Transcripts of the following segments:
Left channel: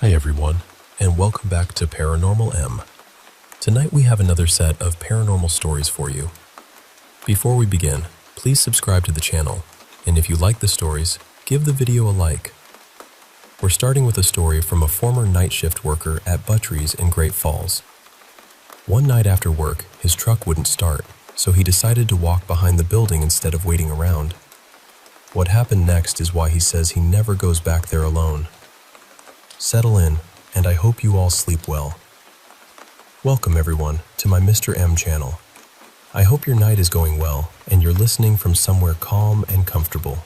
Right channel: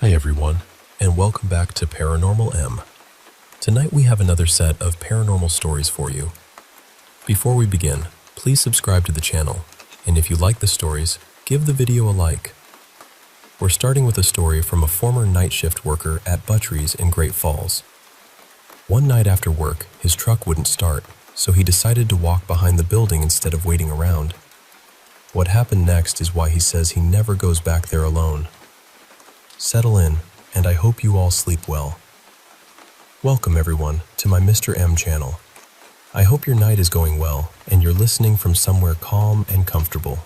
Hi everyone, and welcome back to Paranormal M. Tonight we have another set of paranormal stories for you. Before we begin, please subscribe to the channel, and if you like the stories, give the video a like. We're starting with a story from a former night shift worker at Buttrey's in Great Falls. One night after work, his truck wouldn't start, so he decided to walk behind the building instead of waiting around. What happened next is why he says he never goes back there alone. Settle in, and I hope you all sleep well. Welcome everyone to my Mr. M channel. I hope your night is going well, and you're listening from somewhere calm and comfortable.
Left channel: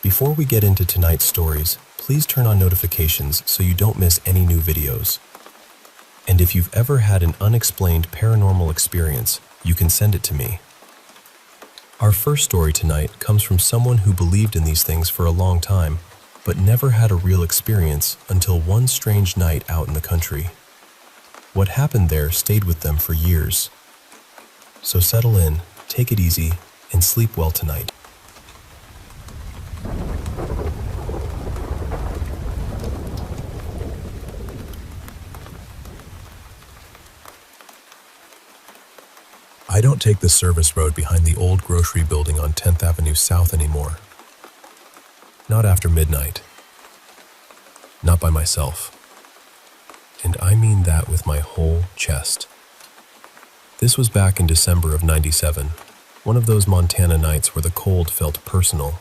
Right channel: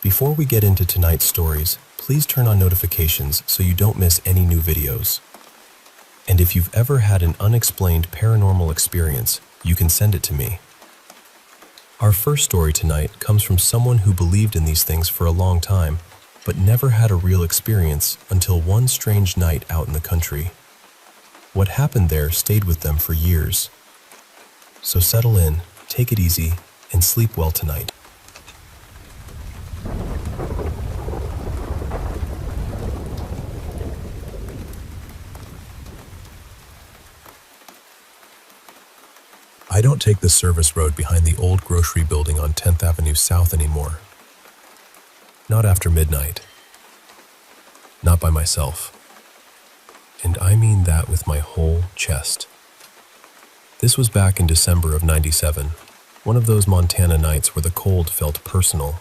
Before we get into tonight's stories, please turn on notifications so you don't miss any new videos. And if you've ever had an unexplained paranormal experience, you can send it to me. Our first story tonight comes from someone who believed in these things for a long time, but never had a real experience until one strange night out in the country. What happened there stayed with them for years. So settle in, take it easy, and sleep well tonight. I don't take the service road behind the old grocery building on 10th Avenue South anymore. Not after midnight. Not by myself. And I mean that with my whole chest. This was back in December of '97, one of those Montana nights where the cold felt personal.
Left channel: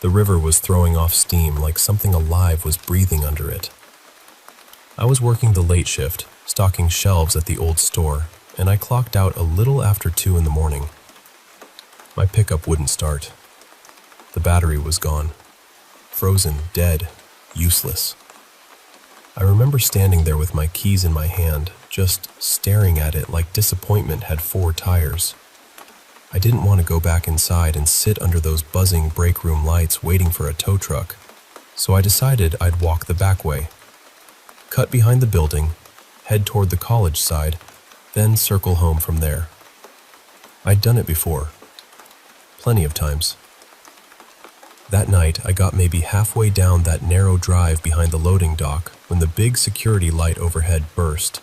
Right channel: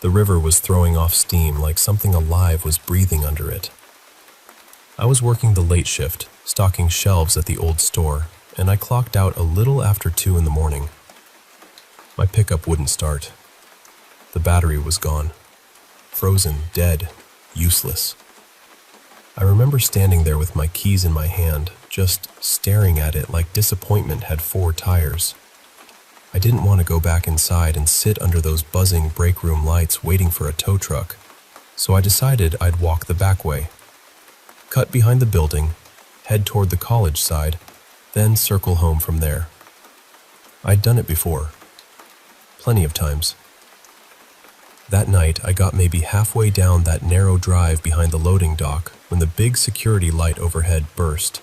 The river was throwing off steam like something alive was breathing under it. I was working the late shift, stocking shelves at the old store, and I clocked out a little after 2 in the morning. My pickup wouldn't start. The battery was gone. Frozen, dead, useless. I remember standing there with my keys in my hand, just staring at it like disappointment had 4 tires. I didn't want to go back inside and sit under those buzzing break room lights waiting for a tow truck, so I decided I'd walk the back way. Cut behind the building, head toward the college side, then circle home from there. I'd done it before. Plenty of times. That night, I got maybe halfway down that narrow drive behind the loading dock when the big security light overhead burst.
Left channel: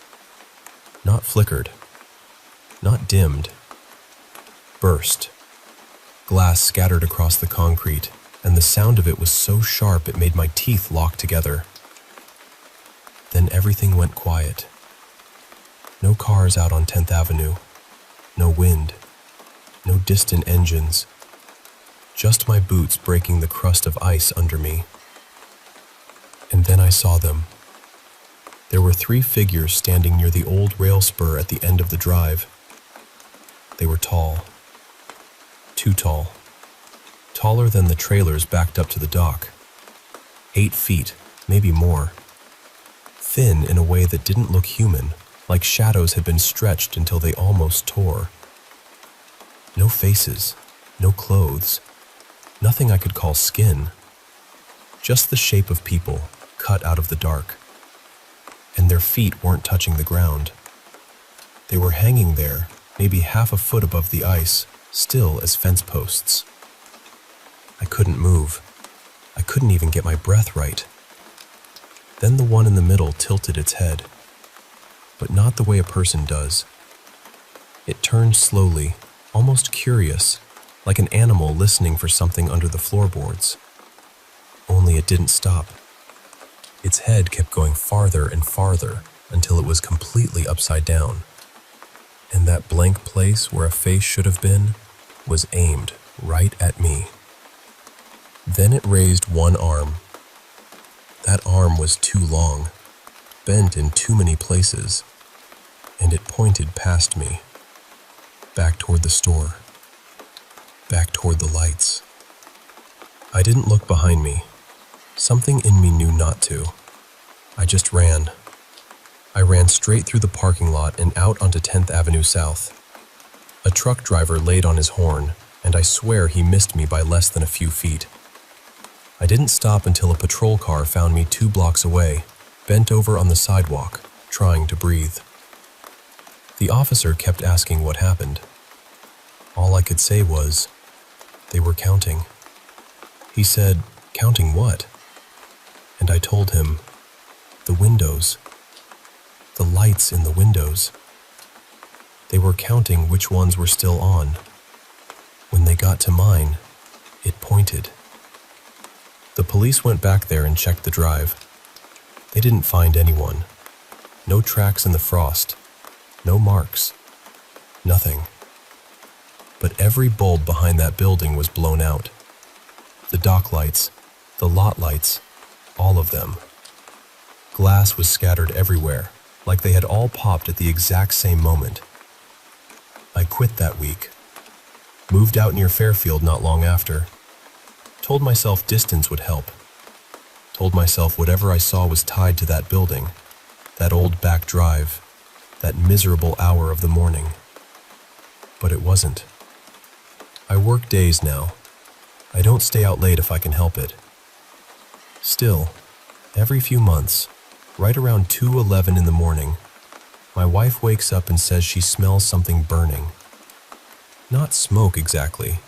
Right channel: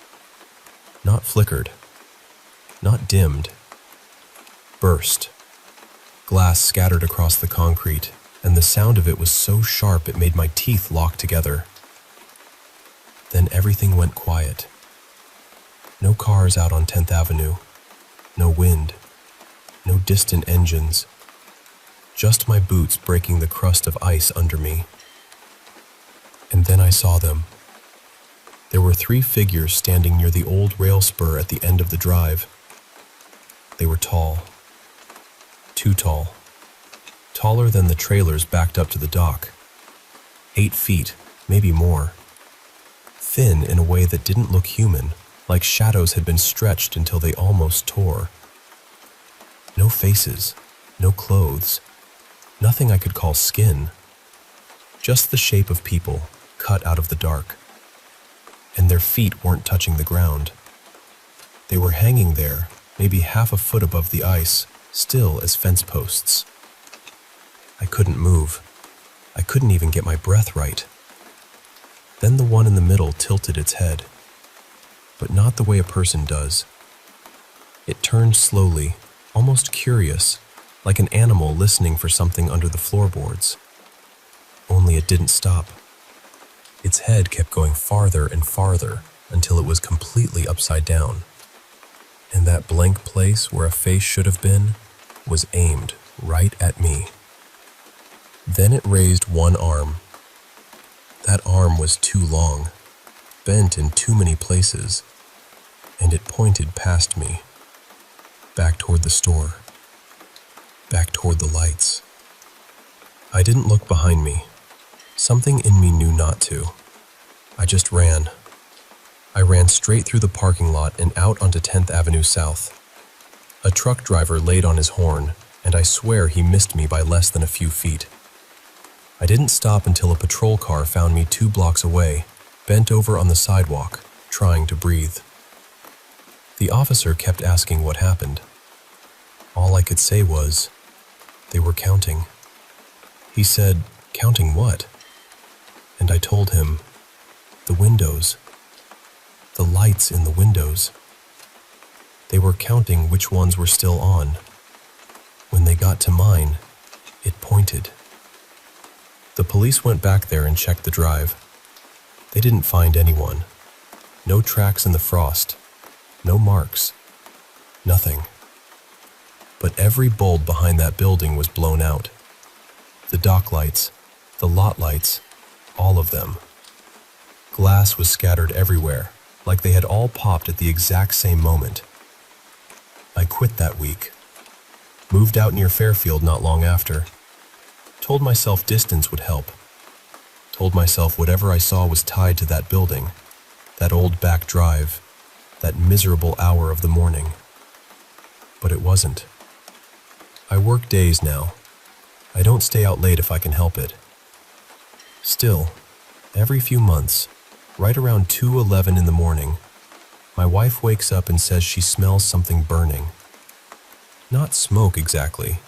Not flickered. Not dimmed. Burst. Glass scattered across the concrete, and the sound of it was so sharp it made my teeth lock together. Then everything went quiet. No cars out on 10th Avenue. No wind. No distant engines. Just my boots breaking the crust of ice under me. And then I saw them. There were 3 figures standing near the old rail spur at the end of the drive. They were tall. Too tall. Taller than the trailers backed up to the dock. 8 feet, maybe more. Thin in a way that didn't look human, like shadows had been stretched until they almost tore. No faces, no clothes. Nothing I could call skin. Just the shape of people, cut out of the dark. And their feet weren't touching the ground. They were hanging there, maybe half a foot above the ice, still as fence posts. I couldn't move. I couldn't even get my breath right. Then the one in the middle tilted its head. But not the way a person does. It turned slowly, almost curious, like an animal listening for something under the floorboards. Only it didn't stop. Its head kept going farther and farther until it was completely upside down. And that blank place where a face should have been was aimed right at me. Then it raised one arm. That arm was too long, bent in too many places, and it pointed past me, back toward the store. Back toward the lights. I didn't look behind me. Something in me knew not to. I just ran. I ran straight through the parking lot and out onto 10th Avenue South. A truck driver laid on his horn, and I swear he missed me by less than a few feet. I didn't stop until a patrol car found me 2 blocks away, bent over on the sidewalk, trying to breathe. The officer kept asking what happened. All I could say was, they were counting. He said, "Counting what?" And I told him, The windows. The lights in the windows. They were counting which ones were still on. When they got to mine, it pointed. The police went back there and checked the drive. They didn't find anyone. No tracks in the frost. No marks. Nothing. But every bulb behind that building was blown out. The dock lights, the lot lights, all of them. Glass was scattered everywhere, like they had all popped at the exact same moment. I quit that week. Moved out near Fairfield not long after. Told myself distance would help. Told myself whatever I saw was tied to that building, that old back drive, that miserable hour of the morning. But it wasn't. I work days now. I don't stay out late if I can help it. Still, every few months, right around 2:11 in the morning, my wife wakes up and says she smells something burning. Not smoke exactly.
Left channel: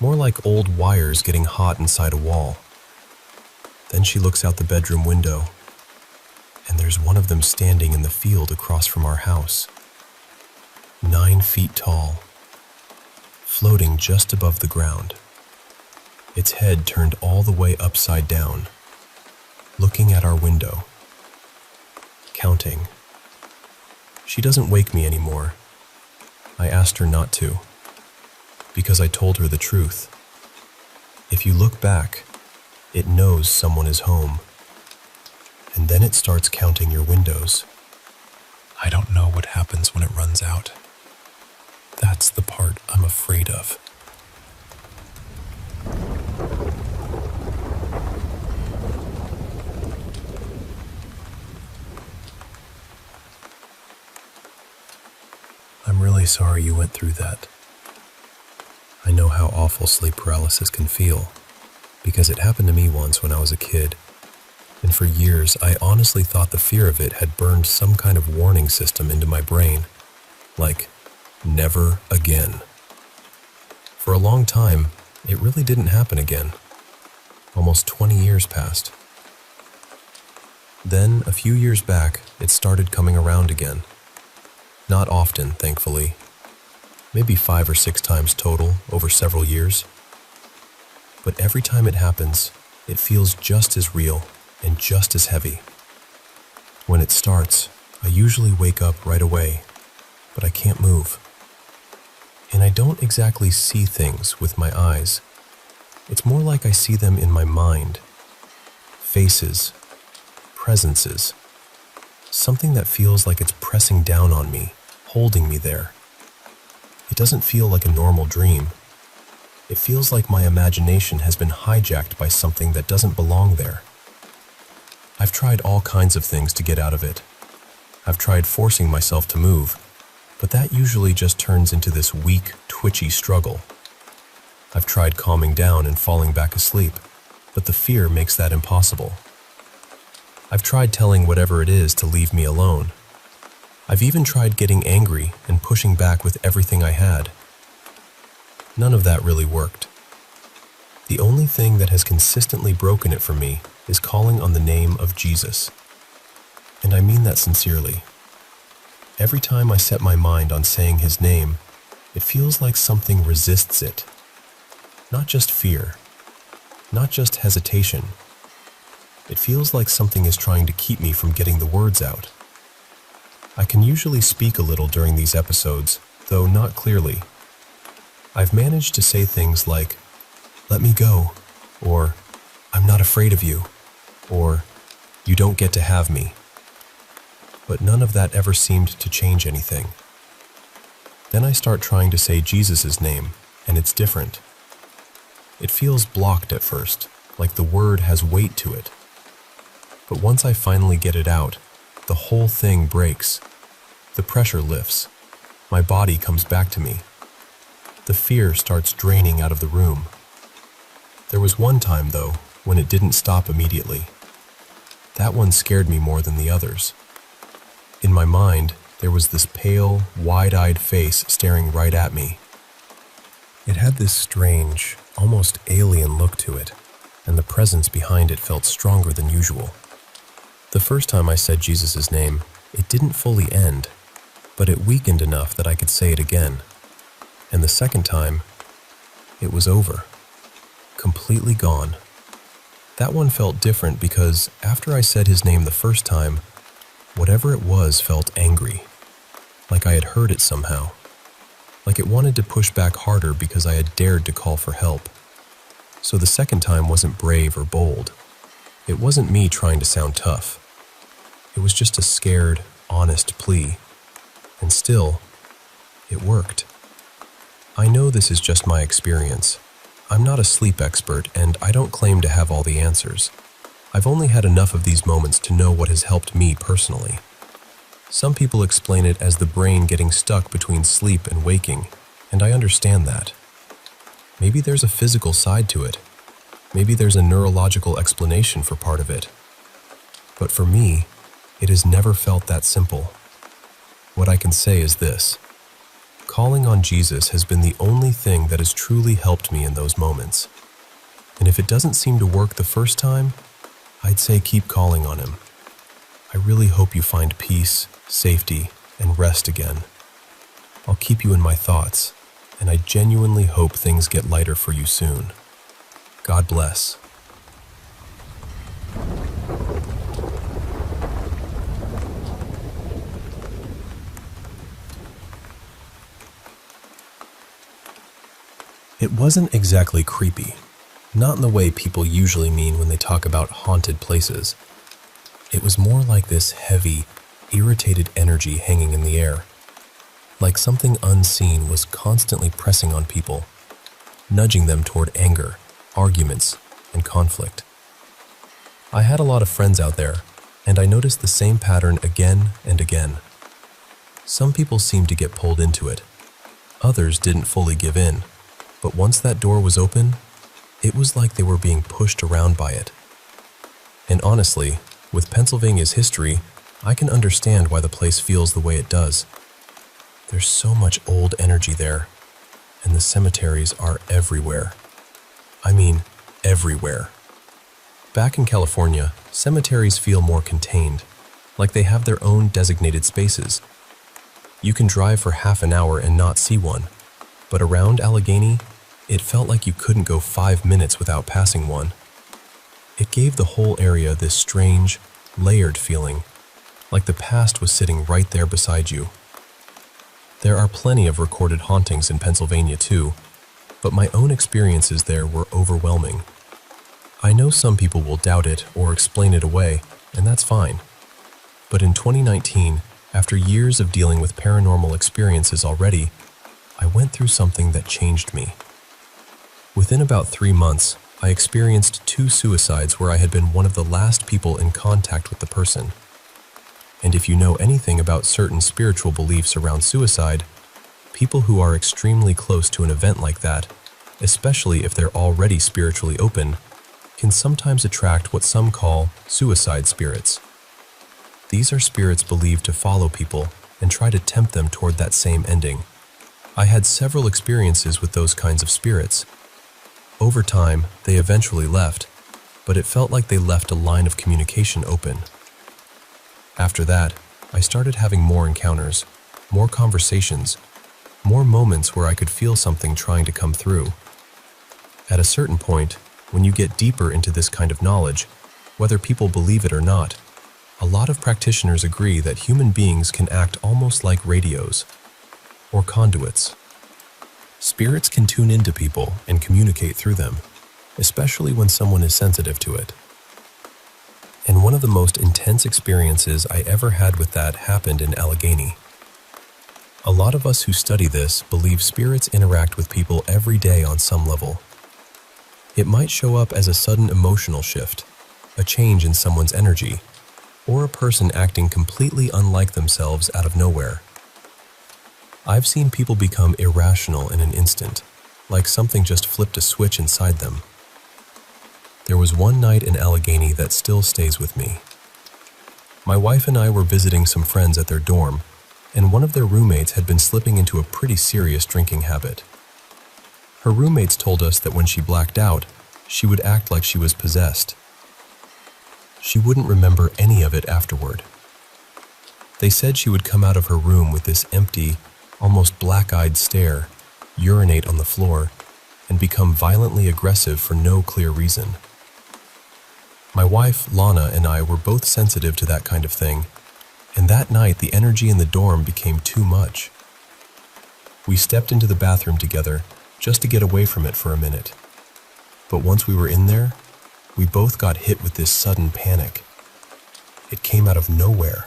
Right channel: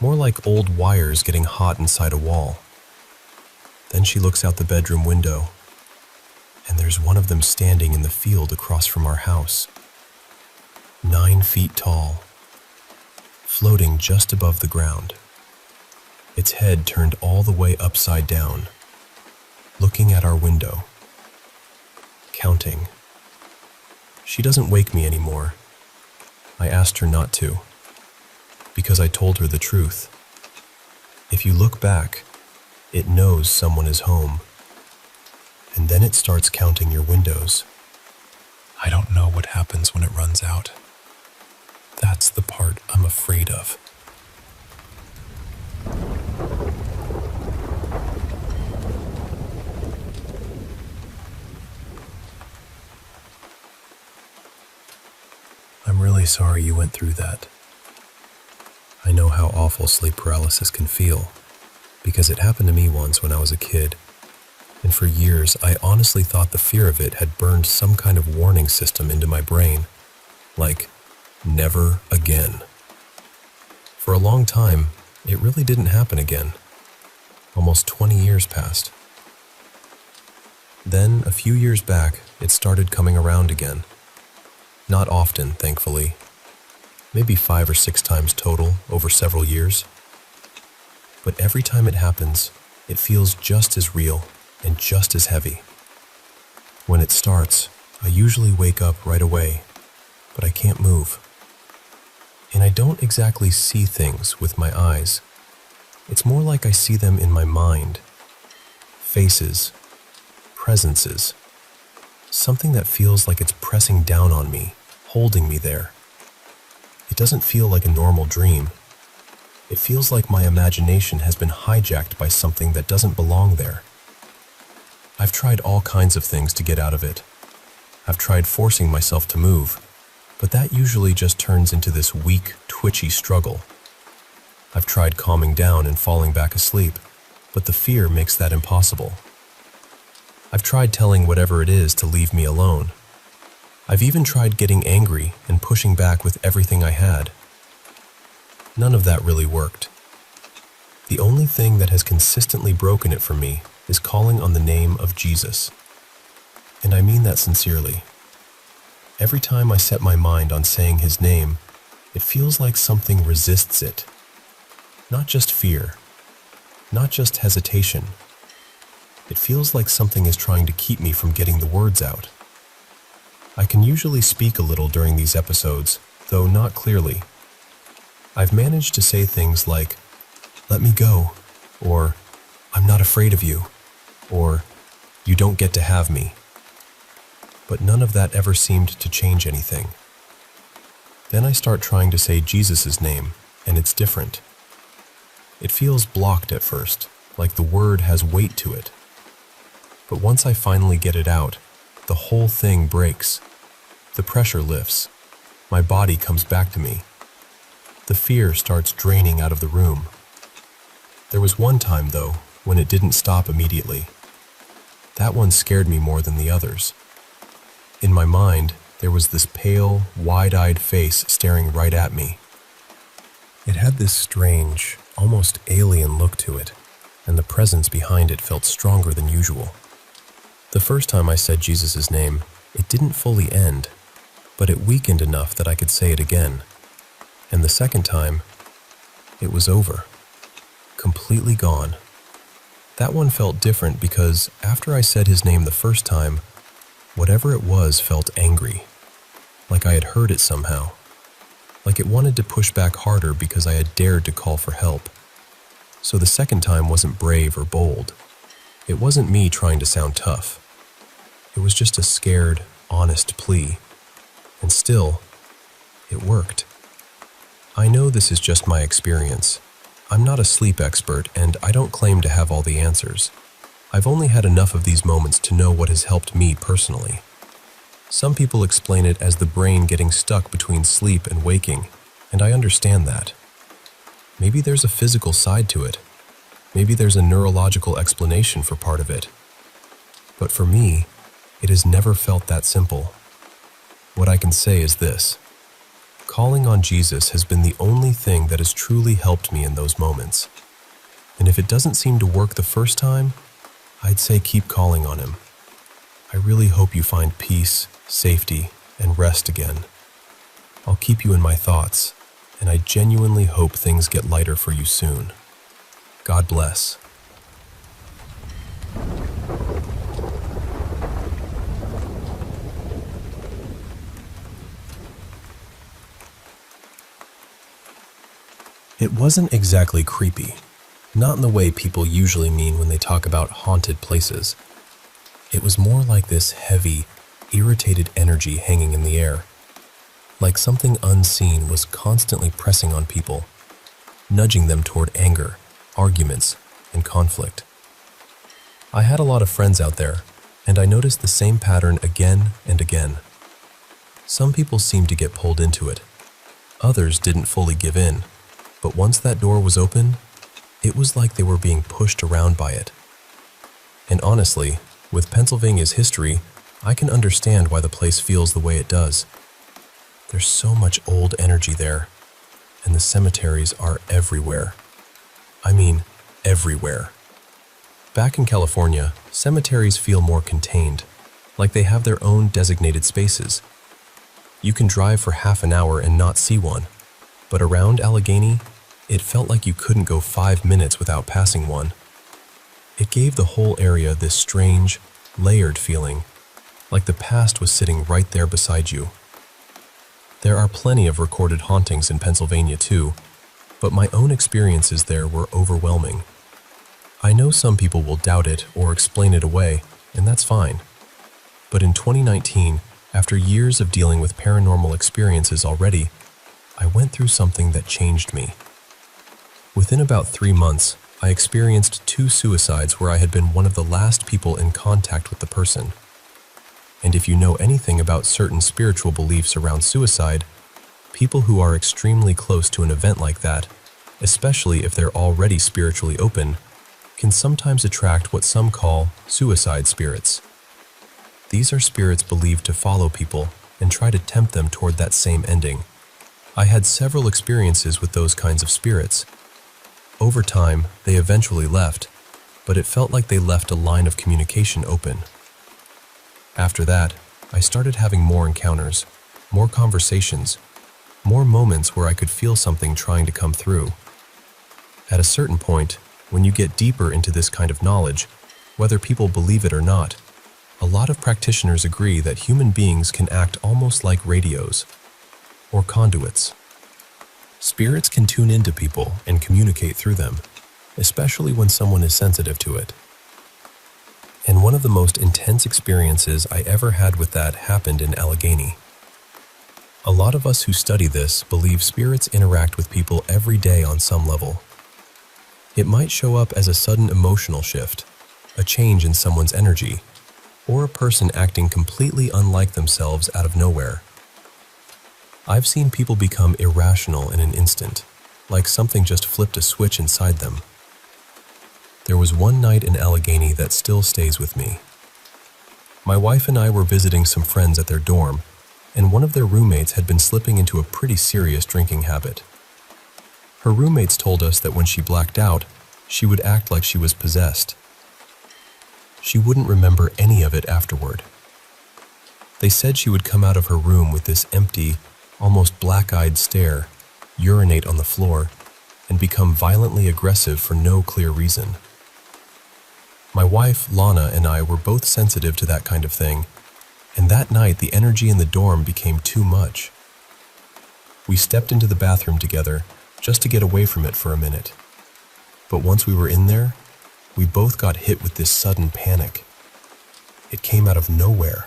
More like old wires getting hot inside a wall. Then she looks out the bedroom window, and there's one of them standing in the field across from our house. 9 feet tall, floating just above the ground. Its head turned all the way upside down, looking at our window, counting. She doesn't wake me anymore. I asked her not to, because I told her the truth. If you look back, it knows someone is home, and then it starts counting your windows. I don't know what happens when it runs out. That's the part I'm afraid of. I'm really sorry you went through that. I know how awful sleep paralysis can feel, because it happened to me once when I was a kid. And for years, I honestly thought the fear of it had burned some kind of warning system into my brain, like, never again. For a long time, it really didn't happen again. Almost 20 years passed. Then, a few years back, it started coming around again. Not often, thankfully. Maybe 5 or 6 times total over several years. But every time it happens, it feels just as real and just as heavy. When it starts, I usually wake up right away, but I can't move. And I don't exactly see things with my eyes. It's more like I see them in my mind. Faces, presences, something that feels like it's pressing down on me, holding me there. It doesn't feel like a normal dream. It feels like my imagination has been hijacked by something that doesn't belong there. I've tried all kinds of things to get out of it. I've tried forcing myself to move, but that usually just turns into this weak, twitchy struggle. I've tried calming down and falling back asleep, but the fear makes that impossible. I've tried telling whatever it is to leave me alone. I've even tried getting angry and pushing back with everything I had. None of that really worked. The only thing that has consistently broken it for me is calling on the name of Jesus. And I mean that sincerely. Every time I set my mind on saying his name, it feels like something resists it. Not just fear, not just hesitation. It feels like something is trying to keep me from getting the words out. I can usually speak a little during these episodes, though not clearly. I've managed to say things like, "Let me go," or "I'm not afraid of you," or "You don't get to have me." But none of that ever seemed to change anything. Then I start trying to say Jesus' name, and it's different. It feels blocked at first, like the word has weight to it. But once I finally get it out, the whole thing breaks. The pressure lifts. My body comes back to me. The fear starts draining out of the room. There was one time, though, when it didn't stop immediately. That one scared me more than the others. In my mind, there was this pale, wide-eyed face staring right at me. It had this strange, almost alien look to it, and the presence behind it felt stronger than usual. The first time I said Jesus' name, it didn't fully end, but it weakened enough that I could say it again. And the second time, it was over. Completely gone. That one felt different because after I said his name the first time, whatever it was felt angry. Like I had heard it somehow. Like it wanted to push back harder because I had dared to call for help. So the second time wasn't brave or bold. It wasn't me trying to sound tough. It was just a scared, honest plea. And still, it worked. I know this is just my experience. I'm not a sleep expert, and I don't claim to have all the answers. I've only had enough of these moments to know what has helped me personally. Some people explain it as the brain getting stuck between sleep and waking, and I understand that. Maybe there's a physical side to it. Maybe there's a neurological explanation for part of it. But for me, it has never felt that simple. What I can say is this. Calling on Jesus has been the only thing that has truly helped me in those moments. And if it doesn't seem to work the first time, I'd say keep calling on him. I really hope you find peace, safety, and rest again. I'll keep you in my thoughts, and I genuinely hope things get lighter for you soon. God bless. It wasn't exactly creepy, not in the way people usually mean when they talk about haunted places. It was more like this heavy, irritated energy hanging in the air, like something unseen was constantly pressing on people, nudging them toward anger, arguments, and conflict. I had a lot of friends out there, and I noticed the same pattern again and again. Some people seemed to get pulled into it. Others didn't fully give in. But once that door was open, it was like they were being pushed around by it. And honestly, with Pennsylvania's history, I can understand why the place feels the way it does. There's so much old energy there, and the cemeteries are everywhere. I mean, everywhere. Back in California, cemeteries feel more contained, like they have their own designated spaces. You can drive for half an hour and not see one, but around Allegheny, it felt like you couldn't go 5 minutes without passing one. It gave the whole area this strange, layered feeling, like the past was sitting right there beside you. There are plenty of recorded hauntings in Pennsylvania too, but my own experiences there were overwhelming. I know some people will doubt it or explain it away, and that's fine. But in 2019, after years of dealing with paranormal experiences already, I went through something that changed me. Within about 3 months, I experienced 2 suicides where I had been one of the last people in contact with the person. And if you know anything about certain spiritual beliefs around suicide, people who are extremely close to an event like that, especially if they're already spiritually open, can sometimes attract what some call suicide spirits. These are spirits believed to follow people and try to tempt them toward that same ending. I had several experiences with those kinds of spirits. Over time, they eventually left, but it felt like they left a line of communication open. After that, I started having more encounters, more conversations, more moments where I could feel something trying to come through. At a certain point, when you get deeper into this kind of knowledge, whether people believe it or not, a lot of practitioners agree that human beings can act almost like radios, or conduits. Spirits can tune into people and communicate through them, especially when someone is sensitive to it. And one of the most intense experiences I ever had with that happened in Allegheny. A lot of us who study this believe spirits interact with people every day on some level. It might show up as a sudden emotional shift, a change in someone's energy, or a person acting completely unlike themselves out of nowhere. I've seen people become irrational in an instant, like something just flipped a switch inside them. There was one night in Allegheny that still stays with me. My wife and I were visiting some friends at their dorm, and one of their roommates had been slipping into a pretty serious drinking habit. Her roommates told us that when she blacked out, she would act like she was possessed. She wouldn't remember any of it afterward. They said she would come out of her room with this empty, almost black-eyed stare, urinate on the floor, and become violently aggressive for no clear reason. My wife, Lana, and I were both sensitive to that kind of thing, and that night the energy in the dorm became too much. We stepped into the bathroom together just to get away from it for a minute. But once we were in there, we both got hit with this sudden panic. It came out of nowhere.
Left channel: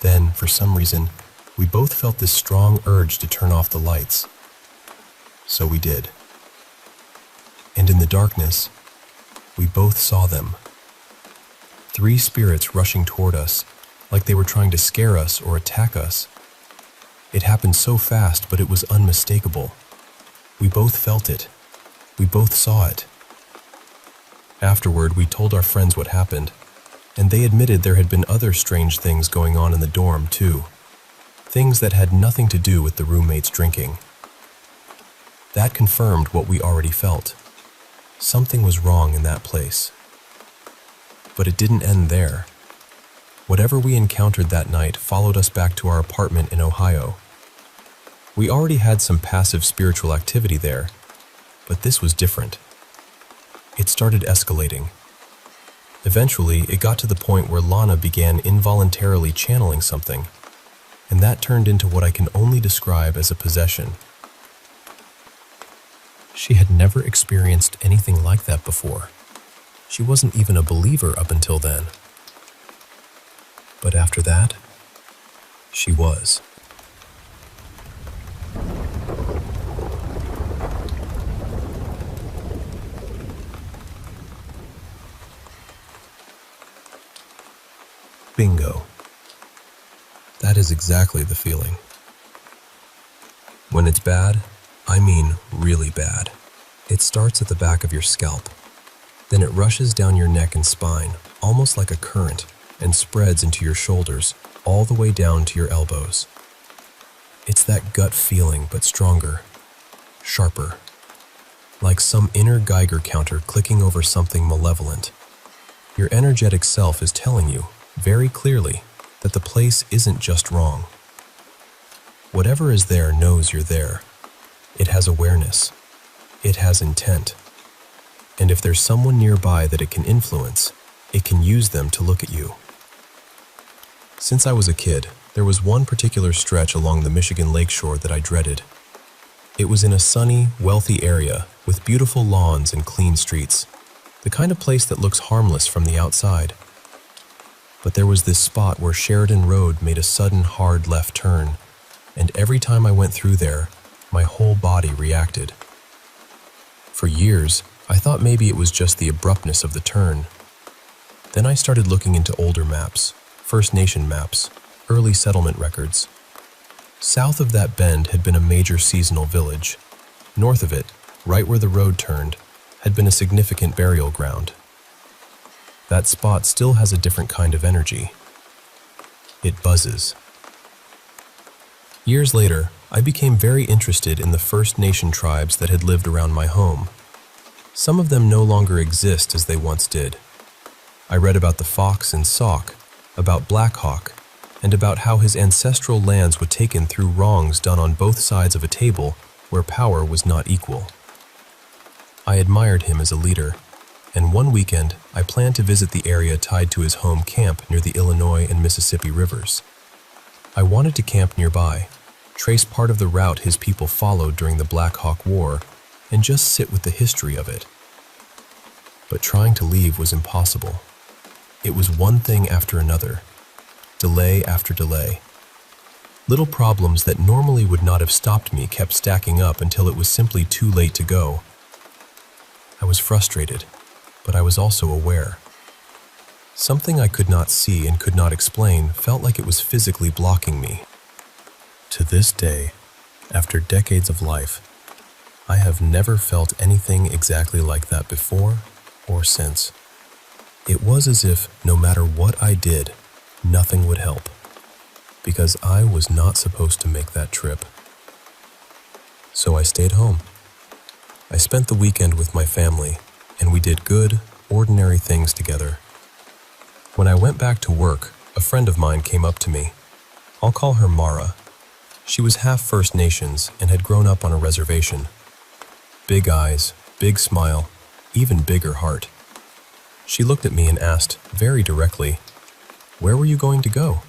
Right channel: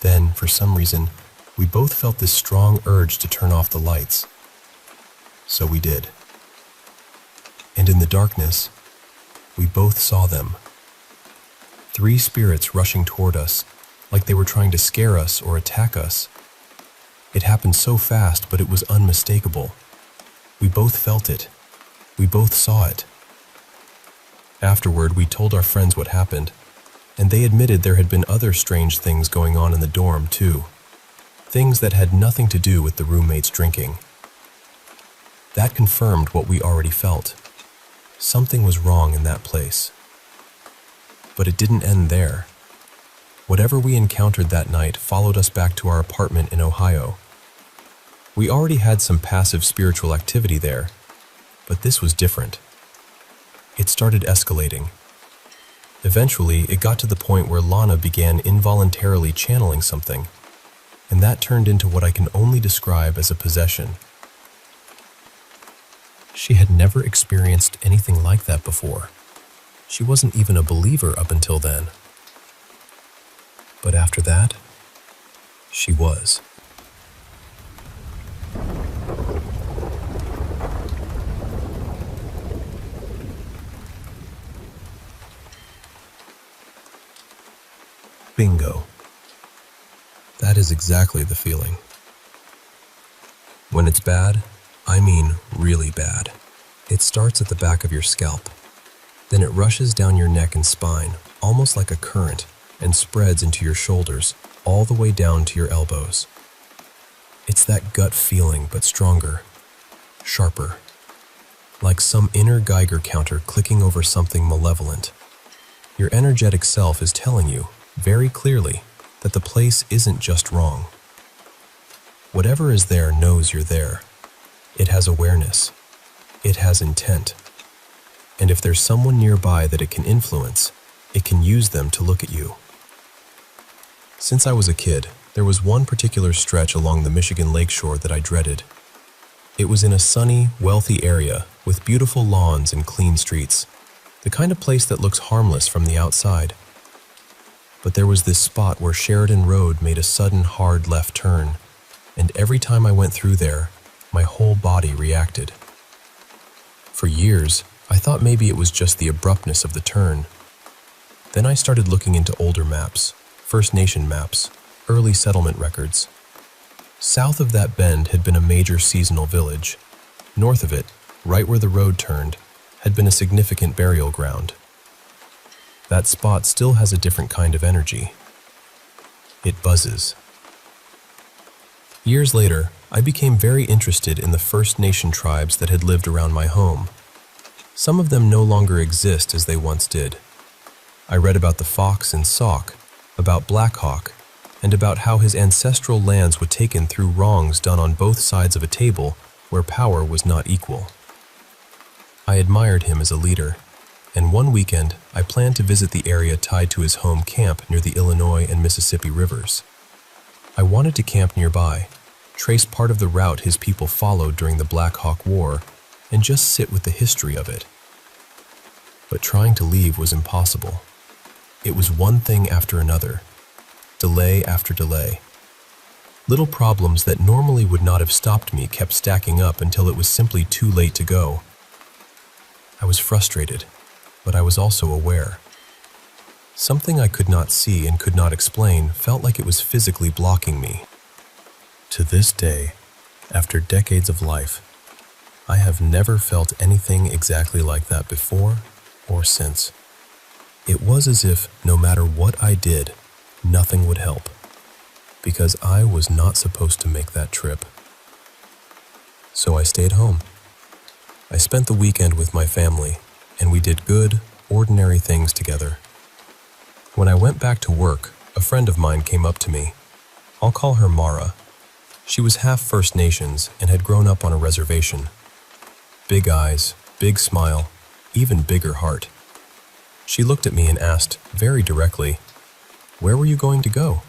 Then, for some reason, we both felt this strong urge to turn off the lights. So we did. And in the darkness, we both saw them. 3 spirits rushing toward us, like they were trying to scare us or attack us. It happened so fast, but it was unmistakable. We both felt it. We both saw it. Afterward, we told our friends what happened, and they admitted there had been other strange things going on in the dorm, too. Things that had nothing to do with the roommates drinking. That confirmed what we already felt. Something was wrong in that place. But it didn't end there. Whatever we encountered that night followed us back to our apartment in Ohio. We already had some passive spiritual activity there, but this was different. It started escalating. Eventually, it got to the point where Lana began involuntarily channeling something, and that turned into what I can only describe as a possession. She had never experienced anything like that before. She wasn't even a believer up until then. But after that, she was. Bingo. That is exactly the feeling. When it's bad, I mean really bad. It starts at the back of your scalp. Then it rushes down your neck and spine, almost like a current, and spreads into your shoulders, all the way down to your elbows. It's that gut feeling, but stronger, sharper, like some inner Geiger counter clicking over something malevolent. Your energetic self is telling you, very clearly, that the place isn't just wrong. Whatever is there knows you're there. It has awareness. It has intent. And if there's someone nearby that it can influence, it can use them to look at you. Since I was a kid, there was one particular stretch along the Michigan lakeshore that I dreaded. It was in a sunny, wealthy area with beautiful lawns and clean streets, the kind of place that looks harmless from the outside. But there was this spot where Sheridan Road made a sudden hard left turn, and every time I went through there, my whole body reacted. For years, I thought maybe it was just the abruptness of the turn. Then I started looking into older maps, First Nation maps, early settlement records. South of that bend had been a major seasonal village. North of it, right where the road turned, had been a significant burial ground. That spot still has a different kind of energy. It buzzes. Years later, I became very interested in the First Nation tribes that had lived around my home. Some of them no longer exist as they once did. I read about the Fox and Sauk, about Black Hawk, and about how his ancestral lands were taken through wrongs done on both sides of a table where power was not equal. I admired him as a leader, and one weekend I planned to visit the area tied to his home camp near the Illinois and Mississippi rivers. I wanted to camp nearby, trace part of the route his people followed during the Black Hawk War, and just sit with the history of it. But trying to leave was impossible. It was one thing after another, delay after delay. Little problems that normally would not have stopped me kept stacking up until it was simply too late to go. I was frustrated, but I was also aware. Something I could not see and could not explain felt like it was physically blocking me. To this day, after decades of life, I have never felt anything exactly like that before or since. It was as if no matter what I did, nothing would help, because I was not supposed to make that trip. So I stayed home. I spent the weekend with my family, and we did good, ordinary things together. When I went back to work, a friend of mine came up to me. I'll call her Mara. She was half First Nations and had grown up on a reservation. Big eyes, big smile, even bigger heart. She looked at me and asked, very directly, "Where were you going to go?"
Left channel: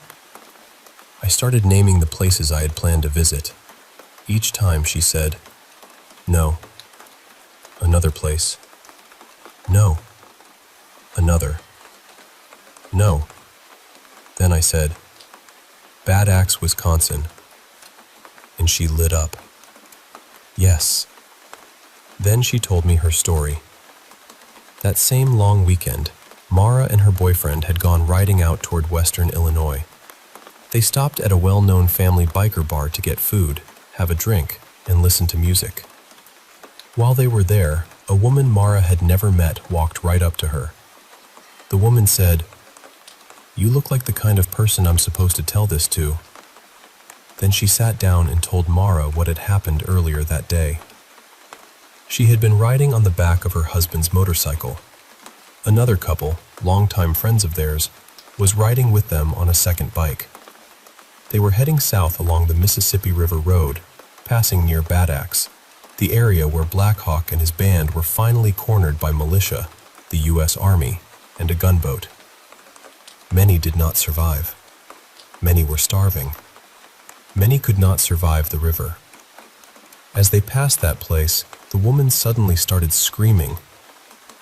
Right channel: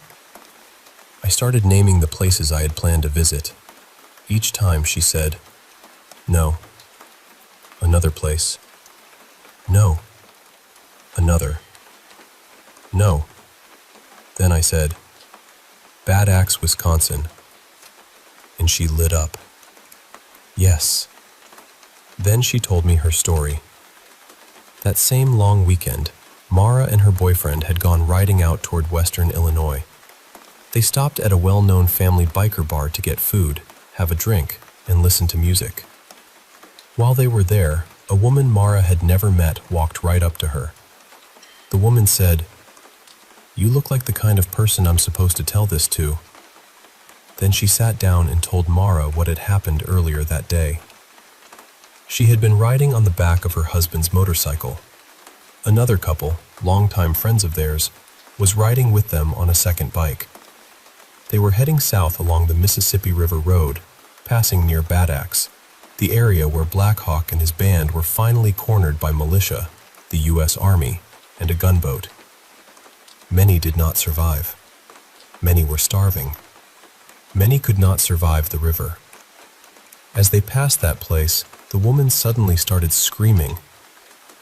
I started naming the places I had planned to visit. Each time she said, "No." Another place. "No." Another. "No." Then I said, "Bad Axe, Wisconsin." And she lit up. Yes. Then she told me her story. That same long weekend, Mara and her boyfriend had gone riding out toward western Illinois. They stopped at a well-known family biker bar to get food, have a drink, and listen to music. While they were there, a woman Mara had never met walked right up to her. The woman said, "You look like the kind of person I'm supposed to tell this to." Then she sat down and told Mara what had happened earlier that day. She had been riding on the back of her husband's motorcycle. Another couple, longtime friends of theirs, was riding with them on a second bike. They were heading south along the Mississippi River Road, passing near Bad Axe, the area where Black Hawk and his band were finally cornered by militia, the U.S. Army, and a gunboat. Many did not survive. Many were starving. Many could not survive the river. As they passed that place, the woman suddenly started screaming.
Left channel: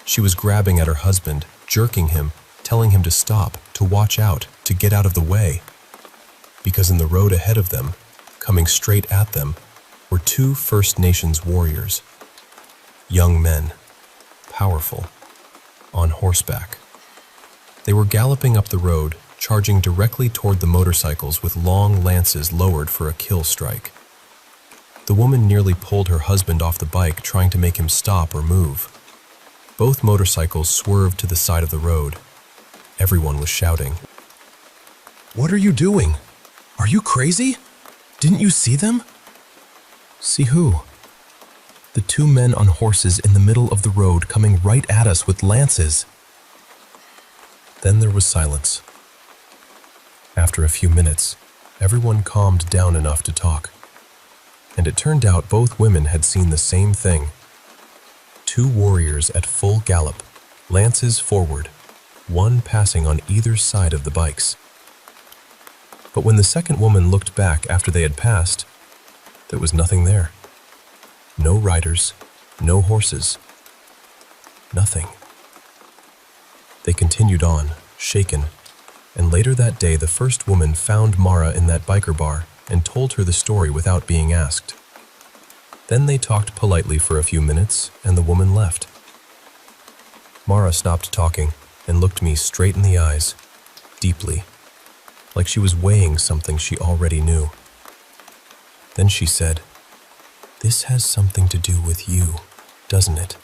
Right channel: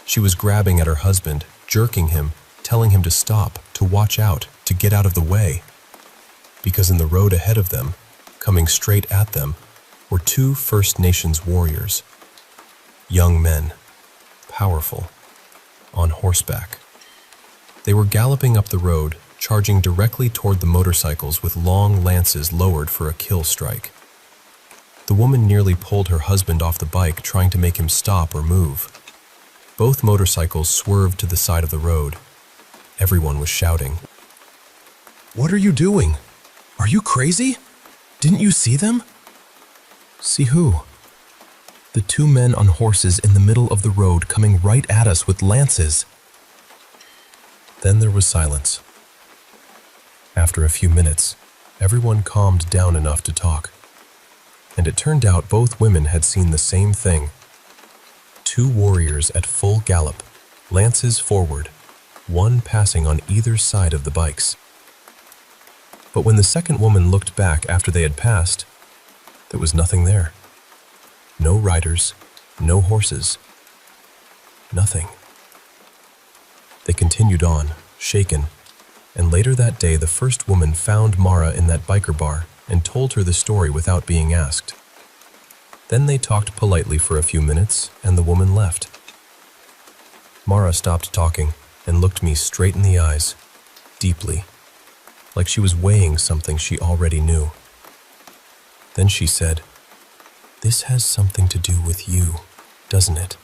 She was grabbing at her husband, jerking him, telling him to stop, to watch out, to get out of the way. Because in the road ahead of them, coming straight at them, were two First Nations warriors. Young men, powerful, on horseback. They were galloping up the road, charging directly toward the motorcycles with long lances lowered for a kill strike. The woman nearly pulled her husband off the bike, trying to make him stop or move. Both motorcycles swerved to the side of the road. Everyone was shouting, "What are you doing? Are you crazy? Didn't you see them?" "See who?" "The two men on horses in the middle of the road coming right at us with lances." Then there was silence. After a few minutes, everyone calmed down enough to talk. And it turned out both women had seen the same thing. Two warriors at full gallop, lances forward, one passing on either side of the bikes. But when the second woman looked back after they had passed, there was nothing there. No riders, no horses, nothing. They continued on, shaken, and later that day the first woman found Mara in that biker bar and told her the story without being asked. Then they talked politely for a few minutes, and the woman left. Mara stopped talking and looked me straight in the eyes, deeply, like she was weighing something she already knew. Then she said, "This has something to do with you, doesn't it?"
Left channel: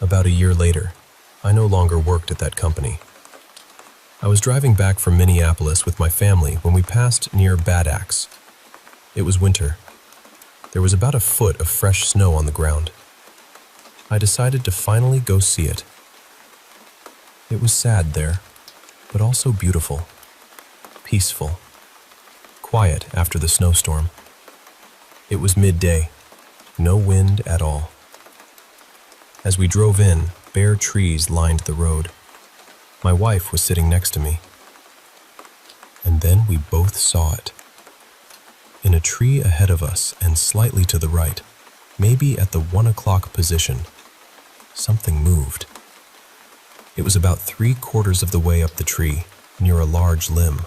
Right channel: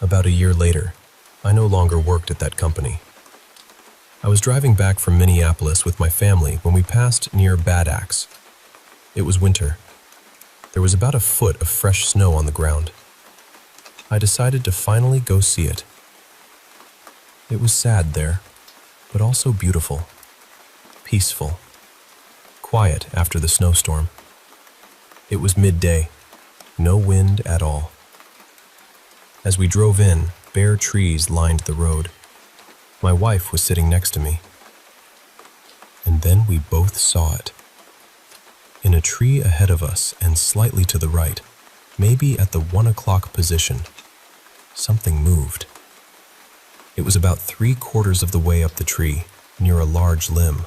About a year later, I no longer worked at that company. I was driving back from Minneapolis with my family when we passed near Bad Axe. It was winter. There was about a foot of fresh snow on the ground. I decided to finally go see it. It was sad there, but also beautiful, peaceful, quiet after the snowstorm. It was midday, no wind at all. As we drove in, bare trees lined the road. My wife was sitting next to me. And then we both saw it. In a tree ahead of us and slightly to the right, maybe at the 1 o'clock position, something moved. It was about 3/4 of the way up the tree, near a large limb.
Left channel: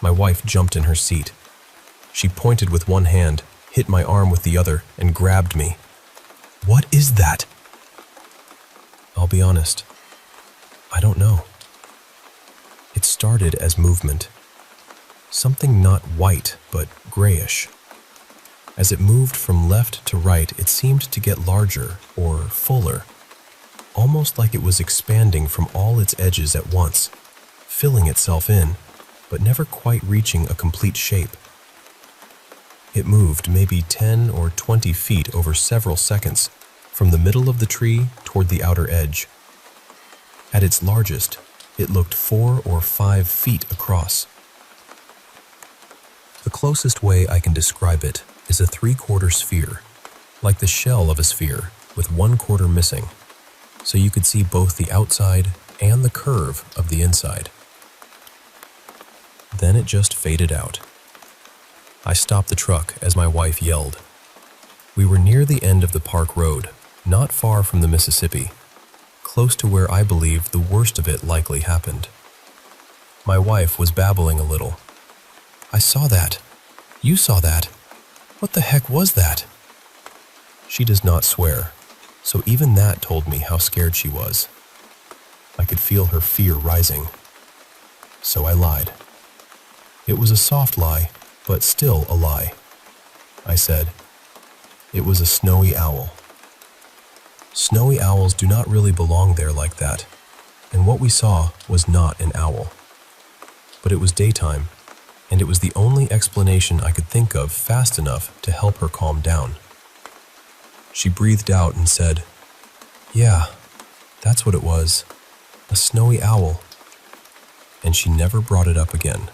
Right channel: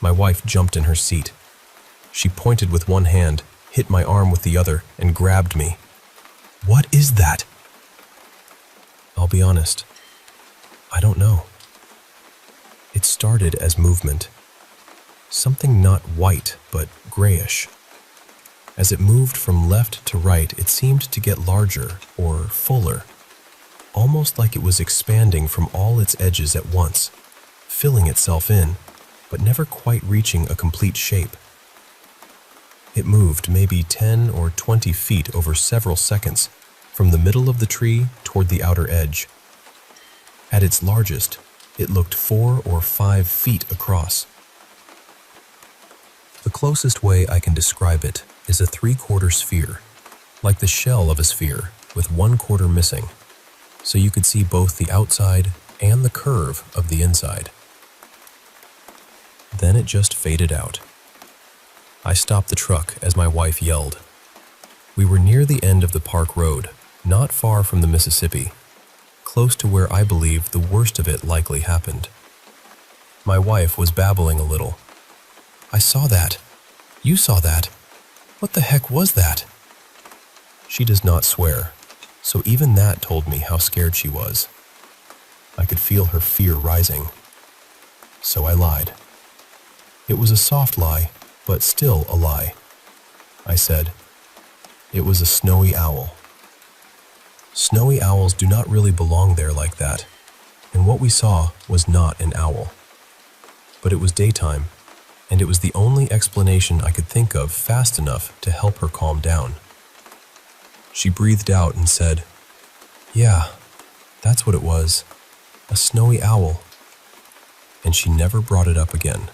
My wife jumped in her seat. She pointed with one hand, hit my arm with the other, and grabbed me. "What is that?" I'll be honest, I don't know. It started as movement. Something not white, but grayish. As it moved from left to right, it seemed to get larger or fuller, almost like it was expanding from all its edges at once, filling itself in, but never quite reaching a complete shape. It moved maybe 10 or 20 feet over several seconds, from the middle of the tree toward the outer edge. At its largest, it looked 4 or 5 feet across. The closest way I can describe it is a 3/4 sphere, like the shell of a sphere with 1/4 missing, so you could see both the outside and the curve of the inside. Then it just faded out. I stopped the truck as my wife yelled. We were near the end of the park road, not far from the Mississippi, close to where I believe the worst of it likely happened. My wife was babbling a little. "I saw that. You saw that. What the heck was that?" She does not swear, so even that told me how scared she was. I could feel her fear rising. So I lied. It was a soft lie, but still a lie. I said, it was a snowy owl. Snowy owls do not really belong there like that, and what we saw was not an owl. But it was daytime, and it was the only explanation I could think of fast enough to help her calm down. She breathed out and said, "Yeah, that's what it was, a snowy owl." And she never brought it up again.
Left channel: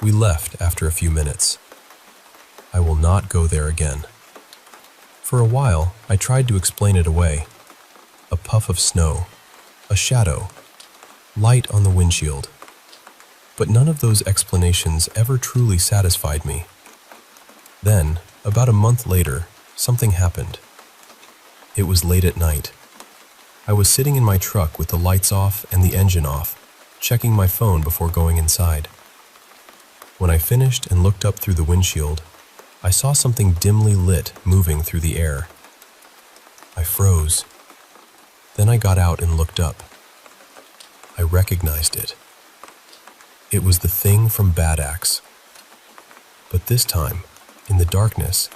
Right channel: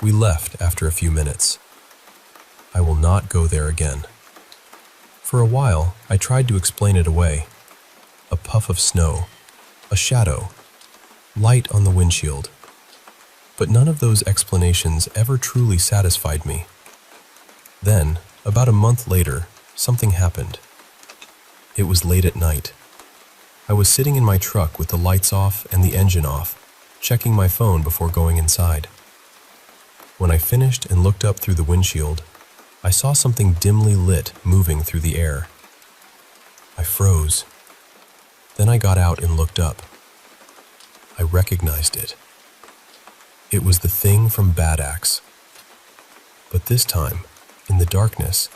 We left after a few minutes. I will not go there again. For a while, I tried to explain it away. A puff of snow, a shadow, light on the windshield. But none of those explanations ever truly satisfied me. Then, about a month later, something happened. It was late at night. I was sitting in my truck with the lights off and the engine off, checking my phone before going inside. When I finished and looked up through the windshield, I saw something dimly lit moving through the air. I froze. Then I got out and looked up. I recognized it. It was the thing from Bad Axe. But this time, in the darkness,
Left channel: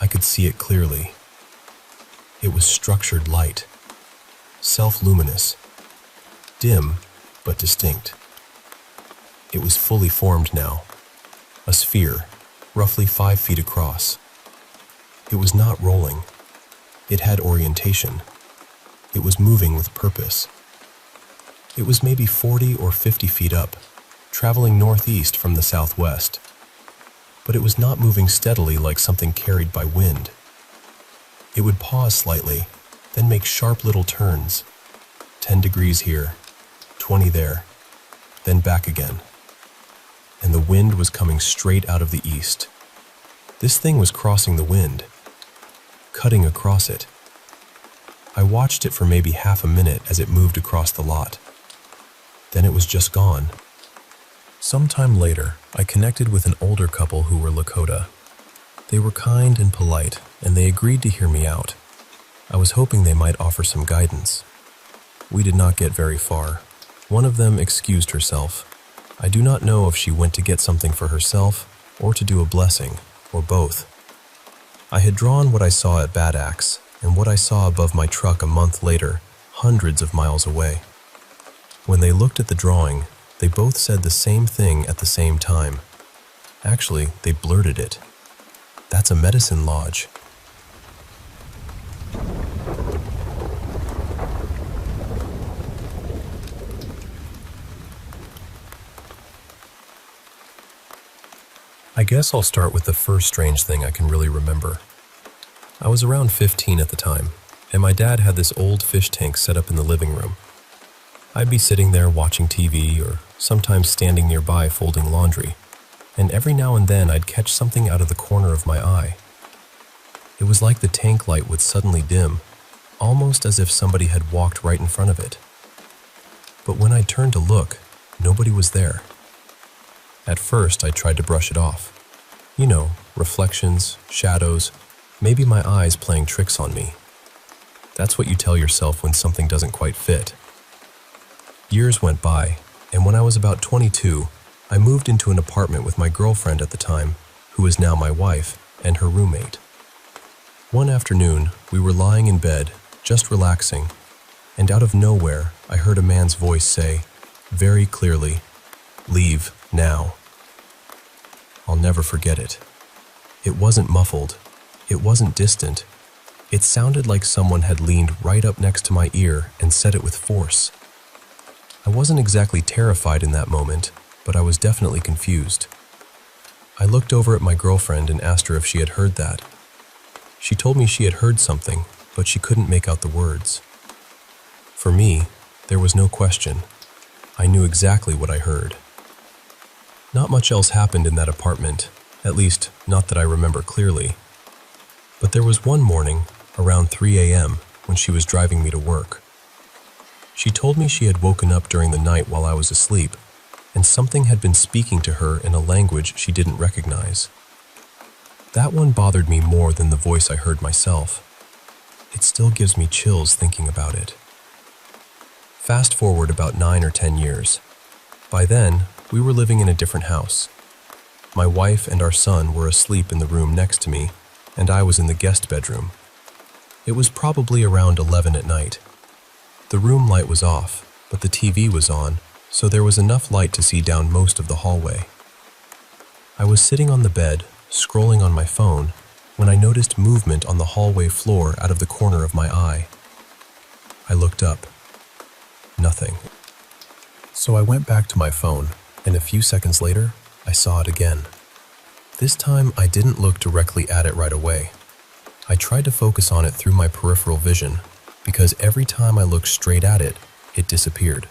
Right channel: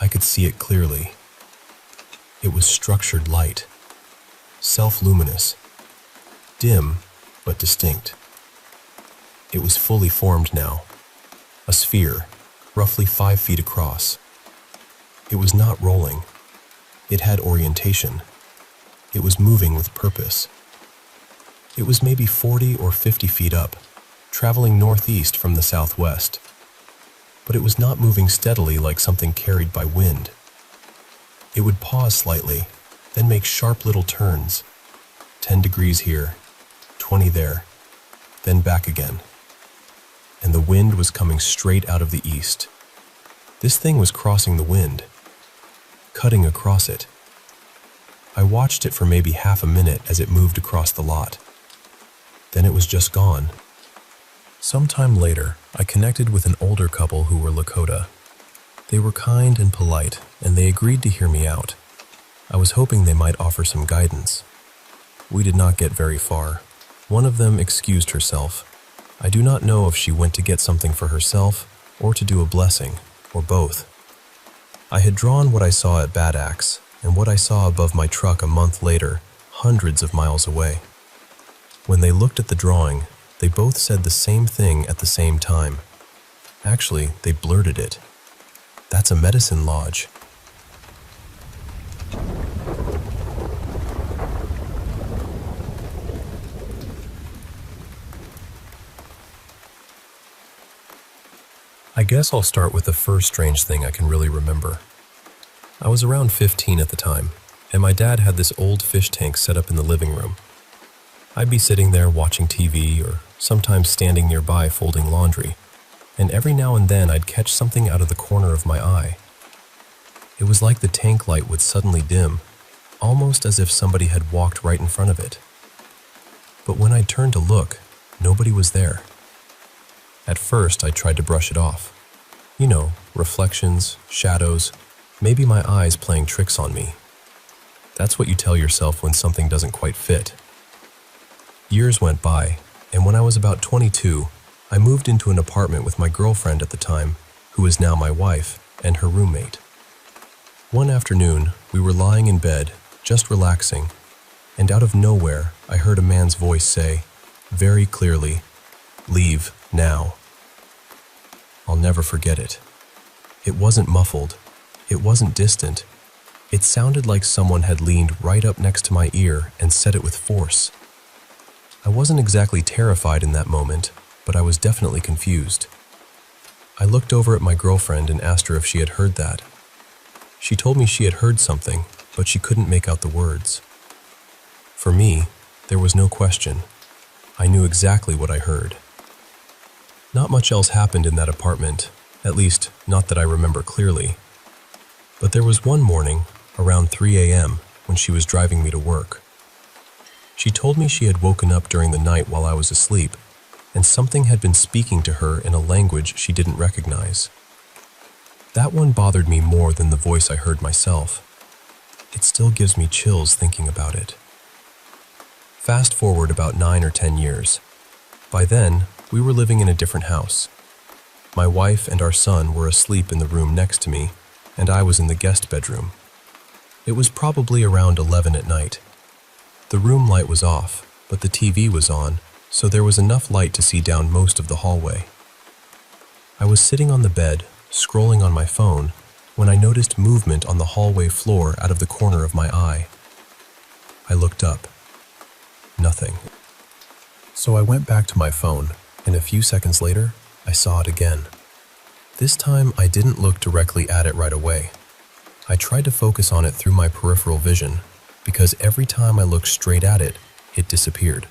I could see it clearly. It was structured light, self-luminous, dim but distinct. It was fully formed now, a sphere, roughly 5 feet across. It was not rolling. It had orientation. It was moving with purpose. It was maybe 40 or 50 feet up, traveling northeast from the southwest. But it was not moving steadily like something carried by wind. It would pause slightly, then make sharp little turns. 10 degrees here, 20 there, then back again. And the wind was coming straight out of the east. This thing was crossing the wind, cutting across it. I watched it for maybe half a minute as it moved across the lot. Then it was just gone. Sometime later, I connected with an older couple who were Lakota. They were kind and polite, and they agreed to hear me out. I was hoping they might offer some guidance. We did not get very far. One of them excused herself. I do not know if she went to get something for herself or to do a blessing, or both. I had drawn what I saw at Bad Axe and what I saw above my truck a month later, hundreds of miles away. When they looked at the drawing, they both said the same thing at the same time. Actually, they blurted it. That's a medicine lodge. I guess I'll start with the first strange thing I can really remember. I was around 15 at the time, and my dad had this old fish tank set up in the living room. I'd be sitting there watching TV or sometimes standing nearby folding laundry, and every now and then I'd catch something out of the corner of my eye. It was like the tank light would suddenly dim, almost as if somebody had walked right in front of it. But when I turned to look, nobody was there. At first, I tried to brush it off. You know, reflections, shadows, maybe my eyes playing tricks on me. That's what you tell yourself when something doesn't quite fit. Years went by, and when I was about 22, I moved into an apartment with my girlfriend at the time, who is now my wife, and her roommate. One afternoon, we were lying in bed, just relaxing, and out of nowhere, I heard a man's voice say, very clearly, "Leave now." I'll never forget it. It wasn't muffled. It wasn't distant. It sounded like someone had leaned right up next to my ear and said it with force. I wasn't exactly terrified in that moment, but I was definitely confused. I looked over at my girlfriend and asked her if she had heard that. She told me she had heard something, but she couldn't make out the words. For me, there was no question. I knew exactly what I heard. Not much else happened in that apartment, at least not that I remember clearly. But there was one morning, around 3 a.m., when she was driving me to work. She told me she had woken up during the night while I was asleep, and something had been speaking to her in a language she didn't recognize. That one bothered me more than the voice I heard myself. It still gives me chills thinking about it. Fast forward about 9 or 10 years. By then, we were living in a different house. My wife and our son were asleep in the room next to me, and I was in the guest bedroom. It was probably around 11 at night. The room light was off, but the TV was on, so there was enough light to see down most of the hallway. I was sitting on the bed, scrolling on my phone, when I noticed movement on the hallway floor out of the corner of my eye. I looked up. Nothing. So I went back to my phone, and a few seconds later, I saw it again. This time, I didn't look directly at it right away. I tried to focus on it through my peripheral vision, because every time I looked straight at it, it disappeared.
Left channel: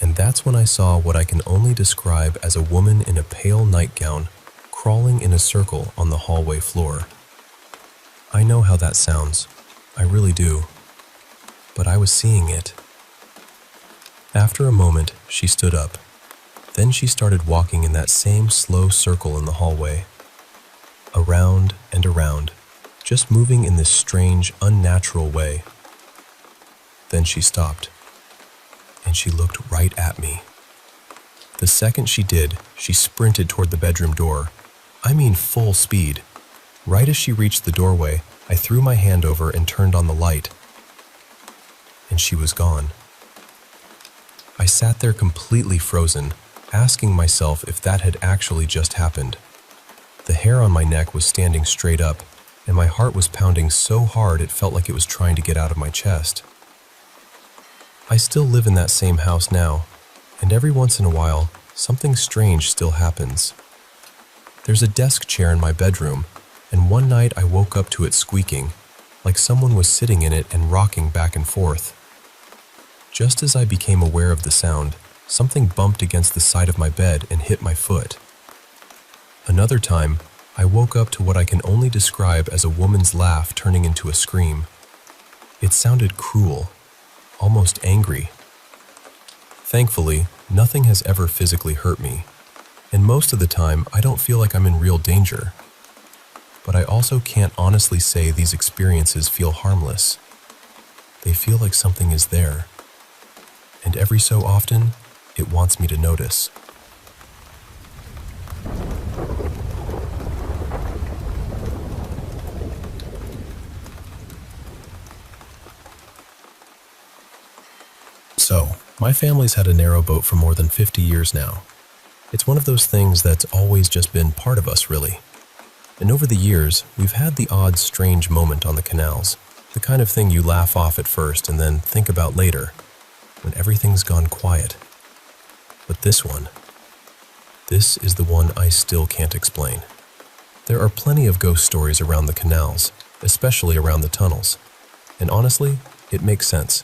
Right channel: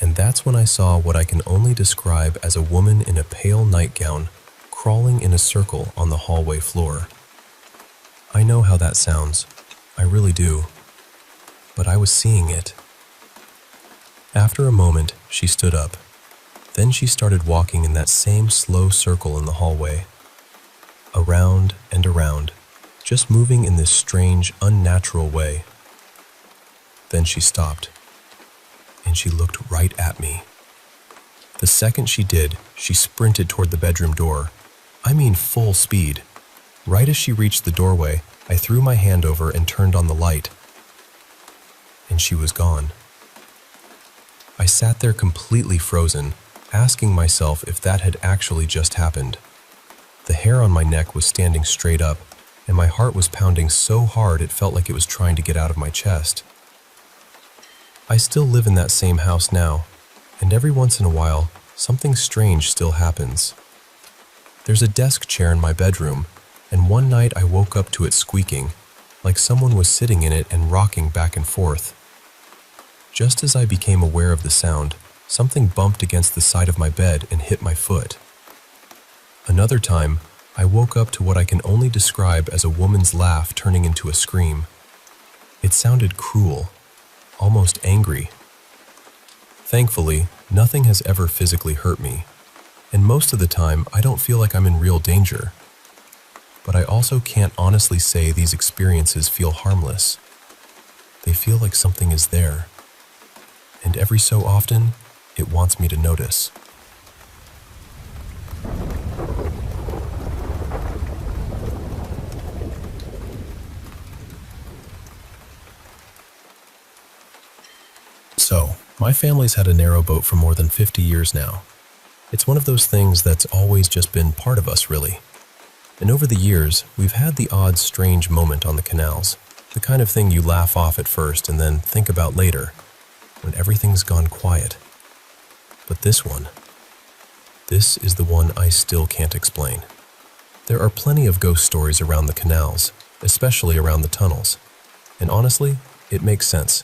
And that's when I saw what I can only describe as a woman in a pale nightgown crawling in a circle on the hallway floor. I know how that sounds. I really do. But I was seeing it. After a moment, she stood up. Then she started walking in that same slow circle in the hallway. Around and around, just moving in this strange, unnatural way. Then she stopped, and she looked right at me. The second she did, she sprinted toward the bedroom door. I mean full speed. Right as she reached the doorway, I threw my hand over and turned on the light. And she was gone. I sat there completely frozen, asking myself if that had actually just happened. The hair on my neck was standing straight up, and my heart was pounding so hard it felt like it was trying to get out of my chest. I still live in that same house now, and every once in a while, something strange still happens. There's a desk chair in my bedroom, and one night I woke up to it squeaking, like someone was sitting in it and rocking back and forth. Just as I became aware of the sound, something bumped against the side of my bed and hit my foot. Another time, I woke up to what I can only describe as a woman's laugh turning into a scream. It sounded cruel, almost angry. Thankfully, nothing has ever physically hurt me, and most of the time I don't feel like I'm in real danger. But I also can't honestly say these experiences feel harmless. They feel like something is there, and every so often, it wants me to notice. So, my family's had a narrowboat for more than 50 years now. It's one of those things that's always just been part of us, really. And over the years, we've had the odd strange moment on the canals, the kind of thing you laugh off at first and then think about later, when everything's gone quiet. But this is the one I still can't explain. There are plenty of ghost stories around the canals, especially around the tunnels. And honestly, it makes sense.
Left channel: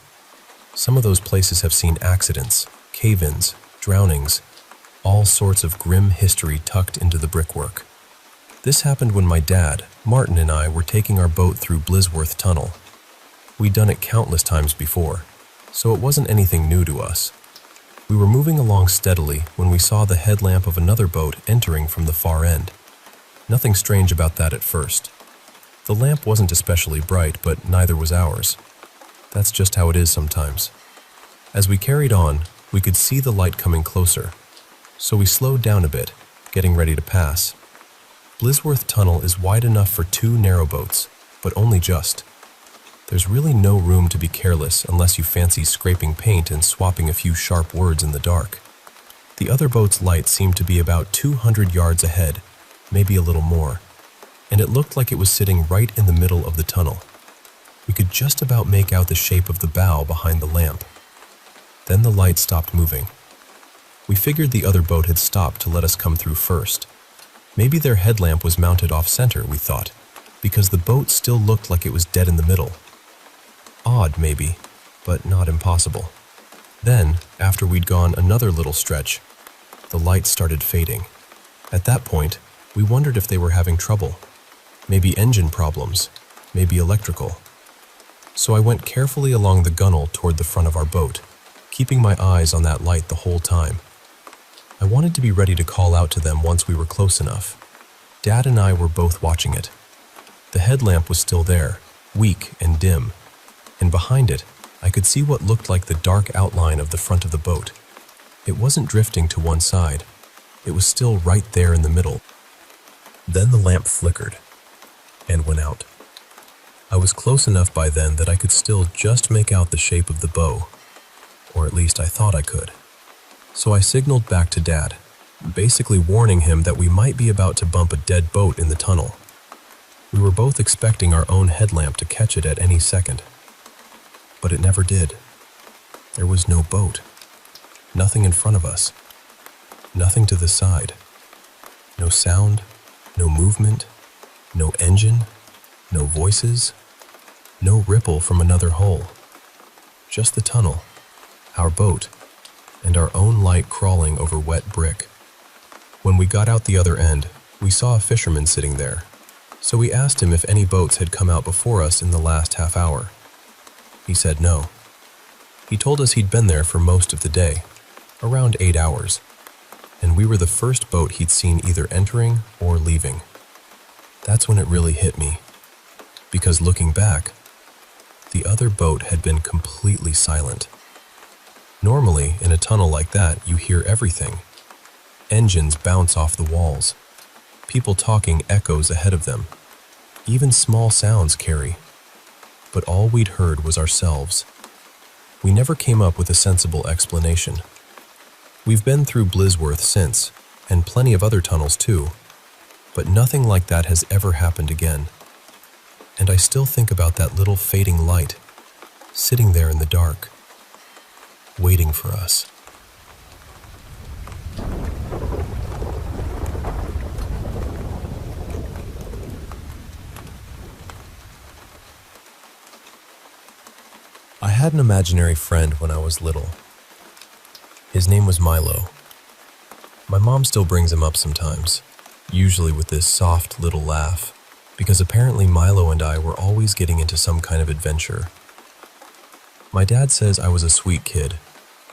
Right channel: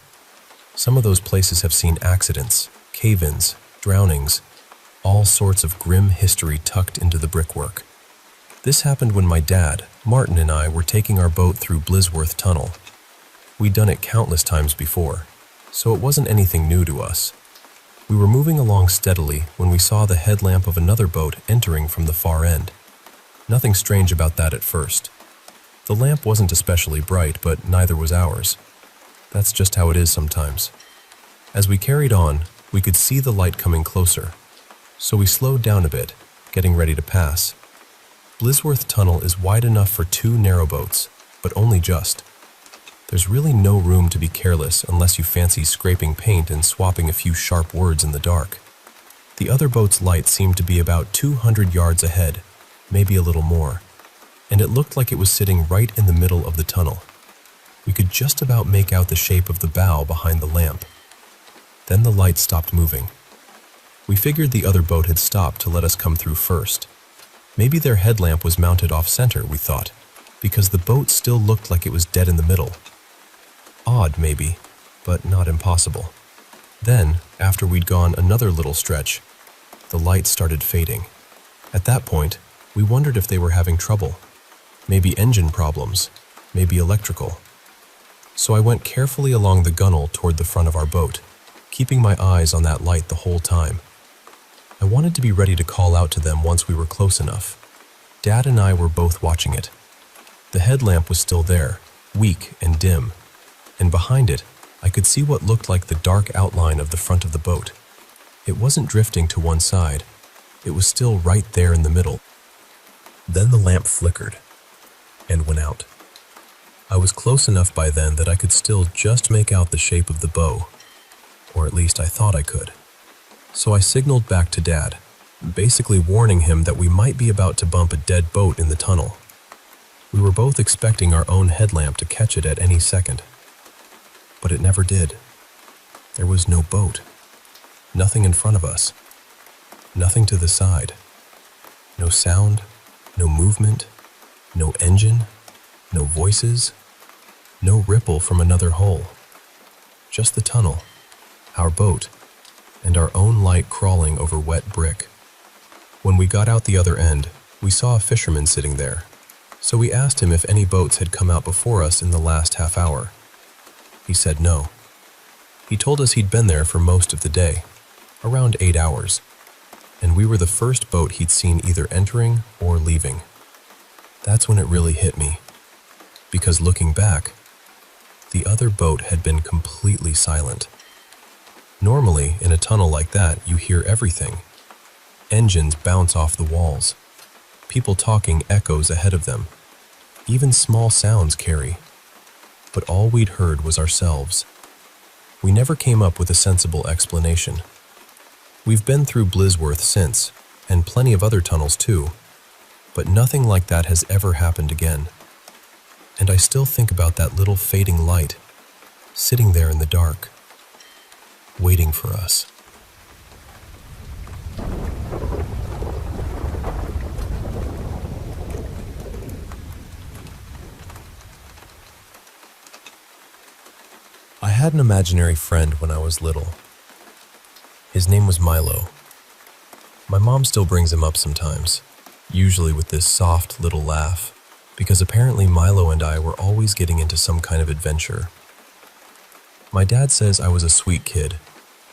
Some of those places have seen accidents, cave-ins, drownings, all sorts of grim history tucked into the brickwork. This happened when my dad, Martin, and I were taking our boat through Blisworth Tunnel. We'd done it countless times before, so it wasn't anything new to us. We were moving along steadily when we saw the headlamp of another boat entering from the far end. Nothing strange about that at first. The lamp wasn't especially bright, but neither was ours. That's just how it is sometimes. As we carried on, we could see the light coming closer, so we slowed down a bit, getting ready to pass. Blisworth Tunnel is wide enough for 2 narrowboats, but only just. There's really no room to be careless unless you fancy scraping paint and swapping a few sharp words in the dark. The other boat's light seemed to be about 200 yards ahead, maybe a little more, and it looked like it was sitting right in the middle of the tunnel, We could just about make out the shape of the bow behind the lamp. Then the light stopped moving. We figured the other boat had stopped to let us come through first. Maybe their headlamp was mounted off-center, we thought, because the boat still looked like it was dead in the middle. Odd, maybe, but not impossible. Then, after we'd gone another little stretch, the light started fading. At that point, we wondered if they were having trouble. Maybe engine problems, maybe electrical. So I went carefully along the gunwale toward the front of our boat, keeping my eyes on that light the whole time. I wanted to be ready to call out to them once we were close enough. Dad and I were both watching it. The headlamp was still there, weak and dim, and behind it, I could see what looked like the dark outline of the front of the boat. It wasn't drifting to one side. It was still right there in the middle. Then the lamp flickered and went out. I was close enough by then that I could still just make out the shape of the bow, or at least I thought I could. So I signaled back to Dad, basically warning him that we might be about to bump a dead boat in the tunnel. We were both expecting our own headlamp to catch it at any second. But it never did. There was no boat. Nothing in front of us. Nothing to the side. No sound, no movement, no engine, no voices, no ripple from another hole. Just the tunnel, our boat, and our own light crawling over wet brick. When we got out the other end, we saw a fisherman sitting there, so we asked him if any boats had come out before us in the last half hour. He said no. He told us he'd been there for most of the day, around 8 hours, and we were the first boat he'd seen either entering or leaving. That's when it really hit me, because looking back, the other boat had been completely silent. Normally, in a tunnel like that, you hear everything. Engines bounce off the walls. People talking echoes ahead of them. Even small sounds carry. But all we'd heard was ourselves. We never came up with a sensible explanation. We've been through Blissworth since, and plenty of other tunnels too, but nothing like that has ever happened again. And I still think about that little fading light, sitting there in the dark, waiting for us. I had an imaginary friend when I was little. His name was Milo. My mom still brings him up sometimes, usually with this soft little laugh, because apparently Milo and I were always getting into some kind of adventure. My dad says I was a sweet kid,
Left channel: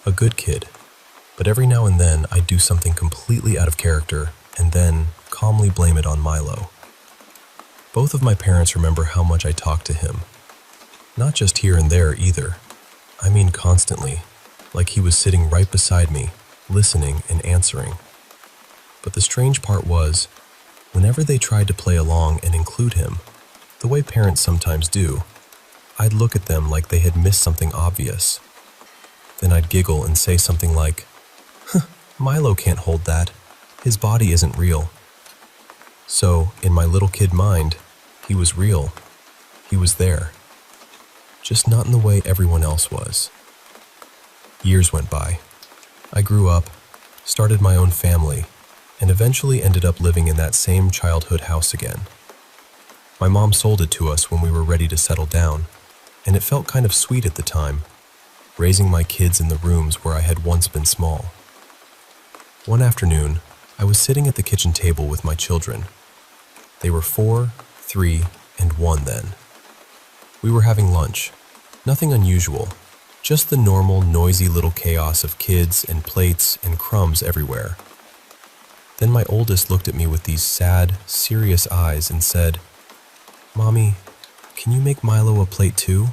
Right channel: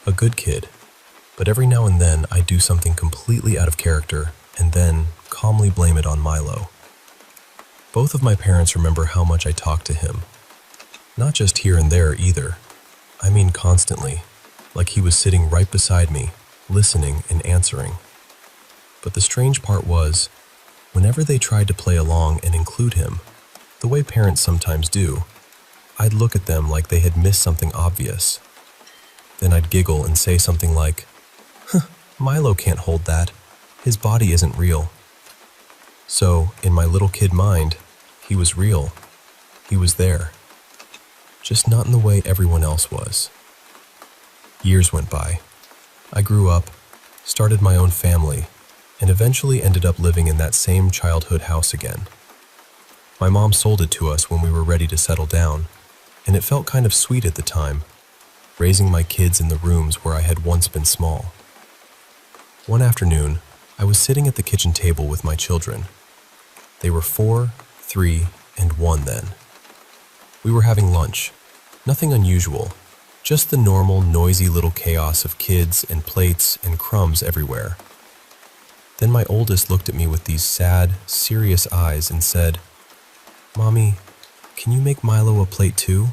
a good kid, but every now and then I'd do something completely out of character and then calmly blame it on Milo. Both of my parents remember how much I talked to him. Not just here and there either. I mean constantly, like he was sitting right beside me, listening and answering. But the strange part was, whenever they tried to play along and include him, the way parents sometimes do, I'd look at them like they had missed something obvious. Then I'd giggle and say something like, Milo can't hold that. His body isn't real. So, in my little kid mind, he was real. He was there. Just not in the way everyone else was. Years went by. I grew up, started my own family, and eventually ended up living in that same childhood house again. My mom sold it to us when we were ready to settle down, and it felt kind of sweet at the time, raising my kids in the rooms where I had once been small. One afternoon, I was sitting at the kitchen table with my children. They were 4, 3, and 1 then. We were having lunch. Nothing unusual, just the normal, noisy little chaos of kids and plates and crumbs everywhere. Then my oldest looked at me with these sad, serious eyes and said, "Mommy, can you make Milo a plate too?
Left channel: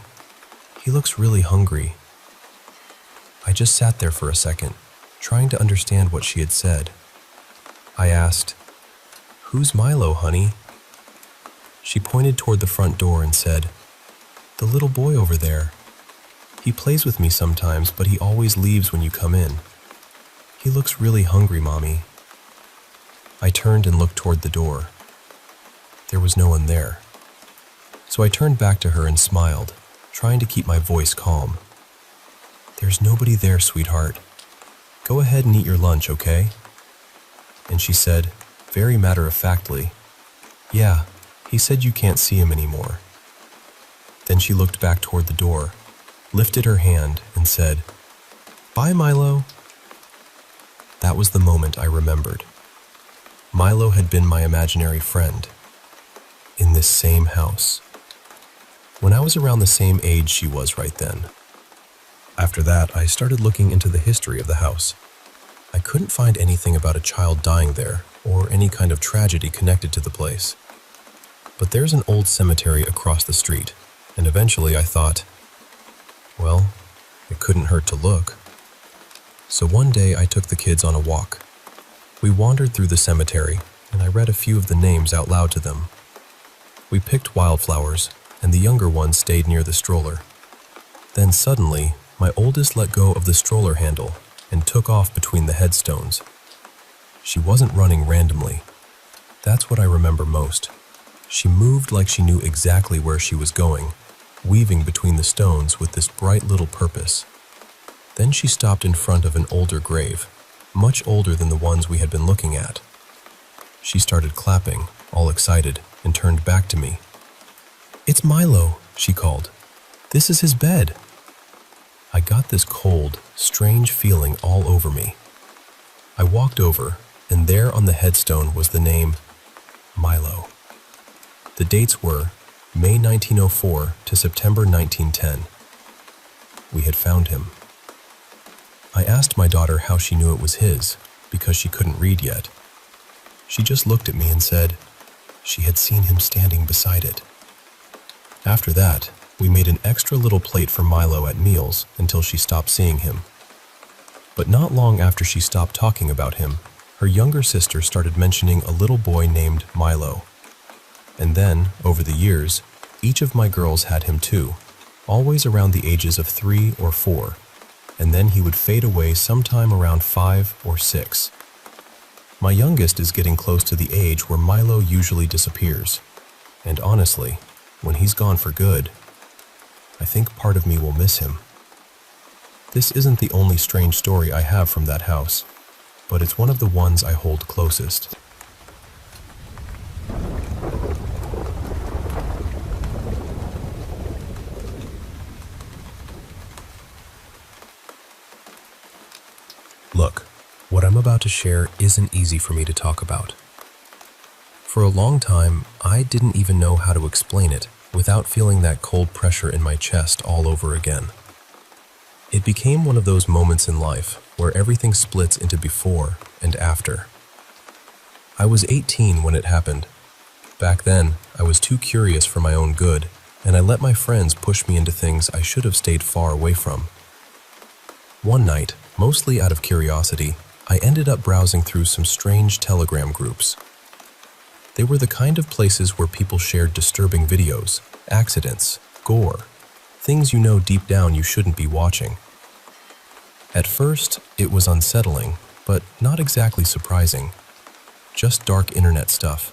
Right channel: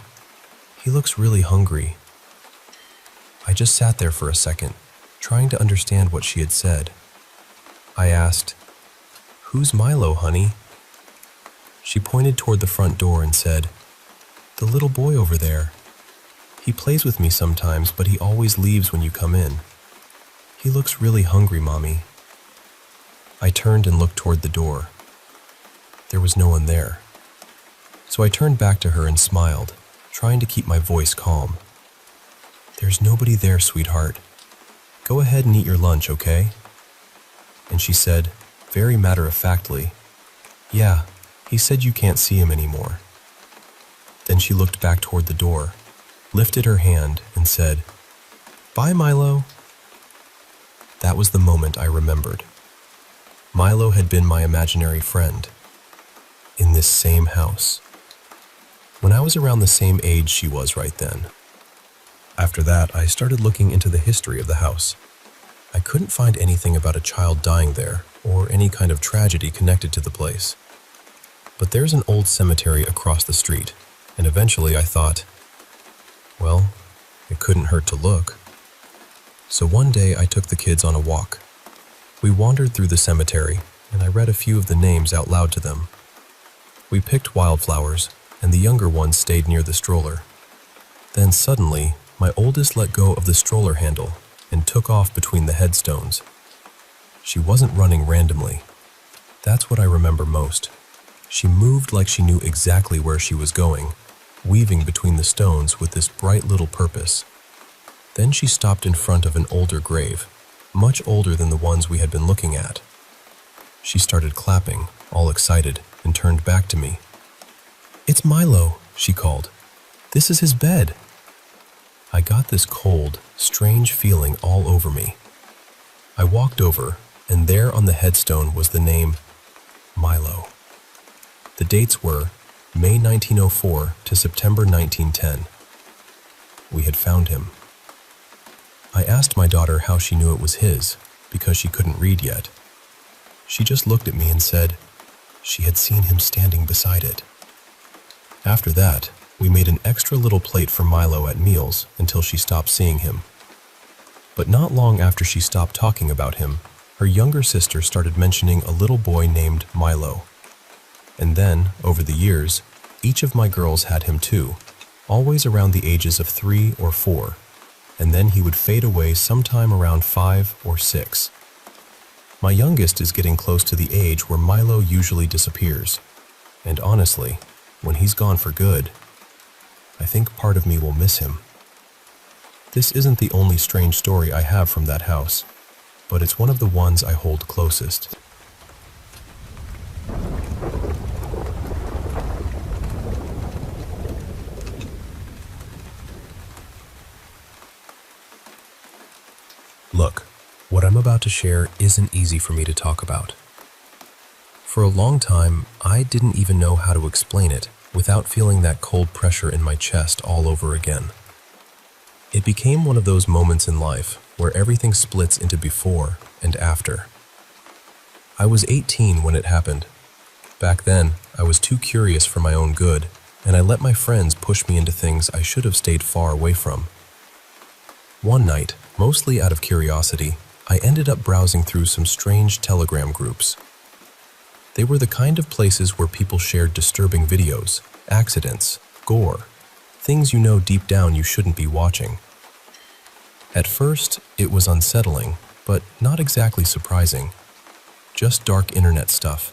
He looks really hungry." I just sat there for a second, trying to understand what she had said. I asked, "Who's Milo, honey?" She pointed toward the front door and said, "The little boy over there. He plays with me sometimes, but he always leaves when you come in. He looks really hungry, Mommy." I turned and looked toward the door. There was no one there. So I turned back to her and smiled, trying to keep my voice calm. "There's nobody there, sweetheart. Go ahead and eat your lunch, okay?" And she said, very matter-of-factly, "Yeah, he said you can't see him anymore." Then she looked back toward the door, lifted her hand, and said, "Bye, Milo." That was the moment I remembered. Milo had been my imaginary friend in this same house, when I was around the same age she was right then. After that, I started looking into the history of the house. I couldn't find anything about a child dying there or any kind of tragedy connected to the place. But there's an old cemetery across the street, and eventually I thought, well, it couldn't hurt to look. So one day I took the kids on a walk. We wandered through the cemetery, and I read a few of the names out loud to them. We picked wildflowers, and the younger ones stayed near the stroller. Then suddenly, my oldest let go of the stroller handle and took off between the headstones. She wasn't running randomly. That's what I remember most. She moved like she knew exactly where she was going, weaving between the stones with this bright little purpose. Then she stopped in front of an older grave, much older than the ones we had been looking at. She started clapping, all excited, and turned back to me. "It's Milo," she called. "This is his bed." I got this cold, strange feeling all over me. I walked over, and there on the headstone was the name Milo. The dates were May 1904 to September 1910. We had found him. I asked my daughter how she knew it was his, because she couldn't read yet. She just looked at me and said she had seen him standing beside it. After that, we made an extra little plate for Milo at meals until she stopped seeing him. But not long after she stopped talking about him, her younger sister started mentioning a little boy named Milo. And then, over the years, each of my girls had him too, always around the ages of 3 or 4, and then he would fade away sometime around 5 or 6. My youngest is getting close to the age where Milo usually disappears, and honestly, when he's gone for good, I think part of me will miss him. This isn't the only strange story I have from that house, but it's one of the ones I hold closest. Look, what I'm about to share isn't easy for me to talk about. For a long time, I didn't even know how to explain it without feeling that cold pressure in my chest all over again. It became one of those moments in life where everything splits into before and after. I was 18 when it happened. Back then, I was too curious for my own good, and I let my friends push me into things I should have stayed far away from. One night, mostly out of curiosity, I ended up browsing through some strange Telegram groups. They were the kind of places where people shared disturbing videos, accidents, gore, things you know deep down you shouldn't be watching. At first, it was unsettling, but not exactly surprising. Just dark internet stuff.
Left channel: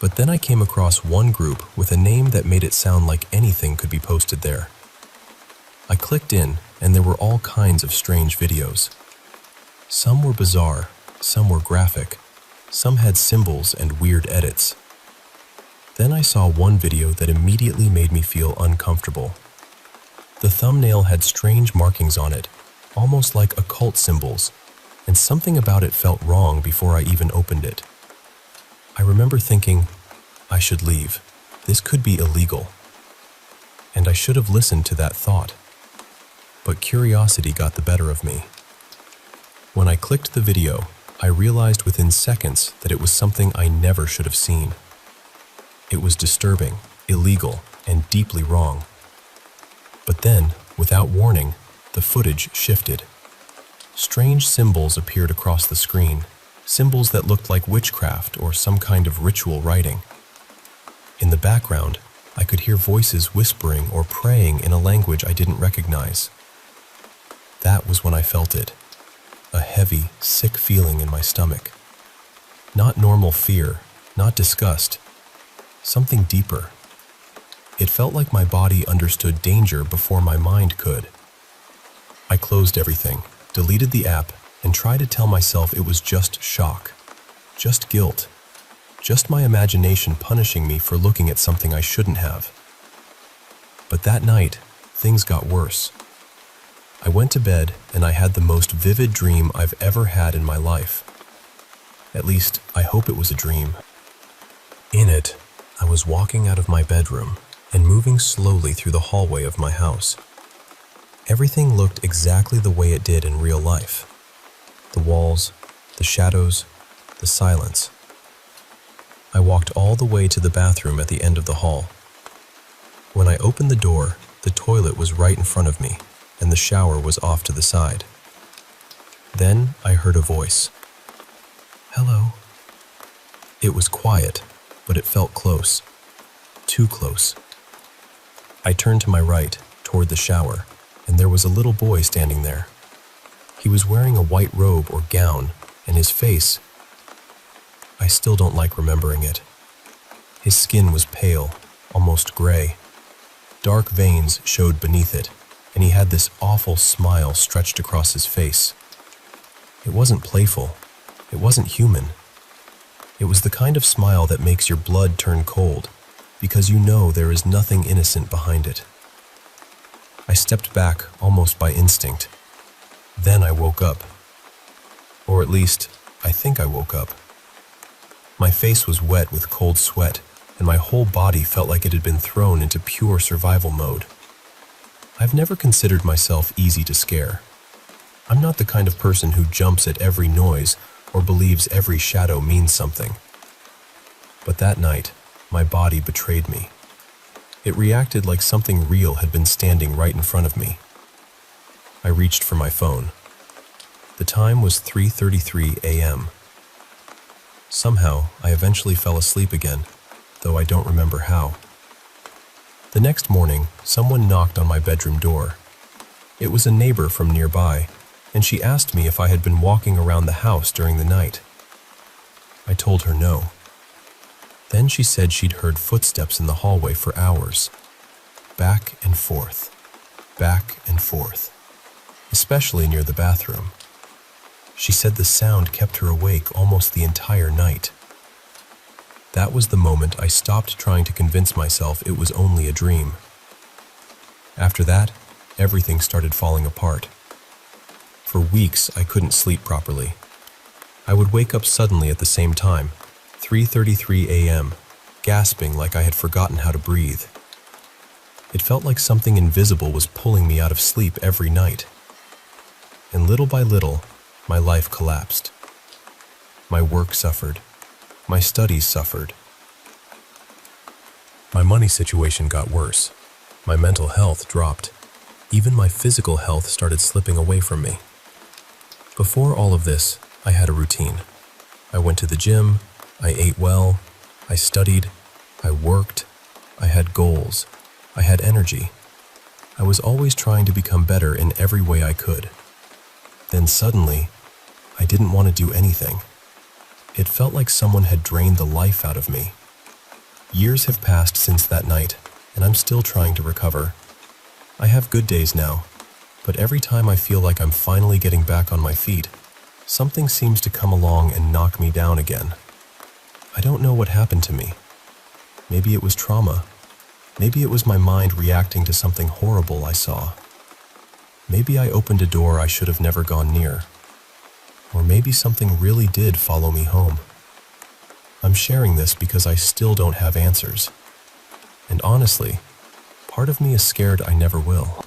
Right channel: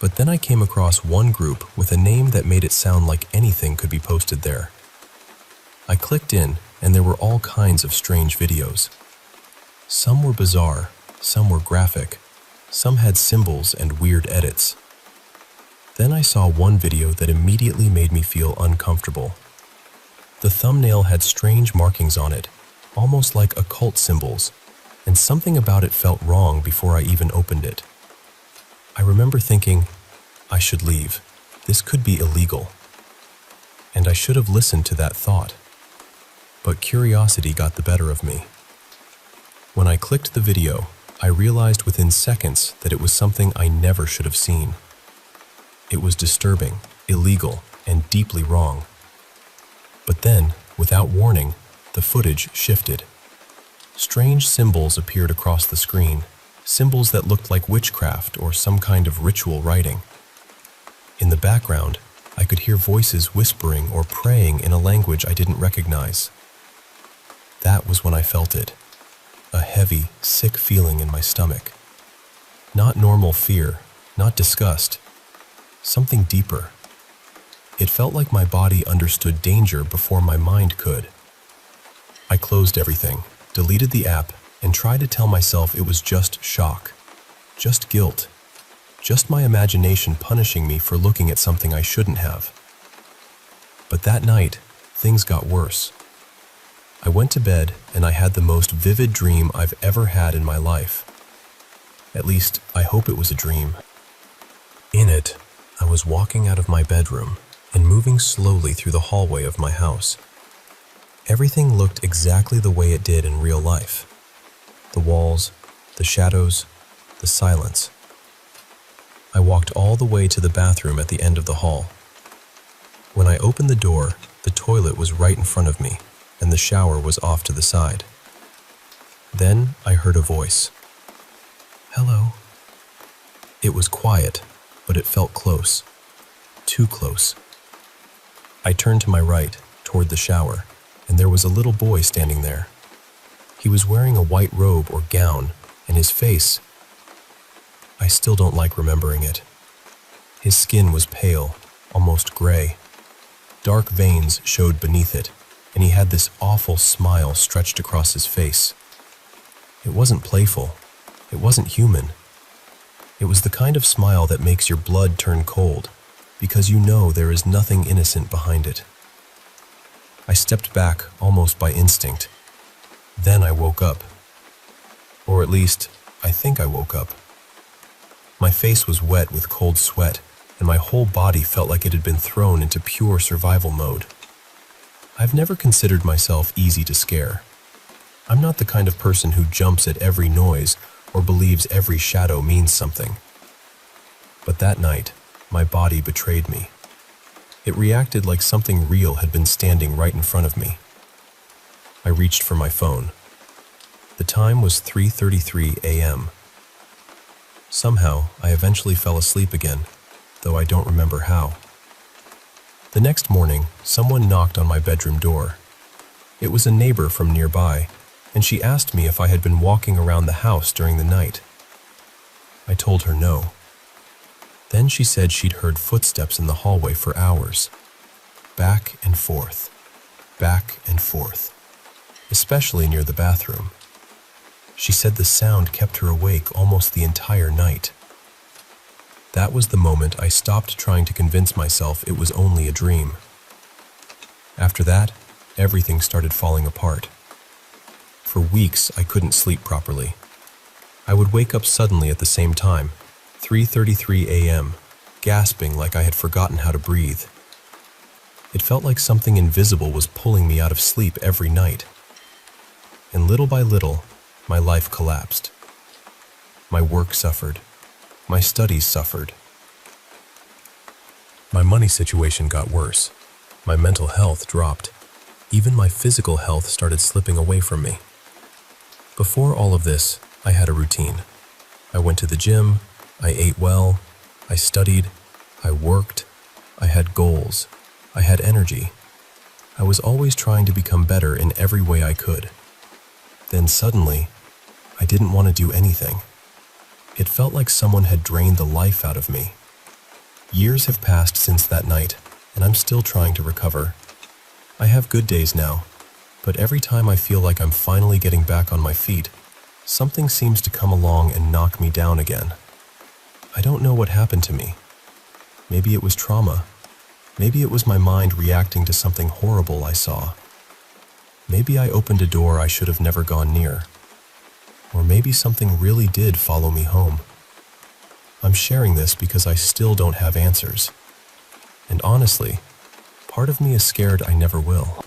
But then I came across one group with a name that made it sound like anything could be posted there. I clicked in, and there were all kinds of strange videos. Some were bizarre, some were graphic, some had symbols and weird edits. Then I saw one video that immediately made me feel uncomfortable. The thumbnail had strange markings on it, almost like occult symbols, and something about it felt wrong before I even opened it. I remember thinking, I should leave. This could be illegal. And I should have listened to that thought. But curiosity got the better of me. When I clicked the video, I realized within seconds that it was something I never should have seen. It was disturbing, illegal, and deeply wrong. But then, without warning, the footage shifted. Strange symbols appeared across the screen, symbols that looked like witchcraft or some kind of ritual writing. In the background, I could hear voices whispering or praying in a language I didn't recognize. That was when I felt it. A heavy, sick feeling in my stomach. Not normal fear, not disgust. Something deeper. It felt like my body understood danger before my mind could. I closed everything, deleted the app, and tried to tell myself it was just shock, just guilt, just my imagination punishing me for looking at something I shouldn't have. But that night, things got worse. I went to bed and I had the most vivid dream I've ever had in my life. At least, I hope it was a dream. In it, I was walking out of my bedroom and moving slowly through the hallway of my house. Everything looked exactly the way it did in real life. The walls, the shadows, the silence. I walked all the way to the bathroom at the end of the hall. When I opened the door, the toilet was right in front of me, and the shower was off to the side. Then I heard a voice. "Hello." It was quiet, but it felt close. Too close. I turned to my right, toward the shower, and there was a little boy standing there. He was wearing a white robe or gown, and his face, I still don't like remembering it. His skin was pale, almost gray. Dark veins showed beneath it, and he had this awful smile stretched across his face. It wasn't playful. It wasn't human. It was the kind of smile that makes your blood turn cold, because you know there is nothing innocent behind it. I stepped back almost by instinct. Then I woke up. Or at least, I think I woke up. My face was wet with cold sweat, and my whole body felt like it had been thrown into pure survival mode. I've never considered myself easy to scare. I'm not the kind of person who jumps at every noise or believes every shadow means something. But that night, my body betrayed me. It reacted like something real had been standing right in front of me. I reached for my phone. The time was 3:33 a.m. Somehow, I eventually fell asleep again, though I don't remember how. The next morning, someone knocked on my bedroom door. It was a neighbor from nearby, and she asked me if I had been walking around the house during the night. I told her no. Then she said she'd heard footsteps in the hallway for hours. Back and forth, especially near the bathroom. She said the sound kept her awake almost the entire night. That was the moment I stopped trying to convince myself it was only a dream. After that, everything started falling apart. For weeks, I couldn't sleep properly. I would wake up suddenly at the same time, 3:33 a.m., gasping like I had forgotten how to breathe. It felt like something invisible was pulling me out of sleep every night. And little by little, my life collapsed. My work suffered. My studies suffered. My money situation got worse. My mental health dropped. Even my physical health started slipping away from me. Before all of this, I had a routine. I went to the gym, I ate well, I studied, I worked, I had goals, I had energy. I was always trying to become better in every way I could. Then suddenly, I didn't want to do anything. It felt like someone had drained the life out of me. Years have passed since that night, and I'm still trying to recover. I have good days now, but every time I feel like I'm finally getting back on my feet, something seems to come along and knock me down again. I don't know what happened to me. Maybe it was trauma. Maybe it was my mind reacting to something horrible I saw. Maybe I opened a door I should have never gone near. Or maybe something really did follow me home. I'm sharing this because I still don't have answers. And honestly, part of me is scared I never will.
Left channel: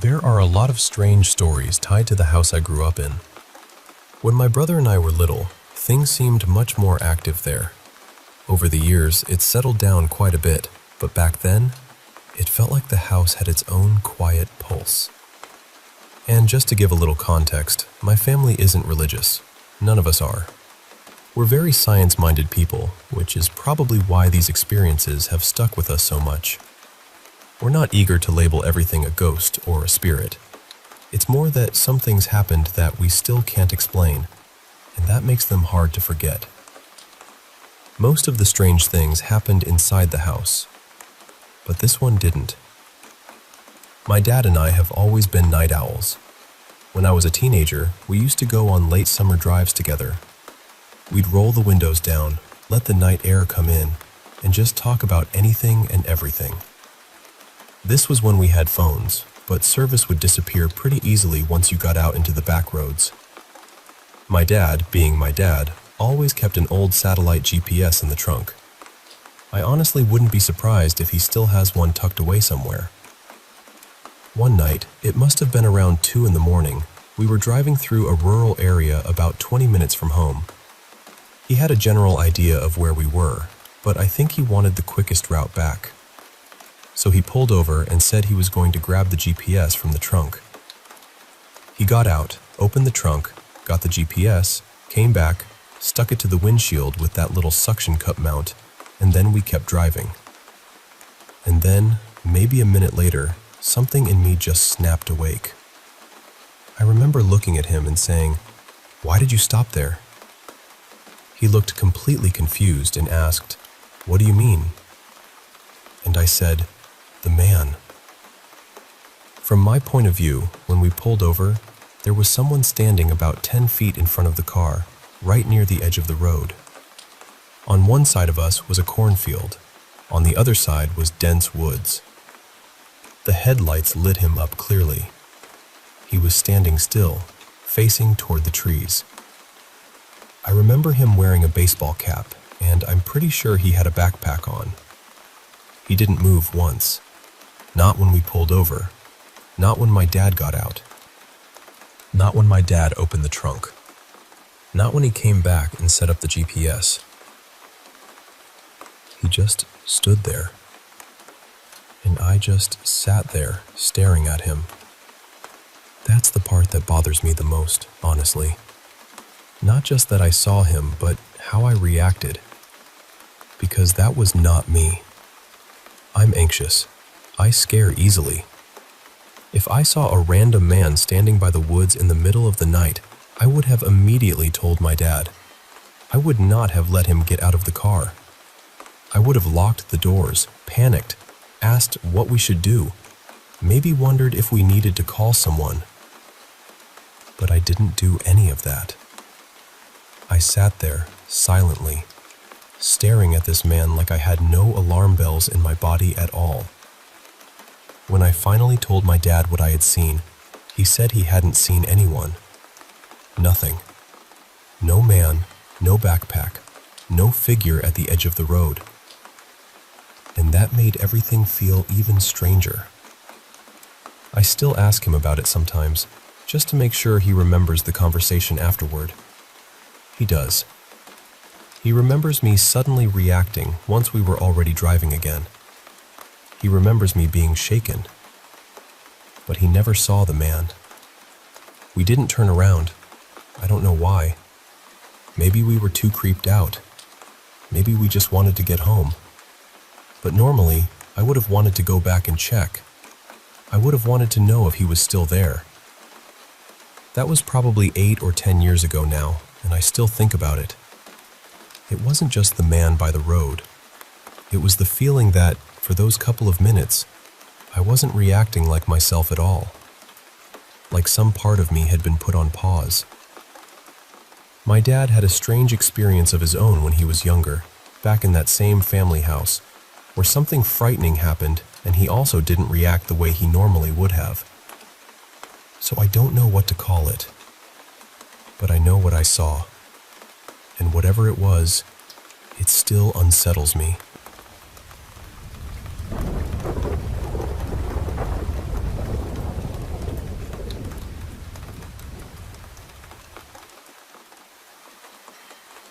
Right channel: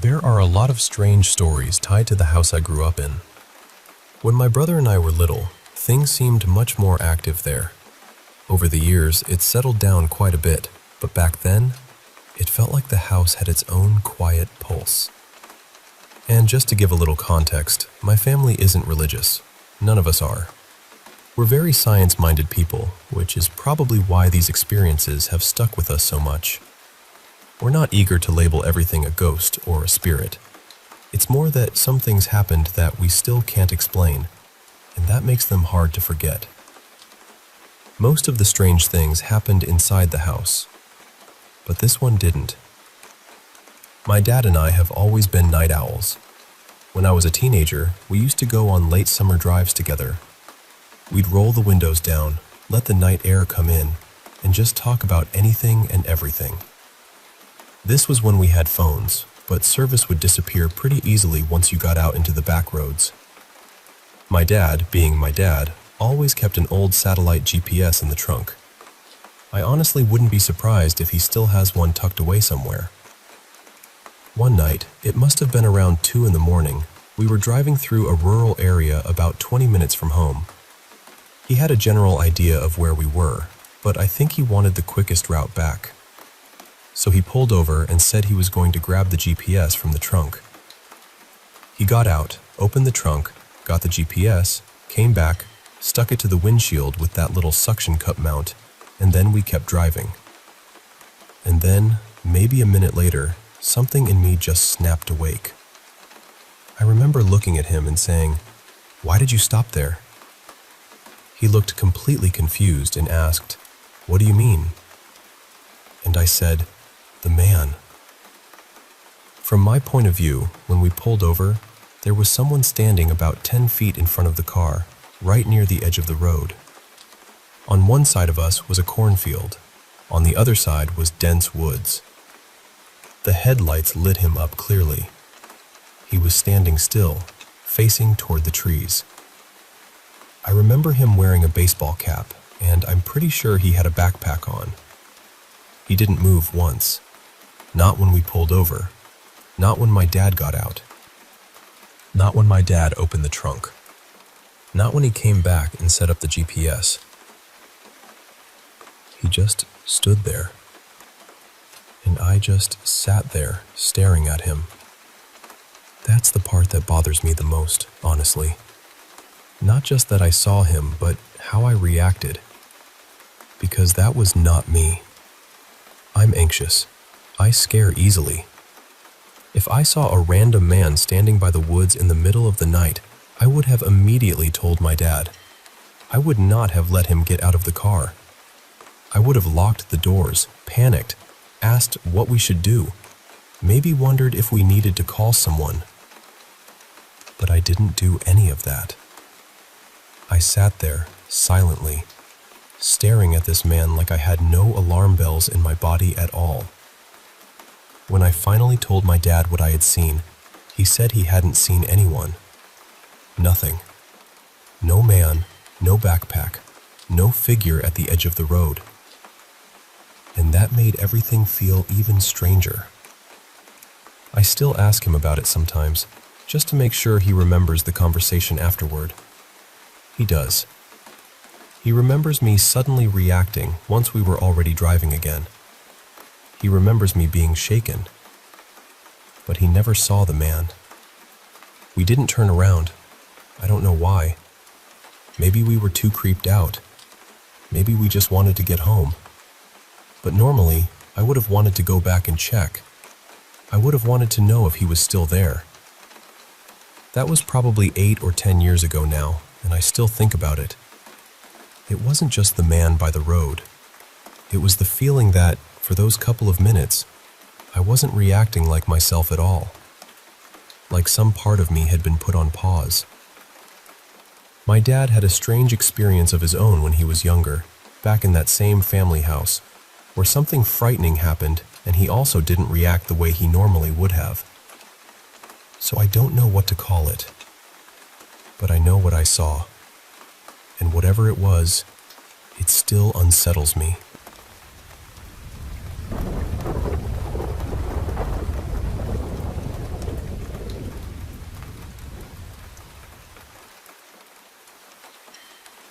There are a lot of strange stories tied to the house I grew up in. When my brother and I were little, things seemed much more active there. Over the years, it settled down quite a bit, but back then, it felt like the house had its own quiet pulse. And just to give a little context, my family isn't religious. None of us are. We're very science-minded people, which is probably why these experiences have stuck with us so much. We're not eager to label everything a ghost or a spirit. It's more that some things happened that we still can't explain, and that makes them hard to forget. Most of the strange things happened inside the house, but this one didn't. My dad and I have always been night owls. When I was a teenager, we used to go on late summer drives together. We'd roll the windows down, let the night air come in, and just talk about anything and everything. This was when we had phones, but service would disappear pretty easily once you got out into the back roads. My dad, being my dad, always kept an old satellite GPS in the trunk. I honestly wouldn't be surprised if he still has one tucked away somewhere. One night, it must have been around 2 in the morning, we were driving through a rural area about 20 minutes from home. He had a general idea of where we were, but I think he wanted the quickest route back. So he pulled over and said he was going to grab the GPS from the trunk. He got out, opened the trunk, got the GPS, came back, stuck it to the windshield with that little suction cup mount, and then we kept driving. And then, maybe a minute later, something in me just snapped awake. I remember looking at him and saying, "Why did you stop there?" He looked completely confused and asked, "What do you mean?" And I said, "The man." From my point of view, when we pulled over, there was someone standing about 10 feet in front of the car, right near the edge of the road. On one side of us was a cornfield. On the other side was dense woods. The headlights lit him up clearly. He was standing still, facing toward the trees. I remember him wearing a baseball cap, and I'm pretty sure he had a backpack on. He didn't move once. Not when we pulled over. Not when my dad got out. Not when my dad opened the trunk. Not when he came back and set up the GPS. He just stood there. And I just sat there, staring at him. That's the part that bothers me the most, honestly. Not just that I saw him, but how I reacted. Because that was not me. I'm anxious. I scare easily. If I saw a random man standing by the woods in the middle of the night, I would have immediately told my dad. I would not have let him get out of the car. I would have locked the doors, panicked, asked what we should do, maybe wondered if we needed to call someone. But I didn't do any of that. I sat there, silently, staring at this man like I had no alarm bells in my body at all. When I finally told my dad what I had seen, he said he hadn't seen anyone. Nothing. No man, no backpack, no figure at the edge of the road. And that made everything feel even stranger. I still ask him about it sometimes, just to make sure he remembers the conversation afterward. He does. He remembers me suddenly reacting once we were already driving again. He remembers me being shaken. But he never saw the man. We didn't turn around. I don't know why. Maybe we were too creeped out. Maybe we just wanted to get home. But normally, I would have wanted to go back and check. I would have wanted to know if he was still there. That was probably 8 or 10 years ago now, and I still think about it. It wasn't just the man by the road. It was the feeling that, for those couple of minutes, I wasn't reacting like myself at all. Like some part of me had been put on pause. My dad had a strange experience of his own when he was younger, back in that same family house, where something frightening happened and he also didn't react the way he normally would have. So I don't know what to call it, but I know what I saw. And whatever it was, it still unsettles me.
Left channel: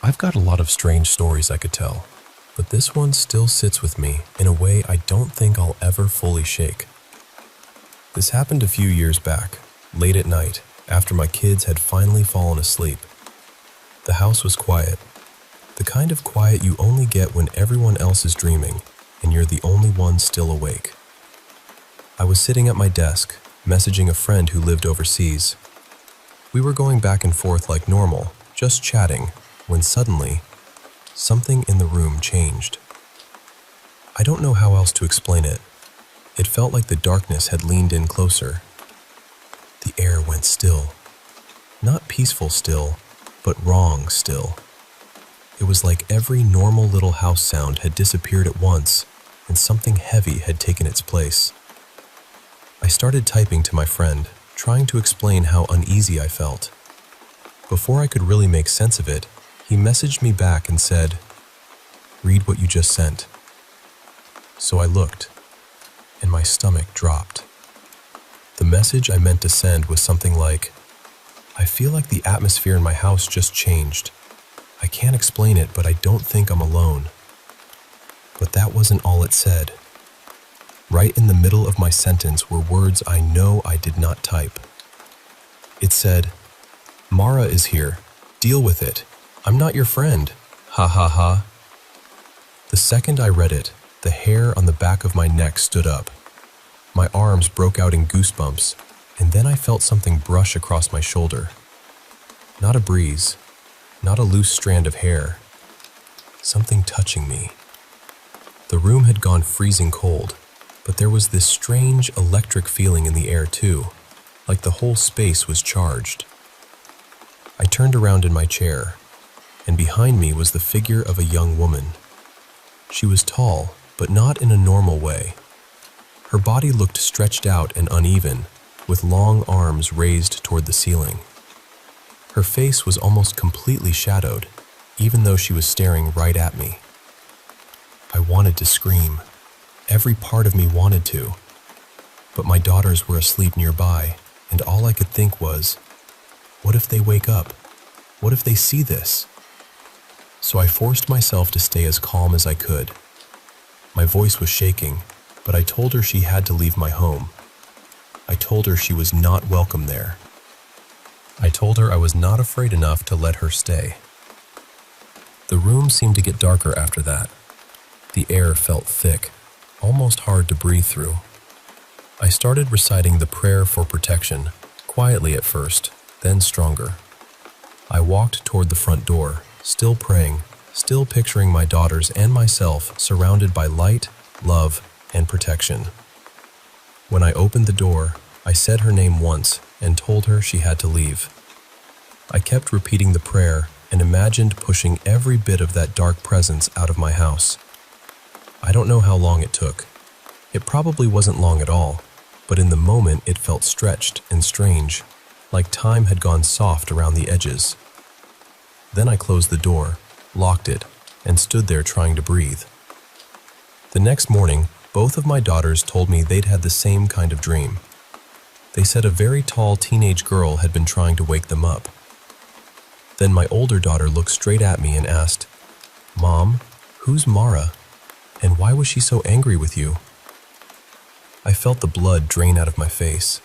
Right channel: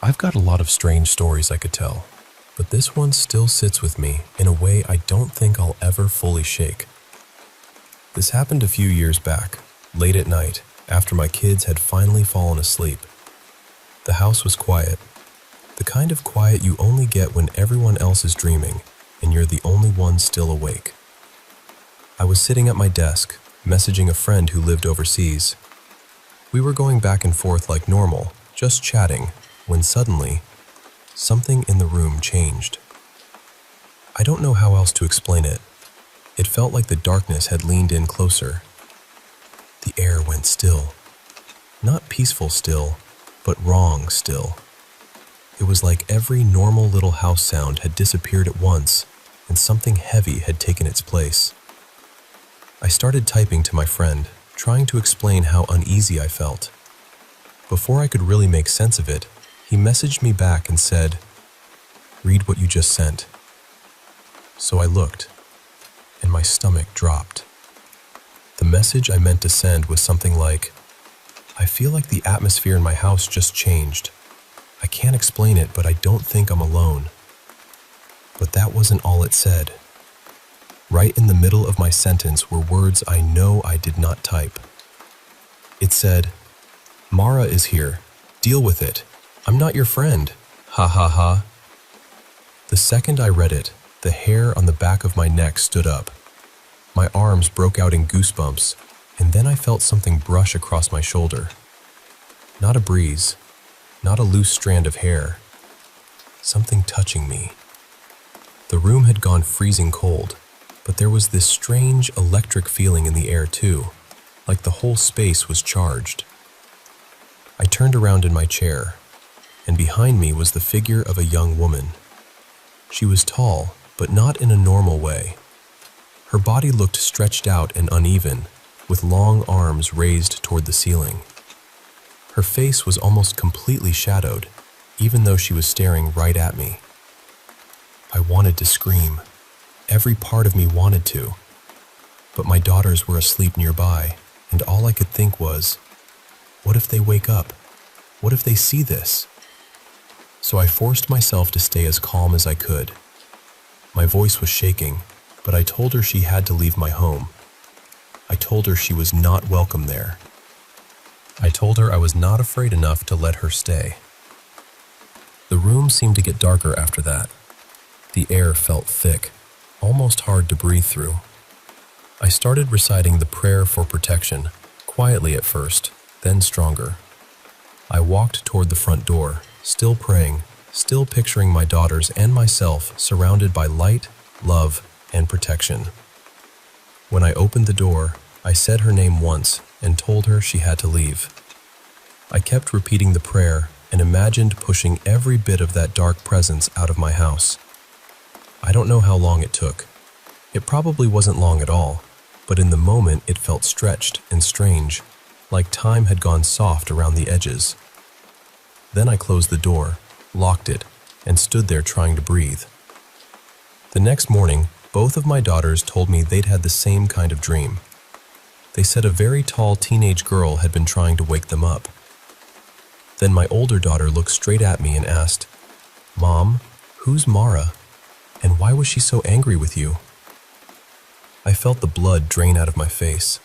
I've got a lot of strange stories I could tell, but this one still sits with me in a way I don't think I'll ever fully shake. This happened a few years back, late at night, after my kids had finally fallen asleep. The house was quiet, the kind of quiet you only get when everyone else is dreaming and you're the only one still awake. I was sitting at my desk, messaging a friend who lived overseas. We were going back and forth like normal, just chatting, when suddenly, something in the room changed. I don't know how else to explain it. It felt like the darkness had leaned in closer. The air went still. Not peaceful still, but wrong still. It was like every normal little house sound had disappeared at once, and something heavy had taken its place. I started typing to my friend, trying to explain how uneasy I felt. Before I could really make sense of it, he messaged me back and said, "Read what you just sent." So I looked, and my stomach dropped. The message I meant to send was something like, "I feel like the atmosphere in my house just changed. I can't explain it, but I don't think I'm alone." But that wasn't all it said. Right in the middle of my sentence were words I know I did not type. It said, "Mara is here. Deal with it. I'm not your friend. Ha ha ha." The second I read it, the hair on the back of my neck stood up. My arms broke out in goosebumps, and then I felt something brush across my shoulder. Not a breeze, not a loose strand of hair. Something touching me. The room had gone freezing cold, but there was this strange electric feeling in the air too, like the whole space was charged. I turned around in my chair, and behind me was the figure of a young woman. She was tall, but not in a normal way. Her body looked stretched out and uneven, with long arms raised toward the ceiling. Her face was almost completely shadowed, even though she was staring right at me. I wanted to scream. Every part of me wanted to. But my daughters were asleep nearby, and all I could think was, what if they wake up? What if they see this? So I forced myself to stay as calm as I could. My voice was shaking, but I told her she had to leave my home. I told her she was not welcome there. I told her I was not afraid enough to let her stay. The room seemed to get darker after that. The air felt thick, almost hard to breathe through. I started reciting the prayer for protection, quietly at first, then stronger. I walked toward the front door, still praying, still picturing my daughters and myself surrounded by light, love, and protection. When I opened the door, I said her name once and told her she had to leave. I kept repeating the prayer and imagined pushing every bit of that dark presence out of my house. I don't know how long it took. It probably wasn't long at all, but in the moment it felt stretched and strange, like time had gone soft around the edges. Then I closed the door, locked it, and stood there trying to breathe. The next morning, both of my daughters told me they'd had the same kind of dream. They said a very tall teenage girl had been trying to wake them up. Then my older daughter looked straight at me and asked, "Mom, who's Mara? And why was she so angry with you?" I felt the blood drain out of my face.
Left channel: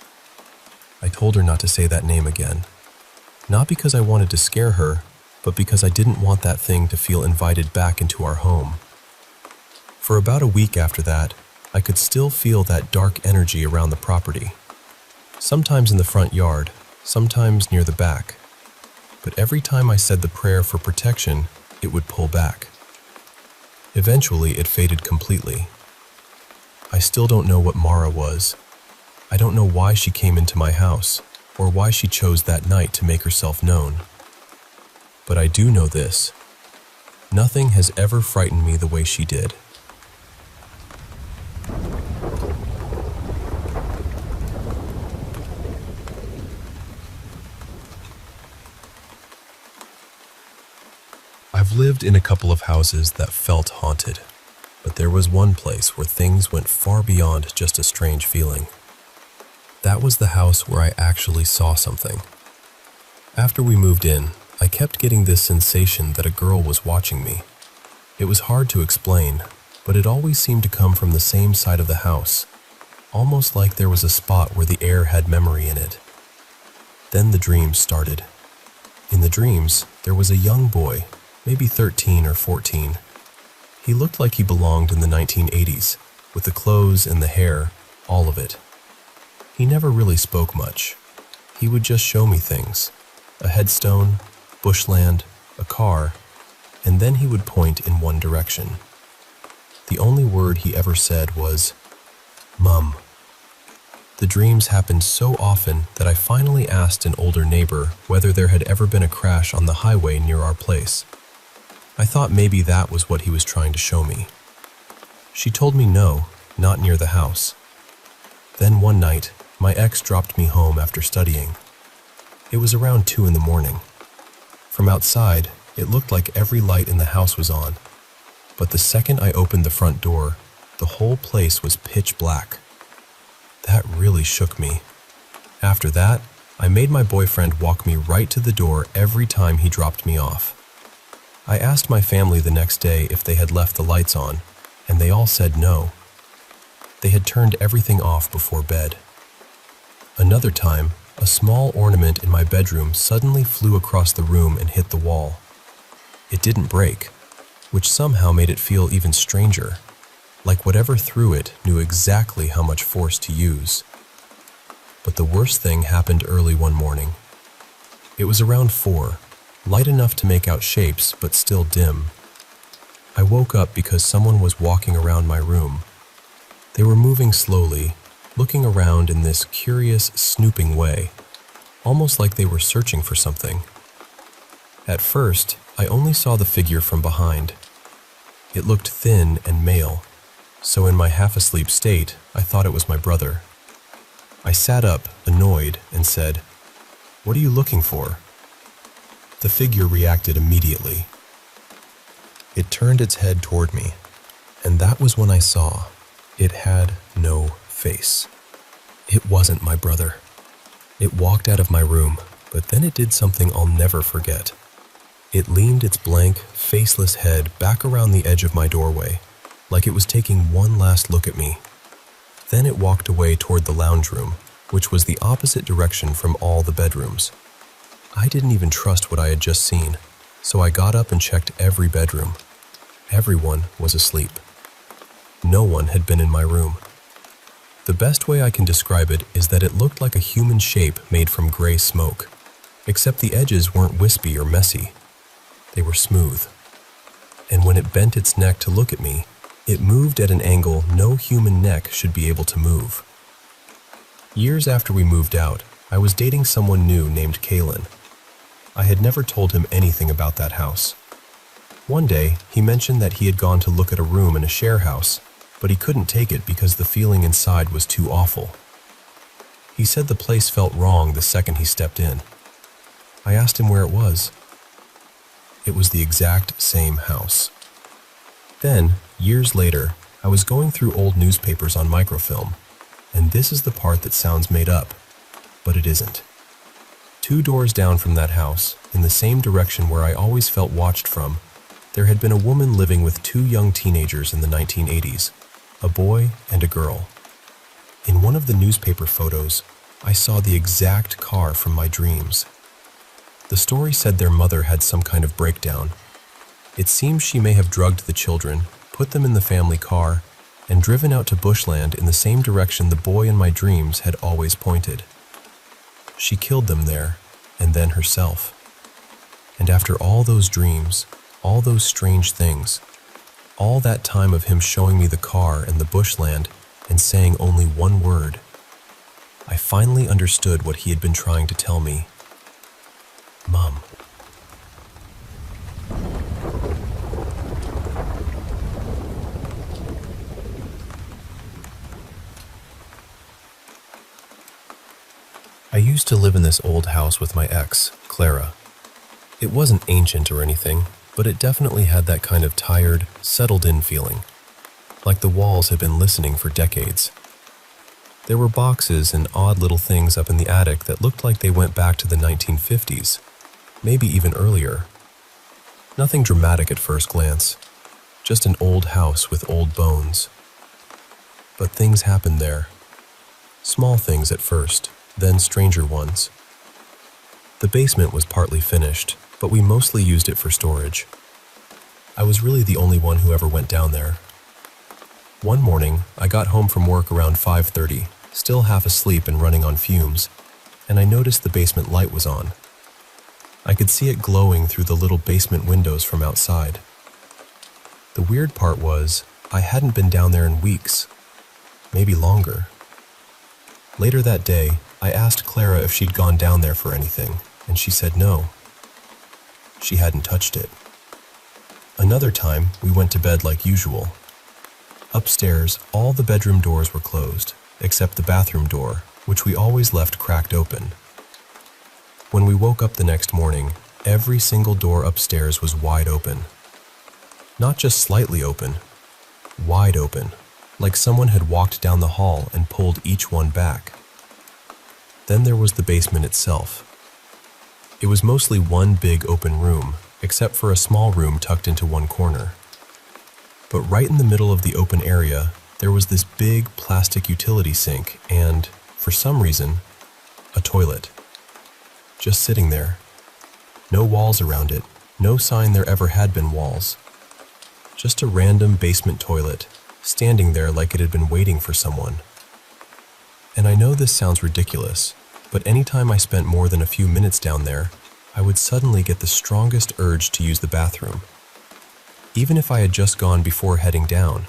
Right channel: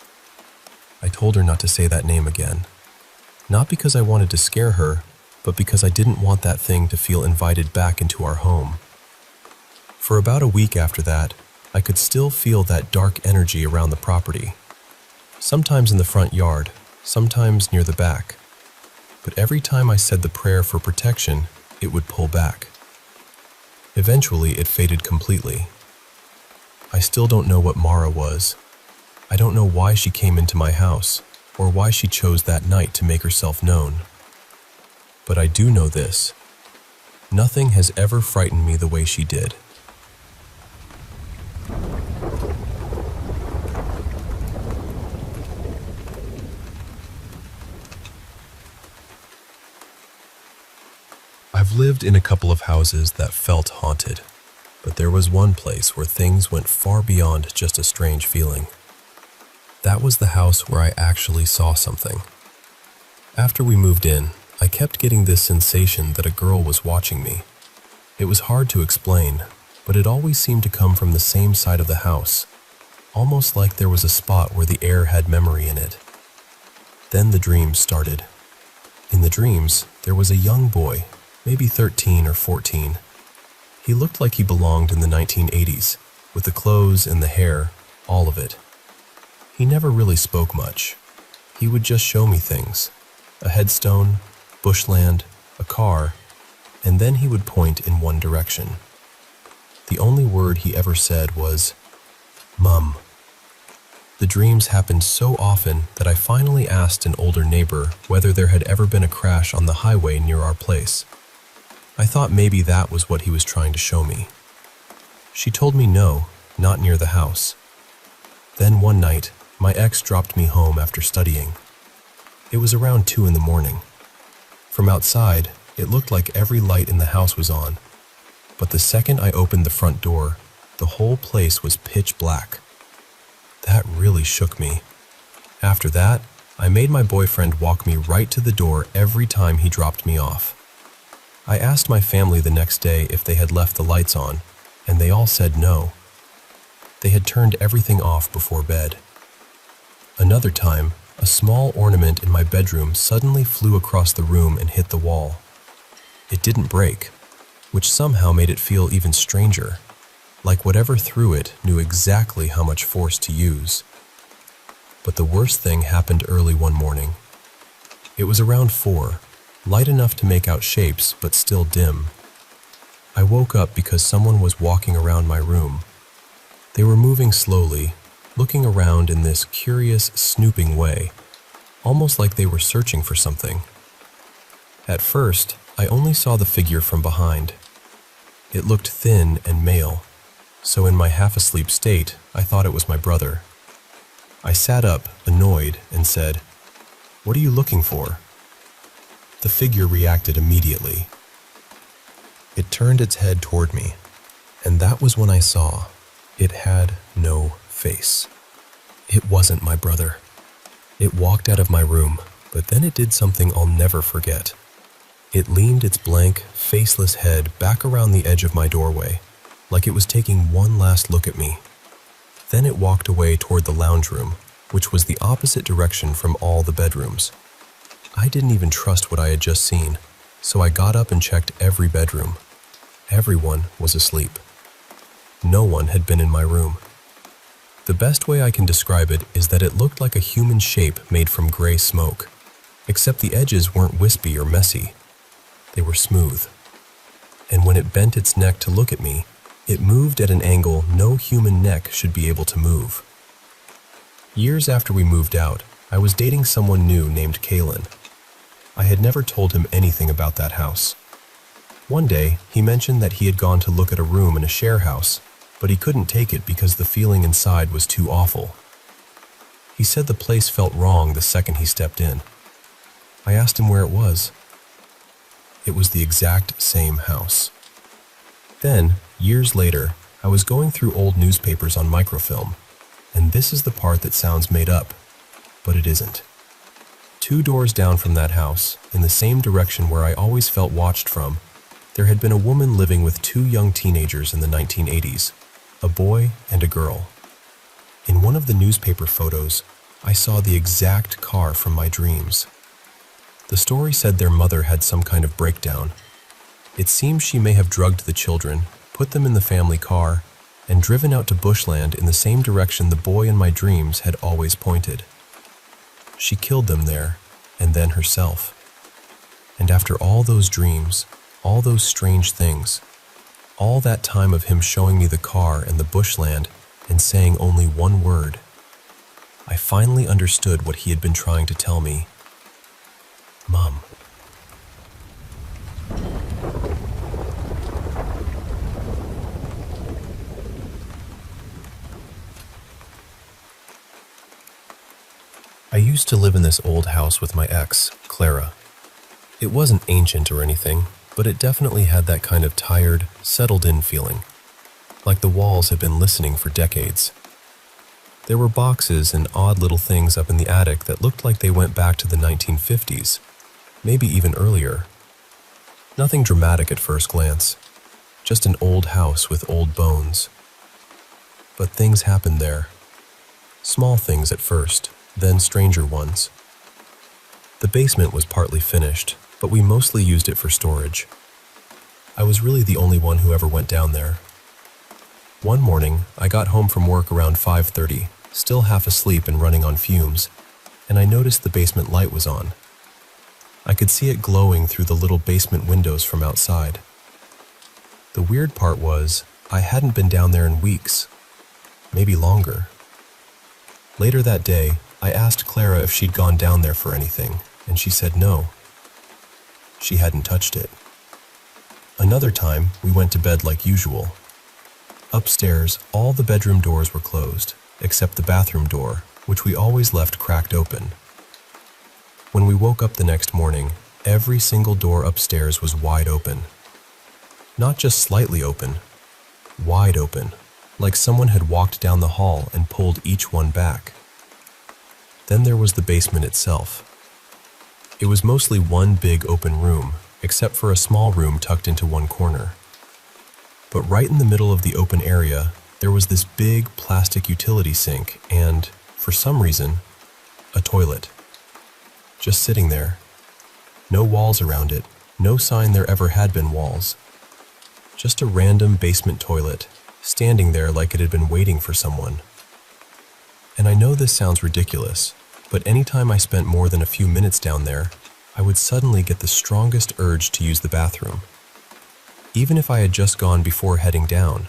I told her not to say that name again. Not because I wanted to scare her, but because I didn't want that thing to feel invited back into our home. For about a week after that, I could still feel that dark energy around the property. Sometimes in the front yard, sometimes near the back. But every time I said the prayer for protection, it would pull back. Eventually, it faded completely. I still don't know what Mara was. I don't know why she came into my house, or why she chose that night to make herself known. But I do know this. Nothing has ever frightened me the way she did. I've lived in a couple of houses that felt haunted, but there was one place where things went far beyond just a strange feeling. That was the house where I actually saw something. After we moved in, I kept getting this sensation that a girl was watching me. It was hard to explain, but it always seemed to come from the same side of the house, almost like there was a spot where the air had memory in it. Then the dreams started. In the dreams, there was a young boy, maybe 13 or 14. He looked like he belonged in the 1980s, with the clothes and the hair, all of it. He never really spoke much. He would just show me things. A headstone, bushland, a car, and then he would point in one direction. The only word he ever said was, "Mum." The dreams happened so often that I finally asked an older neighbor whether there had ever been a crash on the highway near our place. I thought maybe that was what he was trying to show me. She told me no, not near the house. Then one night, my ex dropped me home after studying. It was around 2 in the morning. From outside, it looked like every light in the house was on. But the second I opened the front door, the whole place was pitch black. That really shook me. After that, I made my boyfriend walk me right to the door every time he dropped me off. I asked my family the next day if they had left the lights on, and they all said no. They had turned everything off before bed. Another time, a small ornament in my bedroom suddenly flew across the room and hit the wall. It didn't break, which somehow made it feel even stranger, like whatever threw it knew exactly how much force to use. But the worst thing happened early one morning. It was around 4, light enough to make out shapes, but still dim. I woke up because someone was walking around my room. They were moving slowly, looking around in this curious, snooping way, almost like they were searching for something. At first, I only saw the figure from behind. It looked thin and male, so in my half-asleep state, I thought it was my brother. I sat up, annoyed, and said, "What are you looking for?" The figure reacted immediately. It turned its head toward me, and that was when I saw it had no face. It wasn't my brother. It walked out of my room, but then it did something I'll never forget. It leaned its blank, faceless head back around the edge of my doorway, like it was taking one last look at me. Then it walked away toward the lounge room, which was the opposite direction from all the bedrooms. I didn't even trust what I had just seen, so I got up and checked every bedroom. Everyone was asleep. No one had been in my room. The best way I can describe it is that it looked like a human shape made from gray smoke, except the edges weren't wispy or messy. They were smooth. And when it bent its neck to look at me, it moved at an angle no human neck should be able to move. Years after we moved out, I was dating someone new named Kalen. I had never told him anything about that house. One day, he mentioned that he had gone to look at a room in a share house, but he couldn't take it because the feeling inside was too awful. He said the place felt wrong the second he stepped in. I asked him where it was. It was the exact same house. Then, years later, I was going through old newspapers on microfilm, and this is the part that sounds made up, but it isn't. 2 doors down from that house, in the same direction where I always felt watched from, there had been a woman living with 2 young teenagers in the 1980s, a boy and a girl. In one of the newspaper photos, I saw the exact car from my dreams. The story said their mother had some kind of breakdown. It seems she may have drugged the children, put them in the family car, and driven out to bushland in the same direction the boy in my dreams had always pointed. She killed them there, and then herself. And after all those dreams, all those strange things, all that time of him showing me the car and the bushland and saying only one word, I finally understood what he had been trying to tell me. Mom. I used to live in this old house with my ex, Clara. It wasn't ancient or anything, but it definitely had that kind of tired, settled-in feeling, like the walls had been listening for decades. There were boxes and odd little things up in the attic that looked like they went back to the 1950s, maybe even earlier. Nothing dramatic at first glance, just an old house with old bones. But things happened there. Small things at first, then stranger ones. The basement was partly finished, but we mostly used it for storage. I was really the only one who ever went down there. One morning, I got home from work around 5:30, still half asleep and running on fumes, and I noticed the basement light was on. I could see it glowing through the little basement windows from outside. The weird part was, I hadn't been down there in weeks, maybe longer. Later that day, I asked Clara if she'd gone down there for anything, and she said no. She hadn't touched it. Another time, we went to bed like usual. Upstairs, all the bedroom doors were closed, except the bathroom door, which we always left cracked open. When we woke up the next morning, every single door upstairs was wide open. Not just slightly open, wide open, like someone had walked down the hall and pulled each one back. Then there was the basement itself. It was mostly one big open room, except for a small room tucked into one corner. But right in the middle of the open area, there was this big plastic utility sink and, for some reason, a toilet. Just sitting there. No walls around it, no sign there ever had been walls. Just a random basement toilet, standing there like it had been waiting for someone. And I know this sounds ridiculous, but anytime I spent more than a few minutes down there, I would suddenly get the strongest urge to use the bathroom, even if I had just gone before heading down.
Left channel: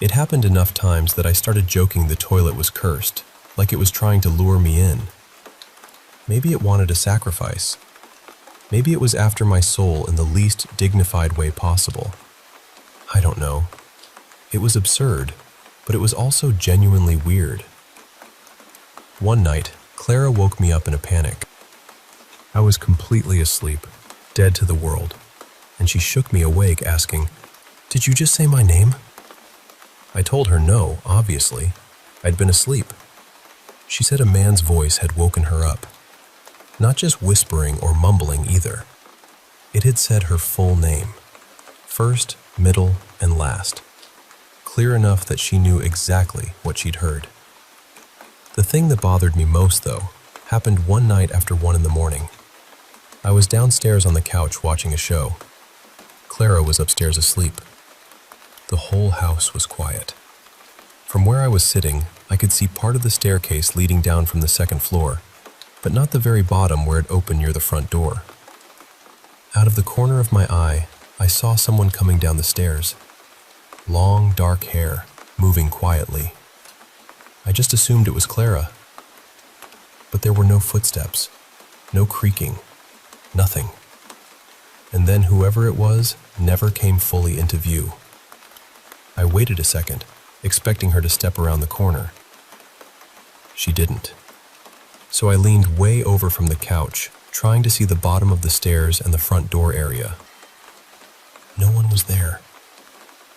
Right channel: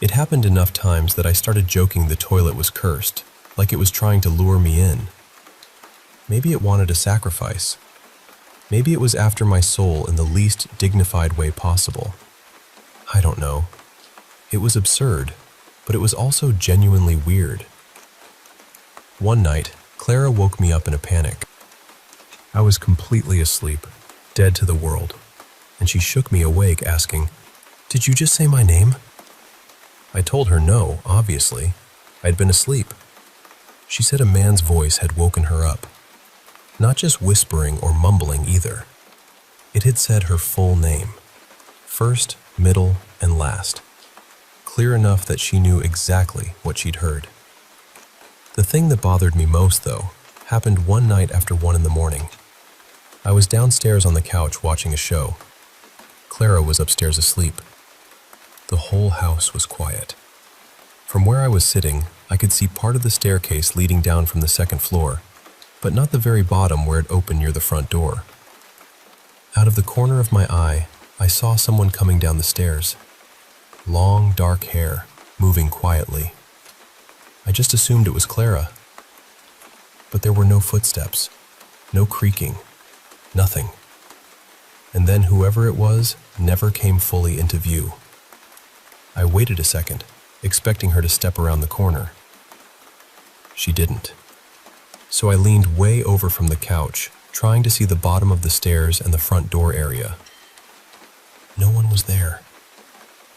It happened enough times that I started joking the toilet was cursed, like it was trying to lure me in. Maybe it wanted a sacrifice. Maybe it was after my soul in the least dignified way possible. I don't know. It was absurd, but it was also genuinely weird. One night, Clara woke me up in a panic. I was completely asleep, dead to the world, and she shook me awake, asking, "Did you just say my name?" I told her no, obviously. I'd been asleep. She said a man's voice had woken her up. Not just whispering or mumbling either. It had said her full name. First, middle, and last. Clear enough that she knew exactly what she'd heard. The thing that bothered me most, though, happened one night after 1 a.m. I was downstairs on the couch watching a show. Clara was upstairs asleep. The whole house was quiet. From where I was sitting, I could see part of the staircase leading down from the second floor, but not the very bottom where it opened near the front door. Out of the corner of my eye, I saw someone coming down the stairs. Long, dark hair, moving quietly. I just assumed it was Clara. But there were no footsteps, no creaking, nothing. And then whoever it was never came fully into view. I waited a second, expecting her to step around the corner. She didn't. So I leaned way over from the couch, trying to see the bottom of the stairs and the front door area. No one was there.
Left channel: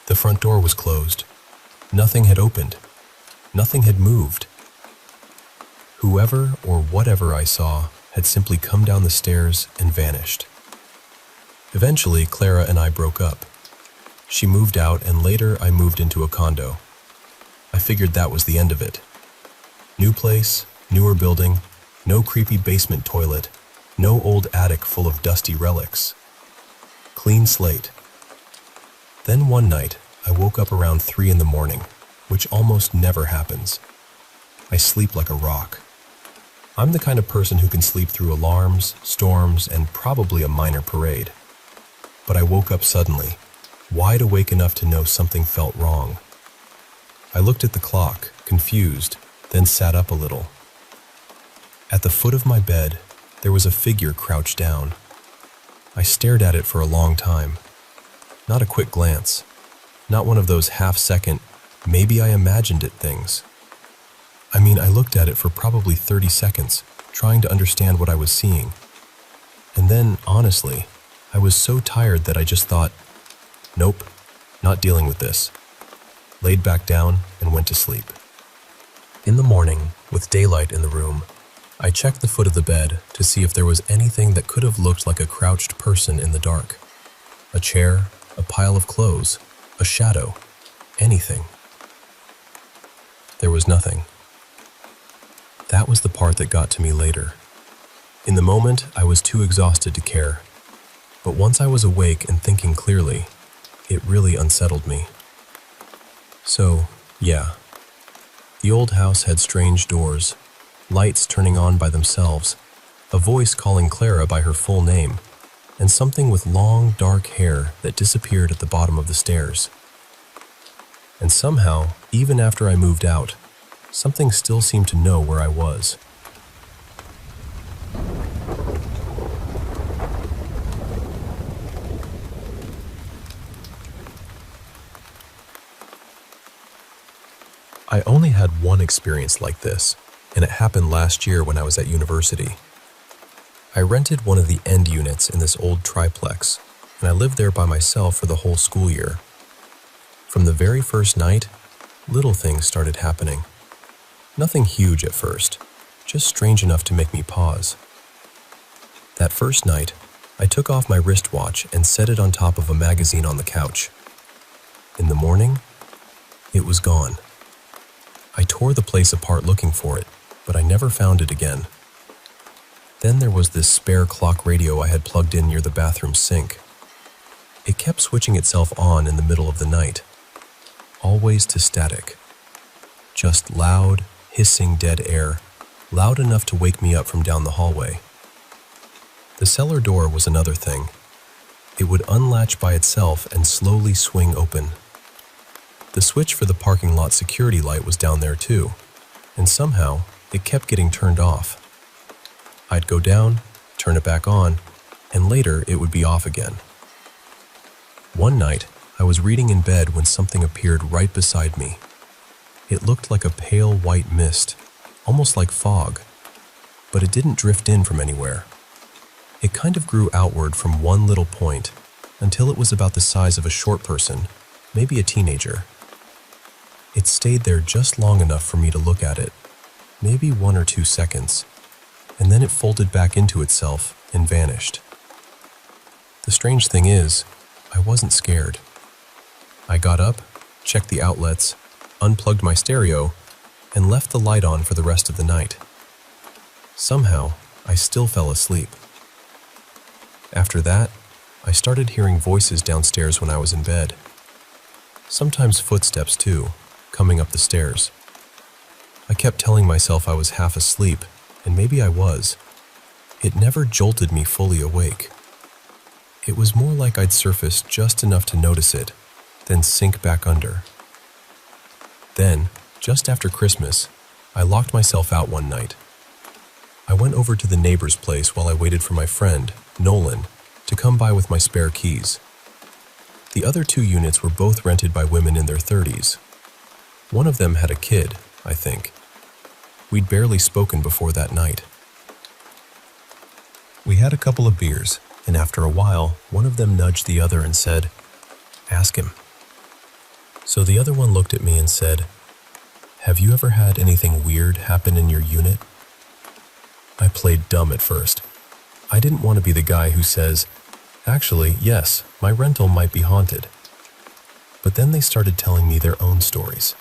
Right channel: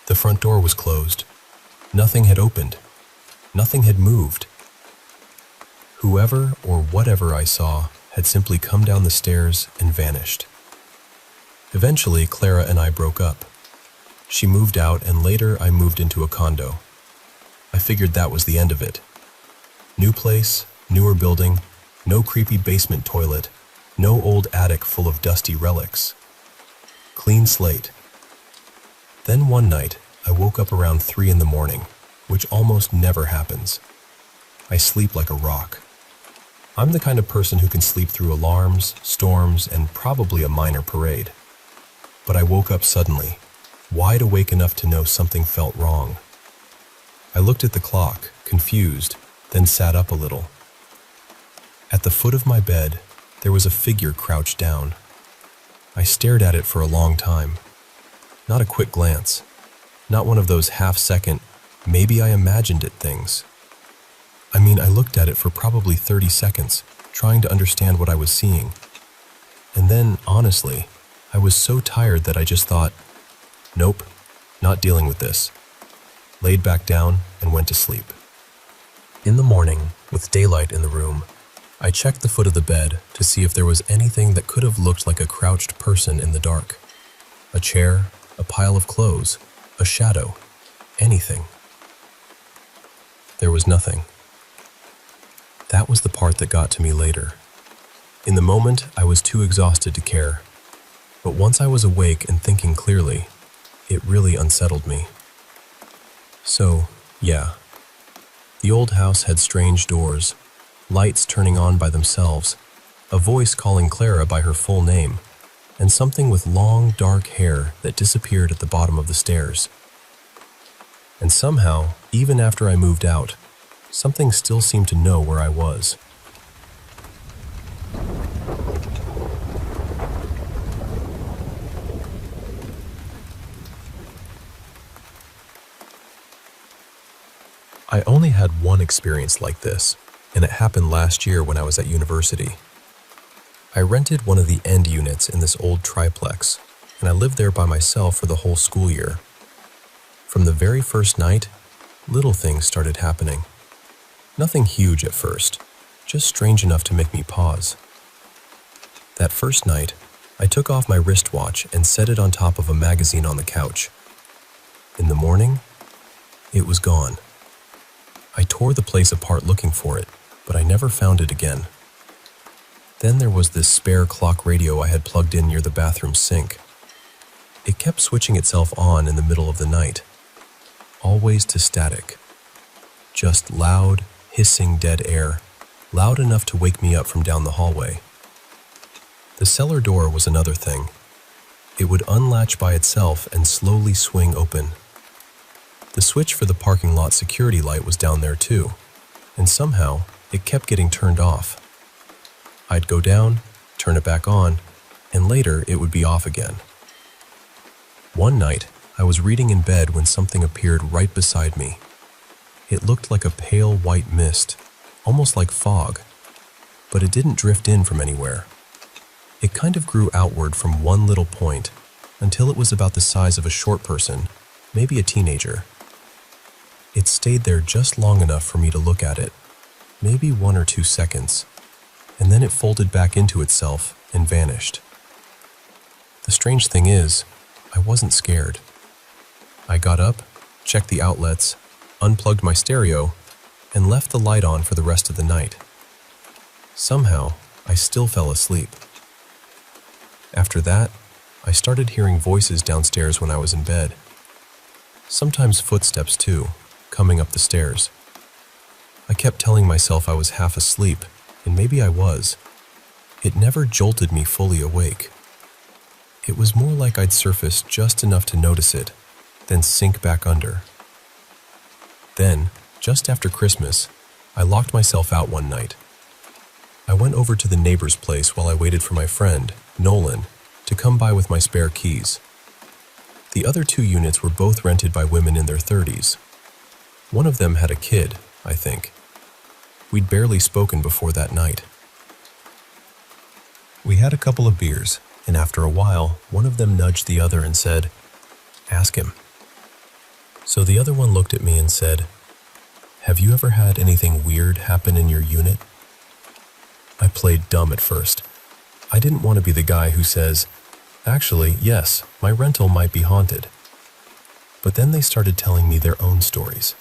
The front door was closed. Nothing had opened. Nothing had moved. Whoever or whatever I saw had simply come down the stairs and vanished. Eventually, Clara and I broke up. She moved out, and later I moved into a condo. I figured that was the end of it. New place, newer building, no creepy basement toilet, no old attic full of dusty relics. Clean slate. Then one night, I woke up around 3 a.m, which almost never happens. I sleep like a rock. I'm the kind of person who can sleep through alarms, storms, and probably a minor parade. But I woke up suddenly, wide awake enough to know something felt wrong. I looked at the clock, confused, then sat up a little. At the foot of my bed, there was a figure crouched down. I stared at it for a long time. Not a quick glance. Not one of those half-second, maybe I imagined it things. I mean, I looked at it for probably 30 seconds, trying to understand what I was seeing. And then, honestly, I was so tired that I just thought, nope, not dealing with this. Laid back down and went to sleep. In the morning, with daylight in the room, I checked the foot of the bed to see if there was anything that could have looked like a crouched person in the dark. A chair, a pile of clothes, a shadow, anything. There was nothing. That was the part that got to me later. In the moment, I was too exhausted to care. But once I was awake and thinking clearly, it really unsettled me. So, yeah, The old house had strange doors, lights turning on by themselves, a voice calling Clara by her full name, and something with long, dark hair that disappeared at the bottom of the stairs. And somehow, even after I moved out, something still seemed to know where I was. I only had one experience like this, and it happened last year when I was at university. I rented one of the end units in this old triplex, and I lived there by myself for the whole school year. From the very first night, little things started happening. Nothing huge at first, just strange enough to make me pause. That first night, I took off my wristwatch and set it on top of a magazine on the couch. In the morning, it was gone. I tore the place apart looking for it, but I never found it again. Then there was this spare clock radio I had plugged in near the bathroom sink. It kept switching itself on in the middle of the night, always to static. Just loud, hissing dead air, loud enough to wake me up from down the hallway. The cellar door was another thing. It would unlatch by itself and slowly swing open. The switch for the parking lot security light was down there too, and somehow it kept getting turned off. I'd go down, turn it back on, and later it would be off again. One night, I was reading in bed when something appeared right beside me. It looked like a pale white mist, almost like fog, but it didn't drift in from anywhere. It kind of grew outward from one little point until it was about the size of a short person, maybe a teenager. It stayed there just long enough for me to look at it, maybe 1 or 2 seconds, and then it folded back into itself and vanished. The strange thing is, I wasn't scared. I got up, checked the outlets, unplugged my stereo, and left the light on for the rest of the night. Somehow, I still fell asleep. After that, I started hearing voices downstairs when I was in bed. Sometimes footsteps too, coming up the stairs. I kept telling myself I was half asleep, and maybe I was. It never jolted me fully awake. It was more like I'd surface just enough to notice it, then sink back under. Then, just after Christmas, I locked myself out one night. I went over to the neighbor's place while I waited for my friend, Nolan, to come by with my spare keys. The other 2 units were both rented by women in their 30s. One of them had a kid, I think. We'd barely spoken before that night. We had a couple of beers, and after a while, one of them nudged the other and said, "Ask him." So the other one looked at me and said, "Have you ever had anything weird happen in your unit?" I played dumb at first. I didn't want to be the guy who says, "Actually, yes, my rental might be haunted." But then they started telling me their own stories.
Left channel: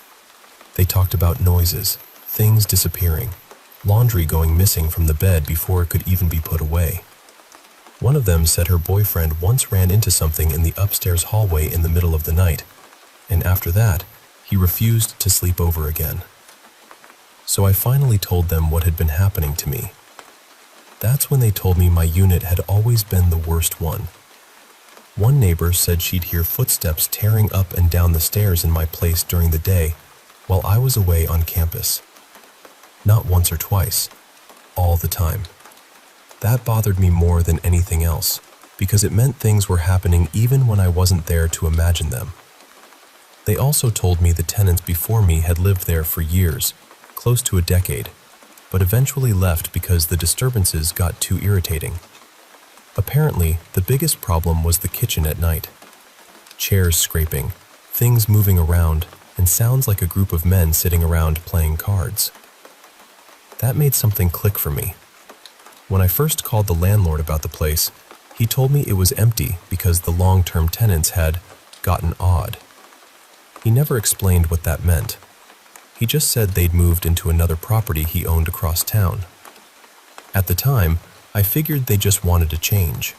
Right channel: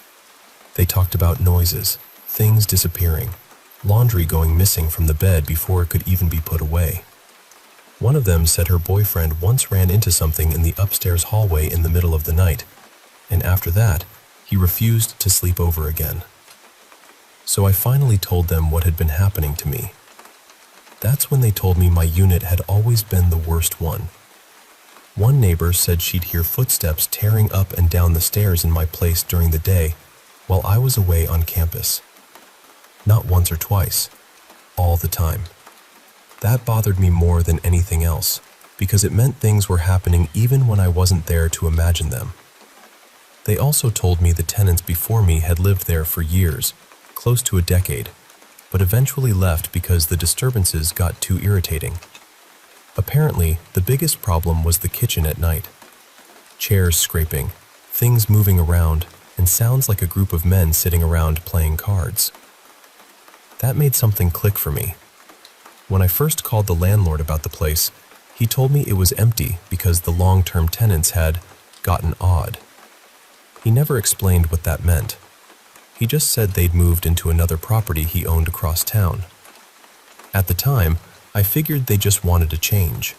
They talked about noises, things disappearing, laundry going missing from the bed before it could even be put away. One of them said her boyfriend once ran into something in the upstairs hallway in the middle of the night, and after that, he refused to sleep over again. So I finally told them what had been happening to me. That's when they told me my unit had always been the worst one. One neighbor said she'd hear footsteps tearing up and down the stairs in my place during the day while I was away on campus. Not once or twice, all the time. That bothered me more than anything else, because it meant things were happening even when I wasn't there to imagine them. They also told me the tenants before me had lived there for years, close to a decade, but eventually left because the disturbances got too irritating. Apparently, the biggest problem was the kitchen at night. Chairs scraping, things moving around, and sounds like a group of men sitting around playing cards. That made something click for me. When I first called the landlord about the place, he told me it was empty because the long-term tenants had gotten odd. He never explained what that meant. He just said they'd moved into another property he owned across town. At the time, I figured they just wanted to change.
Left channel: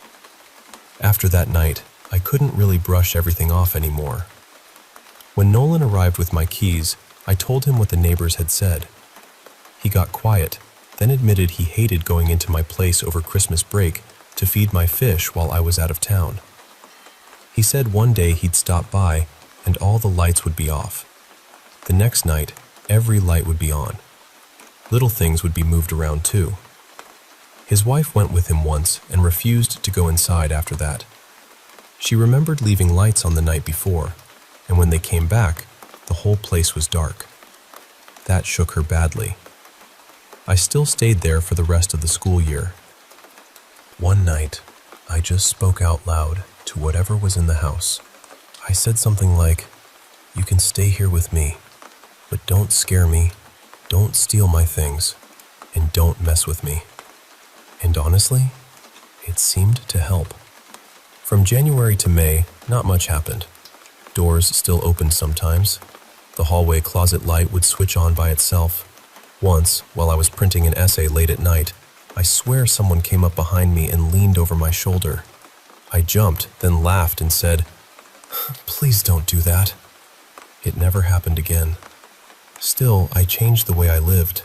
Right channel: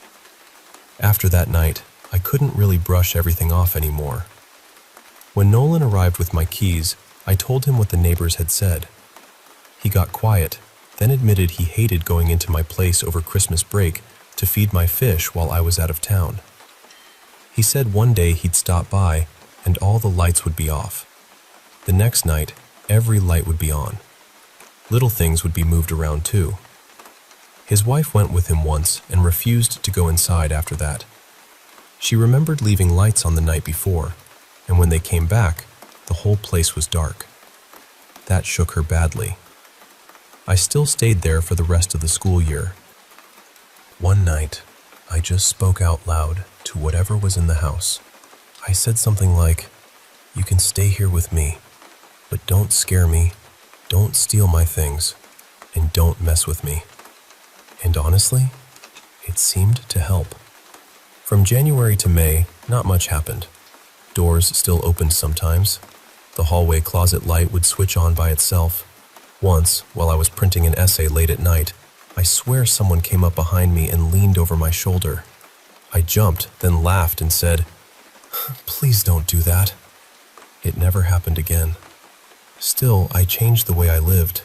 After that night, I couldn't really brush everything off anymore. When Nolan arrived with my keys, I told him what the neighbors had said. He got quiet, then admitted he hated going into my place over Christmas break to feed my fish while I was out of town. He said one day he'd stop by and all the lights would be off. The next night, every light would be on. Little things would be moved around too. His wife went with him once and refused to go inside after that. She remembered leaving lights on the night before, and when they came back, the whole place was dark. That shook her badly. I still stayed there for the rest of the school year. One night, I just spoke out loud to whatever was in the house. I said something like, "You can stay here with me, but don't scare me, don't steal my things, and don't mess with me." And honestly, it seemed to help. From January to May, not much happened. Doors still opened sometimes. The hallway closet light would switch on by itself. Once, while I was printing an essay late at night, I swear someone came up behind me and leaned over my shoulder. I jumped, then laughed and said, "Please don't do that." It never happened again. Still, I changed the way I lived.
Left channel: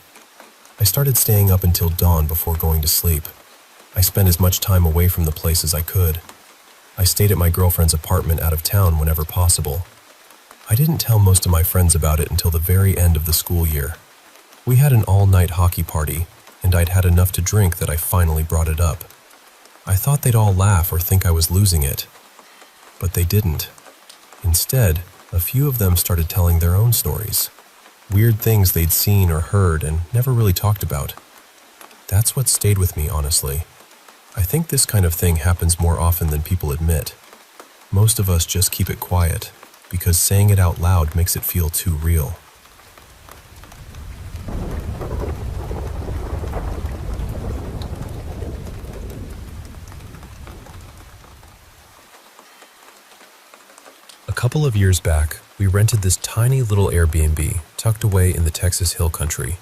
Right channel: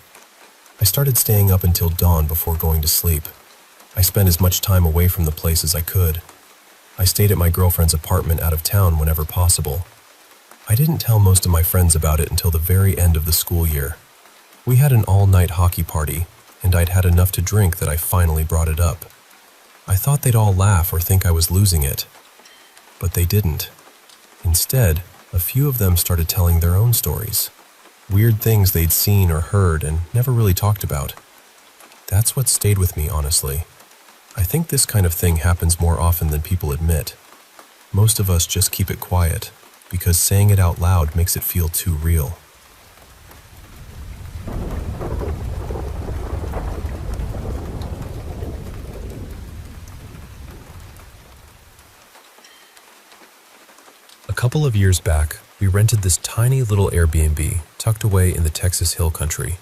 I started staying up until dawn before going to sleep. I spent as much time away from the place as I could. I stayed at my girlfriend's apartment out of town whenever possible. I didn't tell most of my friends about it until the very end of the school year. We had an all-night hockey party, and I'd had enough to drink that I finally brought it up. I thought they'd all laugh or think I was losing it, but they didn't. Instead, a few of them started telling their own stories. Weird things they'd seen or heard and never really talked about. That's what stayed with me, honestly. I think this kind of thing happens more often than people admit. Most of us just keep it quiet, because saying it out loud makes it feel too real. A couple of years back, we rented this tiny little Airbnb tucked away in the Texas Hill Country.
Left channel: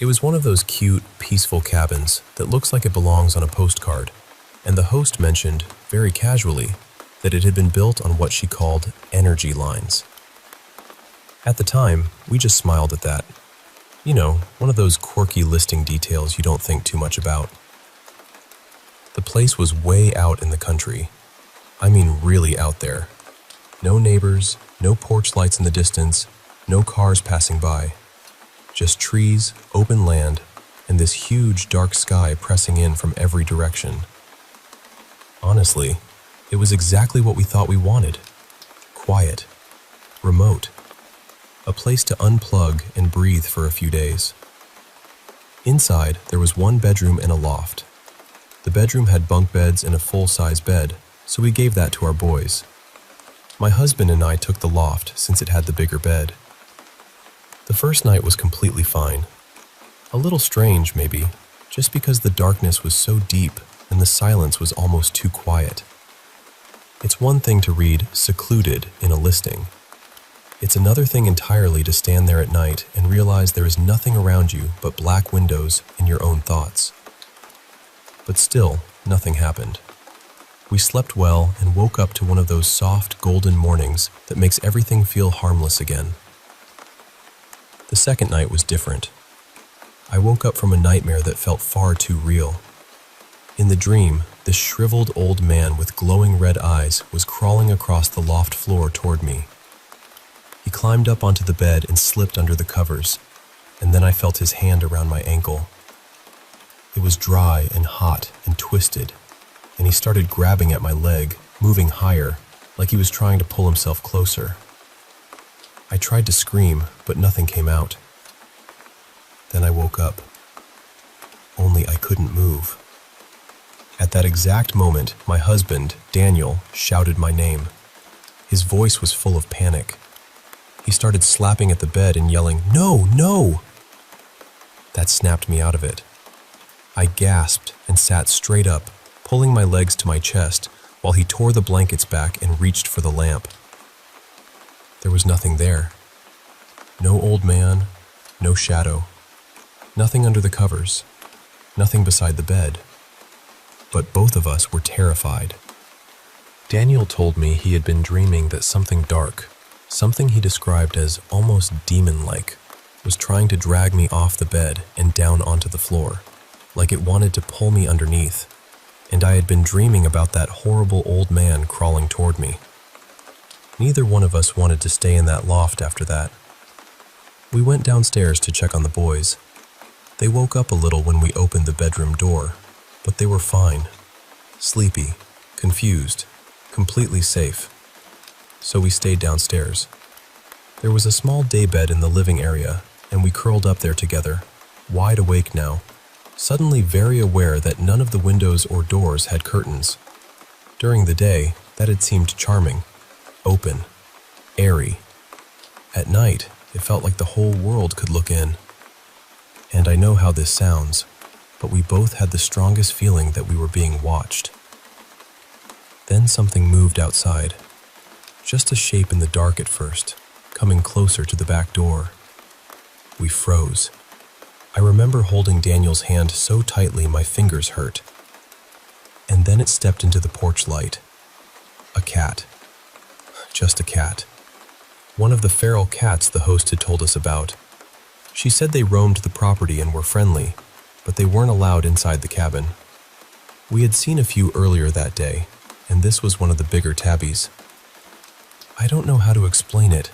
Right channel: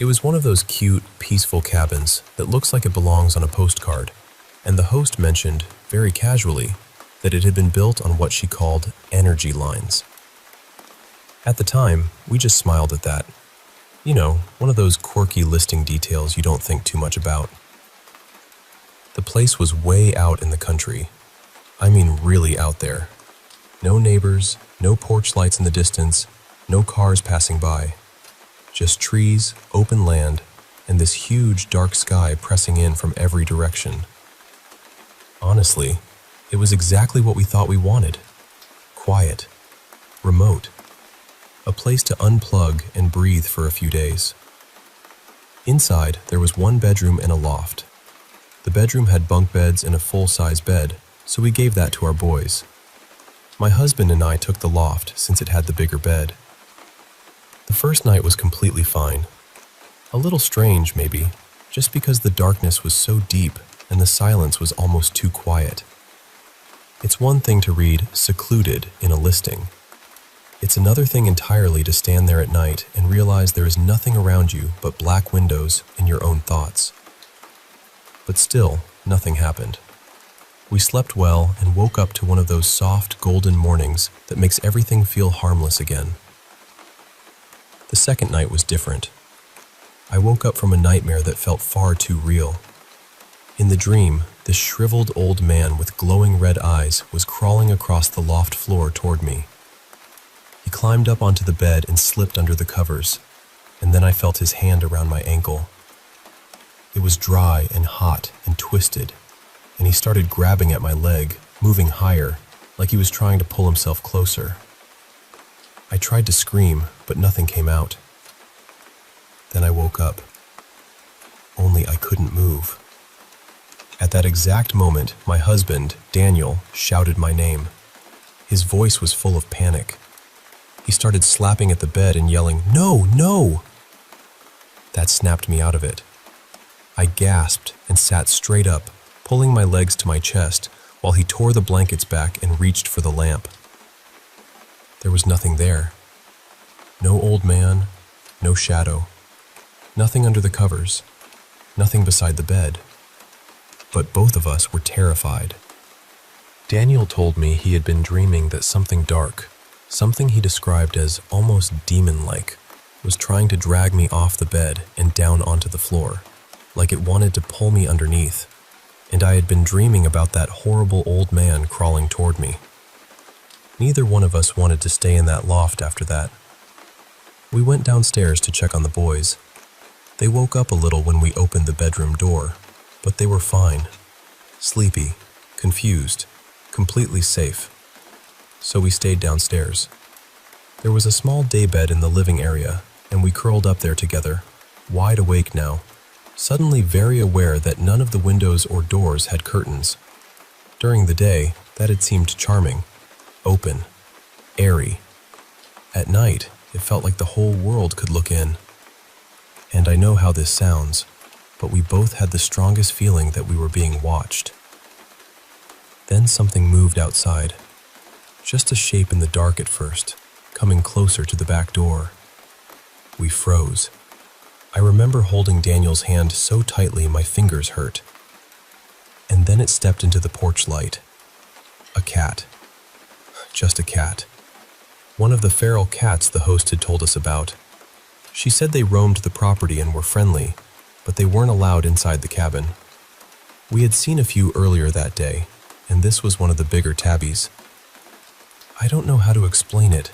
It was one of those cute, peaceful cabins that looks like it belongs on a postcard, and the host mentioned, very casually, that it had been built on what she called energy lines. At the time, we just smiled at that. You know, one of those quirky listing details you don't think too much about. The place was way out in the country. I mean really out there. No neighbors, no porch lights in the distance, no cars passing by. Just trees, open land, and this huge dark sky pressing in from every direction. Honestly, it was exactly what we thought we wanted. Quiet, remote, a place to unplug and breathe for a few days. Inside, there was one bedroom and a loft. The bedroom had bunk beds and a full-size bed, so we gave that to our boys. My husband and I took the loft since it had the bigger bed. The first night was completely fine. A little strange, maybe, just because the darkness was so deep and the silence was almost too quiet. It's one thing to read "secluded" in a listing. It's another thing entirely to stand there at night and realize there is nothing around you but black windows and your own thoughts. But still, nothing happened. We slept well and woke up to one of those soft, golden mornings that makes everything feel harmless again. The second night was different. I woke up from a nightmare that felt far too real. In the dream, this shriveled old man with glowing red eyes was crawling across the loft floor toward me. He climbed up onto the bed and slipped under the covers, and then I felt his hand around my ankle. It was dry and hot and twisted, and he started grabbing at my leg, moving higher, like he was trying to pull himself closer. I tried to scream, but nothing came out. Then I woke up. Only I couldn't move. At that exact moment, my husband, Daniel, shouted my name. His voice was full of panic. He started slapping at the bed and yelling, "No, no!" That snapped me out of it. I gasped and sat straight up, pulling my legs to my chest, while he tore the blankets back and reached for the lamp. There was nothing there. No old man, no shadow, nothing under the covers, nothing beside the bed. But both of us were terrified. Daniel told me he had been dreaming that something dark, Something he described as almost demon-like was trying to drag me off the bed and down onto the floor, like it wanted to pull me underneath, and I had been dreaming about that horrible old man crawling toward me. Neither one of us wanted to stay in that loft after that. We went downstairs to check on the boys. They woke up a little when we opened the bedroom door, but they were fine, sleepy, confused, completely safe. So we stayed downstairs. There was a small daybed in the living area, and we curled up there together, wide awake now, suddenly very aware that none of the windows or doors had curtains. During the day, that had seemed charming, open, airy. At night, it felt like the whole world could look in. And I know how this sounds, but we both had the strongest feeling that we were being watched. Then something moved outside, just a shape in the dark at first, coming closer to the back door. We froze. I remember holding Daniel's hand so tightly my fingers hurt. And then it stepped into the porch light. A cat. Just a cat. One of the feral cats the host had told us about. She said they roamed the property and were friendly, but they weren't allowed inside the cabin. We had seen a few earlier that day, and this was one of the bigger tabbies. I don't know how to explain it,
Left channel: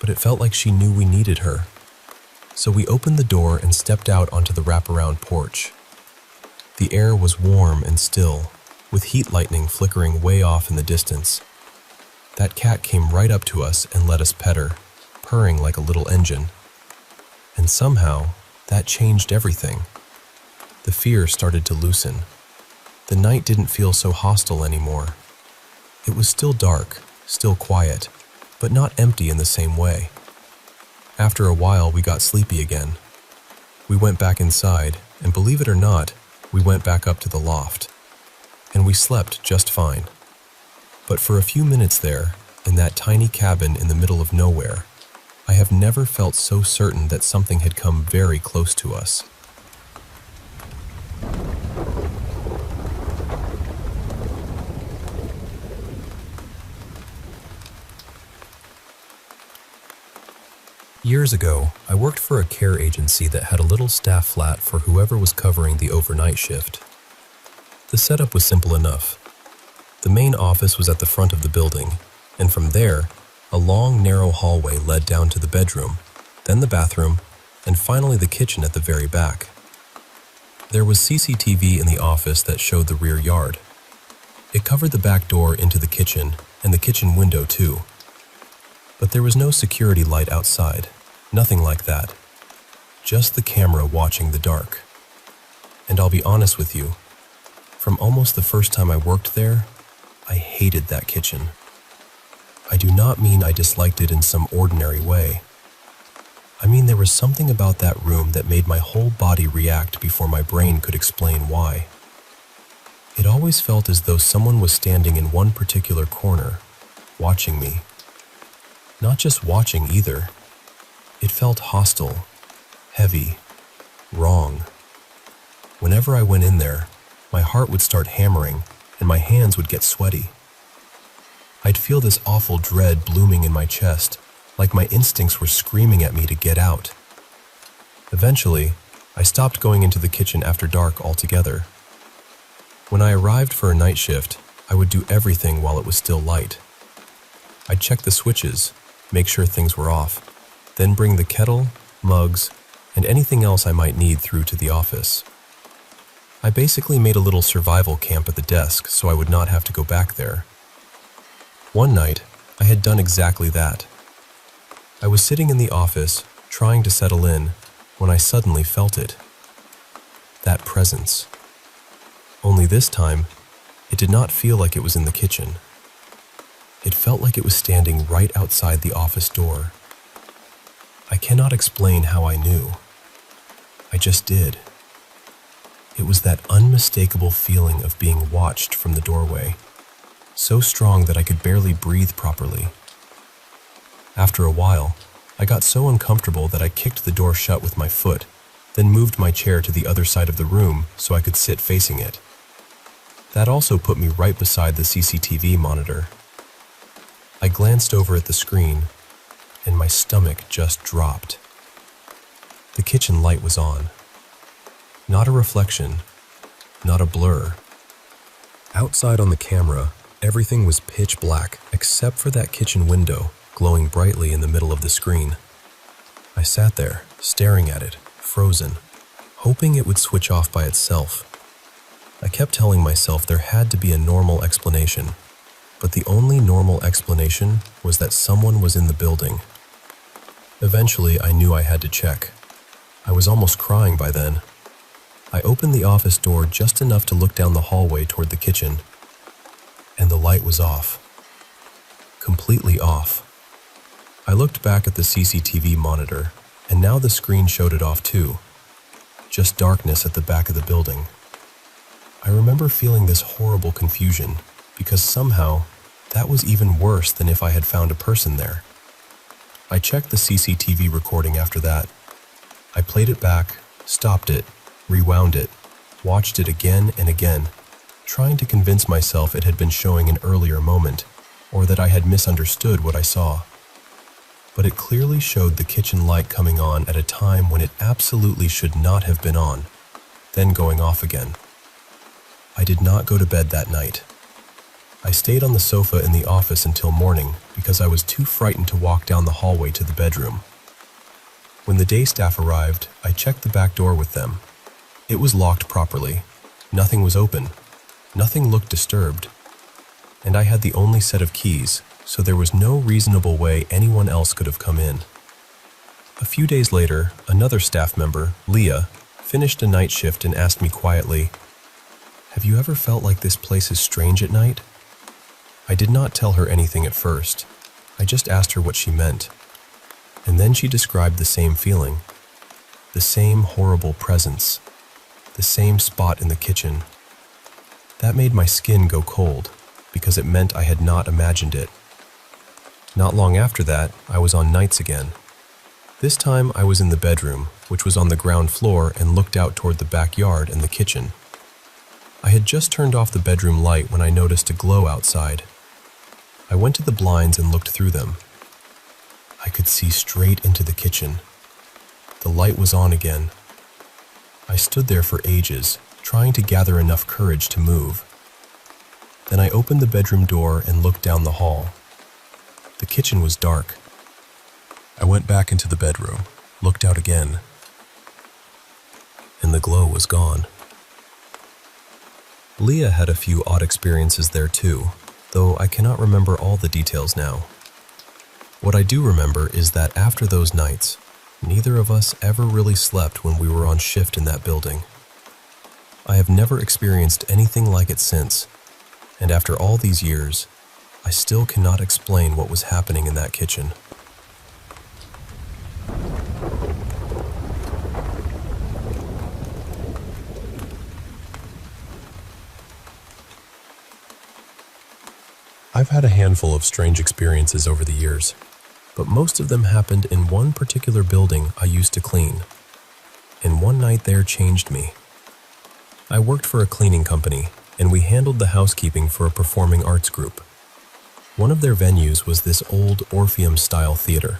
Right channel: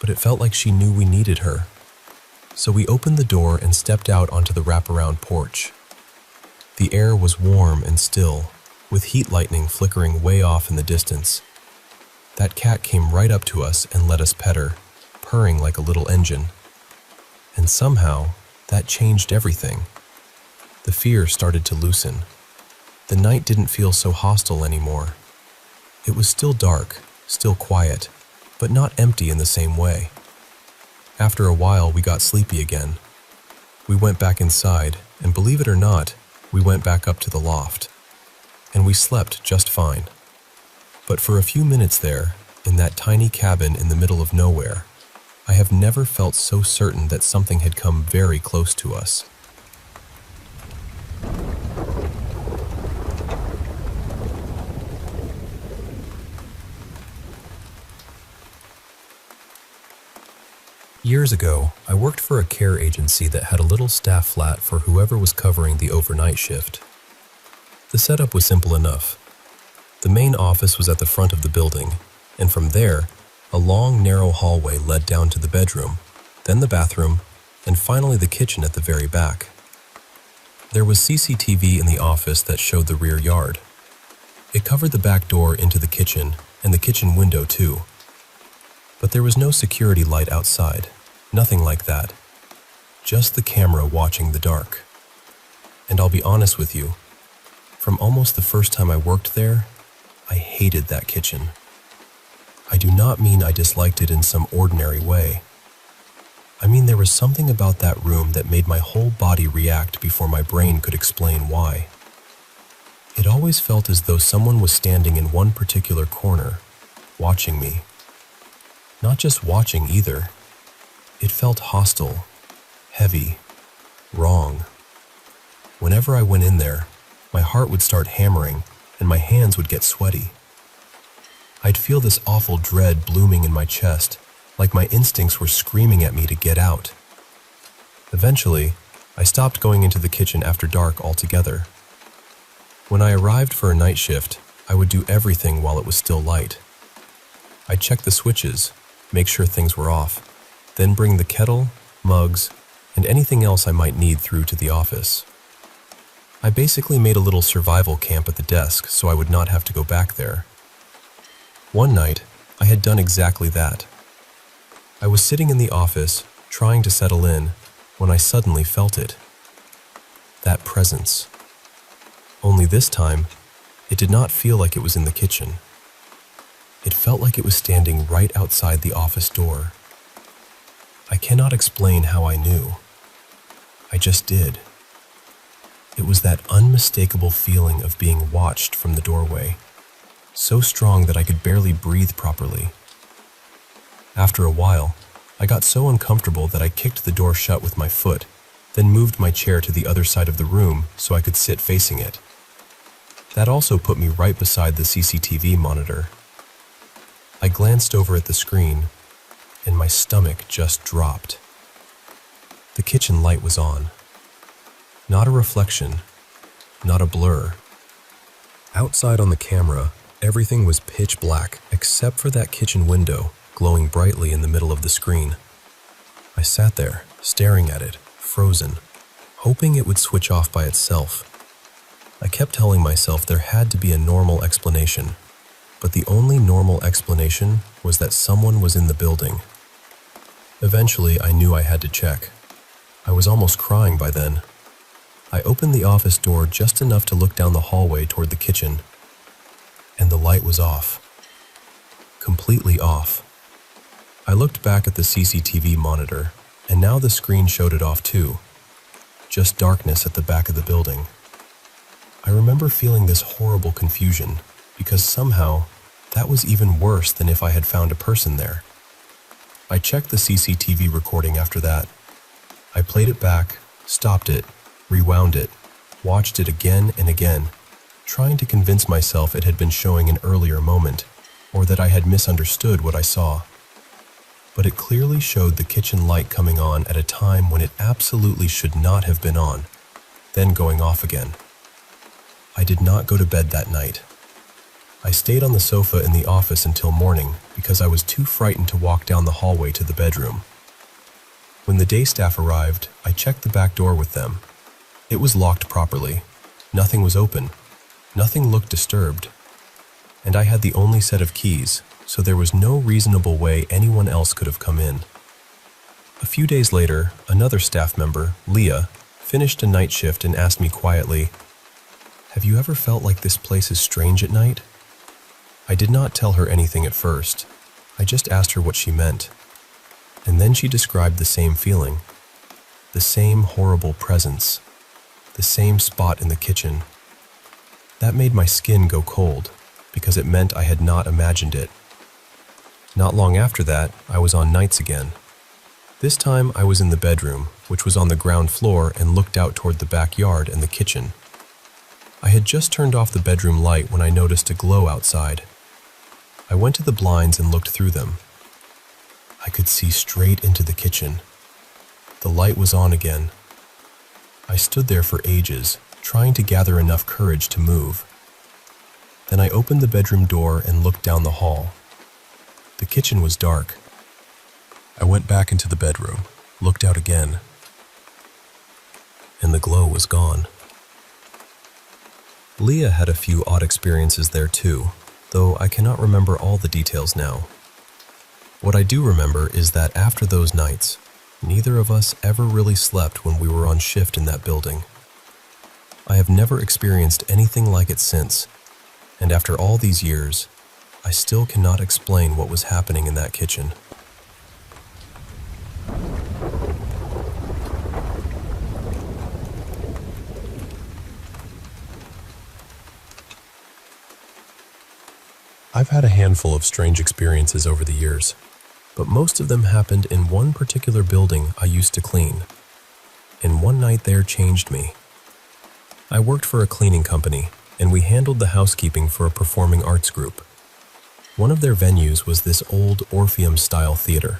but it felt like she knew we needed her. So we opened the door and stepped out onto the wraparound porch. The air was warm and still, with heat lightning flickering way off in the distance. That cat came right up to us and let us pet her, purring like a little engine. And somehow, that changed everything. The fear started to loosen. The night didn't feel so hostile anymore. It was still dark, still quiet, but not empty in the same way. After a while, we got sleepy again. We went back inside, and believe it or not, we went back up to the loft. And we slept just fine. But for a few minutes there, in that tiny cabin in the middle of nowhere, I have never felt so certain that something had come very close to us. Years ago, I worked for a care agency that had a little staff flat for whoever was covering the overnight shift. The setup was simple enough. The main office was at the front of the building, and from there, a long, narrow hallway led down to the bedroom, then the bathroom, and finally the kitchen at the very back. There was CCTV in the office that showed the rear yard. It covered the back door into the kitchen, and the kitchen window too. But there was no security light outside, nothing like that. Just the camera watching the dark. And I'll be honest with you, from almost the first time I worked there, I hated that kitchen. I do not mean I disliked it in some ordinary way. I mean there was something about that room that made my whole body react before my brain could explain why. It always felt as though someone was standing in one particular corner, watching me. Not just watching either. It felt hostile, heavy, wrong. Whenever I went in there, my heart would start hammering and my hands would get sweaty. I'd feel this awful dread blooming in my chest, like my instincts were screaming at me to get out. Eventually, I stopped going into the kitchen after dark altogether. When I arrived for a night shift, I would do everything while it was still light. I'd check the switches, make sure things were off, then bring the kettle, mugs, and anything else I might need through to the office. I basically made a little survival camp at the desk so I would not have to go back there. One night, I had done exactly that. I was sitting in the office, trying to settle in, when I suddenly felt it. That presence. Only this time, it did not feel like it was in the kitchen. It felt like it was standing right outside the office door. I cannot explain how I knew. I just did. It was that unmistakable feeling of being watched from the doorway, so strong that I could barely breathe properly. After a while, I got so uncomfortable that I kicked the door shut with my foot, then moved my chair to the other side of the room so I could sit facing it. That also put me right beside the CCTV monitor. I glanced over at the screen, and my stomach just dropped. The kitchen light was on. Not a reflection, not a blur. Outside on the camera, everything was pitch black except for that kitchen window glowing brightly in the middle of the screen. I sat there, staring at it, frozen, hoping it would switch off by itself. I kept telling myself there had to be a normal explanation, but the only normal explanation was that someone was in the building. Eventually, I knew I had to check. I was almost crying by then. I opened the office door just enough to look down the hallway toward the kitchen, and the light was off. Completely off. I looked back at the CCTV monitor, and now the screen showed it off too. Just darkness at the back of the building. I remember feeling this horrible confusion, because somehow that was even worse than if I had found a person there. I checked the CCTV recording after that. I played it back, stopped it, rewound it, watched it again and again, trying to convince myself it had been showing an earlier moment, or that I had misunderstood what I saw. But it clearly showed the kitchen light coming on at a time when it absolutely should not have been on, then going off again. I did not go to bed that night. I stayed on the sofa in the office until morning because I was too frightened to walk down the hallway to the bedroom. When the day staff arrived, I checked the back door with them. It was locked properly. Nothing was open. Nothing looked disturbed. And I had the only set of keys, so there was no reasonable way anyone else could have come in. A few days later, another staff member, Leah, finished a night shift and asked me quietly, "Have you ever felt like this place is strange at night?" I did not tell her anything at first. I just asked her what she meant. And then she described the same feeling. The same horrible presence. The same spot in the kitchen. That made my skin go cold, because it meant I had not imagined it. Not long after that, I was on nights again. This time I was in the bedroom, which was on the ground floor and looked out toward the backyard and the kitchen. I had just turned off the bedroom light when I noticed a glow outside. I went to the blinds and looked through them. I could see straight into the kitchen. The light was on again. I stood there for ages, trying to gather enough courage to move. Then I opened the bedroom door and looked down the hall. The kitchen was dark. I went back into the bedroom, looked out again, and the glow was gone. Leah had a few odd experiences there too, though I cannot remember all the details now. What I do remember is that after those nights, neither of us ever really slept when we were on shift in that building. I have never experienced anything like it since, and after all these years, I still cannot explain what was happening in that kitchen. I've had a handful of strange experiences over the years, but most of them happened in one particular building I used to clean, and one night there changed me. I worked for a cleaning company, and we handled the housekeeping for a performing arts group. One of their venues was this old Orpheum-style theater.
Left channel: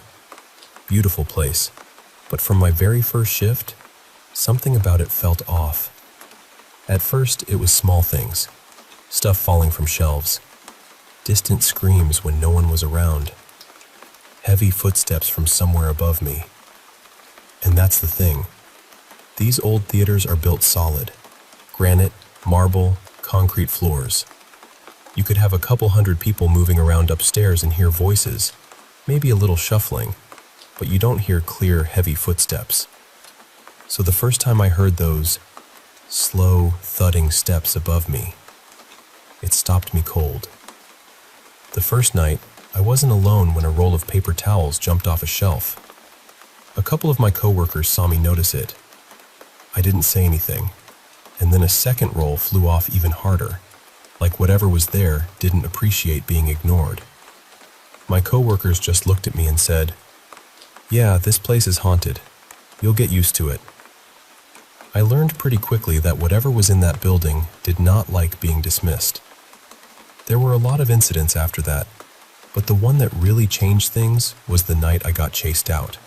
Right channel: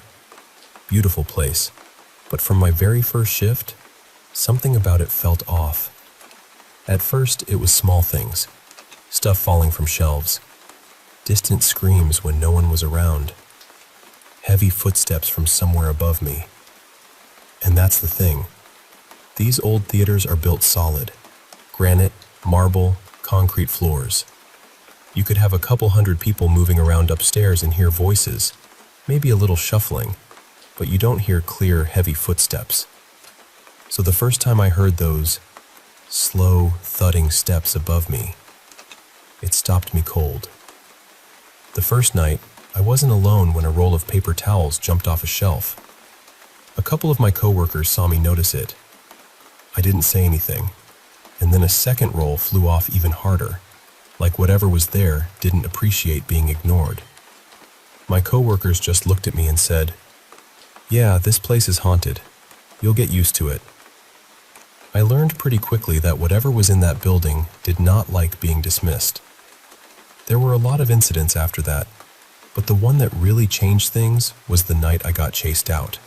Beautiful place, but from my very first shift, something about it felt off. At first, it was small things, stuff falling from shelves, distant screams when no one was around, heavy footsteps from somewhere above me. And that's the thing. These old theaters are built solid. Granite, marble, concrete floors. You could have a couple hundred people moving around upstairs and hear voices, maybe a little shuffling, but you don't hear clear, heavy footsteps. So the first time I heard those slow, thudding steps above me, it stopped me cold. The first night, I wasn't alone when a roll of paper towels jumped off a shelf. A couple of my coworkers saw me notice it. I didn't say anything, and then a second roll flew off even harder, like whatever was there didn't appreciate being ignored. My coworkers just looked at me and said, "Yeah, this place is haunted. You'll get used to it." I learned pretty quickly that whatever was in that building did not like being dismissed. There were a lot of incidents after that, But the one that really changed things was the night I got chased out.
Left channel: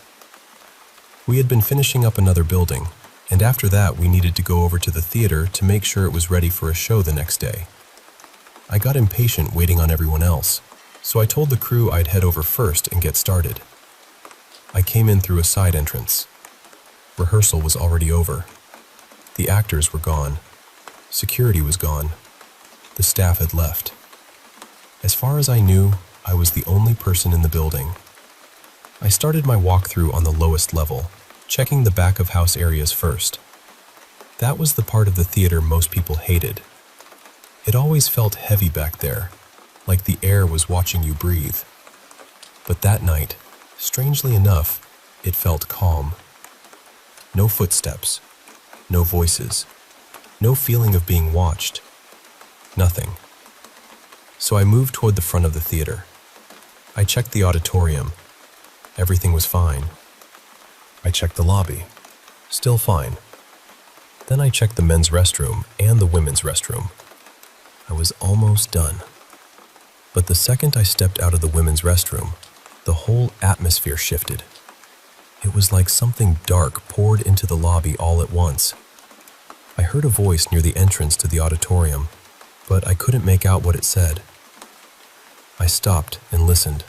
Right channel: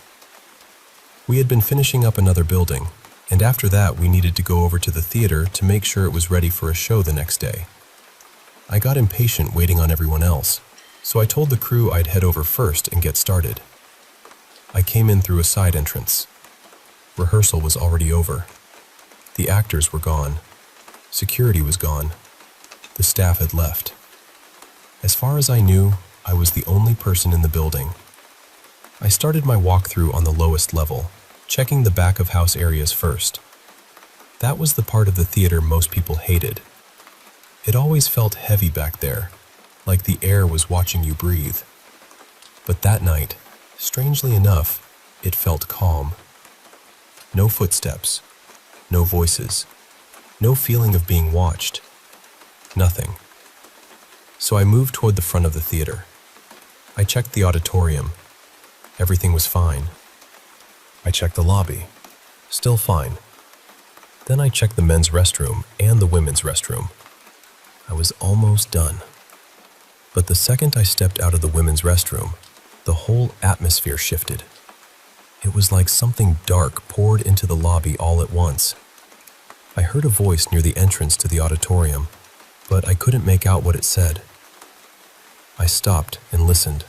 We had been finishing up another building, and after that we needed to go over to the theater to make sure it was ready for a show the next day. I got impatient waiting on everyone else, so I told the crew I'd head over first and get started. I came in through a side entrance. Rehearsal was already over. The actors were gone. Security was gone. The staff had left. As far as I knew, I was the only person in the building. I started my walkthrough on the lowest level, checking the back of house areas first. That was the part of the theater most people hated. It always felt heavy back there, like the air was watching you breathe. But that night, strangely enough, it felt calm. No footsteps, no voices, no feeling of being watched. Nothing. So I moved toward the front of the theater. I checked the auditorium. Everything was fine. I checked the lobby. Still fine. Then I checked the men's restroom and the women's restroom. I was almost done. But the second I stepped out of the women's restroom, the whole atmosphere shifted. It was like something dark poured into the lobby all at once. I heard a voice near the entrance to the auditorium, but I couldn't make out what it said. I stopped and listened.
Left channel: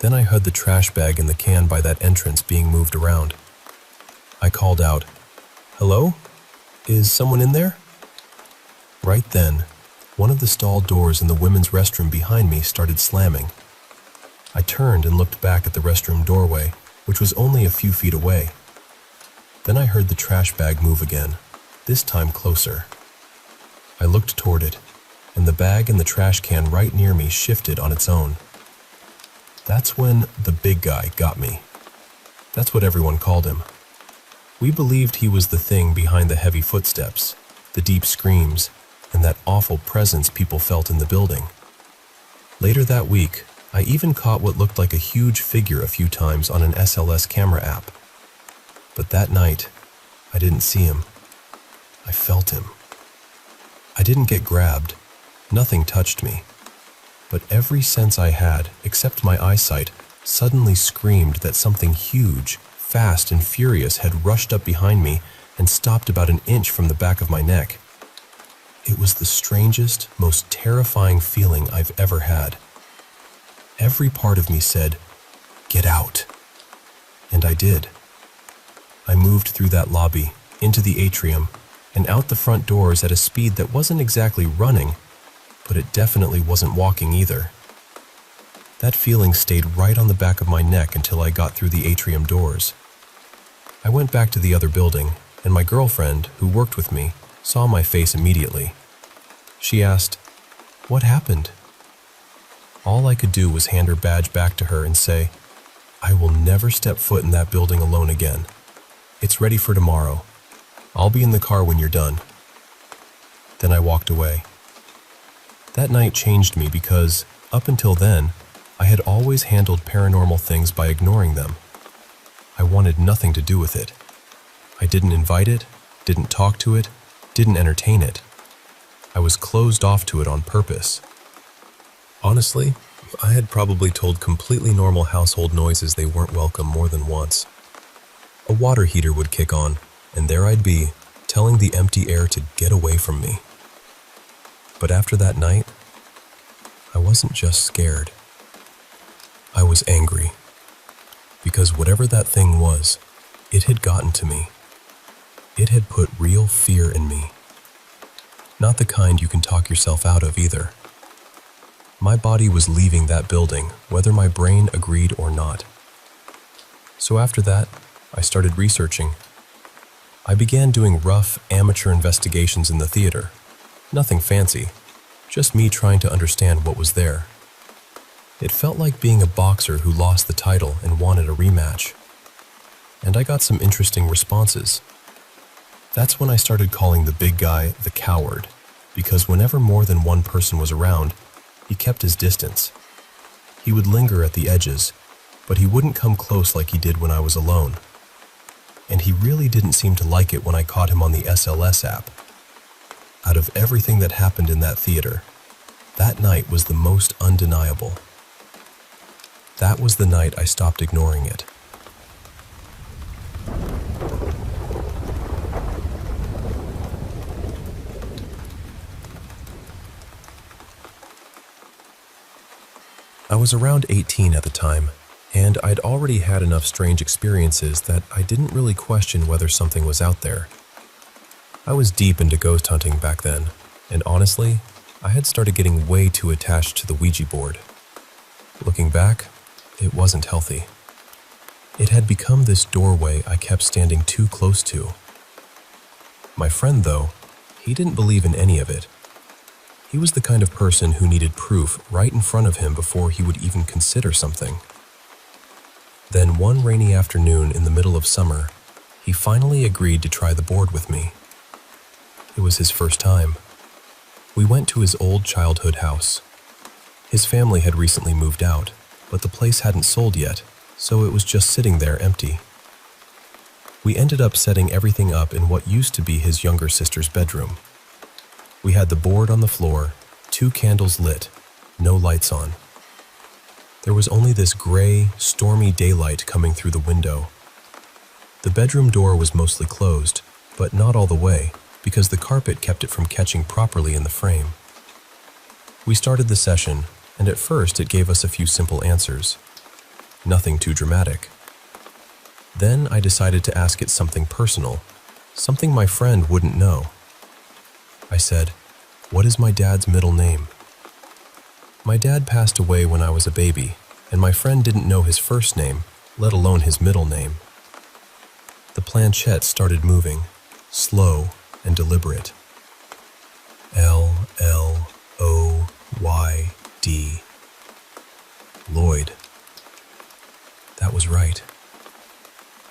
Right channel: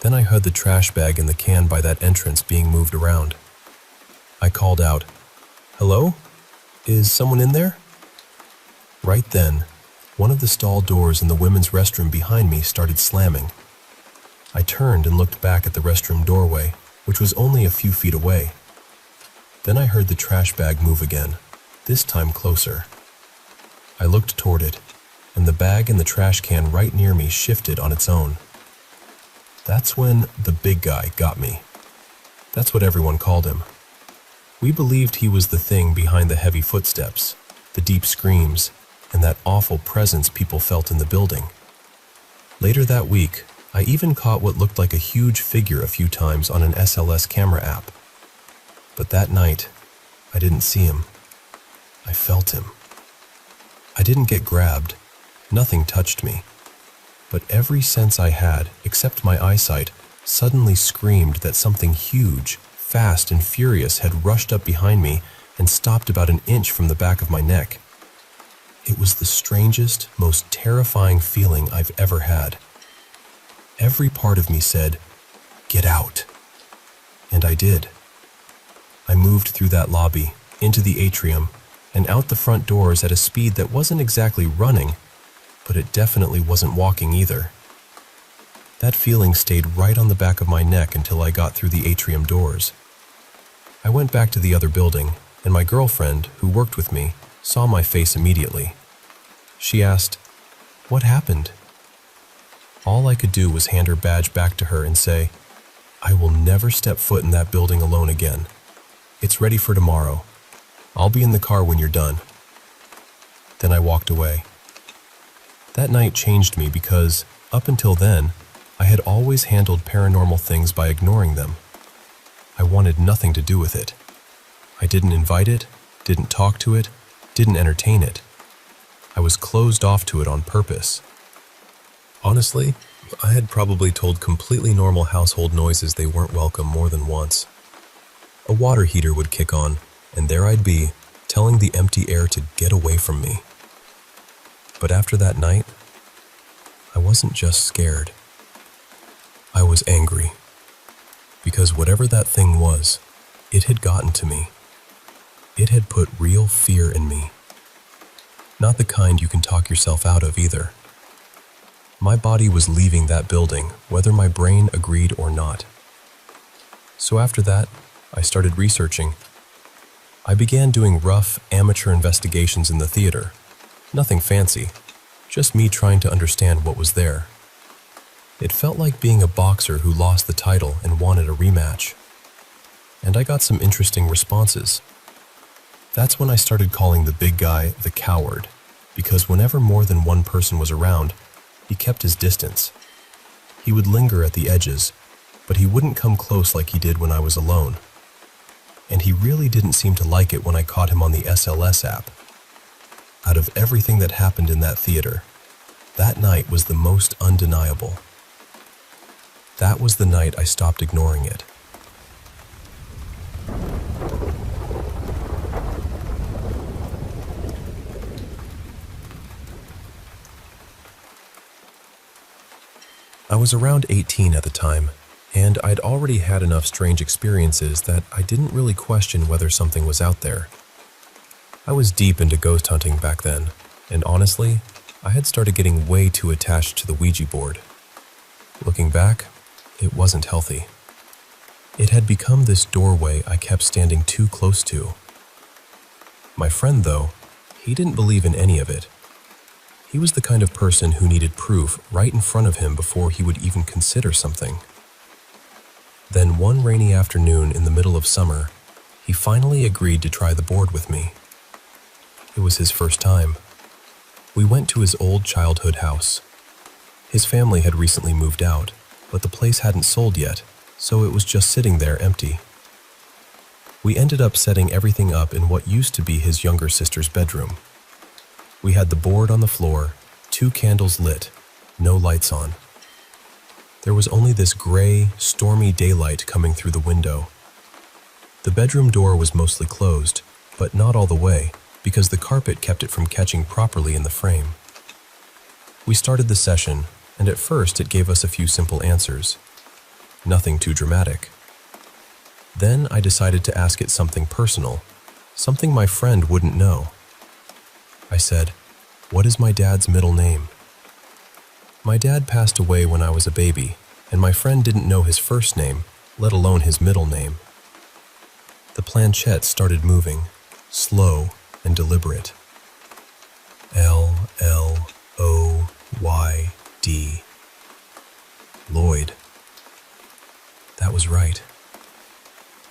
Then I heard the trash bag in the can by that entrance being moved around. I called out, "Hello? Is someone in there?" Right then, one of the stall doors in the women's restroom behind me started slamming. I turned and looked back at the restroom doorway, which was only a few feet away. Then I heard the trash bag move again, this time closer. I looked toward it, and the bag and the trash can right near me shifted on its own. That's when the big guy got me. That's what everyone called him. We believed he was the thing behind the heavy footsteps, the deep screams, and that awful presence people felt in the building. Later that week, I even caught what looked like a huge figure a few times on an SLS camera app. But that night, I didn't see him. I felt him. I didn't get grabbed. Nothing touched me. But every sense I had, except my eyesight, suddenly screamed that something huge, fast and furious had rushed up behind me and stopped about an inch from the back of my neck. It was the strangest, most terrifying feeling I've ever had. Every part of me said, "Get out." And I did. I moved through that lobby, into the atrium, and out the front doors at a speed that wasn't exactly running, but it definitely wasn't walking either. That feeling stayed right on the back of my neck until I got through the atrium doors. I went back to the other building, and my girlfriend, who worked with me, saw my face immediately. She asked, "What happened?" All I could do was hand her badge back to her and say, "I will never step foot in that building alone again. It's ready for tomorrow. I'll be in the car when you're done." Then I walked away. That night changed me because, up until then, I had always handled paranormal things by ignoring them. I wanted nothing to do with it. I didn't invite it, didn't talk to it, didn't entertain it. I was closed off to it on purpose. Honestly, I had probably told completely normal household noises they weren't welcome more than once. A water heater would kick on, and there I'd be, telling the empty air to get away from me. But after that night, I wasn't just scared. I was angry. Because whatever that thing was, it had gotten to me. It had put real fear in me. Not the kind you can talk yourself out of either. My body was leaving that building, whether my brain agreed or not. So after that, I started researching. I began doing rough, amateur investigations in the theater. Nothing fancy, just me trying to understand what was there. It felt like being a boxer who lost the title and wanted a rematch. And I got some interesting responses. That's when I started calling the big guy the coward, because whenever more than one person was around, he kept his distance. He would linger at the edges, but he wouldn't come close like he did when I was alone. And he really didn't seem to like it when I caught him on the SLS app. Out of everything that happened in that theater, that night was the most undeniable. That was the night I stopped ignoring it. I was around 18 at the time, and I'd already had enough strange experiences that I didn't really question whether something was out there. I was deep into ghost hunting back then, and honestly, I had started getting way too attached to the Ouija board. Looking back, it wasn't healthy. It had become this doorway I kept standing too close to. My friend, though, he didn't believe in any of it. He was the kind of person who needed proof right in front of him before he would even consider something. Then one rainy afternoon in the middle of summer, he finally agreed to try the board with me. It was his first time. We went to his old childhood house. His family had recently moved out, but the place hadn't sold yet, so it was just sitting there empty. We ended up setting everything up in what used to be his younger sister's bedroom. We had the board on the floor, 2 candles lit, no lights on. There was only this gray, stormy daylight coming through the window. The bedroom door was mostly closed, but not all the way, because the carpet kept it from catching properly in the frame. We started the session, and at first it gave us a few simple answers. Nothing too dramatic. Then I decided to ask it something personal, something my friend wouldn't know. I said, "What is my dad's middle name?" My dad passed away when I was a baby, and my friend didn't know his first name, let alone his middle name. The planchette started moving, slow and deliberate. Lloyd. Lloyd. That was right.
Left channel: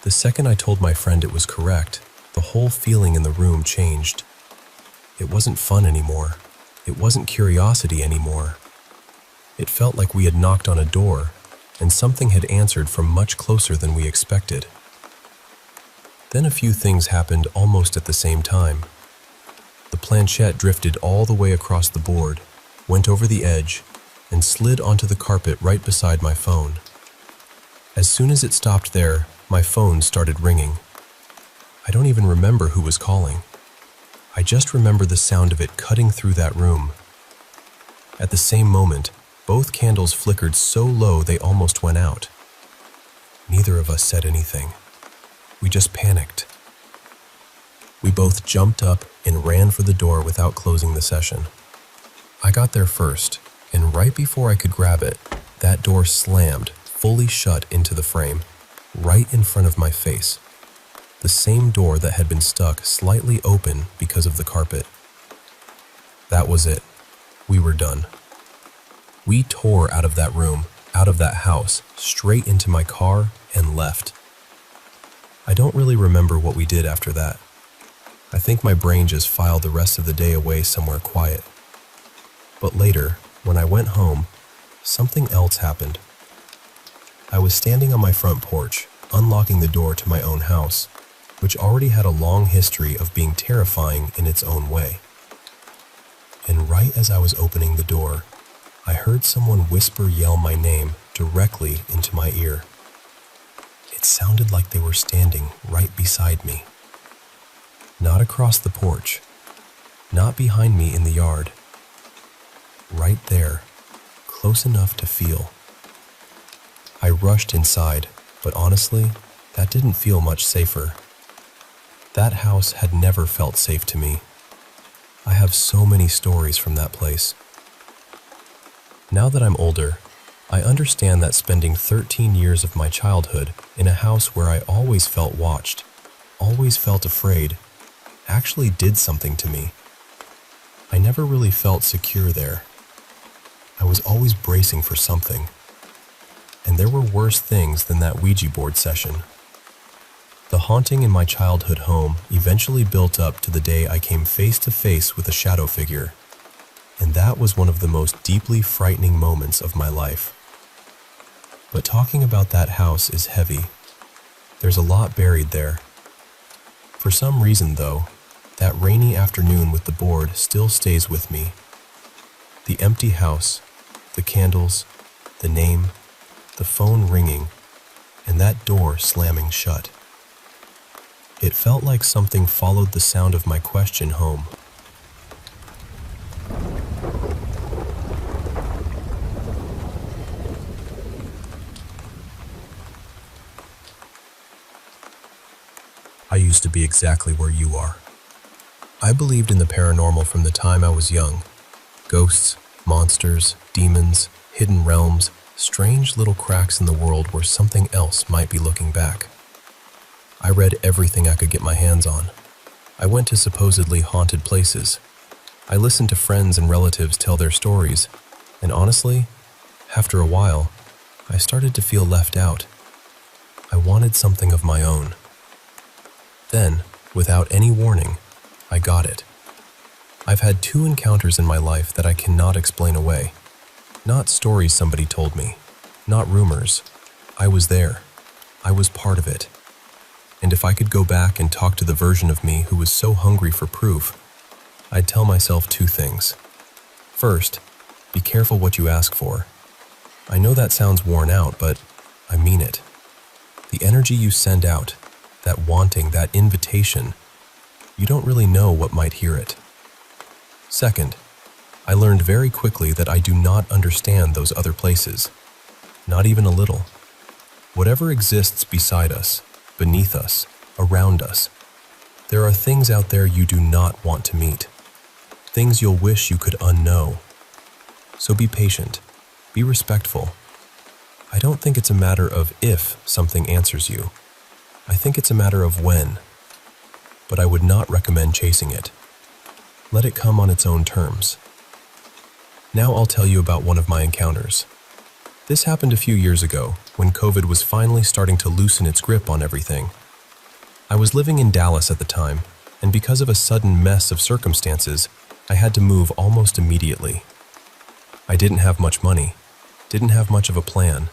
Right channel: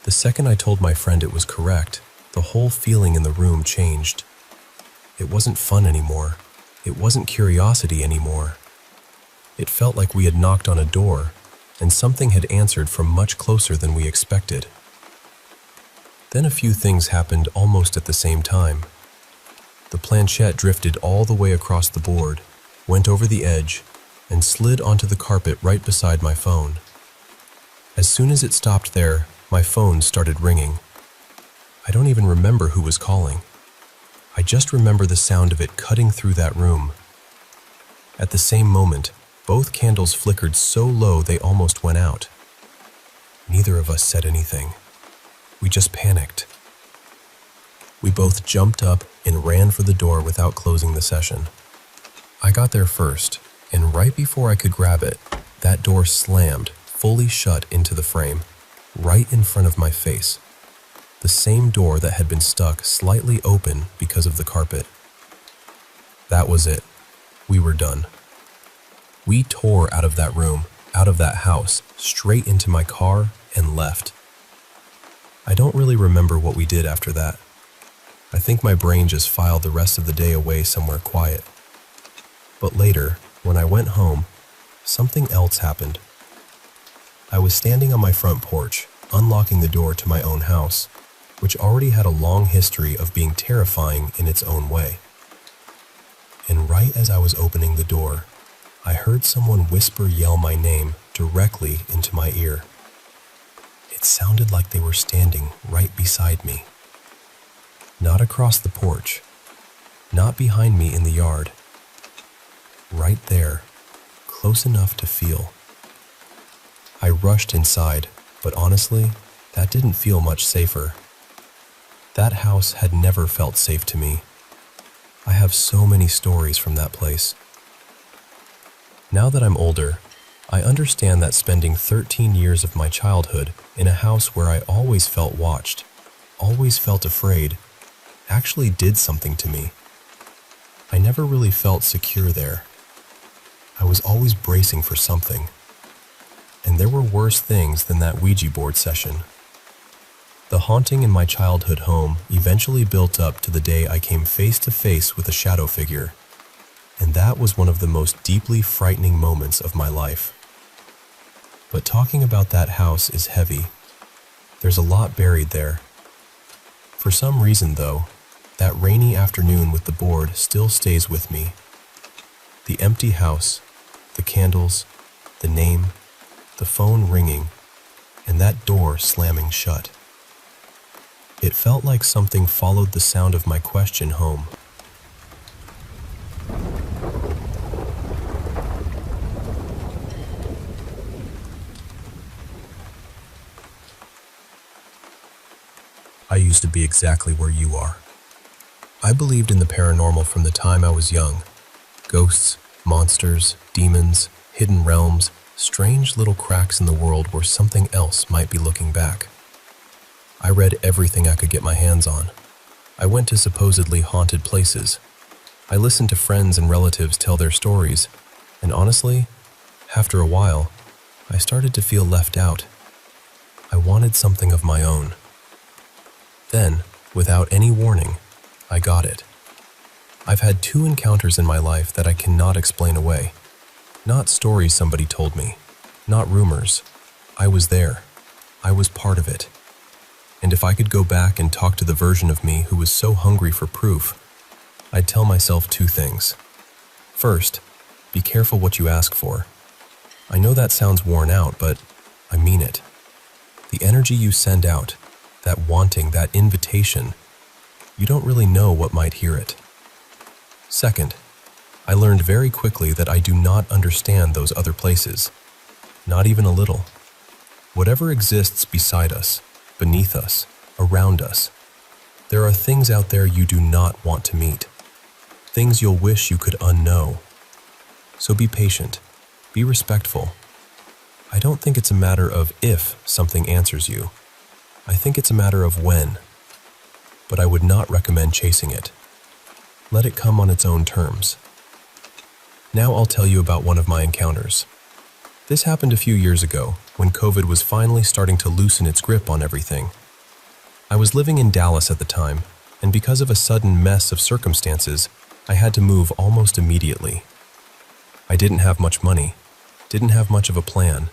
The second I told my friend it was correct, the whole feeling in the room changed. It wasn't fun anymore. It wasn't curiosity anymore. It felt like we had knocked on a door, and something had answered from much closer than we expected. Then a few things happened almost at the same time. The planchette drifted all the way across the board, went over the edge, and slid onto the carpet right beside my phone. As soon as it stopped there, my phone started ringing. I don't even remember who was calling. I just remember the sound of it cutting through that room. At the same moment, both candles flickered so low they almost went out. Neither of us said anything. We just panicked. We both jumped up and ran for the door without closing the session. I got there first, and right before I could grab it, that door slammed, fully shut into the frame, right in front of my face. The same door that had been stuck slightly open because of the carpet. That was it. We were done. We tore out of that room, out of that house, straight into my car, and left. I don't really remember what we did after that. I think my brain just filed the rest of the day away somewhere quiet. But later, when I went home, something else happened. I was standing on my front porch, unlocking the door to my own house, which already had a long history of being terrifying in its own way. And right as I was opening the door, I heard someone yell my name directly into my ear. It sounded like they were standing right beside me. Not across the porch, not behind me in the yard. Right there, close enough to feel. I rushed inside, but honestly, that didn't feel much safer. That house had never felt safe to me. I have so many stories from that place. Now that I'm older, I understand that spending 13 years of my childhood in a house where I always felt watched, always felt afraid, actually did something to me. I never really felt secure there. I was always bracing for something. And there were worse things than that Ouija board session. The haunting in my childhood home eventually built up to the day I came face to face with a shadow figure. And that was one of the most deeply frightening moments of my life. But talking about that house is heavy. There's a lot buried there. For some reason, though, that rainy afternoon with the board still stays with me. The empty house, the candles, the name, the phone ringing, and that door slamming shut. It felt like something followed the sound of my question home. I used to be exactly where you are. I believed in the paranormal from the time I was young. Ghosts, monsters, demons, hidden realms, strange little cracks in the world where something else might be looking back. I read everything I could get my hands on. I went to supposedly haunted places. I listened to friends and relatives tell their stories, and honestly, after a while, I started to feel left out. I wanted something of my own. Then, without any warning, I got it. I've had 2 encounters in my life that I cannot explain away. Not stories somebody told me, not rumors. I was there. I was part of it. And if I could go back and talk to the version of me who was so hungry for proof, I'd tell myself 2 things. First, be careful what you ask for. I know that sounds worn out, but I mean it. The energy you send out, that wanting, that invitation, you don't really know what might hear it. Second, I learned very quickly that I do not understand those other places, not even a little. Whatever exists beside us, beneath us, around us, there are things out there you do not want to meet, things you'll wish you could unknow. So be patient, be respectful. I don't think it's a matter of if something answers you. I think it's a matter of when. But I would not recommend chasing it. Let it come on its own terms. Now I'll tell you about one of my encounters. This happened a few years ago, when COVID was finally starting to loosen its grip on everything. I was living in Dallas at the time, and because of a sudden mess of circumstances, I had to move almost immediately. I didn't have much money, didn't have much of a plan,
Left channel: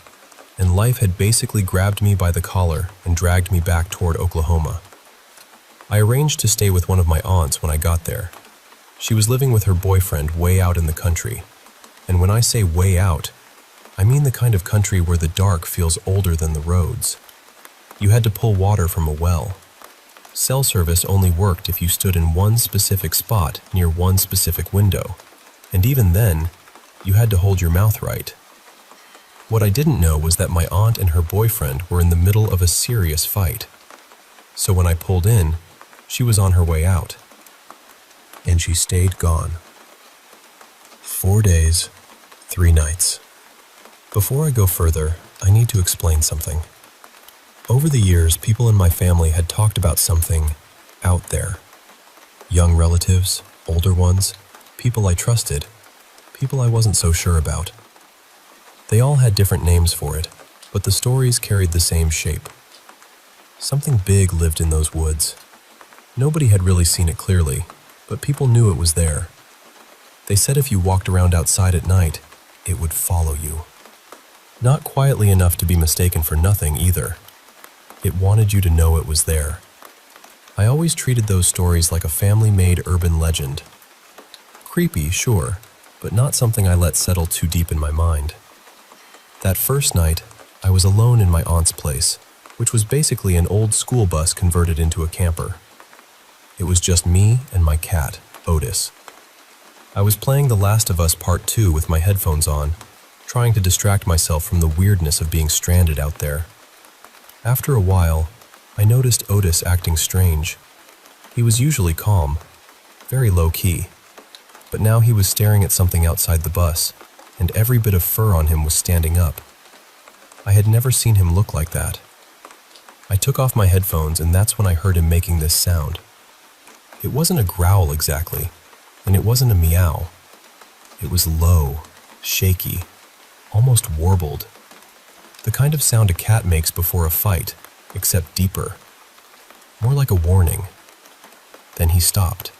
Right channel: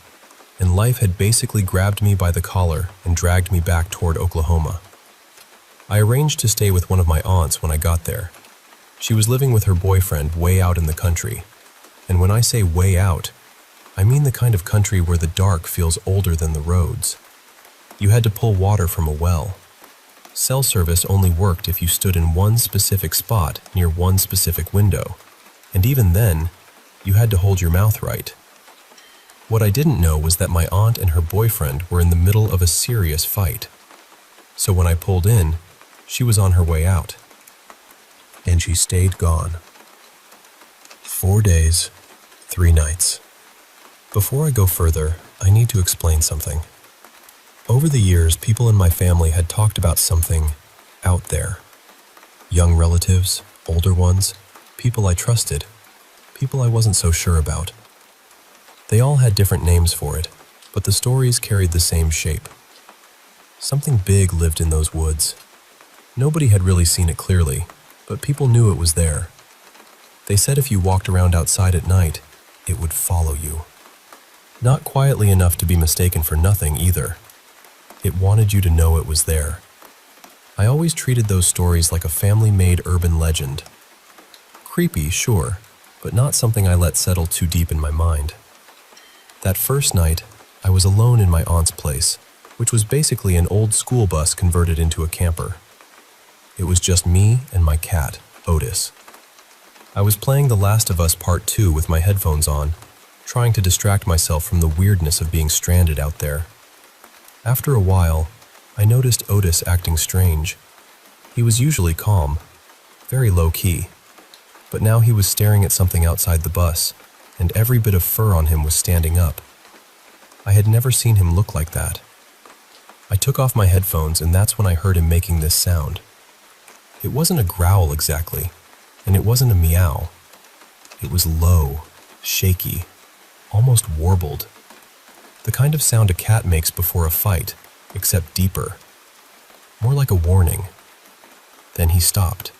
and life had basically grabbed me by the collar and dragged me back toward Oklahoma. I arranged to stay with one of my aunts when I got there. She was living with her boyfriend way out in the country, and when I say way out, I mean the kind of country where the dark feels older than the roads. You had to pull water from a well. Cell service only worked if you stood in one specific spot near one specific window, and even then, you had to hold your mouth right. What I didn't know was that my aunt and her boyfriend were in the middle of a serious fight. So when I pulled in, she was on her way out. And she stayed gone. 4 days, 3 nights. Before I go further, I need to explain something. Over the years, people in my family had talked about something out there. Young relatives, older ones, people I trusted, people I wasn't so sure about. They all had different names for it, but the stories carried the same shape. Something big lived in those woods. Nobody had really seen it clearly, but people knew it was there. They said if you walked around outside at night, it would follow you. Not quietly enough to be mistaken for nothing either. It wanted you to know it was there. I always treated those stories like a family-made urban legend. Creepy, sure, but not something I let settle too deep in my mind. That first night, I was alone in my aunt's place, which was basically an old school bus converted into a camper. It was just me and my cat, Otis. I was playing The Last of Us Part 2 with my headphones on, trying to distract myself from the weirdness of being stranded out there. After a while, I noticed Otis acting strange. He was usually calm, very low-key, but now he was staring at something outside the bus, and every bit of fur on him was standing up. I had never seen him look like that. I took off my headphones, and that's when I heard him making this sound. It wasn't a growl exactly, and it wasn't a meow. It was low, shaky, almost warbled. The kind of sound a cat makes before a fight, except deeper. More like a warning. Then he stopped.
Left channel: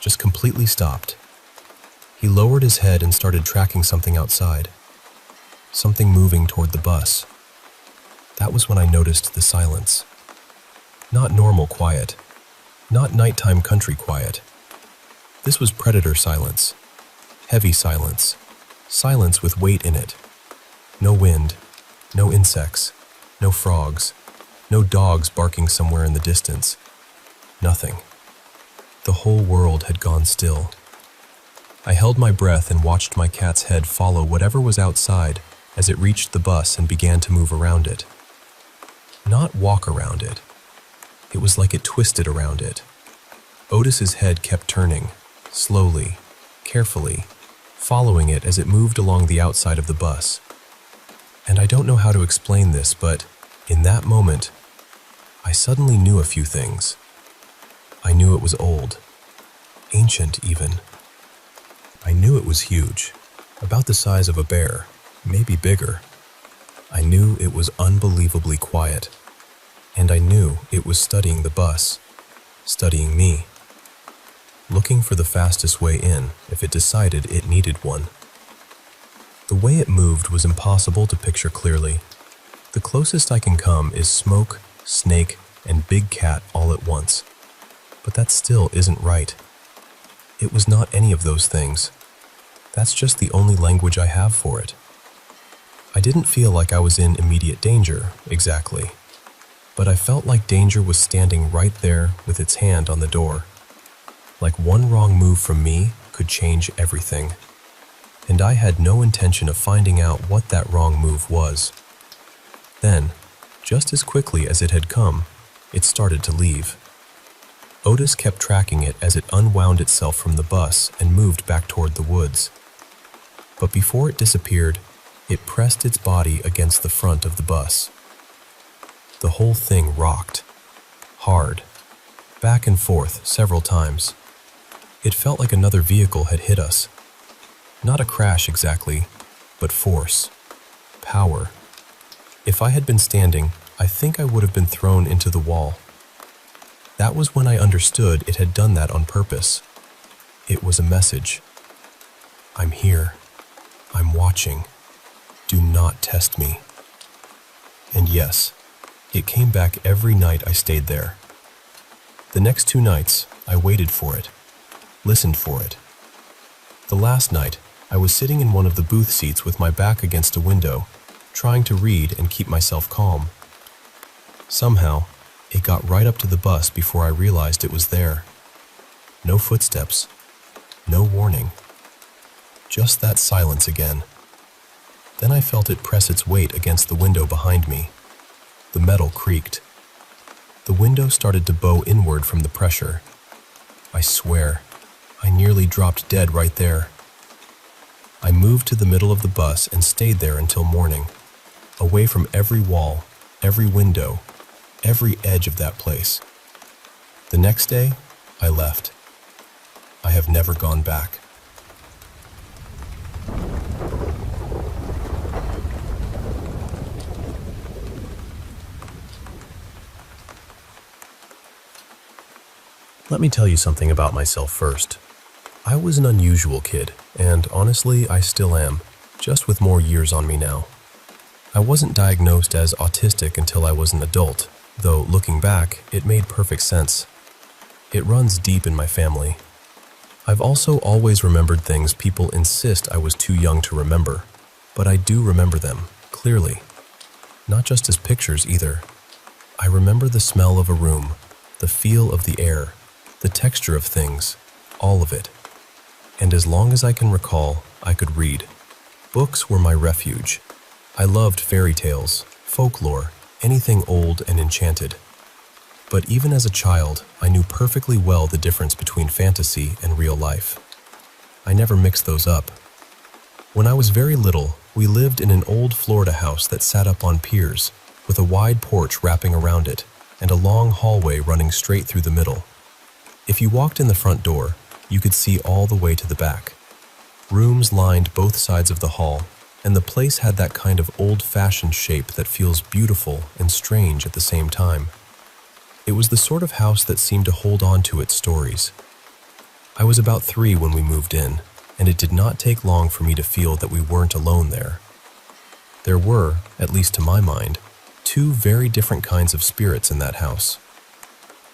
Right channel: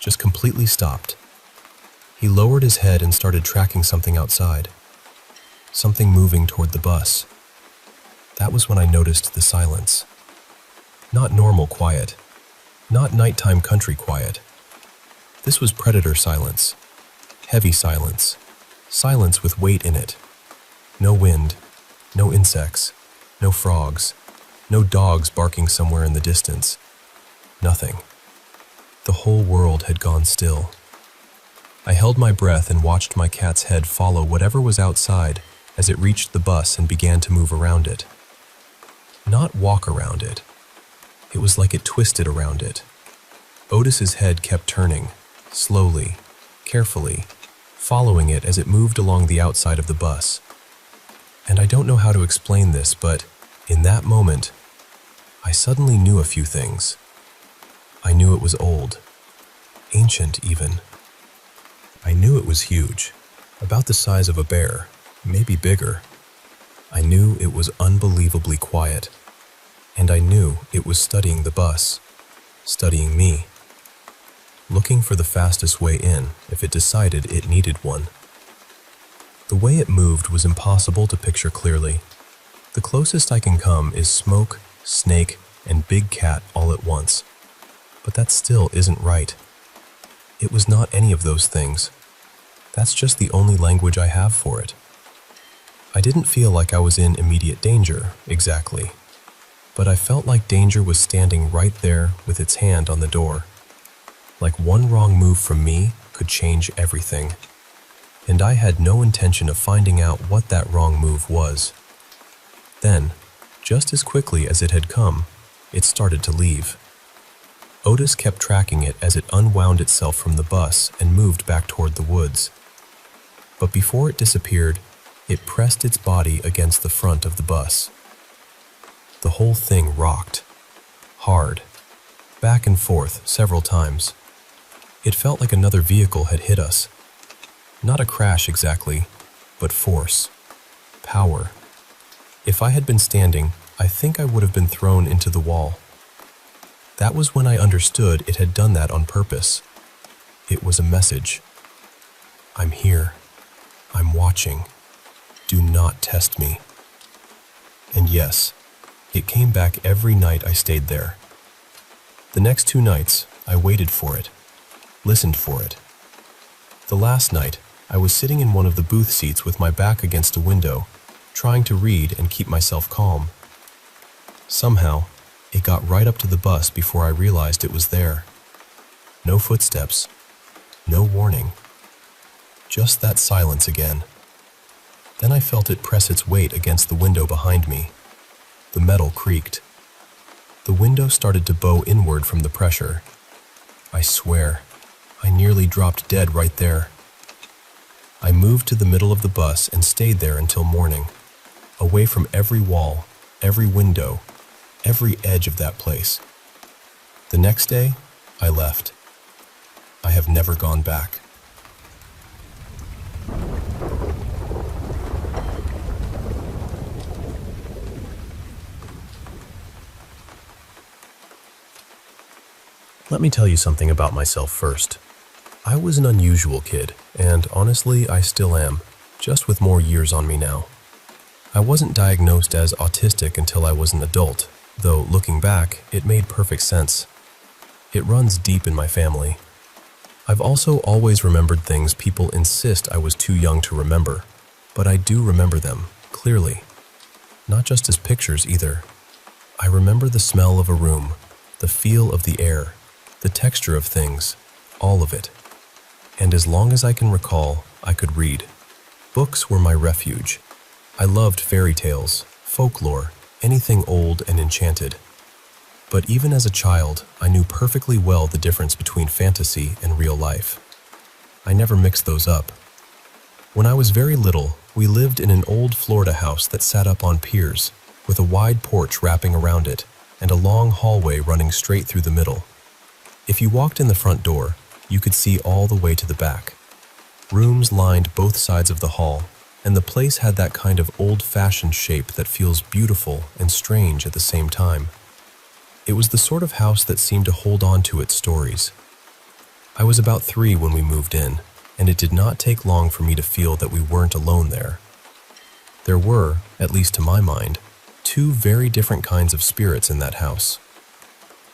Just completely stopped. He lowered his head and started tracking something outside. Something moving toward the bus. That was when I noticed the silence. Not normal quiet. Not nighttime country quiet. This was predator silence. Heavy silence. Silence with weight in it. No wind, No insects, no frogs, no dogs barking somewhere in the distance. Nothing. The whole world had gone still. I held my breath and watched my cat's head follow whatever was outside as it reached the bus and began to move around it. Not walk around it. It was like it twisted around it. Otis's head kept turning, slowly, carefully, following it as it moved along the outside of the bus. And I don't know how to explain this, but in that moment, I suddenly knew a few things. I knew it was old, ancient even. I knew it was huge, about the size of a bear, maybe bigger. I knew it was unbelievably quiet, and I knew it was studying the bus, studying me, looking for the fastest way in if it decided it needed one. The way it moved was impossible to picture clearly. The closest I can come is smoke, snake, and big cat all at once. But that still isn't right. It was not any of those things. That's just the only language I have for it. I didn't feel like I was in immediate danger, exactly. But I felt like danger was standing right there with its hand on the door. Like one wrong move from me could change everything. And I had no intention of finding out what that wrong move was. Then, just as quickly as it had come, it started to leave. Otis kept tracking it as it unwound itself from the bus and moved back toward the woods. But before it disappeared, it pressed its body against the front of the bus. The whole thing rocked, hard, back and forth several times. It felt like another vehicle had hit us. Not a crash exactly, but force, power. If I had been standing, I think I would have been thrown into the wall. That was when I understood it had done that on purpose. It was a message. I'm here. I'm watching. Do not test me. And yes, it came back every night I stayed there. The next 2 nights, I waited for it, listened for it. The last night, I was sitting in one of the booth seats with my back against a window, trying to read and keep myself calm. Somehow, it got right up to the bus before I realized it was there. No footsteps, no warning. Just that silence again. Then I felt it press its weight against the window behind me. The metal creaked. The window started to bow inward from the pressure. I swear, I nearly dropped dead right there. I moved to the middle of the bus and stayed there until morning, away from every wall, every window, every edge of that place. The next day, I left. I have never gone back. Let me tell you something about myself first. I was an unusual kid, and honestly, I still am, just with more years on me now. I wasn't diagnosed as autistic until I was an adult, though looking back, it made perfect sense. It runs deep in my family. I've also always remembered things people insist I was too young to remember, but I do remember them, clearly. Not just as pictures either. I remember the smell of a room, the feel of the air, the texture of things, all of it. And as long as I can recall, I could read. Books were my refuge. I loved fairy tales, folklore, anything old and enchanted. But even as a child, I knew perfectly well the difference between fantasy and real life. I never mixed those up. When I was very little, we lived in an old Florida house that sat up on piers, with a wide porch wrapping around it, and a long hallway running straight through the middle. If you walked in the front door, you could see all the way to the back. Rooms lined both sides of the hall, and the place had that kind of old-fashioned shape that feels beautiful and strange at the same time. It was the sort of house that seemed to hold on to its stories. I was about 3 when we moved in, and it did not take long for me to feel that we weren't alone there. There were, at least to my mind, 2 very different kinds of spirits in that house.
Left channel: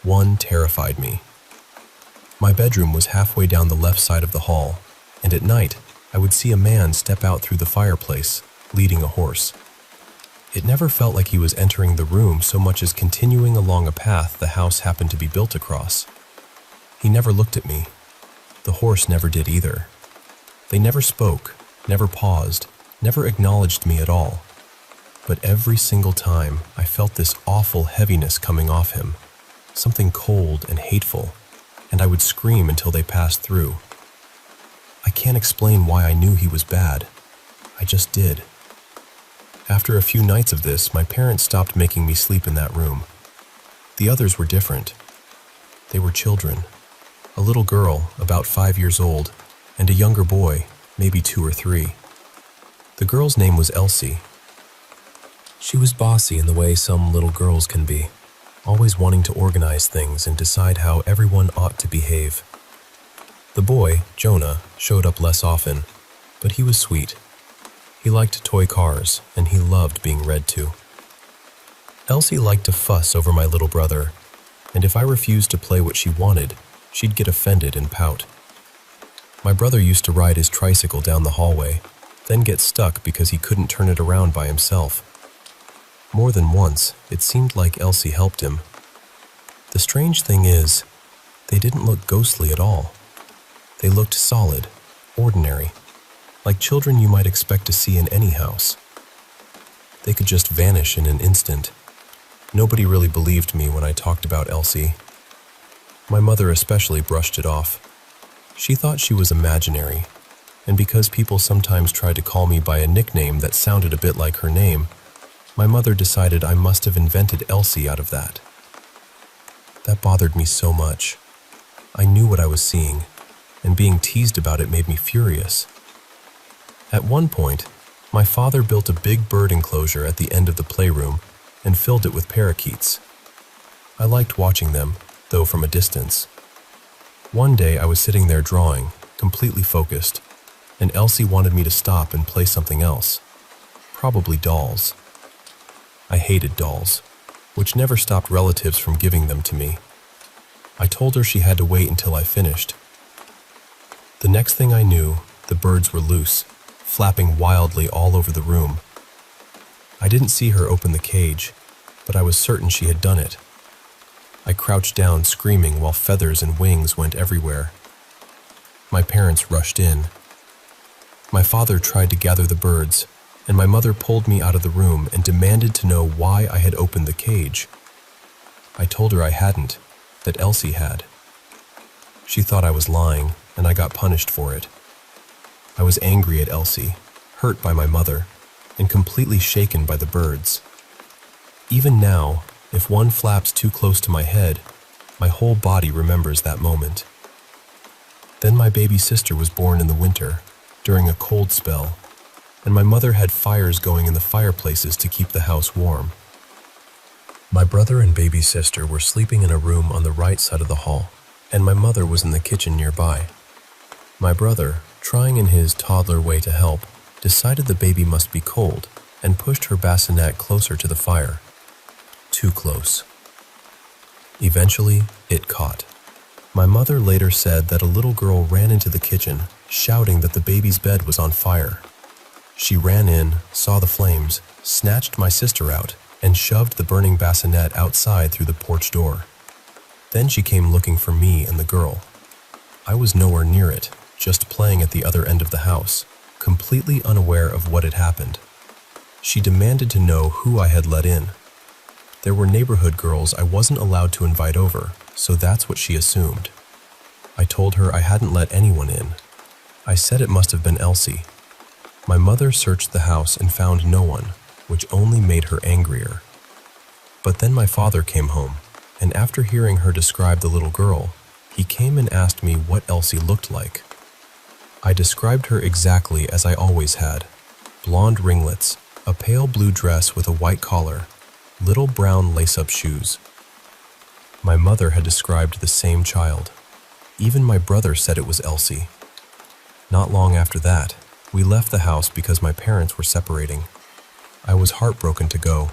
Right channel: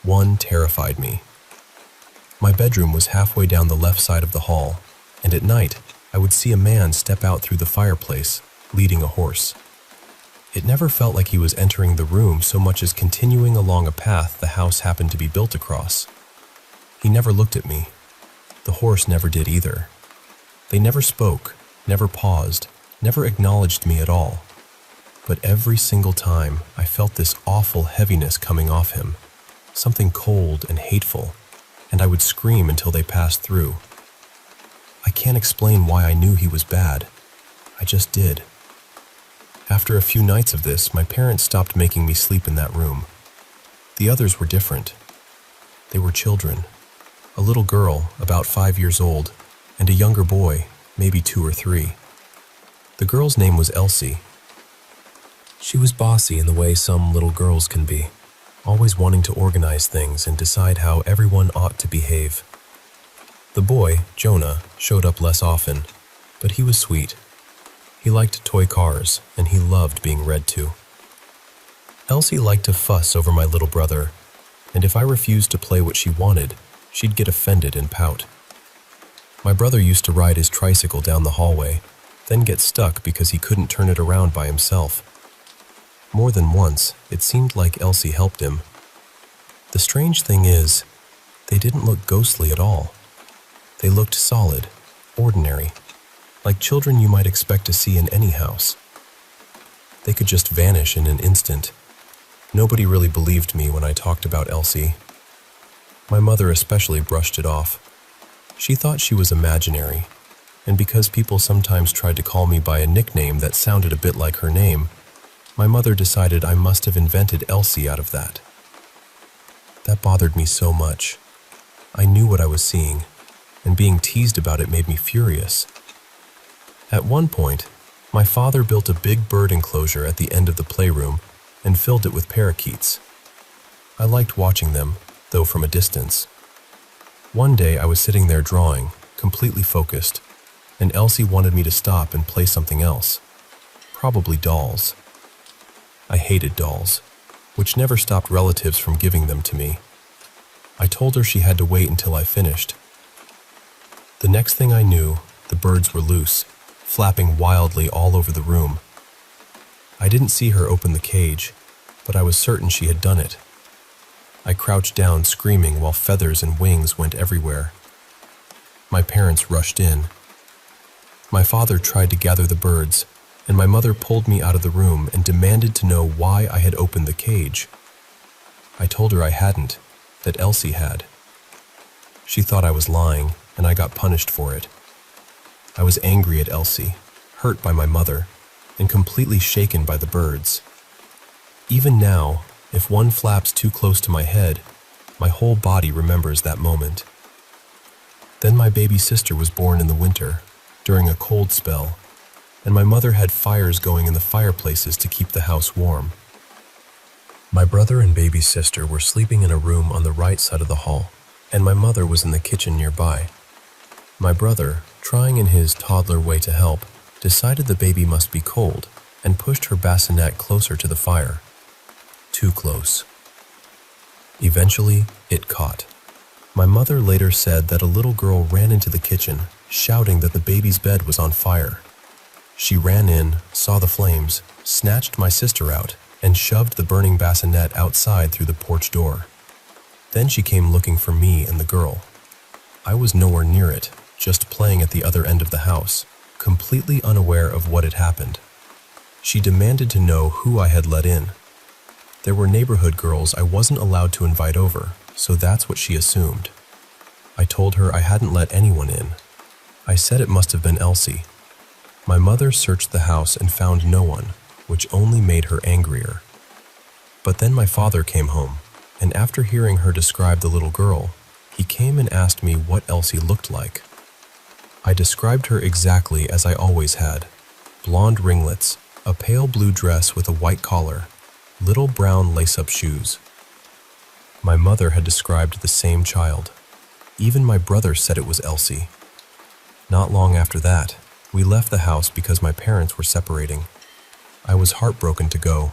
One terrified me. My bedroom was halfway down the left side of the hall, and at night, I would see a man step out through the fireplace, leading a horse. It never felt like he was entering the room so much as continuing along a path the house happened to be built across. He never looked at me. The horse never did either. They never spoke, never paused, never acknowledged me at all. But every single time, I felt this awful heaviness coming off him, something cold and hateful, and I would scream until they passed through. I can't explain why I knew he was bad. I just did. After a few nights of this, my parents stopped making me sleep in that room. The others were different. They were children. A little girl, about 5 years old, and a younger boy, maybe 2 or 3. The girl's name was Elsie. She was bossy in the way some little girls can be, always wanting to organize things and decide how everyone ought to behave. The boy, Jonah, showed up less often, but he was sweet. He liked toy cars, and he loved being read to. Elsie liked to fuss over my little brother, and if I refused to play what she wanted, she'd get offended and pout. My brother used to ride his tricycle down the hallway, then get stuck because he couldn't turn it around by himself. More than once, it seemed like Elsie helped him. The strange thing is, they didn't look ghostly at all. They looked solid, ordinary, like children you might expect to see in any house. They could just vanish in an instant. Nobody really believed me when I talked about Elsie. My mother especially brushed it off. She thought she was imaginary, and because people sometimes tried to call me by a nickname that sounded a bit like her name, my mother decided I must have invented Elsie out of that. That bothered me so much. I knew what I was seeing, and being teased about it made me furious. At one point, my father built a big bird enclosure at the end of the playroom and filled it with parakeets. I liked watching them, though from a distance. One day I was sitting there drawing, completely focused, and Elsie wanted me to stop and play something else, probably dolls. I hated dolls, which never stopped relatives from giving them to me. I told her she had to wait until I finished. The next thing I knew, the birds were loose, flapping wildly all over the room. I didn't see her open the cage, but I was certain she had done it. I crouched down screaming while feathers and wings went everywhere. My parents rushed in. My father tried to gather the birds, and my mother pulled me out of the room and demanded to know why I had opened the cage. I told her I hadn't, that Elsie had. She thought I was lying, and I got punished for it. I was angry at Elsie, hurt by my mother, and completely shaken by the birds. Even now, if one flaps too close to my head, my whole body remembers that moment. Then my baby sister was born in the winter, during a cold spell, and my mother had fires going in the fireplaces to keep the house warm. My brother and baby sister were sleeping in a room on the right side of the hall, and my mother was in the kitchen nearby. My brother, trying in his toddler way to help, decided the baby must be cold and pushed her bassinet closer to the fire. Too close. Eventually, it caught. My mother later said that a little girl ran into the kitchen, shouting that the baby's bed was on fire. She ran in, saw the flames, snatched my sister out, and shoved the burning bassinet outside through the porch door. Then she came looking for me and the girl. I was nowhere near it, just playing at the other end of the house, completely unaware of what had happened. She demanded to know who I had let in. There were neighborhood girls I wasn't allowed to invite over, so that's what she assumed. I told her I hadn't let anyone in. I said it must have been Elsie. My mother searched the house and found no one, which only made her angrier. But then my father came home, and after hearing her describe the little girl, he came and asked me what Elsie looked like. I described her exactly as I always had. Blonde ringlets, a pale blue dress with a white collar, little brown lace-up shoes. My mother had described the same child. Even my brother said it was Elsie. Not long after that, we left the house because my parents were separating. I was heartbroken to go.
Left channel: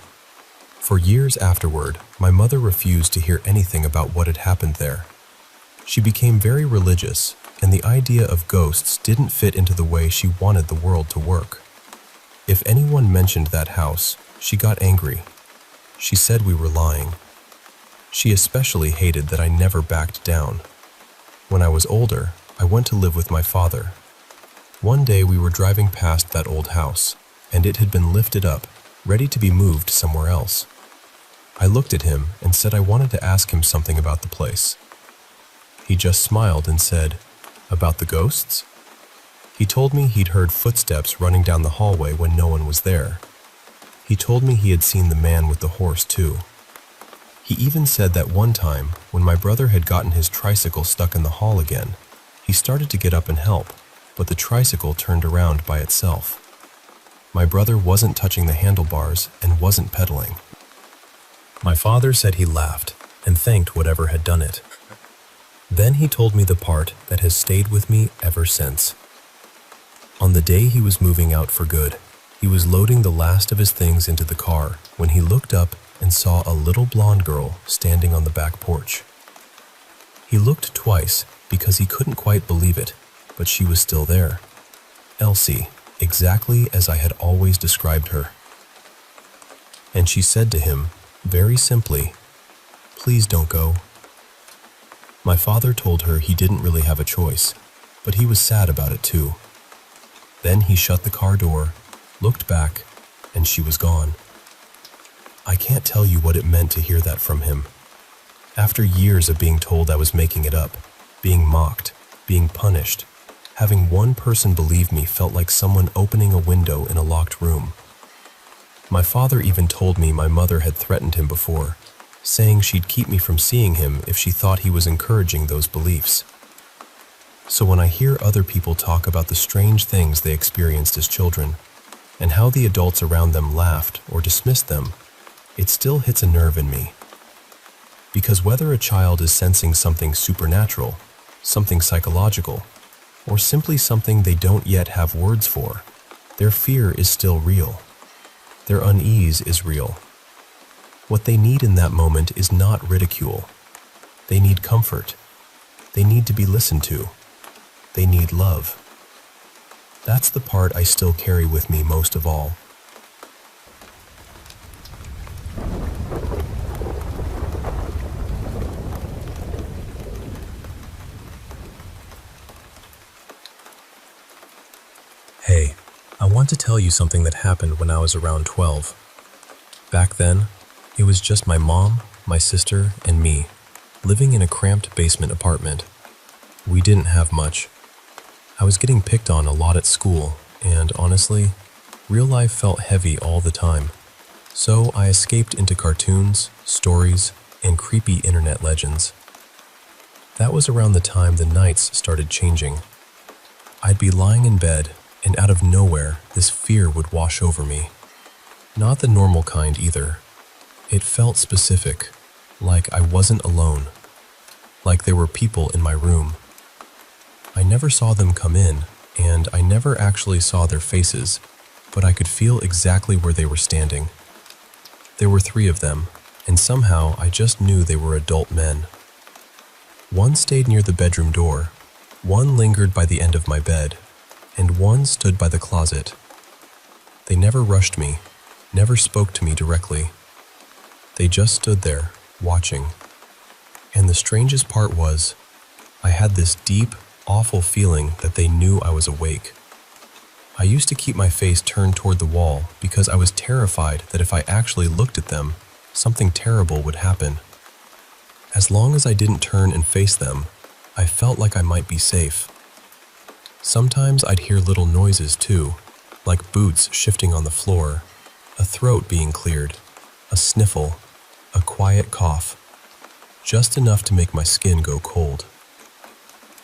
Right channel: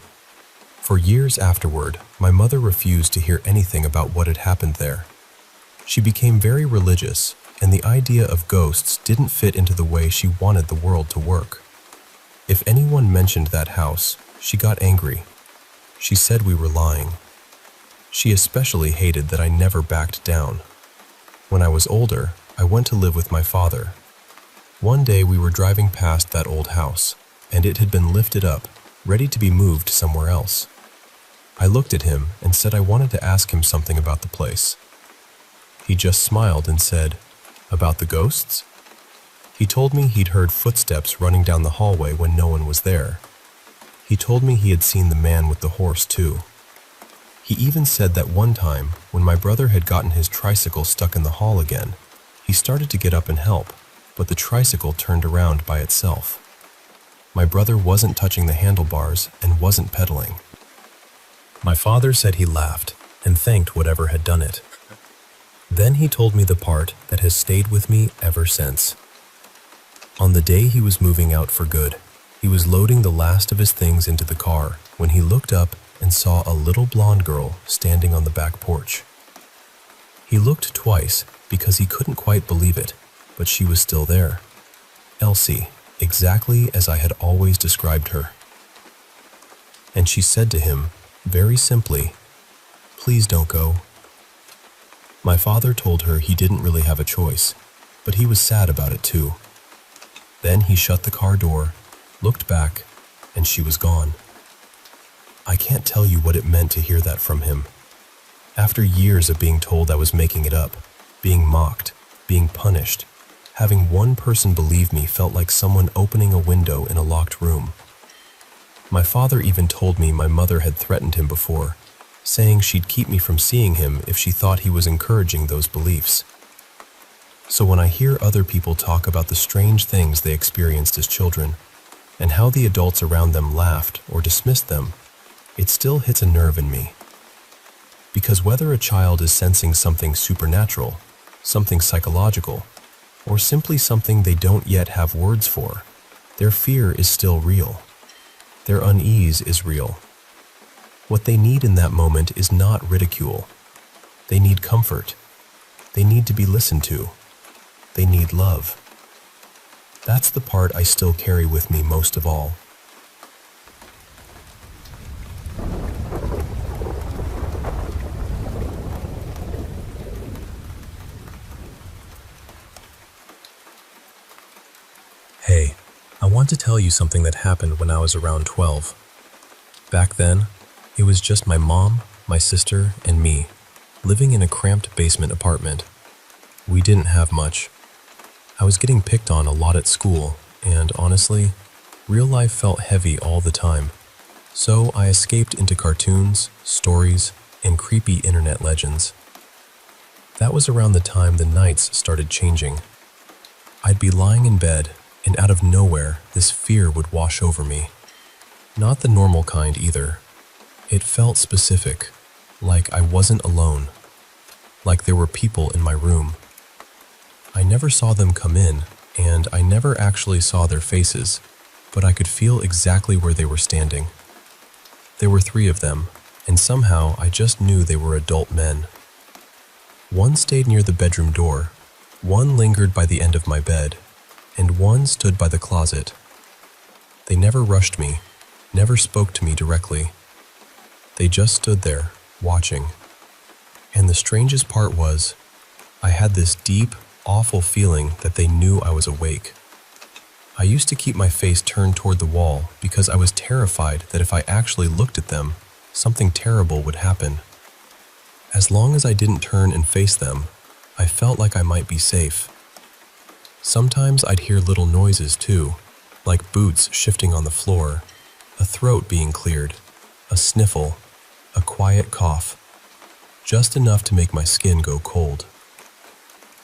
For years afterward, my mother refused to hear anything about what had happened there. She became very religious, and the idea of ghosts didn't fit into the way she wanted the world to work. If anyone mentioned that house, She got angry. She said we were lying. She especially hated that I never backed down. When I was older, I went to live with my father. One day we were driving past that old house, and it had been lifted up, ready to be moved somewhere else. I looked at him and said I wanted to ask him something about the place. He just smiled and said, "About the ghosts?" He told me he'd heard footsteps running down the hallway when no one was there. He told me he had seen the man with the horse too. He even said that one time, when my brother had gotten his tricycle stuck in the hall again, he started to get up and help, but the tricycle turned around by itself. My brother wasn't touching the handlebars and wasn't pedaling. My father said he laughed and thanked whatever had done it. Then he told me the part that has stayed with me ever since. On the day he was moving out for good, he was loading the last of his things into the car when he looked up and saw a little blonde girl standing on the back porch. He looked twice because he couldn't quite believe it, but she was still there. Elsie, exactly as I had always described her. And she said to him, very simply, "Please don't go." My father told her he didn't really have a choice, but he was sad about it too. Then he shut the car door, looked back, and she was gone. I can't tell you what it meant to hear that from him. After years of being told I was making it up, being mocked, being punished, having one person believe me felt like someone opening a window in a locked room. My father even told me my mother had threatened him before, saying she'd keep me from seeing him if she thought he was encouraging those beliefs. So when I hear other people talk about the strange things they experienced as children, and how the adults around them laughed or dismissed them, it still hits a nerve in me. Because whether a child is sensing something supernatural, something psychological, or simply something they don't yet have words for, their fear is still real. Their unease is real. What they need in that moment is not ridicule. They need comfort. They need to be listened to. They need love. That's the part I still carry with me most of all. Hey, I want to tell you something that happened when I was around 12. Back then, it was just my mom, my sister, and me, living in a cramped basement apartment. We didn't have much. I was getting picked on a lot at school, and honestly, real life felt heavy all the time. So I escaped into cartoons, stories, and creepy internet legends. That was around the time the nights started changing. I'd be lying in bed, and out of nowhere, this fear would wash over me. Not the normal kind either. It felt specific, like I wasn't alone, like there were people in my room. I never saw them come in, and I never actually saw their faces, but I could feel exactly where they were standing. There were 3 of them, and somehow I just knew they were adult men. One stayed near the bedroom door, one lingered by the end of my bed, and one stood by the closet. They never rushed me, never spoke to me directly. They just stood there, watching. And the strangest part was, I had this deep, awful feeling that they knew I was awake. I used to keep my face turned toward the wall because I was terrified that if I actually looked at them, something terrible would happen. As long as I didn't turn and face them, I felt like I might be safe. Sometimes I'd hear little noises too, like boots shifting on the floor, a throat being cleared, a sniffle, a quiet cough, just enough to make my skin go cold.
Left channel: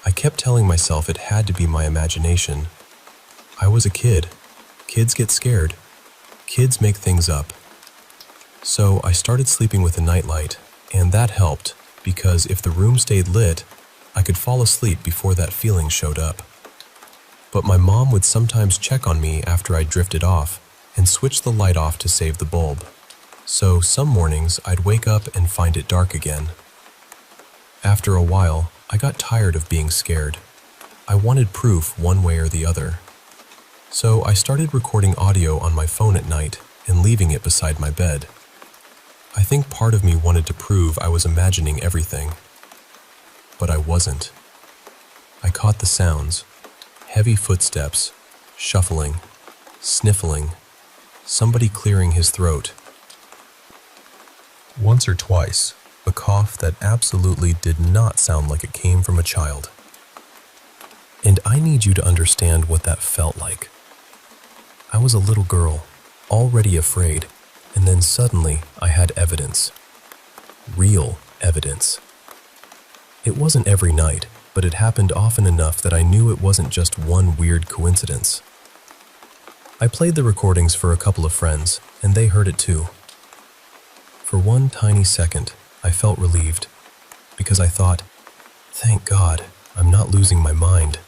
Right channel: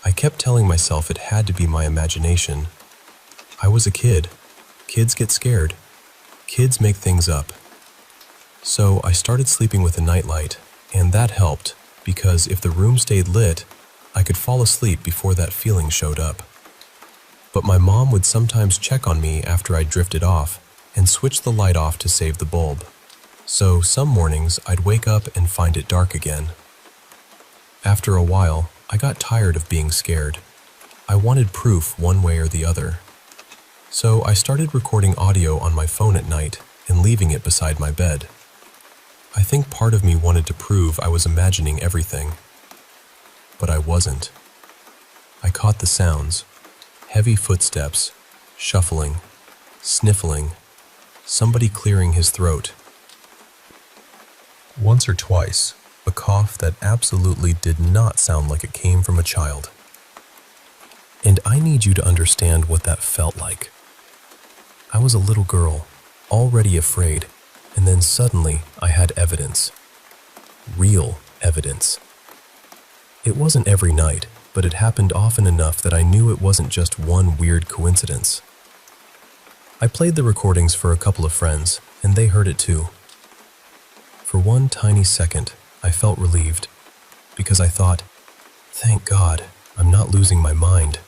I kept telling myself it had to be my imagination. I was a kid. Kids get scared. Kids make things up. So I started sleeping with a nightlight, and that helped because if the room stayed lit, I could fall asleep before that feeling showed up. But my mom would sometimes check on me after I drifted off and switch the light off to save the bulb. So some mornings I'd wake up and find it dark again. After a while, I got tired of being scared. I wanted proof one way or the other. So I started recording audio on my phone at night and leaving it beside my bed. I think part of me wanted to prove I was imagining everything, but I wasn't. I caught the sounds, heavy footsteps, shuffling, sniffling, somebody clearing his throat. Once or twice, a cough that absolutely did not sound like it came from a child. And I need you to understand what that felt like. I was a little girl, already afraid, and then suddenly I had evidence. Real evidence. It wasn't every night, but it happened often enough that I knew it wasn't just one weird coincidence. I played the recordings for a couple of friends, and they heard it too. For one tiny second, I felt relieved, because I thought, thank God, I'm not losing my mind.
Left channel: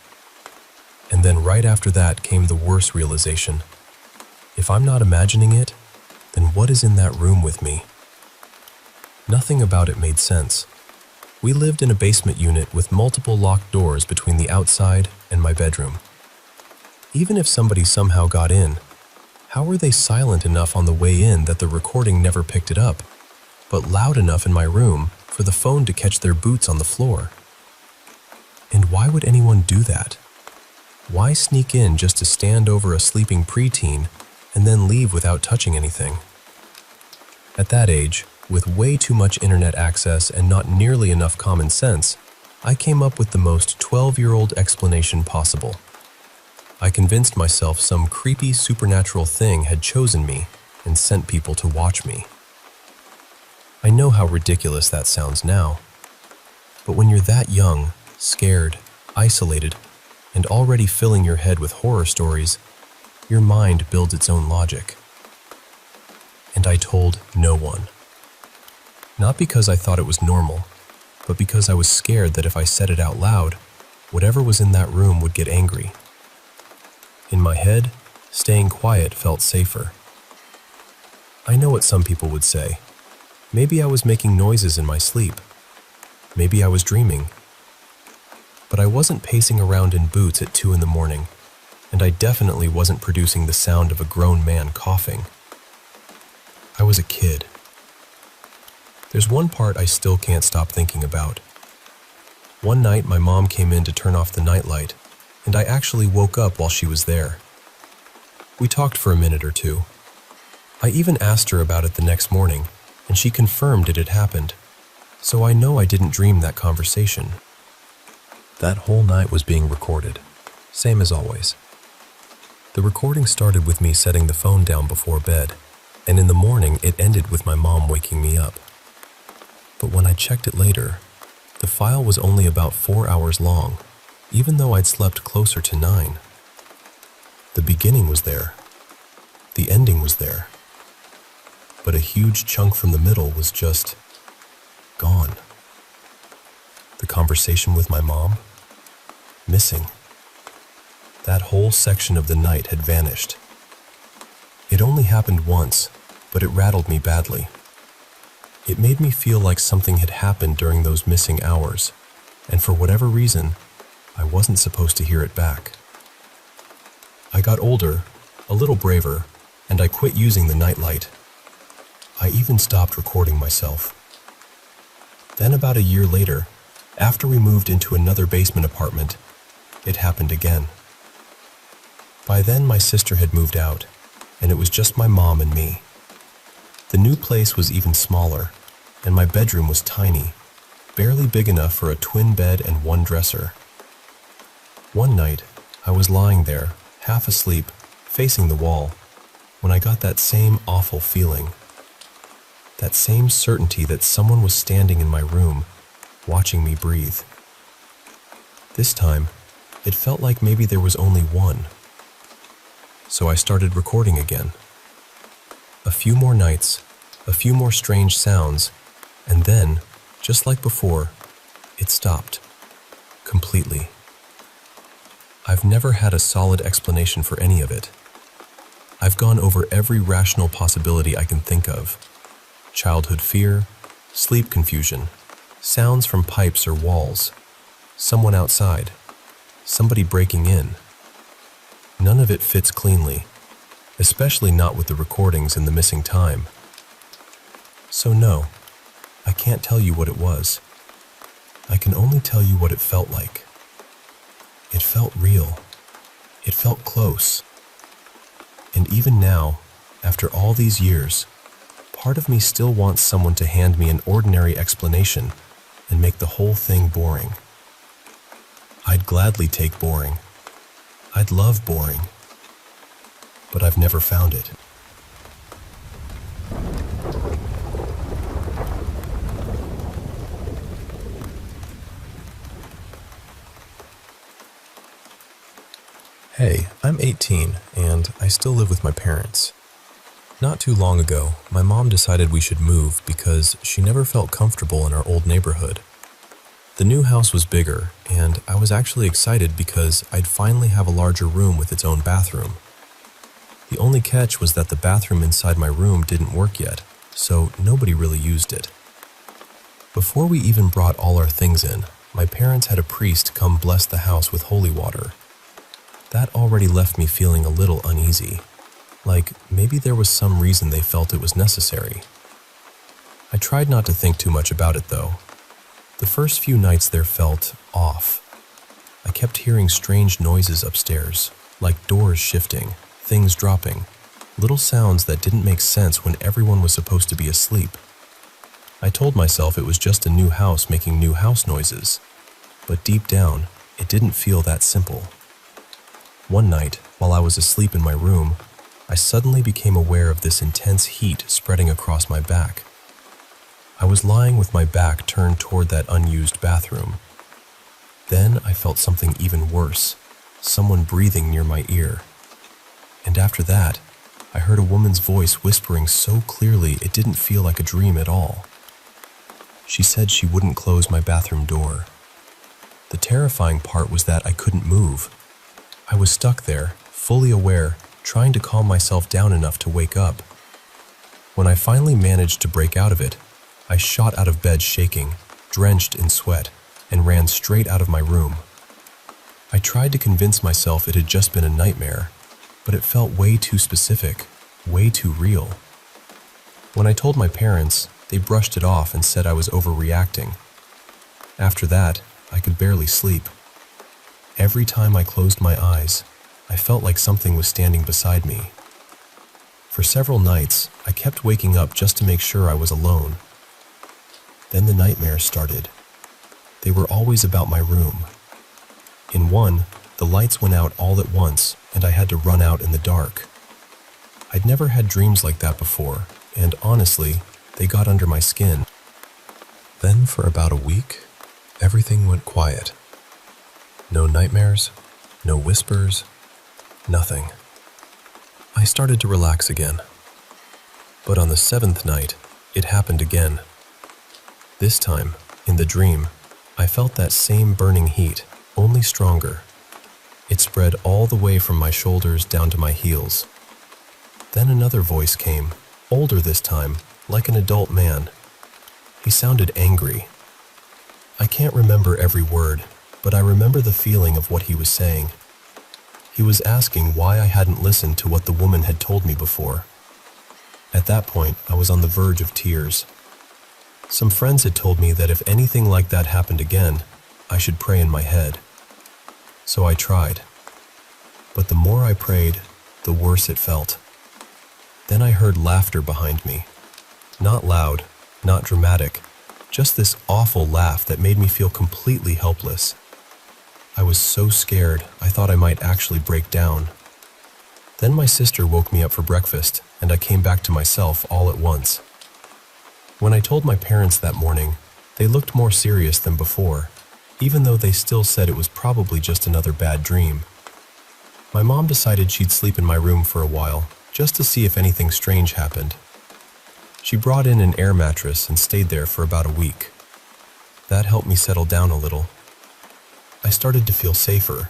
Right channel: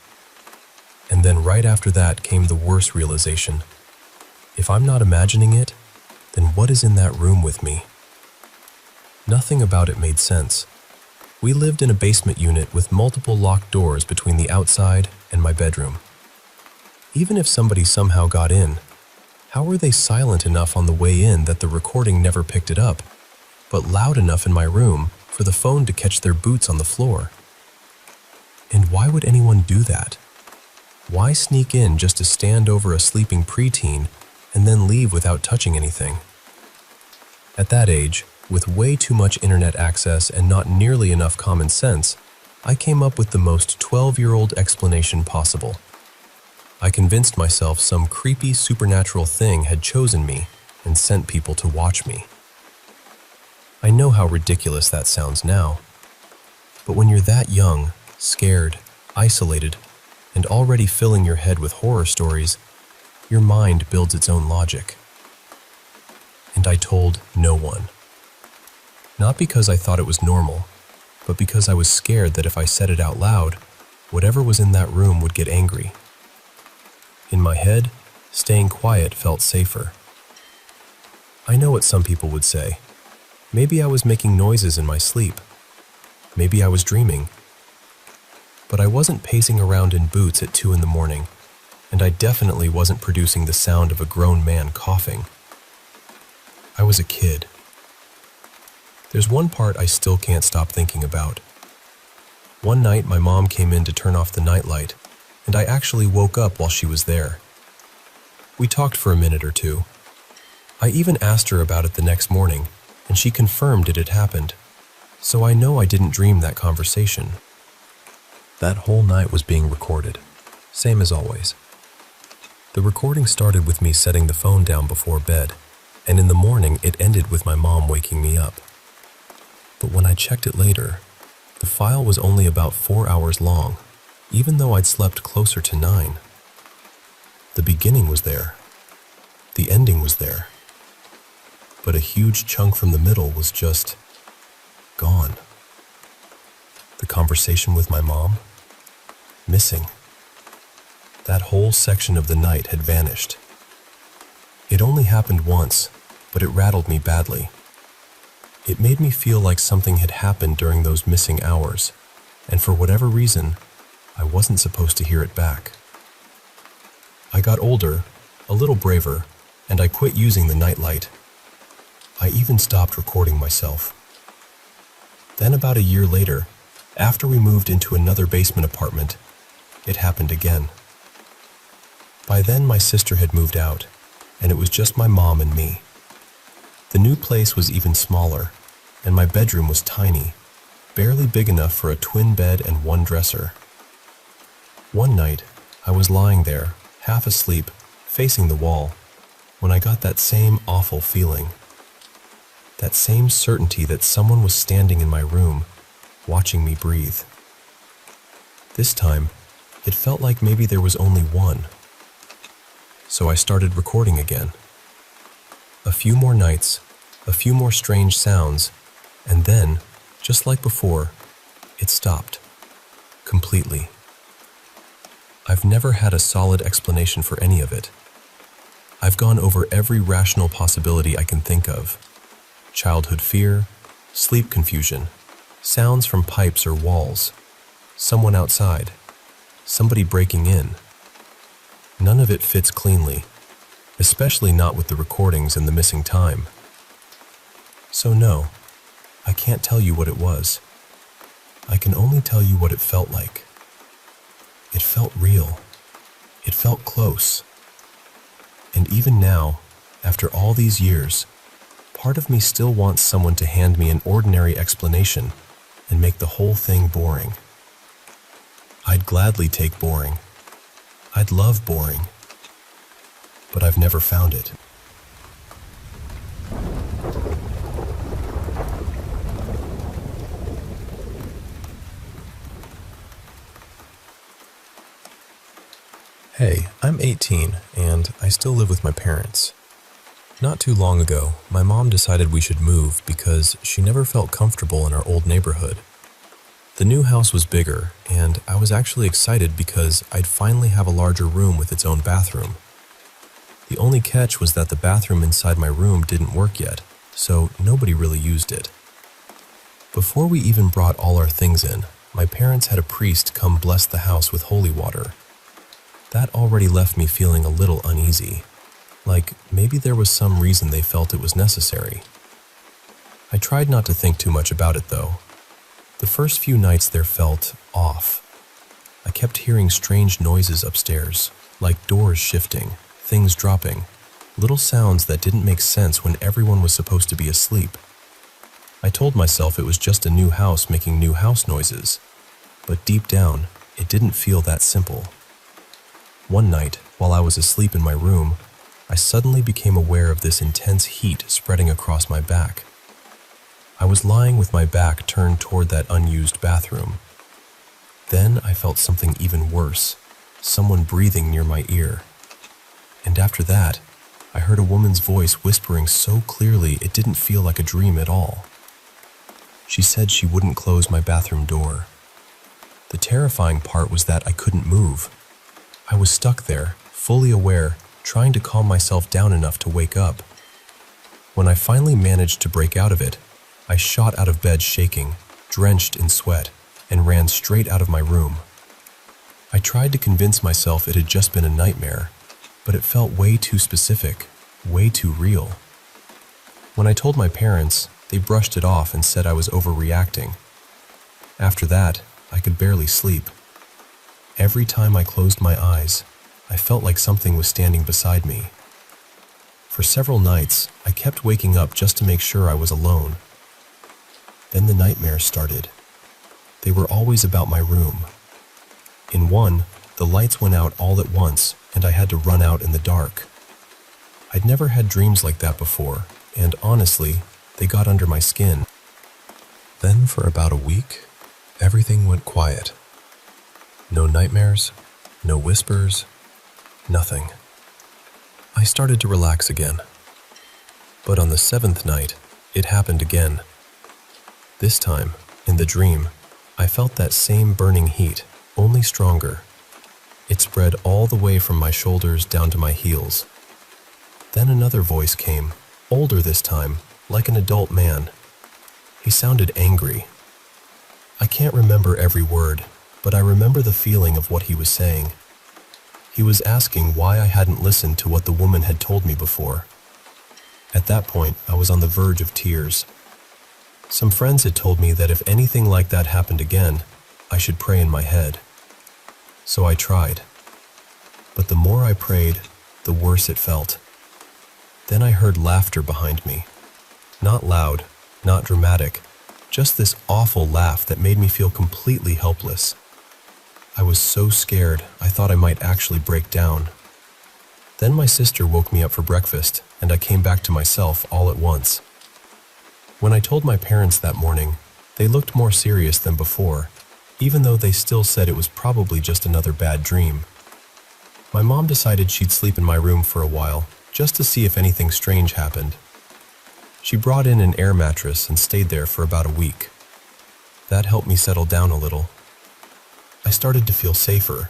And then right after that came the worst realization. If I'm not imagining it, then what is in that room with me? Nothing about it made sense. We lived in a basement unit with multiple locked doors between the outside and my bedroom. Even if somebody somehow got in, how were they silent enough on the way in that the recording never picked it up, but loud enough in my room for the phone to catch their boots on the floor? And why would anyone do that? Why sneak in just to stand over a sleeping preteen and then leave without touching anything? At that age, with way too much internet access and not nearly enough common sense, I came up with the most 12-year-old explanation possible. I convinced myself some creepy supernatural thing had chosen me and sent people to watch me. I know how ridiculous that sounds now, but when you're that young, scared, isolated, and already filling your head with horror stories, your mind builds its own logic. And I told no one. Not because I thought it was normal, but because I was scared that if I said it out loud, whatever was in that room would get angry. In my head, staying quiet felt safer. I know what some people would say. Maybe I was making noises in my sleep. Maybe I was dreaming. But I wasn't pacing around in boots at 2 a.m, and I definitely wasn't producing the sound of a grown man coughing. I was a kid. There's one part I still can't stop thinking about. One night my mom came in to turn off the nightlight, and I actually woke up while she was there. We talked for a minute or two. I even asked her about it the next morning, and she confirmed it had happened, so I know I didn't dream that conversation. That whole night was being recorded, same as always. The recording started with me setting the phone down before bed, and in the morning it ended with my mom waking me up. But when I checked it later, the file was only about 4 hours long, even though I'd slept closer to 9. The beginning was there. The ending was there. But a huge chunk from the middle was just gone. The conversation with my mom, missing. That whole section of the night had vanished. It only happened once, but it rattled me badly. It made me feel like something had happened during those missing hours, and for whatever reason, I wasn't supposed to hear it back. I got older, a little braver, and I quit using the nightlight. I even stopped recording myself. Then about a year later, after we moved into another basement apartment, it happened again. By then my sister had moved out, and it was just my mom and me. The new place was even smaller, and my bedroom was tiny, barely big enough for a twin bed and one dresser. One night, I was lying there, half asleep, facing the wall, when I got that same awful feeling. That same certainty that someone was standing in my room, watching me breathe. This time, it felt like maybe there was only one. So I started recording again. A few more nights, a few more strange sounds, and then, just like before, it stopped. Completely. I've never had a solid explanation for any of it. I've gone over every rational possibility I can think of. Childhood fear, sleep confusion, sounds from pipes or walls, someone outside, somebody breaking in. None of it fits cleanly, especially not with the recordings and the missing time. So no, I can't tell you what it was. I can only tell you what it felt like. It felt real. It felt close. And even now, after all these years, part of me still wants someone to hand me an ordinary explanation and make the whole thing boring. I'd gladly take boring. I'd love boring. But I've never found it. Hey, I'm 18, and I still live with my parents. Not too long ago, my mom decided we should move because she never felt comfortable in our old neighborhood. The new house was bigger, and I was actually excited because I'd finally have a larger room with its own bathroom. The only catch was that the bathroom inside my room didn't work yet, so nobody really used it. Before we even brought all our things in, my parents had a priest come bless the house with holy water. That already left me feeling a little uneasy, like maybe there was some reason they felt it was necessary. I tried not to think too much about it though. The first few nights there felt off. I kept hearing strange noises upstairs, like doors shifting, things dropping, little sounds that didn't make sense when everyone was supposed to be asleep. I told myself it was just a new house making new house noises, but deep down, it didn't feel that simple. One night, while I was asleep in my room, I suddenly became aware of this intense heat spreading across my back. I was lying with my back turned toward that unused bathroom. Then I felt something even worse, someone breathing near my ear. And after that, I heard a woman's voice whispering so clearly it didn't feel like a dream at all. She said she wouldn't close my bathroom door. The terrifying part was that I couldn't move. I was stuck there, fully aware, trying to calm myself down enough to wake up. When I finally managed to break out of it, I shot out of bed shaking, drenched in sweat, and ran straight out of my room. I tried to convince myself it had just been a nightmare, but it felt way too specific, way too real. When I told my parents, they brushed it off and said I was overreacting. After that, I could barely sleep. Every time I closed my eyes, I felt like something was standing beside me. For several nights, I kept waking up just to make sure I was alone. Then the nightmares started. They were always about my room. In one, the lights went out all at once, and I had to run out in the dark. I'd never had dreams like that before, and honestly, they got under my skin. Then for about a week, everything went quiet. No nightmares, no whispers, nothing. I started to relax again. But on the 7th night, it happened again. This time, in the dream, I felt that same burning heat, only stronger. It spread all the way from my shoulders down to my heels. Then another voice came, older this time, like an adult man. He sounded angry. I can't remember every word, but I remember the feeling of what he was saying. He was asking why I hadn't listened to what the woman had told me before. At that point, I was on the verge of tears. Some friends had told me that if anything like that happened again, I should pray in my head. So I tried. But the more I prayed, the worse it felt. Then I heard laughter behind me. Not loud, not dramatic, just this awful laugh that made me feel completely helpless. I was so scared, I thought I might actually break down. Then my sister woke me up for breakfast, and I came back to myself all at once. When I told my parents that morning, they looked more serious than before, even though they still said it was probably just another bad dream. My mom decided she'd sleep in my room for a while, just to see if anything strange happened. She brought in an air mattress and stayed there for about a week. That helped me settle down a little. I started to feel safer.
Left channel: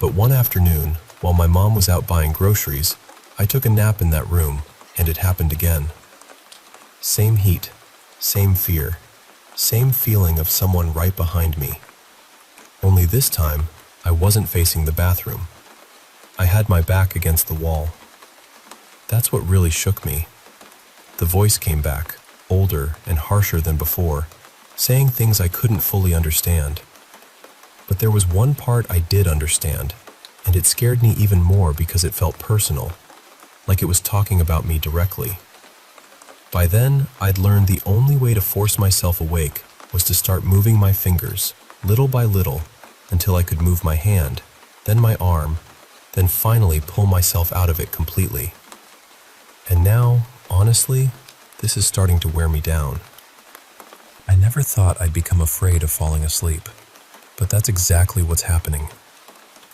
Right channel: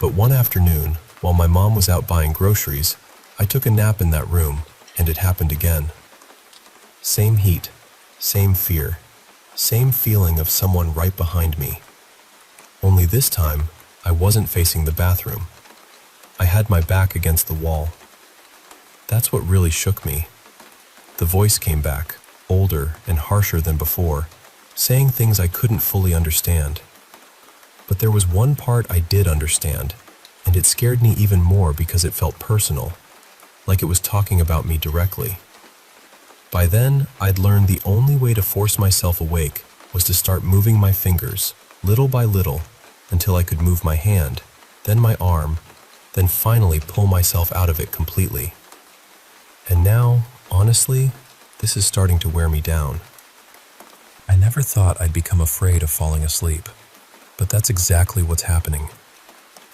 But one afternoon, while my mom was out buying groceries, I took a nap in that room, and it happened again. Same heat, same fear, same feeling of someone right behind me. Only this time, I wasn't facing the bathroom. I had my back against the wall. That's what really shook me. The voice came back, older and harsher than before, saying things I couldn't fully understand. But there was one part I did understand, and it scared me even more because it felt personal, like it was talking about me directly. By then, I'd learned the only way to force myself awake was to start moving my fingers, little by little, until I could move my hand, then my arm, then finally pull myself out of it completely. And now, honestly, this is starting to wear me down. I never thought I'd become afraid of falling asleep, but that's exactly what's happening.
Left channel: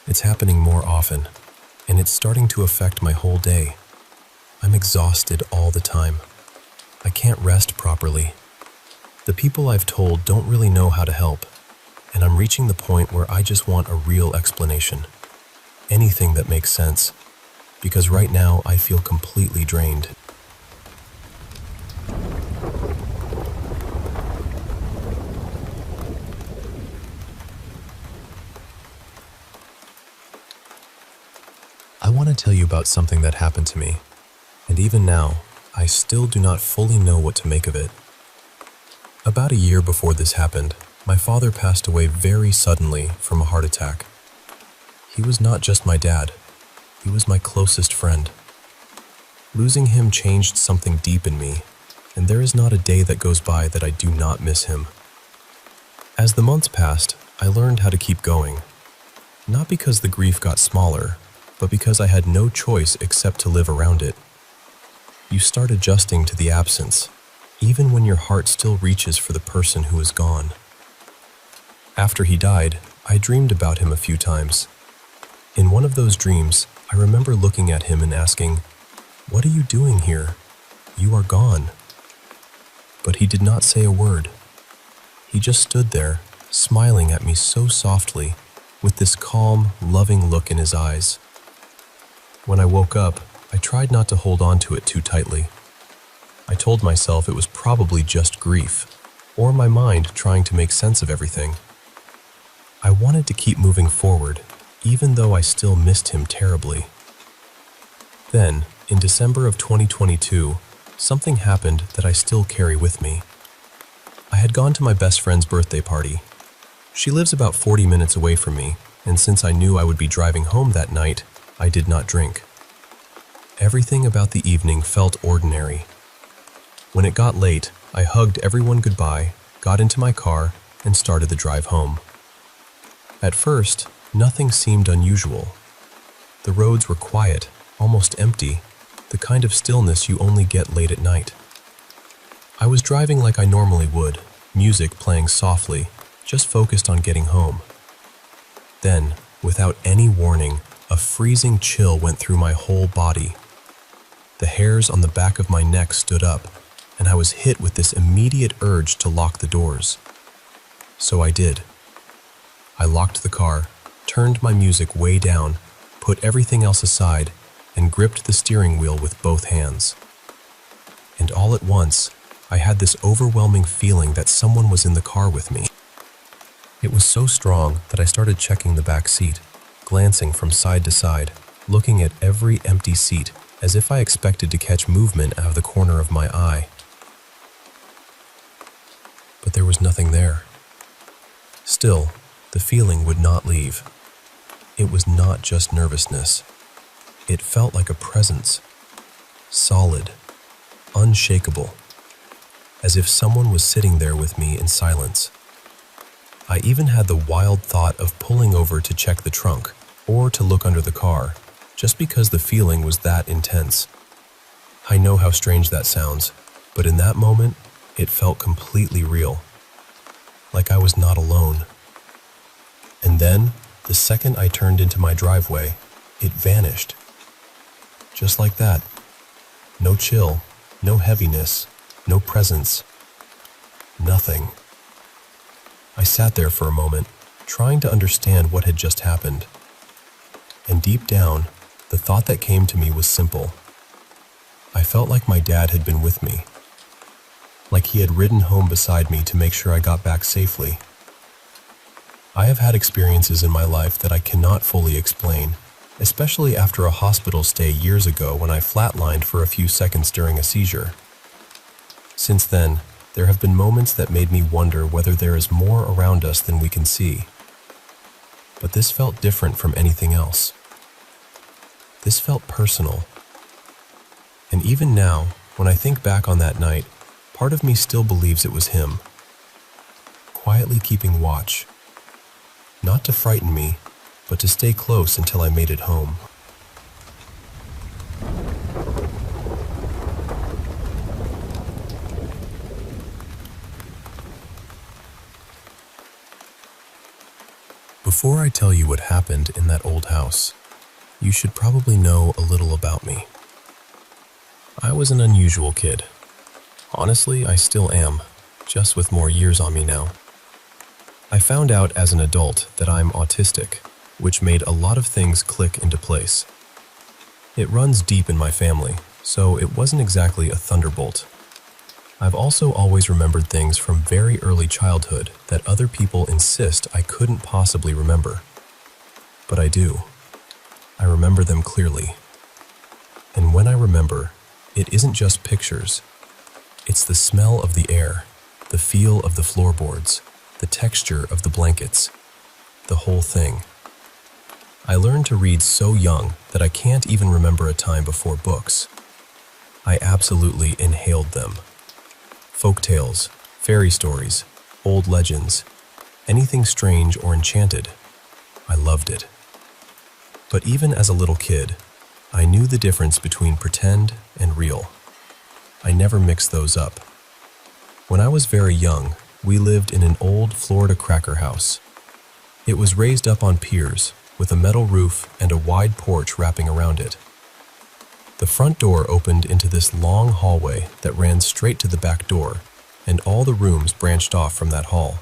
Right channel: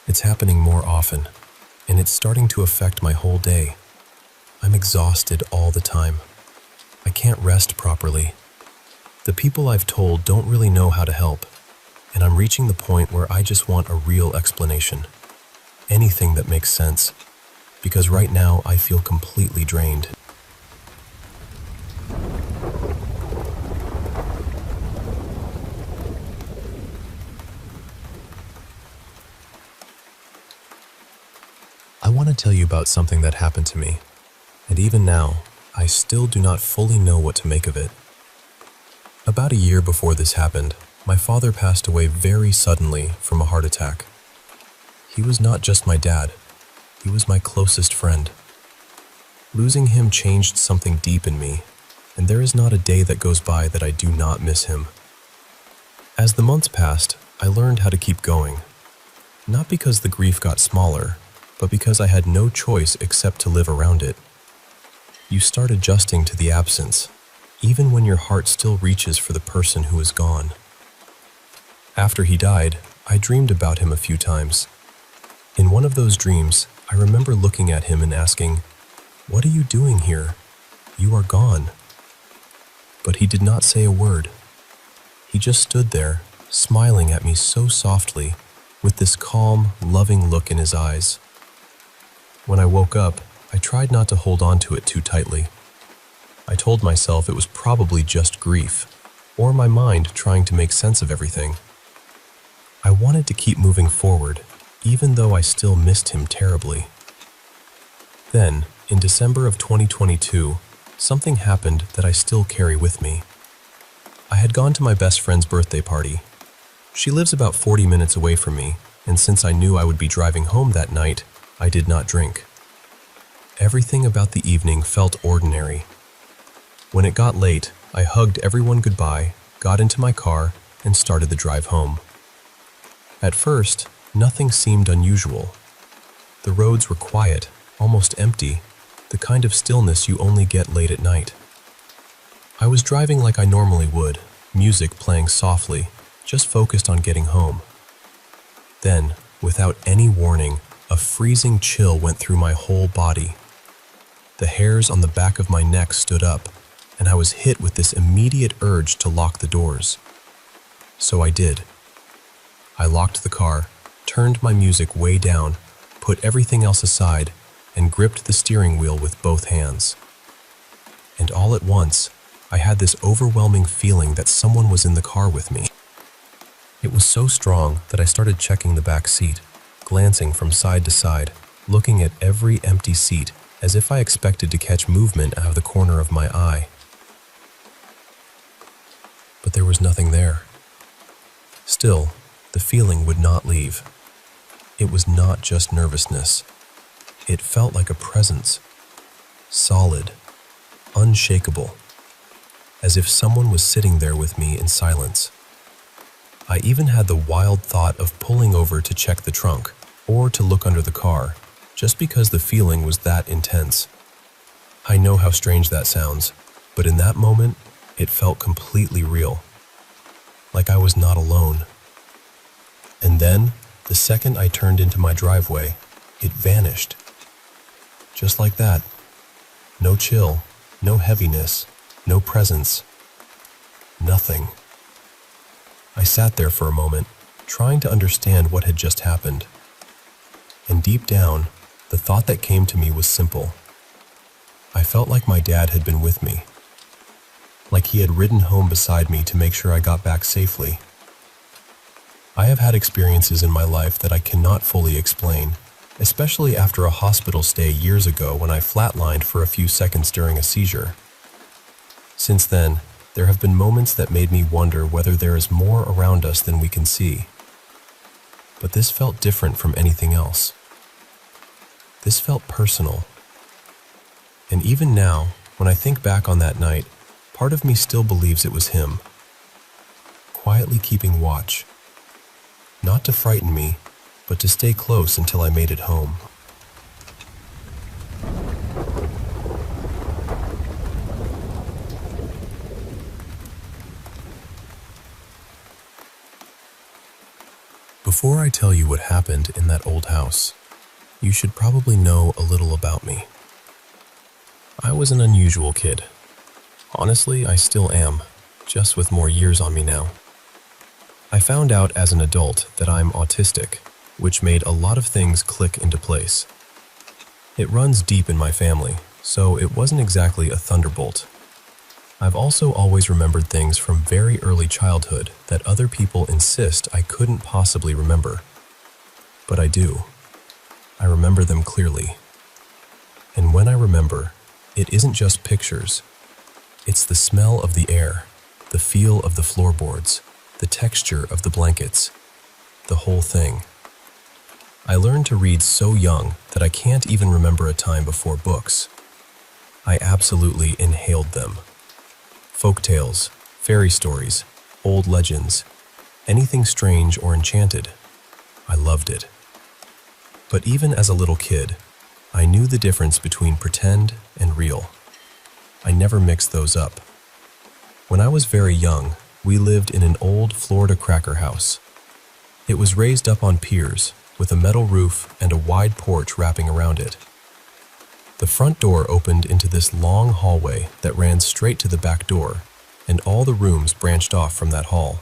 It's happening more often, and it's starting to affect my whole day. I'm exhausted all the time. I can't rest properly. The people I've told don't really know how to help, and I'm reaching the point where I just want a real explanation. Anything that makes sense, because right now I feel completely drained. I want to tell you about something that happened to me, and even now, I still do not fully know what to make of it. About a year before this happened, my father passed away very suddenly from a heart attack. He was not just my dad, he was my closest friend. Losing him changed something deep in me, and there is not a day that goes by that I do not miss him. As the months passed, I learned how to keep going. Not because the grief got smaller, but because I had no choice except to live around it. You start adjusting to the absence, even when your heart still reaches for the person who is gone. After he died, I dreamed about him a few times. In one of those dreams, I remember looking at him and asking, "What are you doing here? You are gone." But he did not say a word. He just stood there, smiling at me so softly, with this calm, loving look in his eyes. When I woke up, I tried not to hold on to it too tightly. I told myself it was probably just grief, or my mind trying to make sense of everything. I wanted to keep moving forward, even though I still missed him terribly. Then, in December of 2022, something happened that I still carry with me. I had gone to my best friend's birthday party. She lives about 40 minutes away from me, and since I knew I would be driving home that night, I did not drink. Everything about the evening felt ordinary. When it got late, I hugged everyone goodbye, got into my car, and started the drive home. At first, nothing seemed unusual. The roads were quiet, almost empty, the kind of stillness you only get late at night. I was driving like I normally would, music playing softly, just focused on getting home. Then, without any warning, a freezing chill went through my whole body. The hairs on the back of my neck stood up, and I was hit with this immediate urge to lock the doors. So I did. I locked the car, turned my music way down, put everything else aside, and gripped the steering wheel with both hands. And all at once, I had this overwhelming feeling that someone was in the car with me. It was so strong that I started checking the back seat, glancing from side to side, looking at every empty seat, as if I expected to catch movement out of the corner of my eye. But there was nothing there. Still, the feeling would not leave. It was not just nervousness. It felt like a presence. Solid, unshakable, as if someone was sitting there with me in silence. I even had the wild thought of pulling over to check the trunk, or to look under the car, just because the feeling was that intense. I know how strange that sounds, but in that moment, it felt completely real. Like I was not alone. And then, the second I turned into my driveway, it vanished. Just like that. No chill, no heaviness, no presence. Nothing. I sat there for a moment, trying to understand what had just happened. And deep down, the thought that came to me was simple. I felt like my dad had been with me. Like he had ridden home beside me to make sure I got back safely. I have had experiences in my life that I cannot fully explain, especially after a hospital stay years ago when I flatlined for a few seconds during a seizure. Since then, there have been moments that made me wonder whether there is more around us than we can see. But this felt different from anything else. This felt personal. And even now, when I think back on that night, part of me still believes it was him, quietly keeping watch, not to frighten me, but to stay close until I made it home. Before I tell you what happened in that old house, you should probably know a little about me. I was an unusual kid. Honestly, I still am, just with more years on me now. I found out as an adult that I'm autistic, which made a lot of things click into place. It runs deep in my family, so it wasn't exactly a thunderbolt. I've also always remembered things from very early childhood that other people insist I couldn't possibly remember. But I do. I remember them clearly. And when I remember, it isn't just pictures. It's the smell of the air, the feel of the floorboards, the texture of the blankets, the whole thing. I learned to read so young that I can't even remember a time before books. I absolutely inhaled them. Folk tales, fairy stories, old legends, anything strange or enchanted. I loved it. But even as a little kid, I knew the difference between pretend and real. I never mixed those up. When I was very young, we lived in an old Florida cracker house. It was raised up on piers, with a metal roof and a wide porch wrapping around it. The front door opened into this long hallway that ran straight to the back door, and all the rooms branched off from that hall.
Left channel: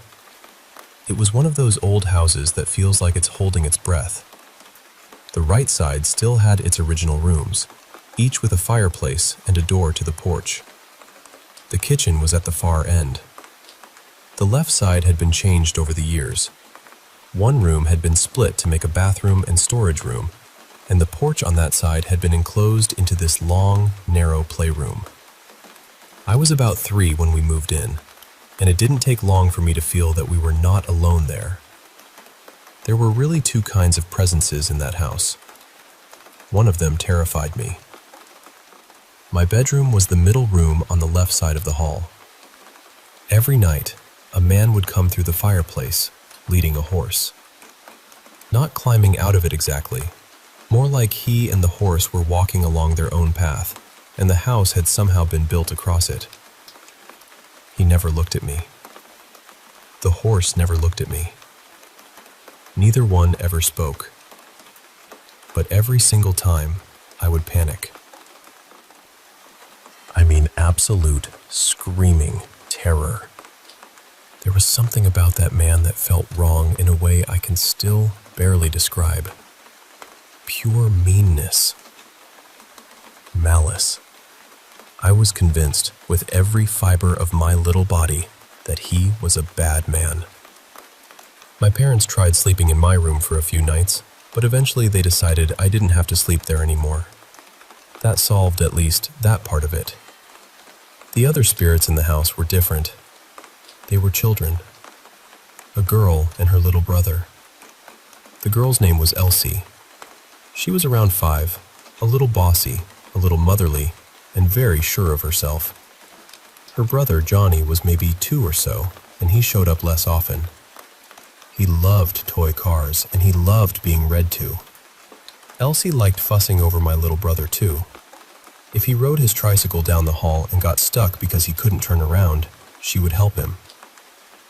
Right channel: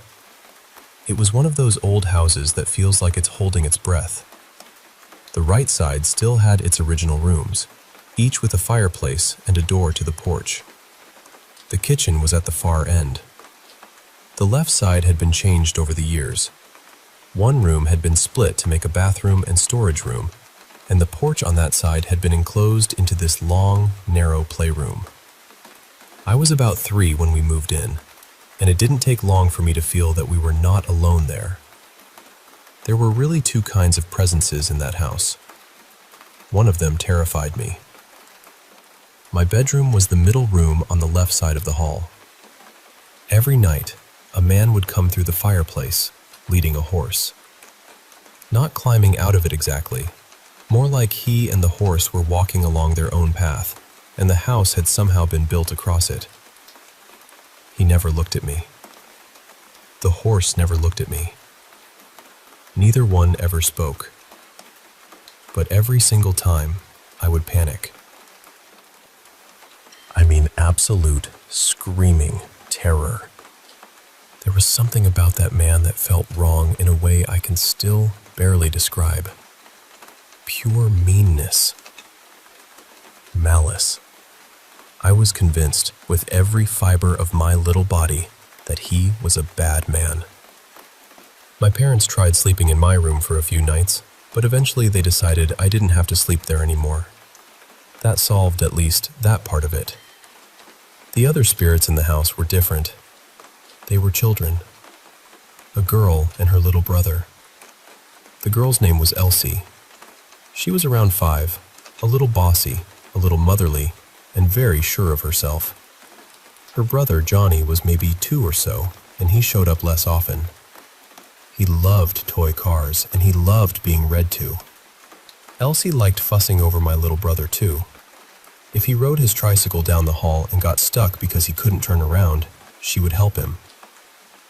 It was one of those old houses that feels like it's holding its breath. The right side still had its original rooms, each with a fireplace and a door to the porch. The kitchen was at the far end. The left side had been changed over the years. One room had been split to make a bathroom and storage room, and the porch on that side had been enclosed into this long, narrow playroom. I was about 3 when we moved in, and it didn't take long for me to feel that we were not alone there. There were really 2 kinds of presences in that house. One of them terrified me. My bedroom was the middle room on the left side of the hall. Every night, a man would come through the fireplace, leading a horse. Not climbing out of it exactly, more like he and the horse were walking along their own path, and the house had somehow been built across it. He never looked at me. The horse never looked at me. Neither one ever spoke. But every single time, I would panic. I mean, absolute screaming terror. There was something about that man that felt wrong in a way I can still barely describe. Pure meanness. Malice. I was convinced with every fiber of my little body that he was a bad man. My parents tried sleeping in my room for a few nights, but eventually they decided I didn't have to sleep there anymore. That solved at least that part of it. The other spirits in the house were different. They were children. A girl and her little brother. The girl's name was Elsie. She was around 5, a little bossy, a little motherly, and very sure of herself. Her brother, Johnny, was maybe 2 or so, and he showed up less often. He loved toy cars, and he loved being read to. Elsie liked fussing over my little brother, too. If he rode his tricycle down the hall and got stuck because he couldn't turn around, she would help him.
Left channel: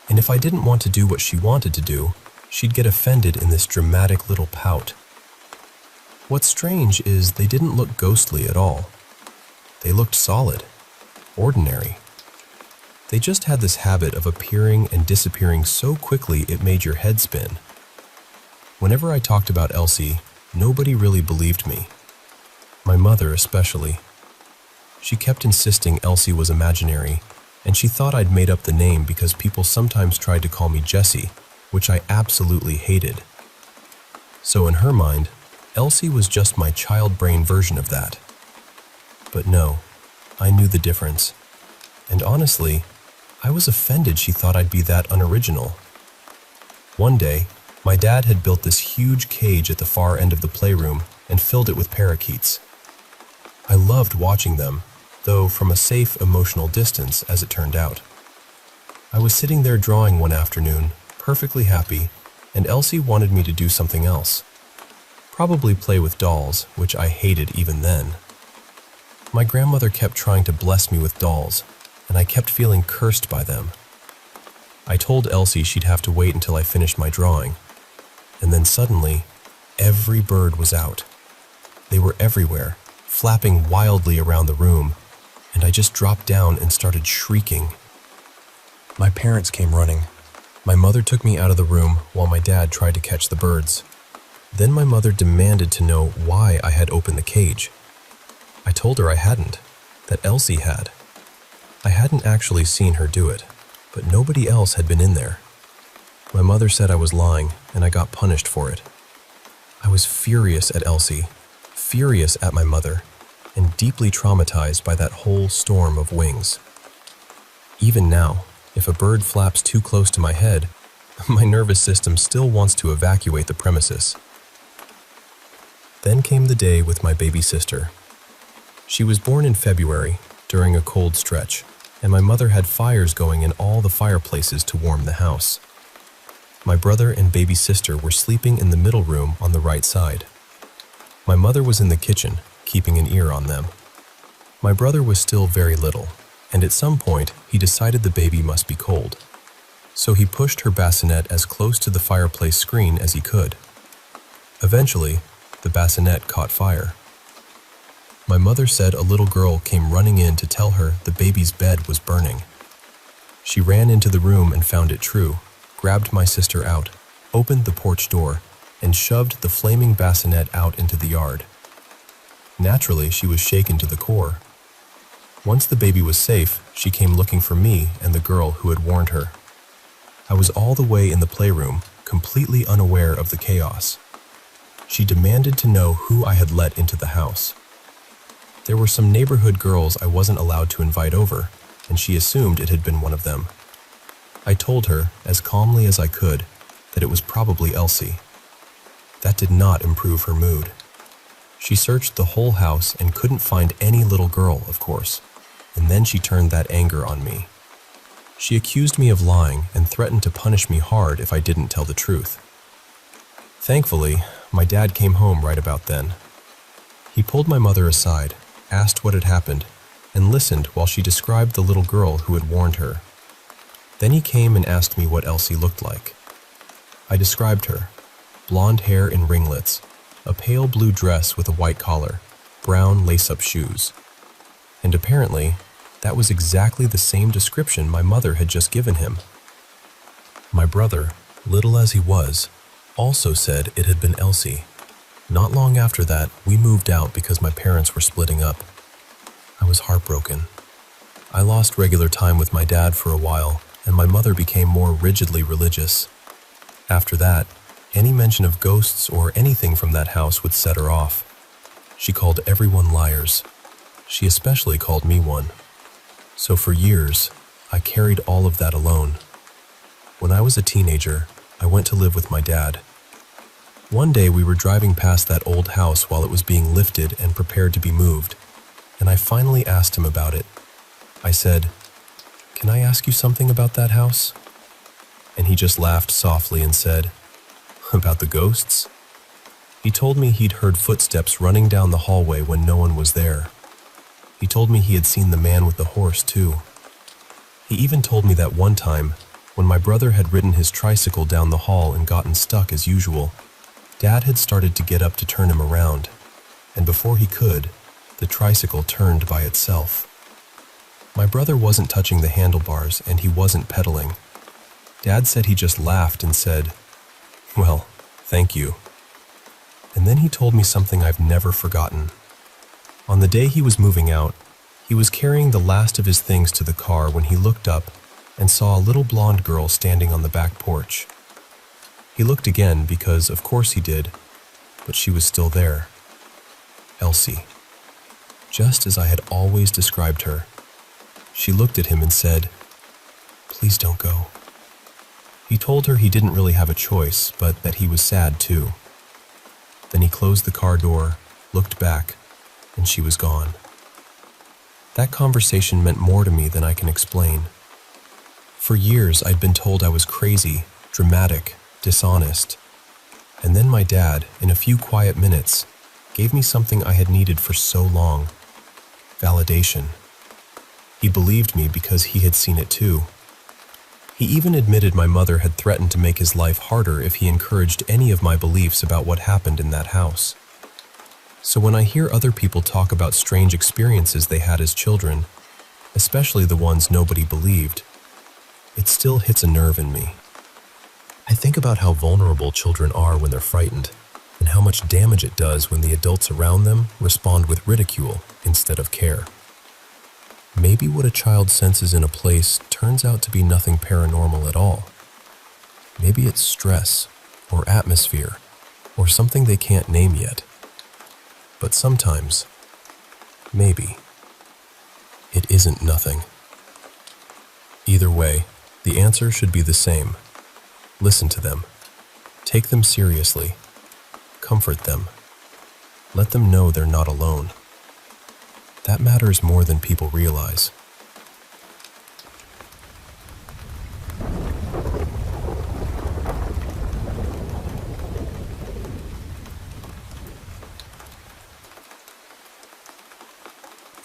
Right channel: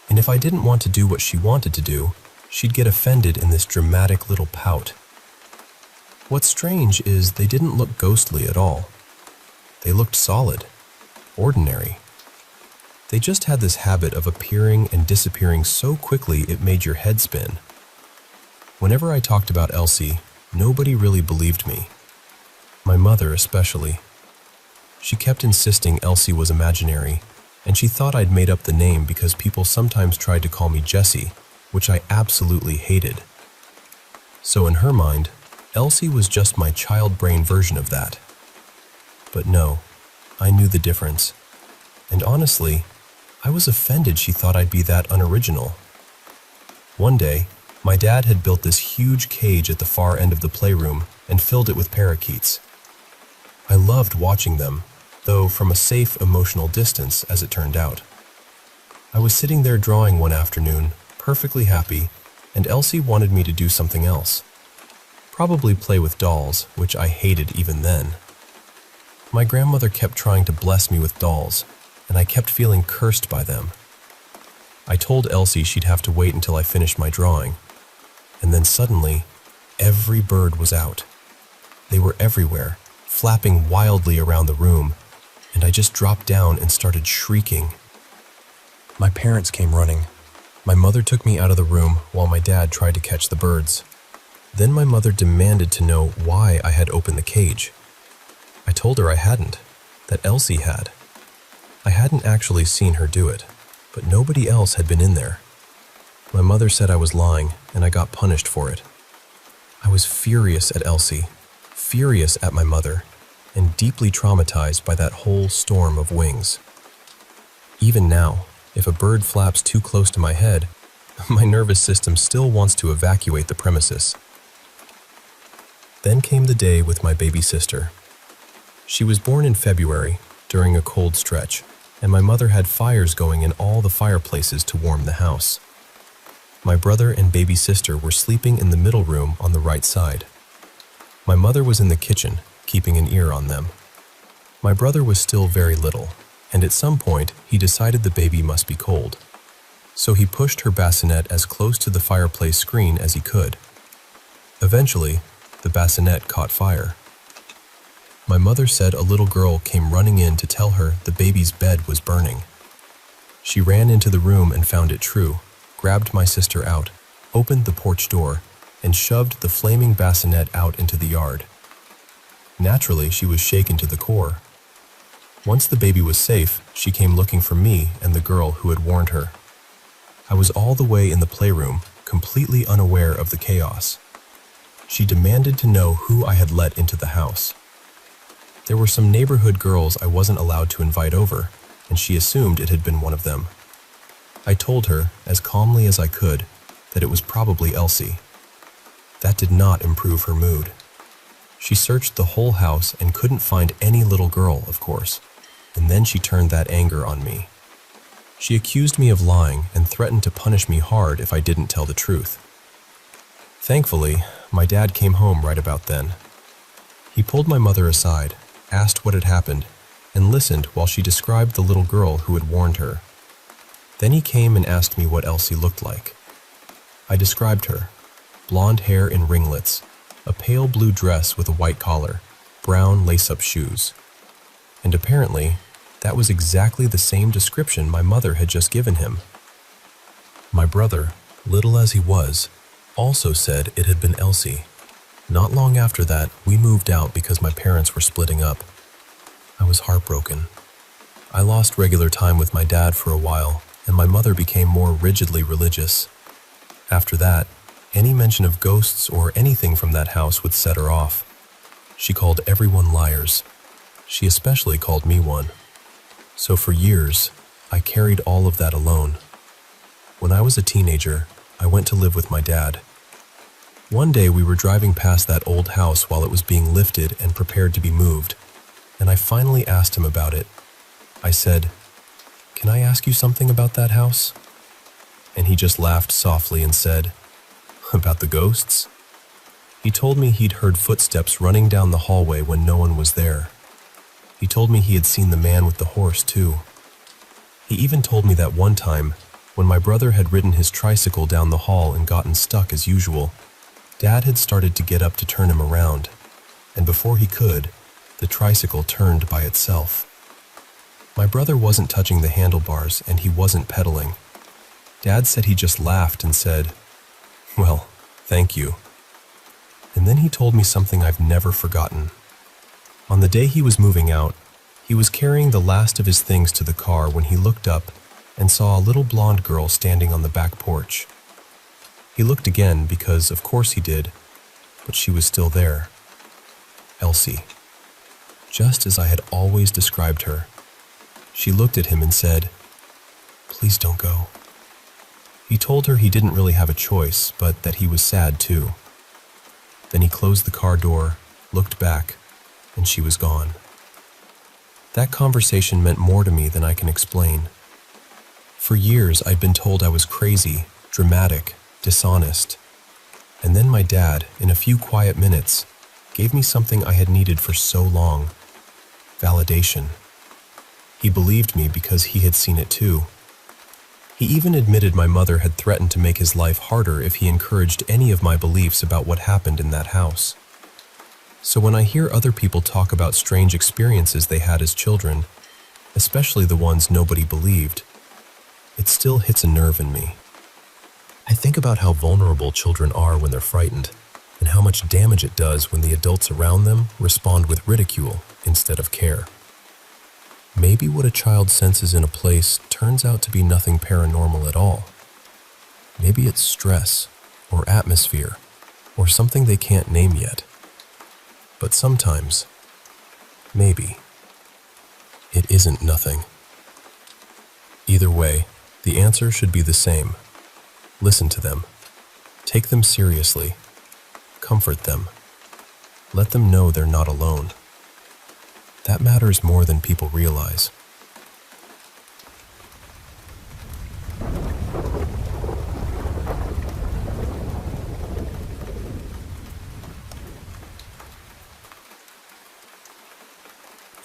And if I didn't want to do what she wanted to do, she'd get offended in this dramatic little pout. What's strange is they didn't look ghostly at all. They looked solid, ordinary. They just had this habit of appearing and disappearing so quickly it made your head spin. Whenever I talked about Elsie, nobody really believed me. My mother especially. She kept insisting Elsie was imaginary, and she thought I'd made up the name because people sometimes tried to call me Jessie, which I absolutely hated. So in her mind, Elsie was just my child brain version of that. But no, I knew the difference. And honestly, I was offended she thought I'd be that unoriginal. One day, my dad had built this huge cage at the far end of the playroom and filled it with parakeets. I loved watching them, though from a safe, emotional distance, as it turned out. I was sitting there drawing one afternoon, perfectly happy, and Elsie wanted me to do something else. Probably play with dolls, which I hated even then. My grandmother kept trying to bless me with dolls, and I kept feeling cursed by them. I told Elsie she'd have to wait until I finished my drawing, and then suddenly, every bird was out. They were everywhere, flapping wildly around the room, and I just dropped down and started shrieking. My parents came running. My mother took me out of the room while my dad tried to catch the birds. Then my mother demanded to know why I had opened the cage. I told her I hadn't, that Elsie had. I hadn't actually seen her do it, but nobody else had been in there. My mother said I was lying, and I got punished for it. I was furious at Elsie, furious at my mother, and deeply traumatized by that whole storm of wings. Even now, if a bird flaps too close to my head, my nervous system still wants to evacuate the premises. Then came the day with my baby sister. She was born in February, during a cold stretch, and my mother had fires going in all the fireplaces to warm the house. My brother and baby sister were sleeping in the middle room on the right side. My mother was in the kitchen, keeping an ear on them. My brother was still very little, and at some point he decided the baby must be cold. So he pushed her bassinet as close to the fireplace screen as he could. Eventually, the bassinet caught fire. My mother said a little girl came running in to tell her the baby's bed was burning. She ran into the room and found it true, grabbed my sister out, opened the porch door, and shoved the flaming bassinet out into the yard. Naturally, she was shaken to the core. Once the baby was safe, she came looking for me and the girl who had warned her. I was all the way in the playroom, completely unaware of the chaos. She demanded to know who I had let into the house. There were some neighborhood girls I wasn't allowed to invite over, and she assumed it had been one of them. I told her, as calmly as I could, that it was probably Elsie. That did not improve her mood. She searched the whole house and couldn't find any little girl, of course, and then she turned that anger on me. She accused me of lying and threatened to punish me hard if I didn't tell the truth. Thankfully, my dad came home right about then. He pulled my mother aside, asked what had happened, and listened while she described the little girl who had warned her. Then he came and asked me what Elsie looked like. I described her: blonde hair in ringlets, a pale blue dress with a white collar, brown lace-up shoes. And apparently, that was exactly the same description my mother had just given him. My brother, little as he was, also said it had been Elsie. Not long after that, we moved out because my parents were splitting up. I was heartbroken. I lost regular time with my dad for a while, and my mother became more rigidly religious. After that, any mention of ghosts or anything from that house would set her off. She called everyone liars. She especially called me one. So for years, I carried all of that alone. When I was a teenager, I went to live with my dad. One day we were driving past that old house while it was being lifted and prepared to be moved, and I finally asked him about it. I said, "Can I ask you something about that house?" And he just laughed softly and said, "About the ghosts?" He told me he'd heard footsteps running down the hallway when no one was there. He told me he had seen the man with the horse too. He even told me that one time, when my brother had ridden his tricycle down the hall and gotten stuck as usual, Dad had started to get up to turn him around, and before he could, the tricycle turned by itself. My brother wasn't touching the handlebars and he wasn't pedaling. Dad said he just laughed and said, "Well, thank you." And then he told me something I've never forgotten. On the day he was moving out, he was carrying the last of his things to the car when he looked up and saw a little blonde girl standing on the back porch. He looked again because, of course he did. but she was still there. Elsie. Just as I had always described her. She looked at him and said, "Please don't go." He told her he didn't really have a choice, but that he was sad too. Then he closed the car door, looked back, and she was gone. That conversation meant more to me than I can explain. For years, I'd been told I was crazy, dramatic, dishonest. And then my dad, in a few quiet minutes, gave me something I had needed for so long: validation. He believed me because he had seen it too. He even admitted my mother had threatened to make his life harder if he encouraged any of my beliefs about what happened in that house. So when I hear other people talk about strange experiences they had as children, especially the ones nobody believed, it still hits a nerve in me. I think about how vulnerable children are when they're frightened, and how much damage it does when the adults around them respond with ridicule instead of care. Maybe what a child senses in a place turns out to be nothing paranormal at all. Maybe it's stress, or atmosphere, or something they can't name yet. But sometimes, maybe, it isn't nothing. Either way, the answer should be the same. Listen to them. Take them seriously. Comfort them. Let them know they're not alone. That matters more than people realize.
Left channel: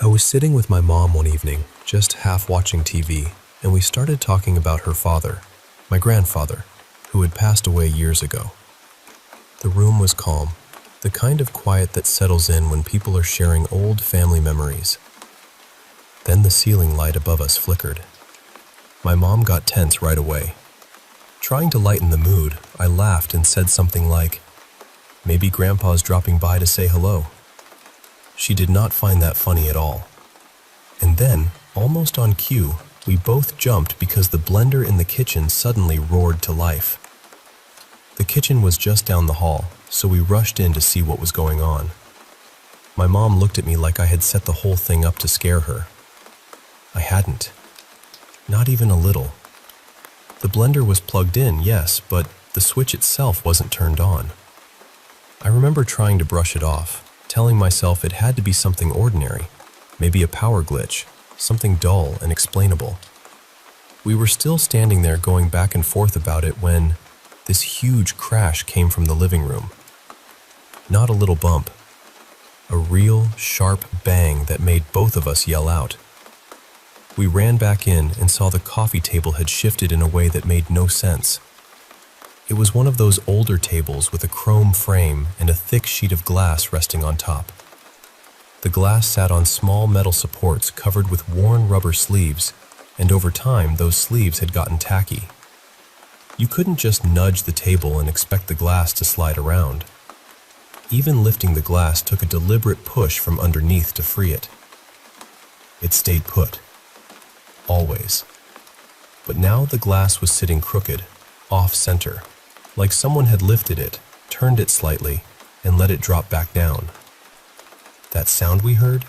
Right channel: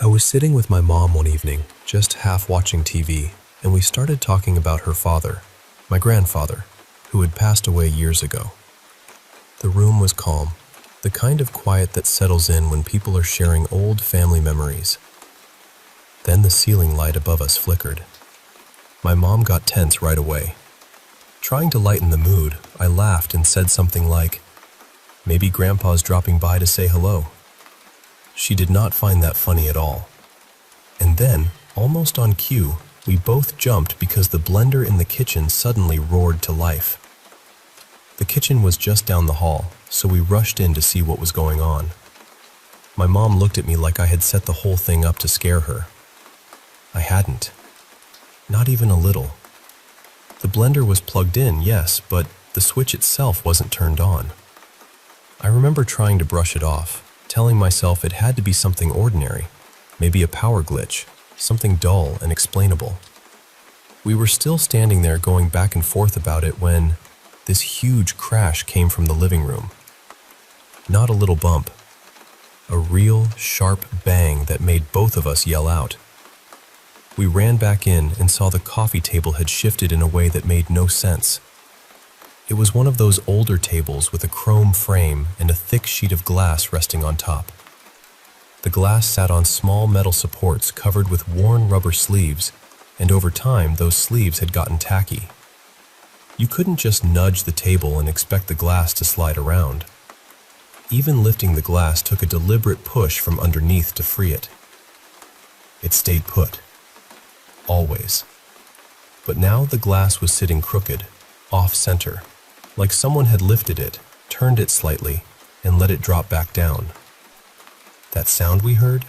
I was sitting with my mom one evening, just half watching TV, and we started talking about her father, my grandfather, who had passed away years ago. The room was calm, the kind of quiet that settles in when people are sharing old family memories. Then the ceiling light above us flickered. My mom got tense right away. Trying to lighten the mood, I laughed and said something like, "Maybe Grandpa's dropping by to say hello." She did not find that funny at all. And then, almost on cue, we both jumped because the blender in the kitchen suddenly roared to life. The kitchen was just down the hall, so we rushed in to see what was going on. My mom looked at me like I had set the whole thing up to scare her. I hadn't. Not even a little. The blender was plugged in, yes, but the switch itself wasn't turned on. I remember trying to brush it off, telling myself it had to be something ordinary, maybe a power glitch, something dull and explainable. We were still standing there going back and forth about it when this huge crash came from the living room. Not a little bump. A real, sharp bang that made both of us yell out. We ran back in and saw the coffee table had shifted in a way that made no sense. It was one of those older tables with a chrome frame and a thick sheet of glass resting on top. The glass sat on small metal supports covered with worn rubber sleeves, and over time those sleeves had gotten tacky. You couldn't just nudge the table and expect the glass to slide around. Even lifting the glass took a deliberate push from underneath to free it. It stayed put. Always. But now the glass was sitting crooked, off-center, like someone had lifted it, turned it slightly, and let it drop back down. That sound we heard?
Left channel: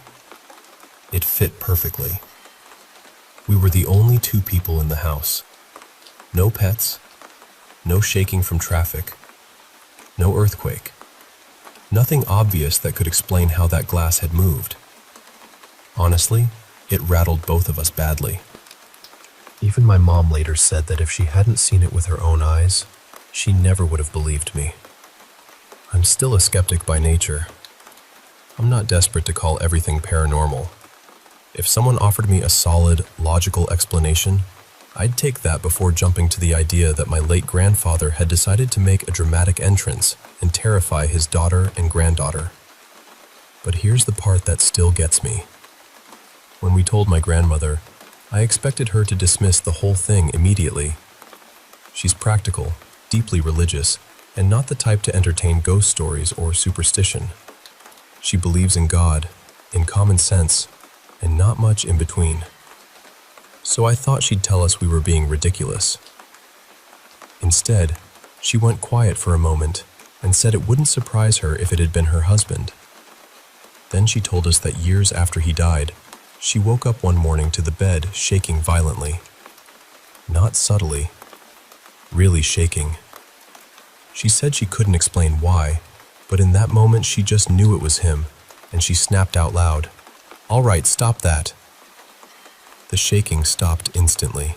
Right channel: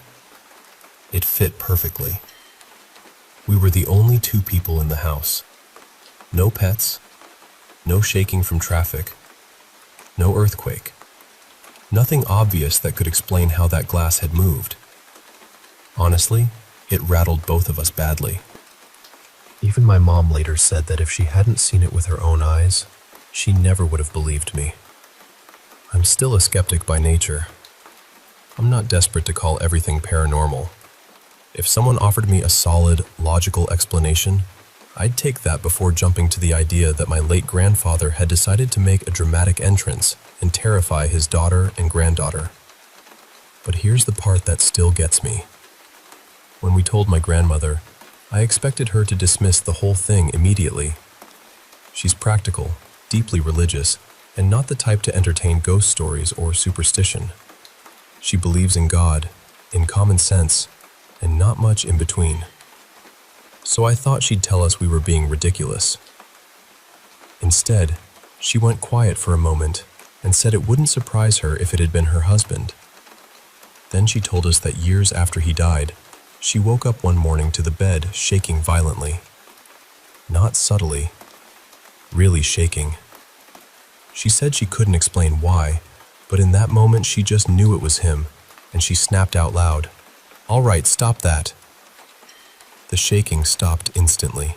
It fit perfectly. We were the only two people in the house. No pets, no shaking from traffic, no earthquake. Nothing obvious that could explain how that glass had moved. Honestly, it rattled both of us badly. Even my mom later said that if she hadn't seen it with her own eyes, she never would have believed me. I'm still a skeptic by nature. I'm not desperate to call everything paranormal. If someone offered me a solid, logical explanation, I'd take that before jumping to the idea that my late grandfather had decided to make a dramatic entrance and terrify his daughter and granddaughter. But here's the part that still gets me. When we told my grandmother, I expected her to dismiss the whole thing immediately. She's practical, deeply religious, and not the type to entertain ghost stories or superstition. She believes in God, in common sense, and not much in between. So I thought she'd tell us we were being ridiculous. Instead, she went quiet for a moment, then said, and said it wouldn't surprise her if it had been her husband. Then she told us that years after he died, she woke up one morning to the bed shaking violently. Not subtly, really shaking. She said she couldn't explain why, but in that moment she just knew it was him, and she snapped out loud, "All right, stop that." The shaking stopped instantly.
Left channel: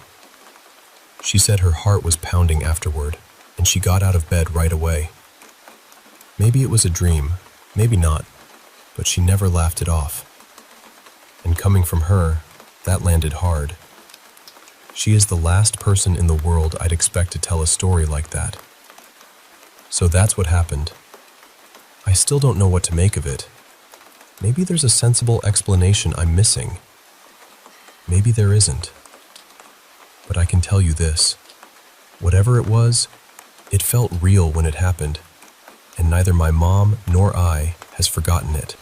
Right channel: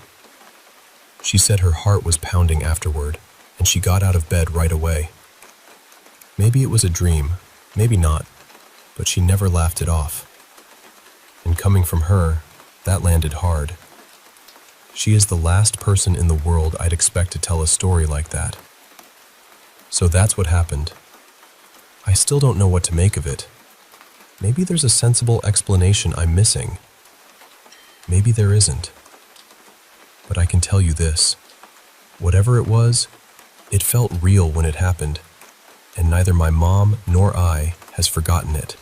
She said her heart was pounding afterward, and she got out of bed right away. Maybe it was a dream, maybe not, but she never laughed it off. And coming from her, that landed hard. She is the last person in the world I'd expect to tell a story like that. So that's what happened. I still don't know what to make of it. Maybe there's a sensible explanation I'm missing. Maybe there isn't. But I can tell you this. Whatever it was, it felt real when it happened, and neither my mom nor I has forgotten it.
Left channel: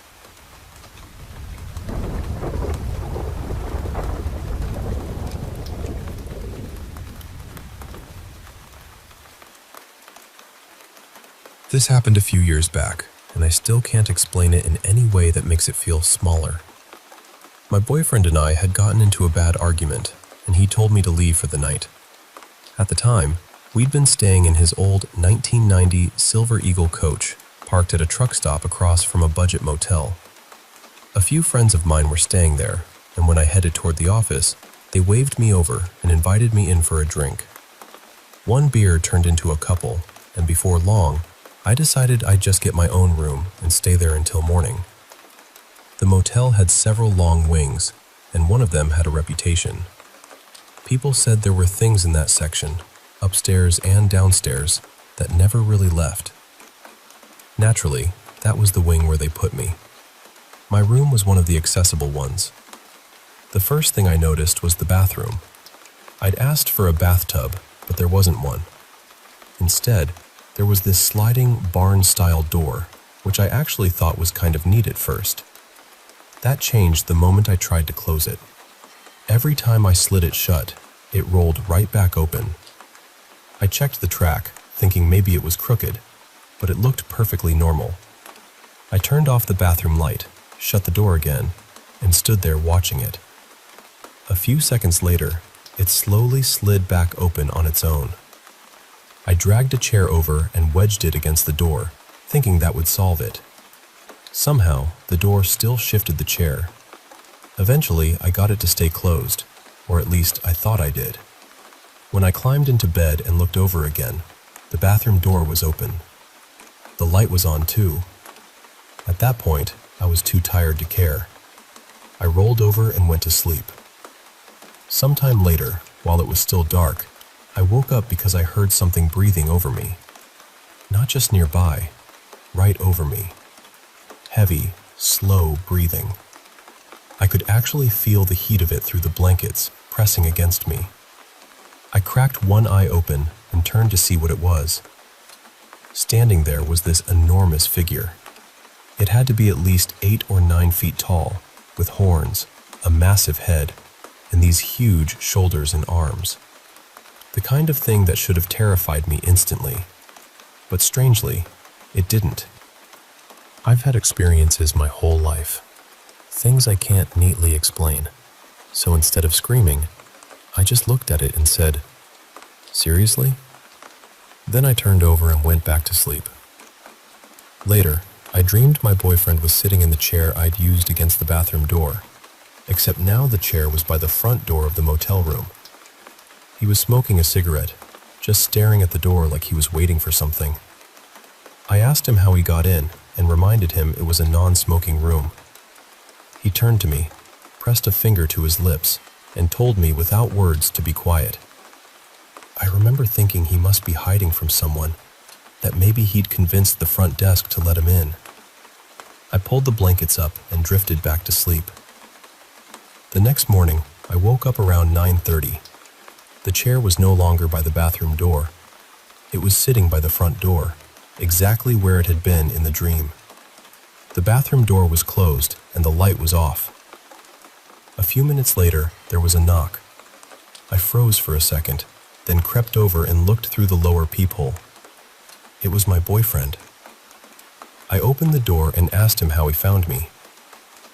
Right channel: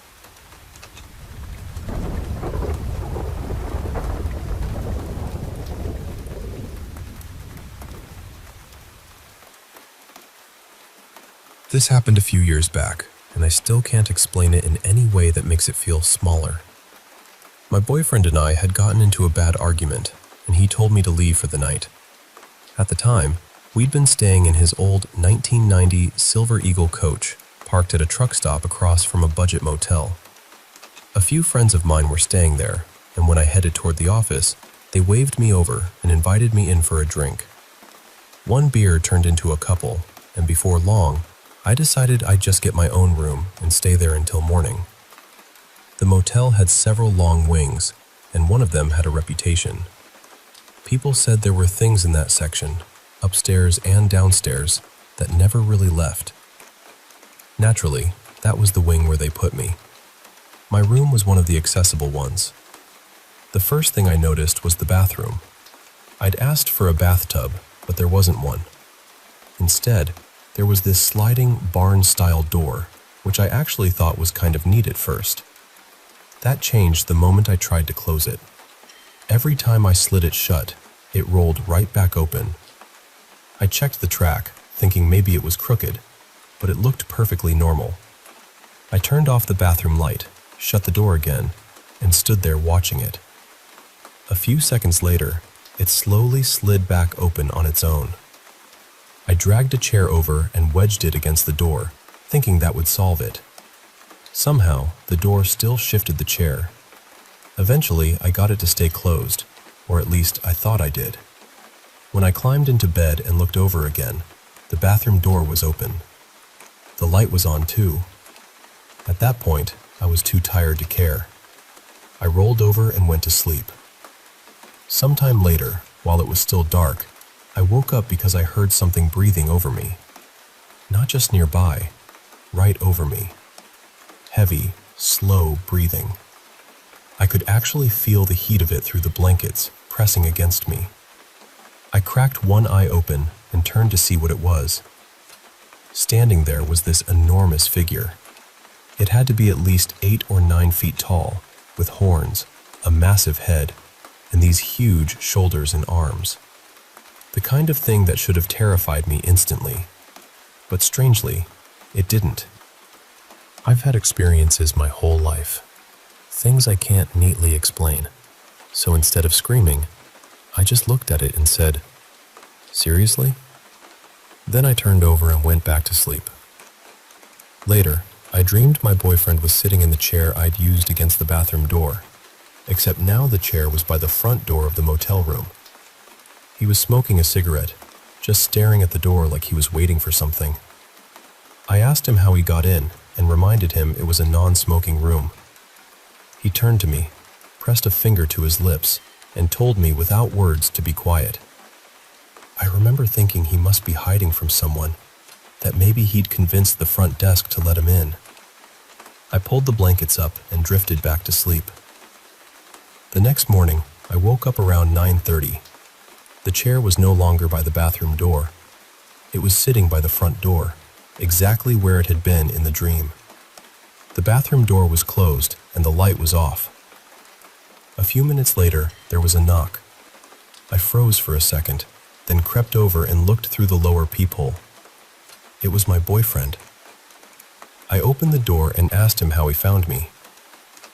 This happened a few years back, and I still can't explain it in any way that makes it feel smaller. My boyfriend and I had gotten into a bad argument, and he told me to leave for the night. At the time, we'd been staying in his old 1990 Silver Eagle coach, parked at a truck stop across from a budget motel. A few friends of mine were staying there, and when I headed toward the office, they waved me over and invited me in for a drink. One beer turned into a couple, and before long, I decided I'd just get my own room and stay there until morning. The motel had several long wings, and one of them had a reputation. People said there were things in that section, upstairs and downstairs, that never really left. Naturally, that was the wing where they put me. My room was one of the accessible ones. The first thing I noticed was the bathroom. I'd asked for a bathtub, but there wasn't one. Instead, there was this sliding barn-style door, which I actually thought was kind of neat at first. That changed the moment I tried to close it. Every time I slid it shut, it rolled right back open. I checked the track, thinking maybe it was crooked, but it looked perfectly normal. I turned off the bathroom light, shut the door again, and stood there watching it. A few seconds later, it slowly slid back open on its own. I dragged a chair over and wedged it against the door, thinking that would solve it. Somehow, the door still shifted the chair. Eventually, I got it to stay closed, or at least I thought I did. When I climbed into bed and looked over again, the bathroom door was open. The light was on too. At that point, I was too tired to care. I rolled over and went to sleep. Sometime later, while it was still dark, I woke up because I heard something breathing over me. Not just nearby, right over me. Heavy, slow breathing. I could actually feel the heat of it through the blankets, pressing against me. I cracked one eye open and turned to see what it was. Standing there was this enormous figure. It had to be at least 8 or 9 feet tall, with horns, a massive head, and these huge shoulders and arms. The kind of thing that should have terrified me instantly. But strangely, it didn't. I've had experiences my whole life. Things I can't neatly explain. So instead of screaming, I just looked at it and said, "Seriously?" Then I turned over and went back to sleep. Later, I dreamed my boyfriend was sitting in the chair I'd used against the bathroom door, except now the chair was by the front door of the motel room. He was smoking a cigarette, just staring at the door like he was waiting for something. I asked him how he got in and reminded him it was a non-smoking room. He turned to me, pressed a finger to his lips, and told me without words to be quiet. I remember thinking he must be hiding from someone, that maybe he'd convinced the front desk to let him in. I pulled the blankets up and drifted back to sleep. The next morning, I woke up around 9:30. The chair was no longer by the bathroom door. It was sitting by the front door, exactly where it had been in the dream. The bathroom door was closed and the light was off. A few minutes later, there was a knock. I froze for a second, then crept over and looked through the lower peephole. It was my boyfriend, I opened the door and asked him how he found me.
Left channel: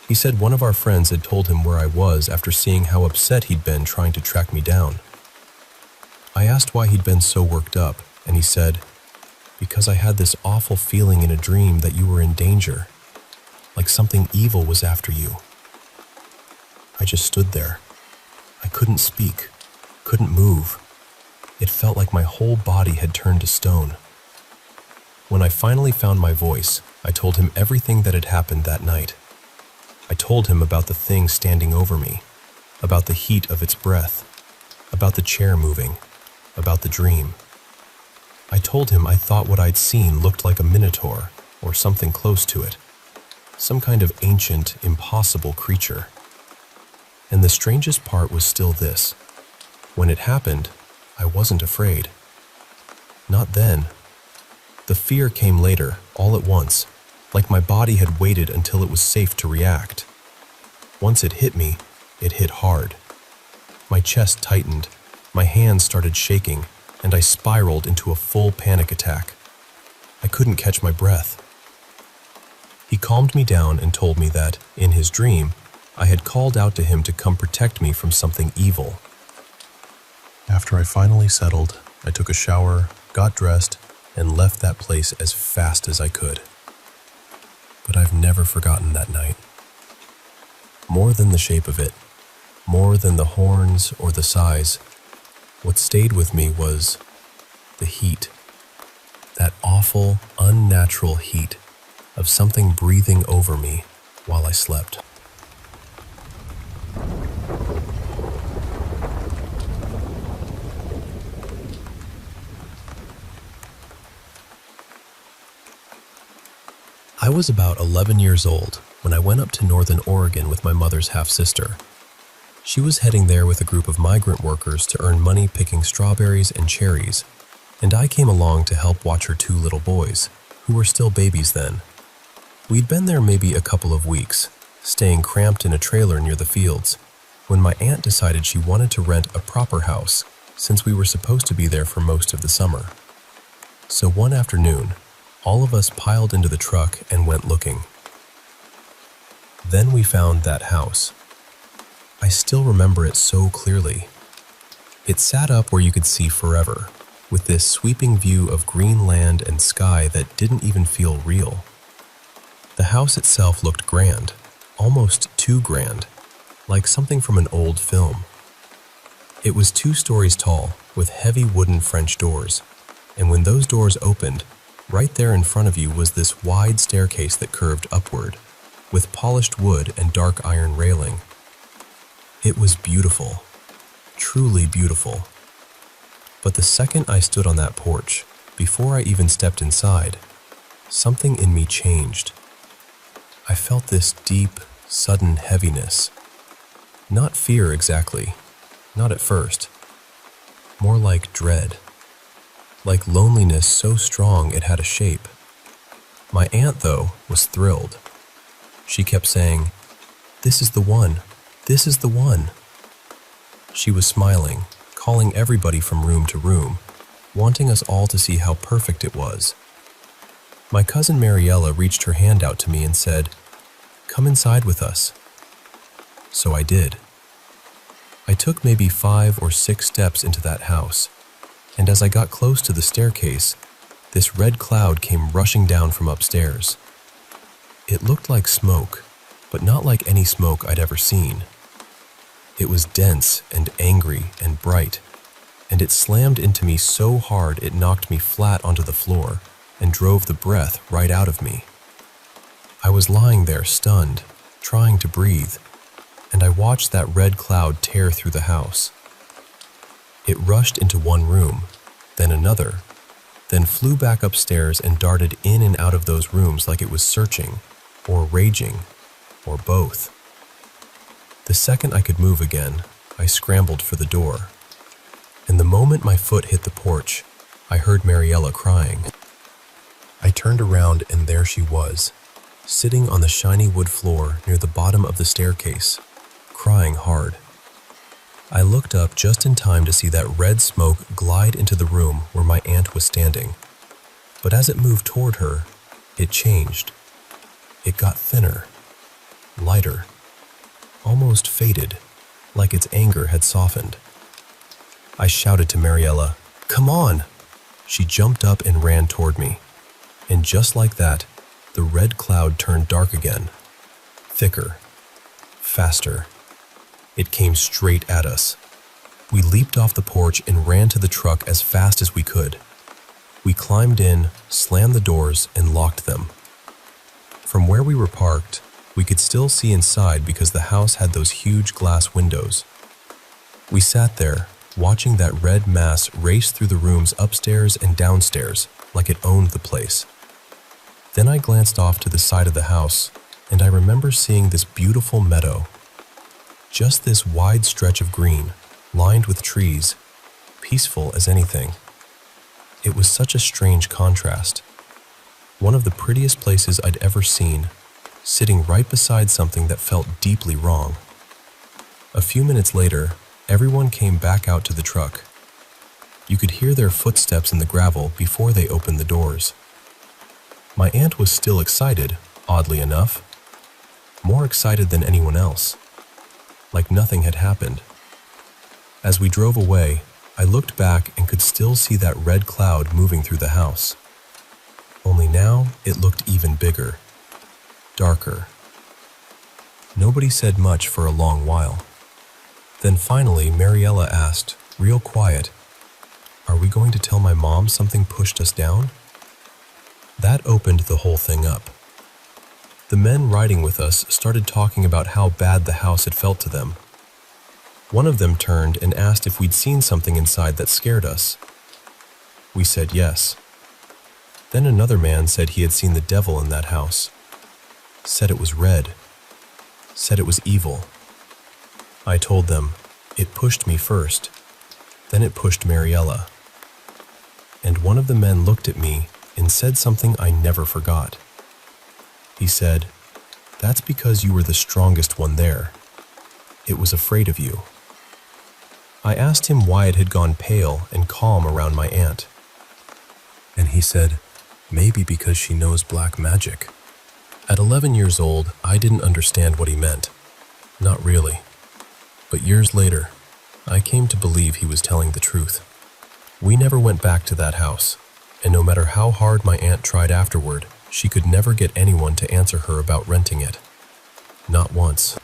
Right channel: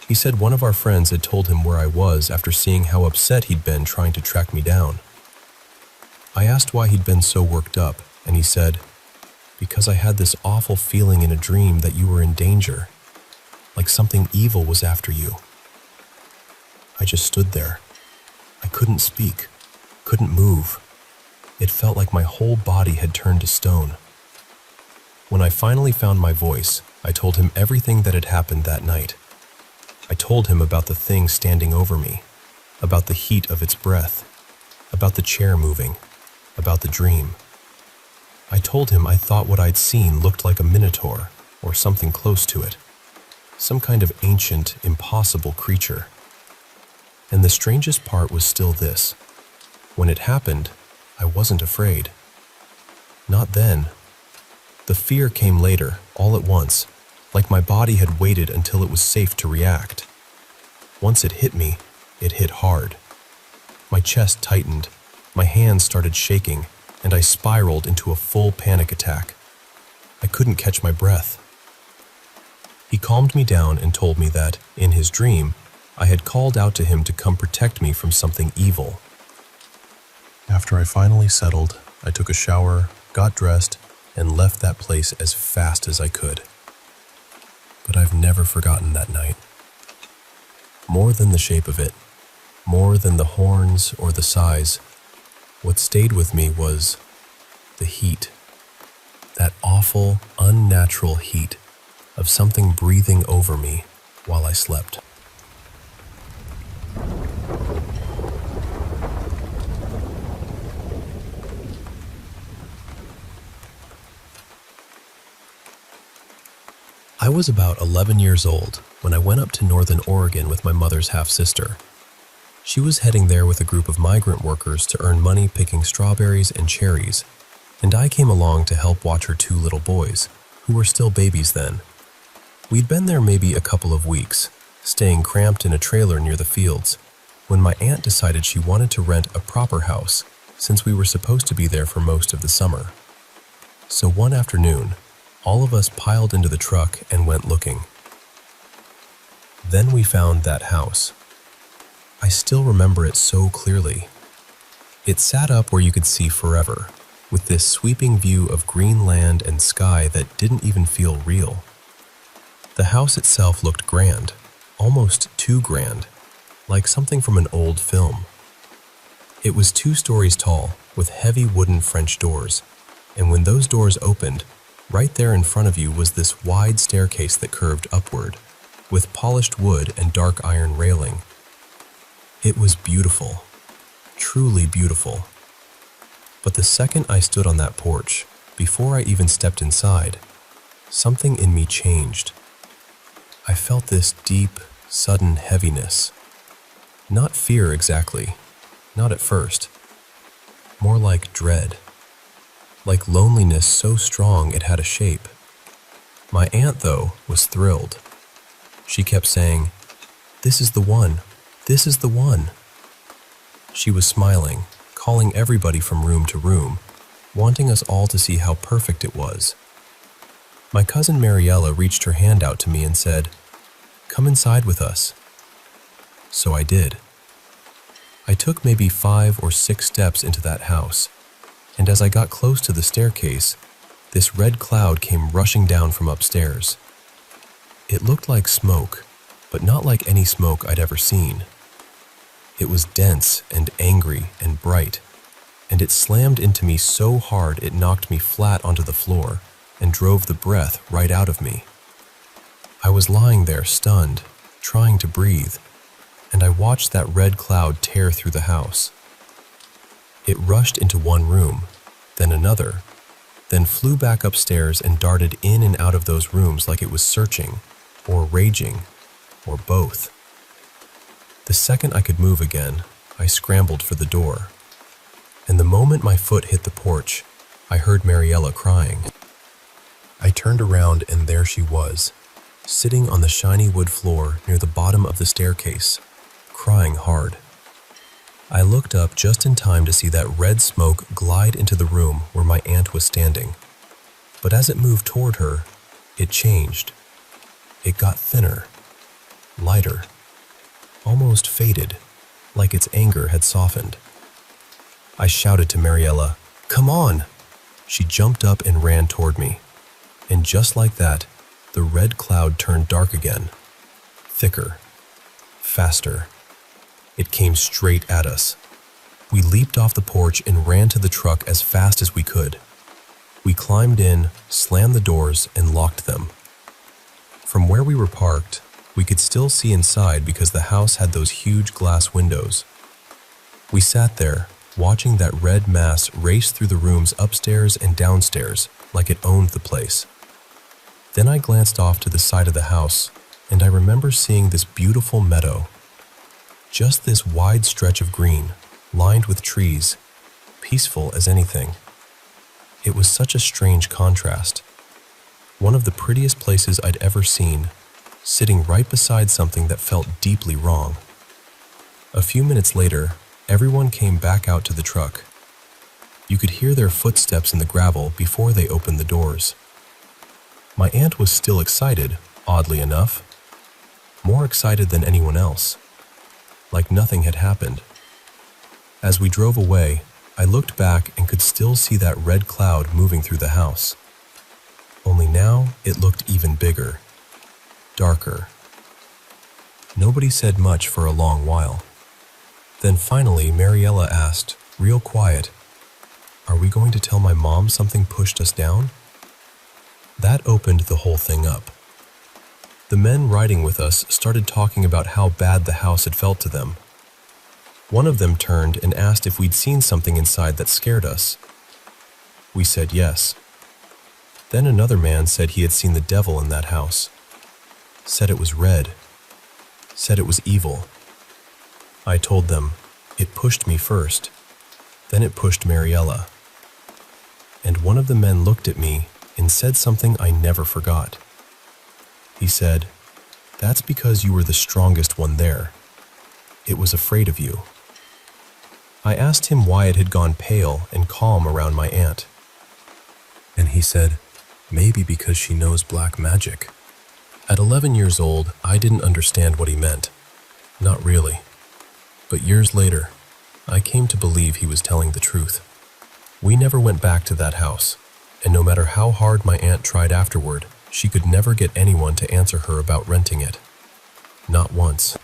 He said one of our friends had told him where I was after seeing how upset he'd been trying to track me down. I asked why he'd been so worked up, and he said, "Because I had this awful feeling in a dream that you were in danger, like something evil was after you." I just stood there. I couldn't speak, couldn't move. It felt like my whole body had turned to stone. When I finally found my voice, I told him everything that had happened that night. I told him about the thing standing over me, about the heat of its breath, about the chair moving, about the dream. I told him I thought what I'd seen looked like a minotaur, or something close to it, some kind of ancient, impossible creature. And the strangest part was still this. When it happened, I wasn't afraid. Not then. The fear came later, all at once, like my body had waited until it was safe to react. Once it hit me, it hit hard. My chest tightened, my hands started shaking, and I spiraled into a full panic attack. I couldn't catch my breath. He calmed me down and told me that, in his dream, I had called out to him to come protect me from something evil. After I finally settled, I took a shower, got dressed, and left that place as fast as I could. But I've never forgotten that night. More than the shape of it, more than the horns or the size, what stayed with me was the heat. That awful, unnatural heat of something breathing over me while I slept. I was about 11 years old when I went up to Northern Oregon with my mother's half-sister. She was heading there with a group of migrant workers to earn money picking strawberries and cherries, and I came along to help watch her 2 little boys, who were still babies then. We'd been there maybe a couple of weeks, staying cramped in a trailer near the fields, when my aunt decided she wanted to rent a proper house, since we were supposed to be there for most of the summer. So one afternoon, all of us piled into the truck and went looking. Then we found that house. I still remember it so clearly. It sat up where you could see forever, with this sweeping view of green land and sky that didn't even feel real. The house itself looked grand, almost too grand, like something from an old film. It was 2 stories tall, with heavy wooden French doors, and when those doors opened, right there in front of you was this wide staircase that curved upward, with polished wood and dark iron railing. It was beautiful, truly beautiful. But the second I stood on that porch, before I even stepped inside, something in me changed. I felt this deep, sudden heaviness. Not fear exactly, not at first. More like dread. Like loneliness so strong it had a shape. My aunt, though, was thrilled. She kept saying, "This is the one, this is the one." She was smiling, calling everybody from room to room, wanting us all to see how perfect it was. My cousin Mariella reached her hand out to me and said, "Come inside with us." So I did. I took maybe 5 or 6 steps into that house, and as I got close to the staircase, this red cloud came rushing down from upstairs. It looked like smoke, but not like any smoke I'd ever seen. It was dense and angry and bright, and it slammed into me so hard it knocked me flat onto the floor and drove the breath right out of me. I was lying there stunned, trying to breathe, and I watched that red cloud tear through the house. It rushed into one room, then another, then flew back upstairs and darted in and out of those rooms like it was searching, or raging, or both. The second I could move again, I scrambled for the door. And the moment my foot hit the porch, I heard Mariella crying. I turned around and there she was, sitting on the shiny wood floor near the bottom of the staircase, crying hard. I looked up just in time to see that red smoke glide into the room where my aunt was standing. But as it moved toward her, It changed. It got thinner, lighter, almost faded, like its anger had softened. I shouted to Mariella, "Come on!" She jumped up and ran toward me. And just like that, the red cloud turned dark again. Thicker, faster. It came straight at us. We leaped off the porch and ran to the truck as fast as we could. We climbed in, slammed the doors, and locked them. From where we were parked, we could still see inside because the house had those huge glass windows. We sat there, watching that red mass race through the rooms upstairs and downstairs like it owned the place. Then I glanced off to the side of the house, and I remember seeing this beautiful meadow. Just this wide stretch of green, lined with trees, peaceful as anything. It was such a strange contrast. One of the prettiest places I'd ever seen, sitting right beside something that felt deeply wrong. A few minutes later, everyone came back out to the truck. You could hear their footsteps in the gravel before they opened the doors. My aunt was still excited, oddly enough. More excited than anyone else. Like nothing had happened. As we drove away, I looked back and could still see that red cloud moving through the house. Only now it looked even bigger, darker. Nobody said much for a long while. Then finally, Mariella asked, real quiet, "Are we going to tell my mom something pushed us down?" That opened the whole thing up. The men riding with us started talking about how bad the house had felt to them. One of them turned and asked if we'd seen something inside that scared us. We said yes. Then another man said he had seen the devil in that house. Said it was red. Said it was evil. I told them, it pushed me first. Then it pushed Mariella. And one of the men looked at me and said something I never forgot. He said, "That's because you were the strongest one there. It was afraid of you." I asked him why it had gone pale and calm around my aunt. And he said, "Maybe because she knows black magic." At 11 years old, I didn't understand what he meant. Not really. But years later, I came to believe he was telling the truth. We never went back to that house, and no matter how hard my aunt tried afterward, she could never get anyone to answer her about renting it. Not once.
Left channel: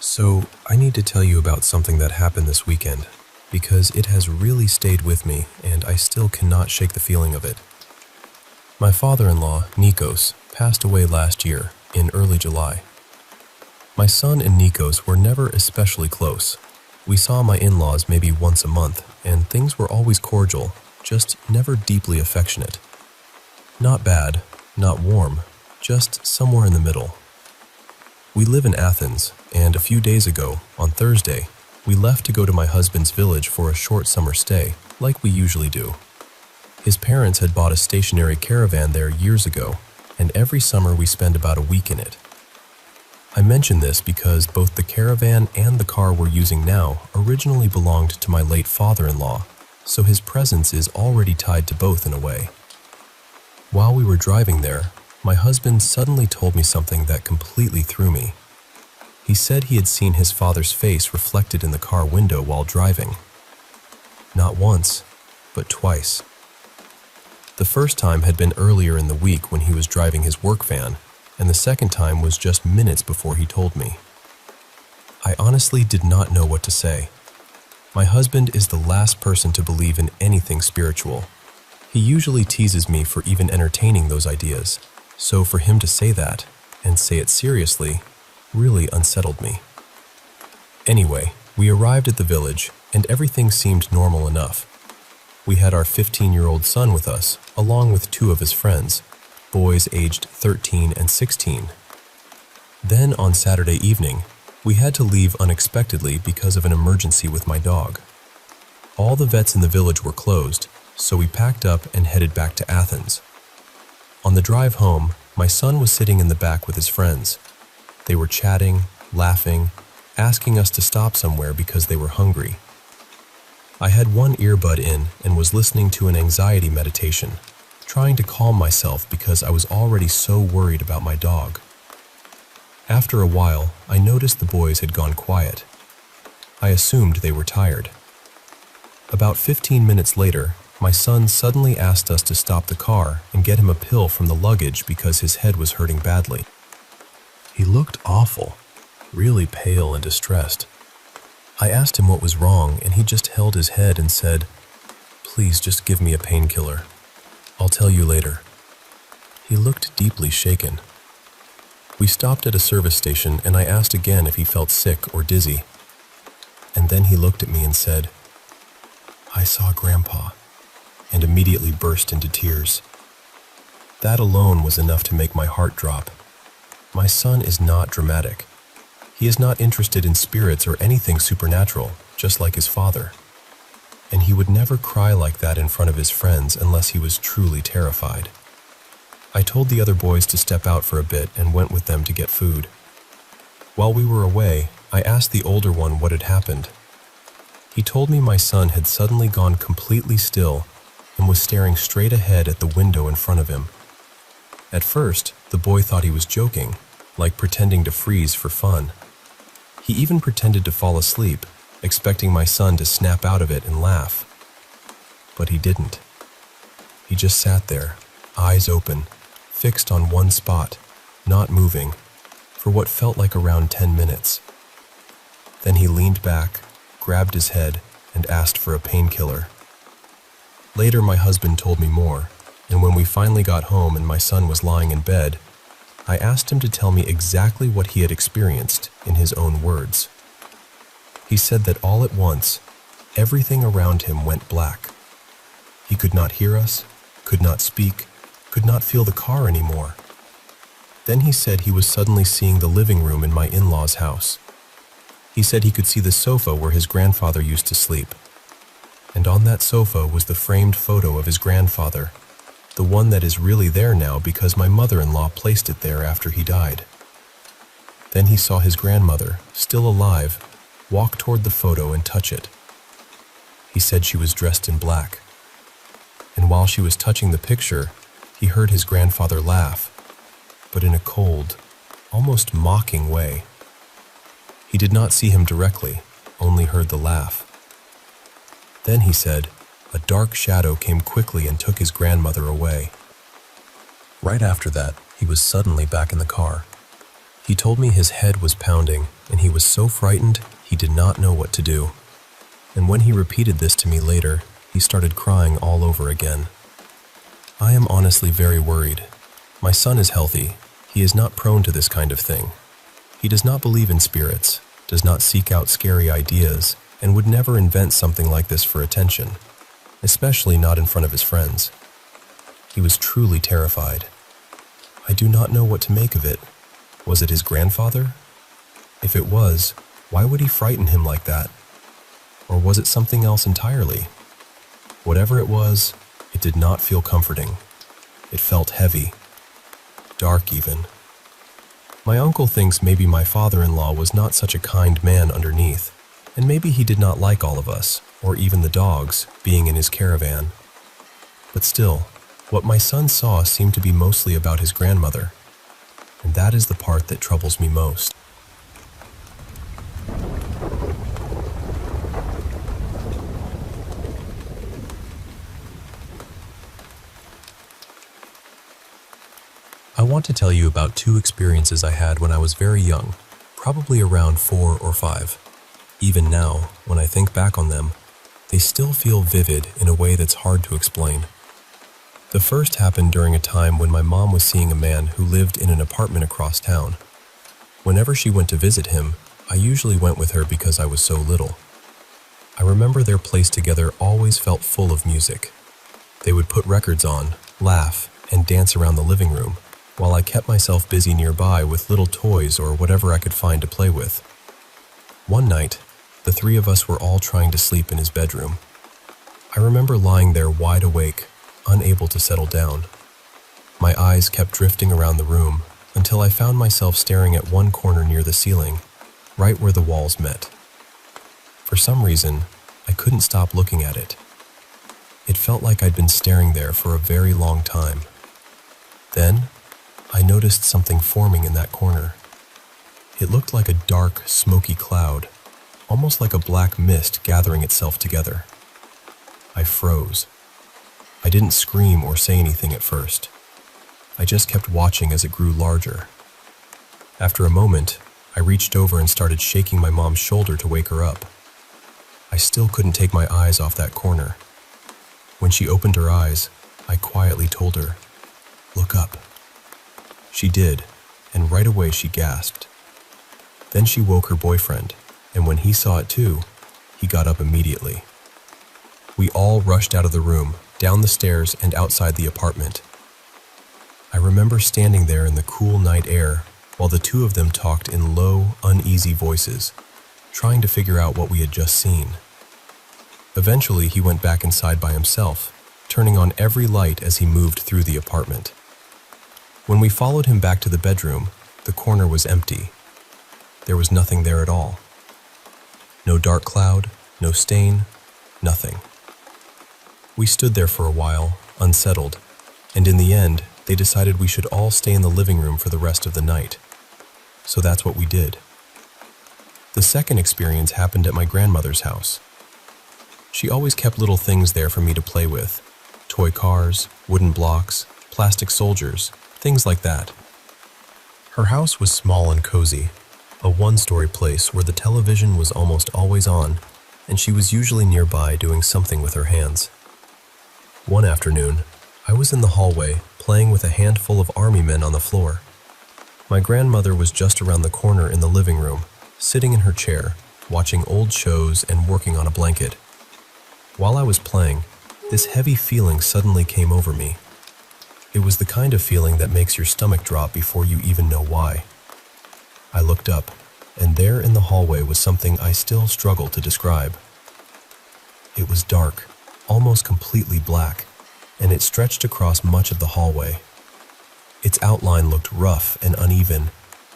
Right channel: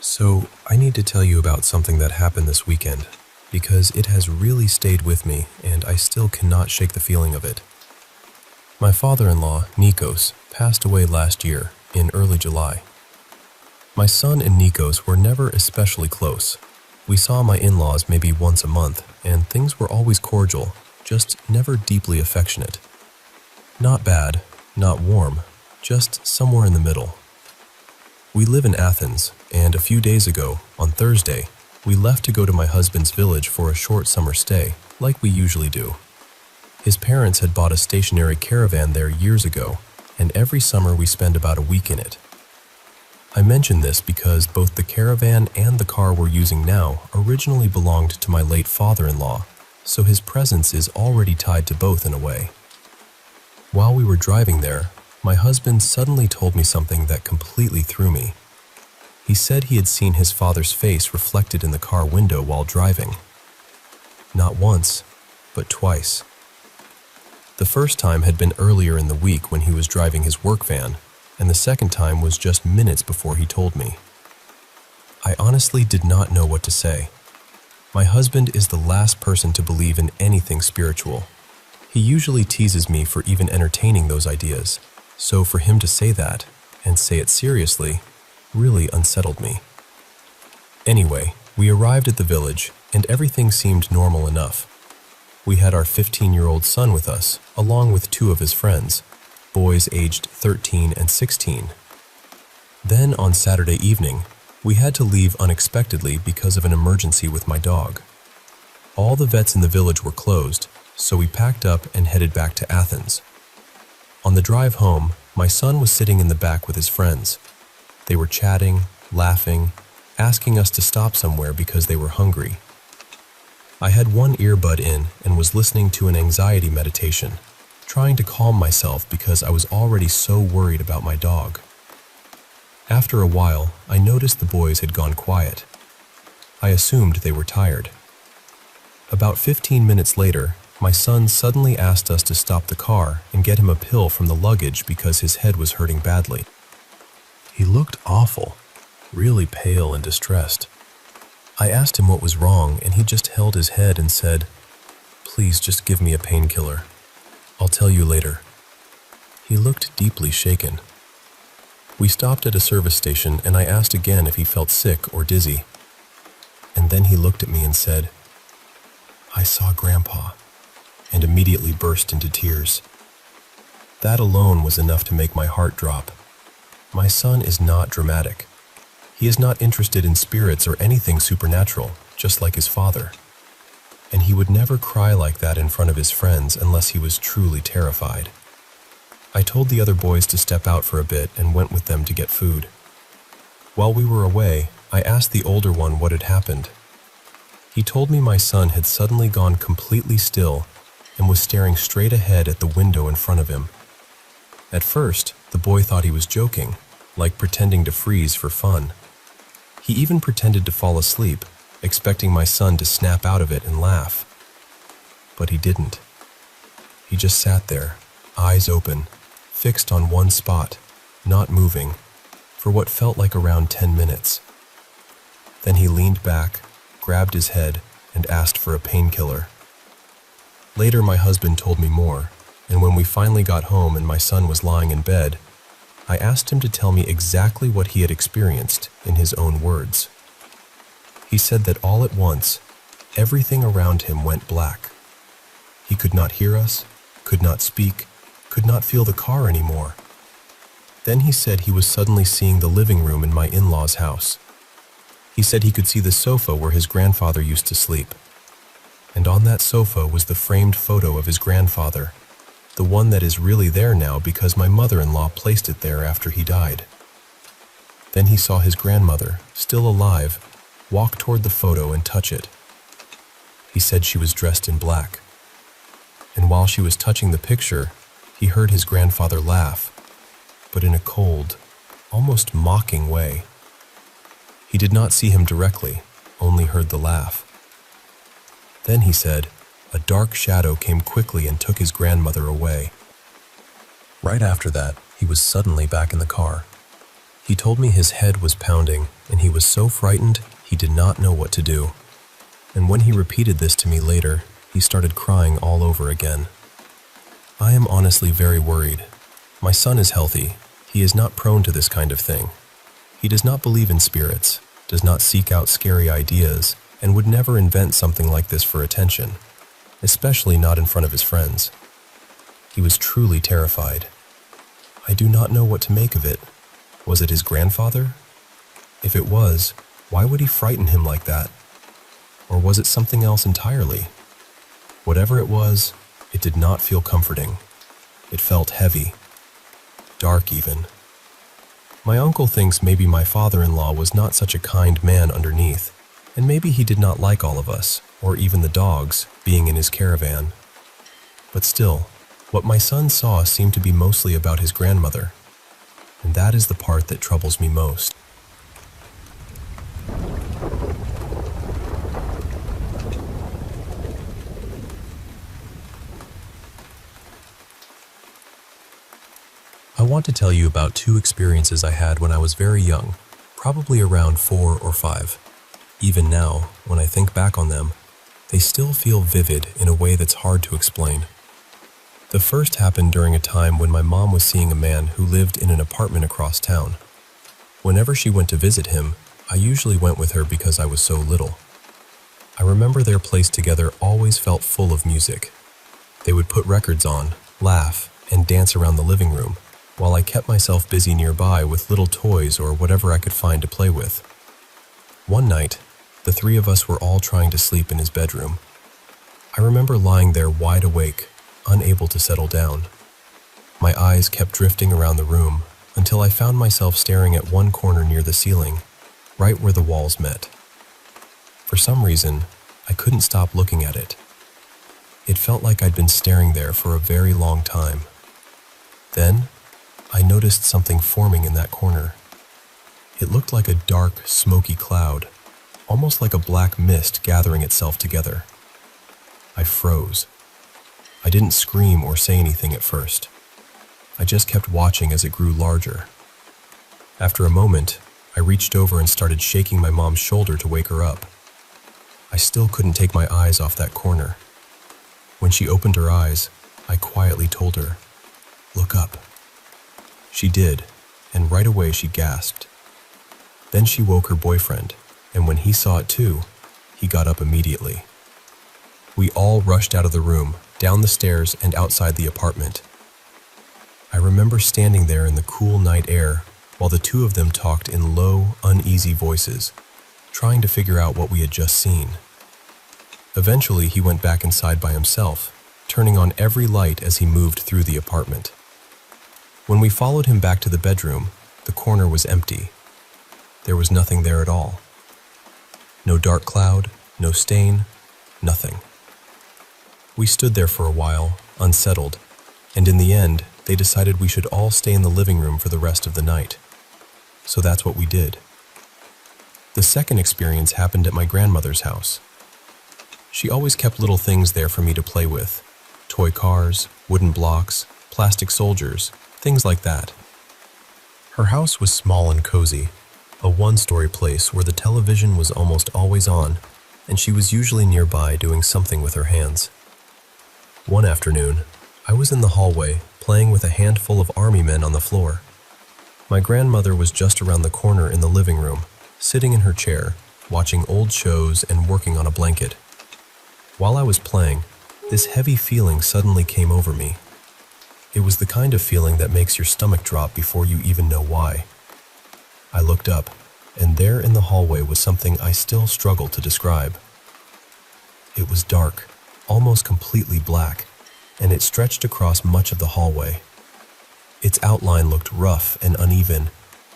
So, I need to tell you about something that happened this weekend, because it has really stayed with me, and I still cannot shake the feeling of it. My father-in-law, Nikos, passed away last year, in early July. My son and Nikos were never especially close. We saw my in-laws maybe once a month, and things were always cordial, just never deeply affectionate. Not bad, not warm, just somewhere in the middle. We live in Athens, and a few days ago, on Thursday, we left to go to my husband's village for a short summer stay, like we usually do. His parents had bought a stationary caravan there years ago, and every summer we spend about a week in it. I mention this because both the caravan and the car we're using now originally belonged to my late father-in-law, so his presence is already tied to both in a way. While we were driving there, my husband suddenly told me something that completely threw me. He said he had seen his father's face reflected in the car window while driving. Not once, but twice. The first time had been earlier in the week when he was driving his work van, and the second time was just minutes before he told me. I honestly did not know what to say. My husband is the last person to believe in anything spiritual. He usually teases me for even entertaining those ideas, so for him to say that, and say it seriously, really unsettled me. Anyway, we arrived at the village, and everything seemed normal enough. We had our 15-year-old son with us, along with two of his friends, boys aged 13 and 16. Then on Saturday evening, we had to leave unexpectedly because of an emergency with my dog. All the vets in the village were closed, so we packed up and headed back to Athens. On the drive home, my son was sitting in the back with his friends. They were chatting, laughing, asking us to stop somewhere because they were hungry. I had one earbud in and was listening to an anxiety meditation, trying to calm myself because I was already so worried about my dog. After a while, I noticed the boys had gone quiet. I assumed they were tired. About 15 minutes later, my son suddenly asked us to stop the car and get him a pill from the luggage because his head was hurting badly. He looked awful, really pale and distressed. I asked him what was wrong, and he just held his head and said, "Please just give me a painkiller. I'll tell you later." He looked deeply shaken. We stopped at a service station, and I asked again if he felt sick or dizzy. And then he looked at me and said, "I saw Grandpa," and immediately burst into tears. That alone was enough to make my heart drop. My son is not dramatic. He is not interested in spirits or anything supernatural, just like his father. And he would never cry like that in front of his friends unless he was truly terrified. I told the other boys to step out for a bit and went with them to get food. While we were away, I asked the older one what had happened. He told me my son had suddenly gone completely still and was staring straight ahead at the window in front of him. At first, the boy thought he was joking, like pretending to freeze for fun. He even pretended to fall asleep, expecting my son to snap out of it and laugh. But he didn't. He just sat there, eyes open, fixed on one spot, not moving, for what felt like around 10 minutes. Then he leaned back, grabbed his head, and asked for a painkiller. Later, my husband told me more, and when we finally got home and my son was lying in bed, I asked him to tell me exactly what he had experienced in his own words. He said that all at once, everything around him went black. He could not hear us, could not speak, could not feel the car anymore. Then he said he was suddenly seeing the living room in my in-laws' house. He said he could see the sofa where his grandfather used to sleep. And on that sofa was the framed photo of his grandfather, the one that is really there now because my mother-in-law placed it there after he died. Then he saw his grandmother, still alive, walk toward the photo and touch it. He said she was dressed in black. And while she was touching the picture, he heard his grandfather laugh, but in a cold, almost mocking way. He did not see him directly, only heard the laugh. Then he said, a dark shadow came quickly and took his grandmother away. Right after that, he was suddenly back in the car. He told me his head was pounding, and he was so frightened he did not know what to do. And when he repeated this to me later, he started crying all over again. I am honestly very worried. My son is healthy. He is not prone to this kind of thing. He does not believe in spirits, does not seek out scary ideas, and would never invent something like this for attention, especially not in front of his friends. He was truly terrified. I do not know what to make of it. Was it his grandfather? If it was, why would he frighten him like that? Or was it something else entirely? Whatever it was, it did not feel comforting. It felt heavy. Dark even. My uncle thinks maybe my father-in-law was not such a kind man underneath, and maybe he did not like all of us, or even the dogs, being in his caravan. But still, what my son saw seemed to be mostly about his grandmother, and that is the part that troubles me most. I want to tell you about two experiences I had when I was very young, probably around 4 or 5. Even now, when I think back on them, they still feel vivid in a way that's hard to explain. The first happened during a time when my mom was seeing a man who lived in an apartment across town. Whenever she went to visit him, I usually went with her because I was so little. I remember their place together always felt full of music. They would put records on, laugh, and dance around the living room, while I kept myself busy nearby with little toys or whatever I could find to play with. One night, the three of us were all trying to sleep in his bedroom. I remember lying there wide awake, unable to settle down. My eyes kept drifting around the room until I found myself staring at one corner near the ceiling, right where the walls met. For some reason, I couldn't stop looking at it. It felt like I'd been staring there for a very long time. Then, I noticed something forming in that corner. It looked like a dark, smoky cloud, almost like a black mist gathering itself together. I froze. I didn't scream or say anything at first. I just kept watching as it grew larger. After a moment, I reached over and started shaking my mom's shoulder to wake her up. I still couldn't take my eyes off that corner. When she opened her eyes, I quietly told her, "Look up." She did, and right away she gasped. Then she woke her boyfriend, and when he saw it too, he got up immediately. We all rushed out of the room, down the stairs and outside the apartment. I remember standing there in the cool night air while the two of them talked in low, uneasy voices, trying to figure out what we had just seen. Eventually, he went back inside by himself, turning on every light as he moved through the apartment. When we followed him back to the bedroom, the corner was empty. There was nothing there at all. No dark cloud, no stain, nothing. We stood there for a while, unsettled, and in the end, they decided we should all stay in the living room for the rest of the night. So that's what we did. The second experience happened at my grandmother's house. She always kept little things there for me to play with. Toy cars, wooden blocks, plastic soldiers, things like that. Her house was small and cozy, a one-story place where the television was almost always on, and she was usually nearby doing something with her hands. One afternoon, I was in the hallway playing with a handful of army men on the floor. My grandmother was just around the corner in the living room, sitting in her chair, watching old shows and working on a blanket. While I was playing, this heavy feeling suddenly came over me. It was the kind of feeling that makes your stomach drop before you even know why. I looked up, and there in the hallway was something I still struggle to describe. It was dark, almost completely black, and it stretched across much of the hallway. Its outline looked rough and uneven,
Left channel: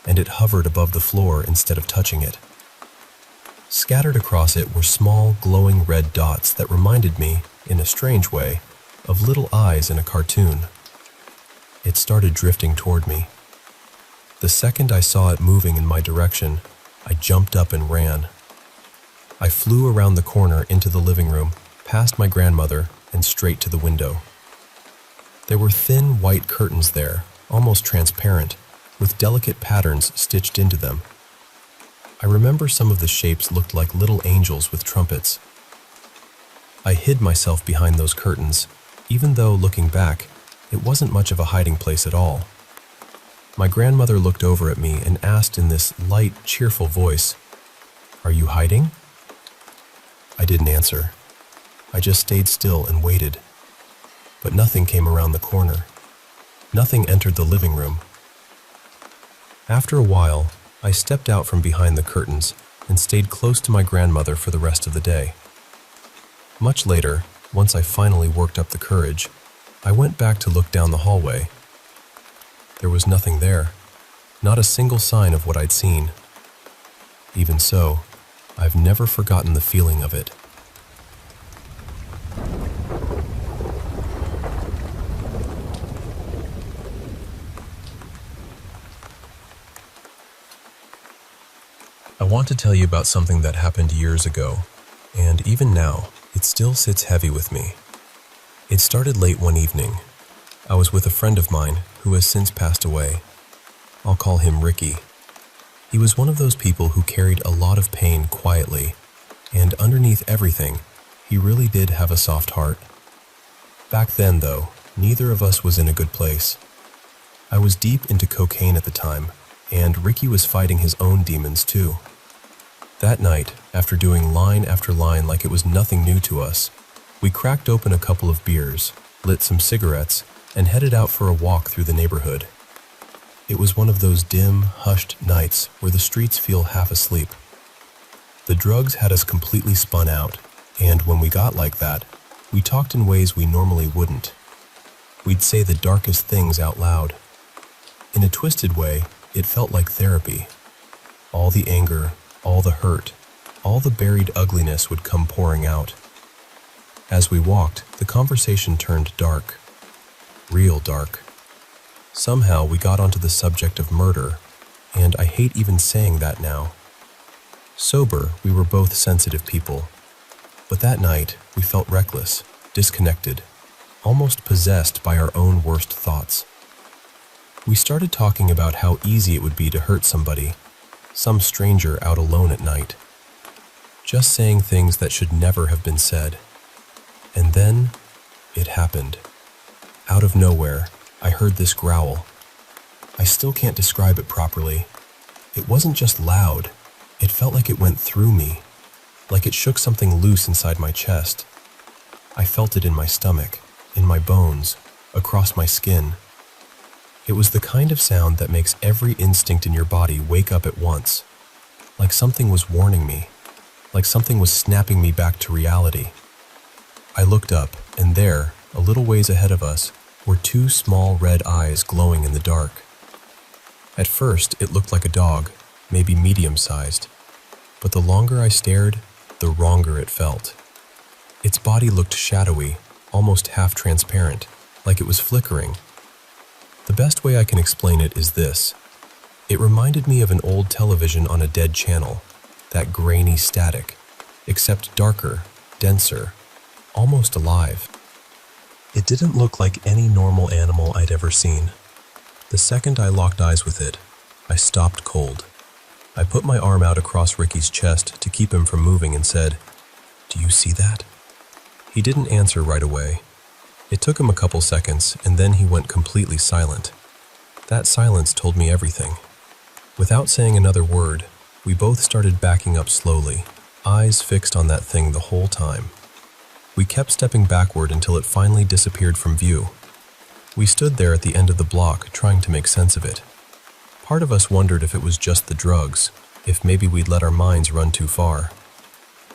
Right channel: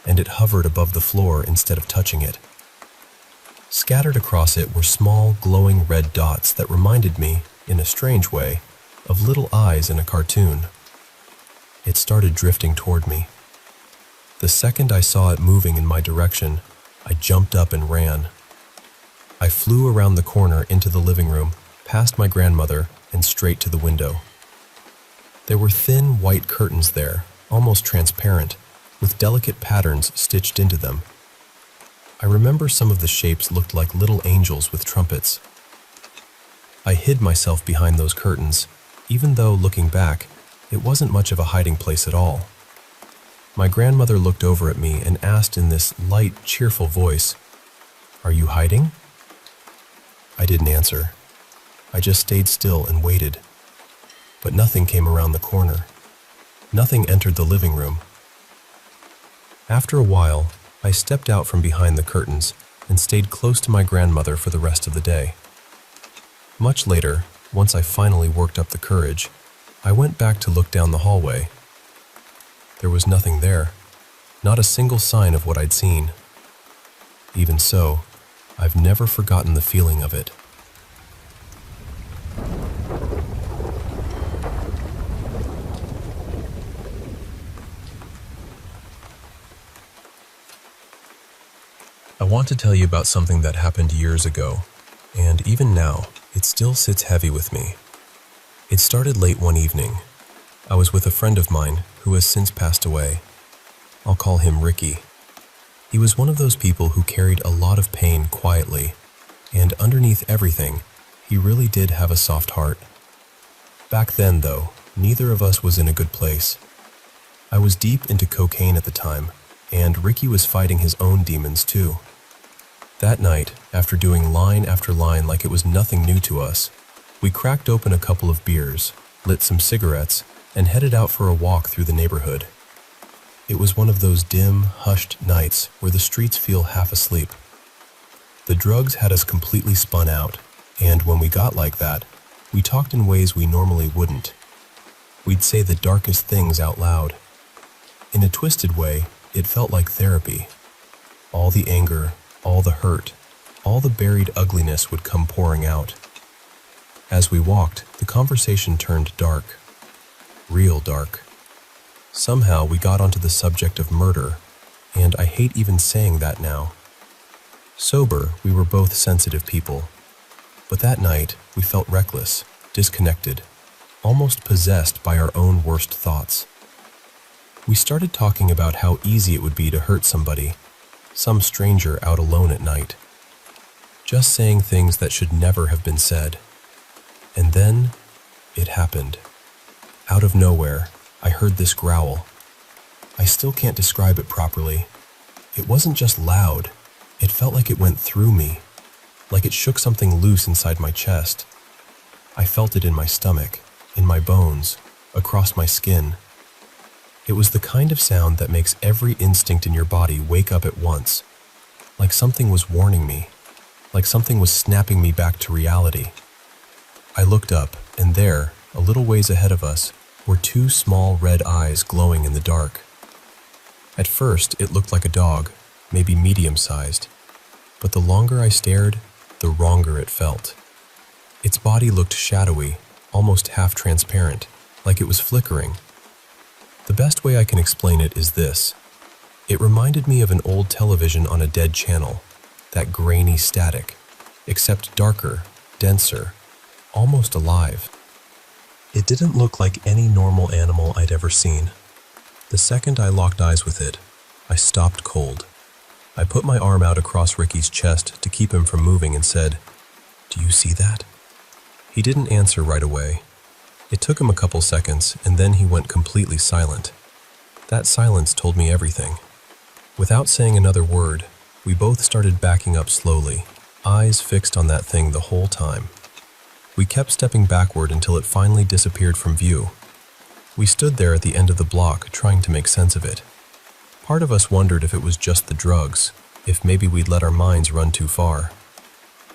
and it hovered above the floor instead of touching it. Scattered across it were small, glowing red dots that reminded me, in a strange way, of little eyes in a cartoon. It started drifting toward me. The second I saw it moving in my direction, I jumped up and ran. I flew around the corner into the living room, past my grandmother, and straight to the window. There were thin white curtains there, almost transparent, with delicate patterns stitched into them. I remember some of the shapes looked like little angels with trumpets. I hid myself behind those curtains, even though, looking back, it wasn't much of a hiding place at all. My grandmother looked over at me and asked in this light, cheerful voice, "Are you hiding?" I didn't answer. I just stayed still and waited. But nothing came around the corner. Nothing entered the living room. After a while, I stepped out from behind the curtains and stayed close to my grandmother for the rest of the day. Much later, once I finally worked up the courage, I went back to look down the hallway. There was nothing there, not a single sign of what I'd seen. Even so, I've never forgotten the feeling of it. I want to tell you about something that happened years ago, and even now, it still sits heavy with me. It started late one evening. I was with a friend of mine who has since passed away. I'll call him Ricky. He was one of those people who carried a lot of pain quietly, and underneath everything, he really did have a soft heart. Back then, though, neither of us was in a good place. I was deep into cocaine at the time, and Ricky was fighting his own demons too. That night, after doing line after line like it was nothing new to us, we cracked open a couple of beers, lit some cigarettes, and headed out for a walk through the neighborhood. It was one of those dim, hushed nights where the streets feel half asleep. The drugs had us completely spun out, and when we got like that, we talked in ways we normally wouldn't. We'd say the darkest things out loud. In a twisted way, it felt like therapy. All the anger, All the hurt, all the buried ugliness would come pouring out. As we walked, the conversation turned dark. Real dark. Somehow we got onto the subject of murder, and I hate even saying that now. Sober, we were both sensitive people. But that night, we felt reckless, disconnected, almost possessed by our own worst thoughts. We started talking about how easy it would be to hurt somebody, some stranger out alone at night. Just saying things that should never have been said. And then, it happened. Out of nowhere, I heard this growl. I still can't describe it properly. It wasn't just loud. It felt like it went through me, like it shook something loose inside my chest. I felt it in my stomach, in my bones, across my skin. It was the kind of sound that makes every instinct in your body wake up at once, like something was warning me, like something was snapping me back to reality. I looked up, and there, a little ways ahead of us, were two small red eyes glowing in the dark. At first, it looked like a dog, maybe medium-sized, but the longer I stared, the wronger it felt. Its body looked shadowy, almost half-transparent, like it was flickering. The best way I can explain it is this. It reminded me of an old television on a dead channel, that grainy static, except darker, denser, almost alive. It didn't look like any normal animal I'd ever seen. The second I locked eyes with it, I stopped cold. I put my arm out across Ricky's chest to keep him from moving and said, "Do you see that?" He didn't answer right away. It took him a couple seconds, and then he went completely silent. That silence told me everything. Without saying another word, we both started backing up slowly, eyes fixed on that thing the whole time. We kept stepping backward until it finally disappeared from view. We stood there at the end of the block, trying to make sense of it. Part of us wondered if it was just the drugs, if maybe we'd let our minds run too far.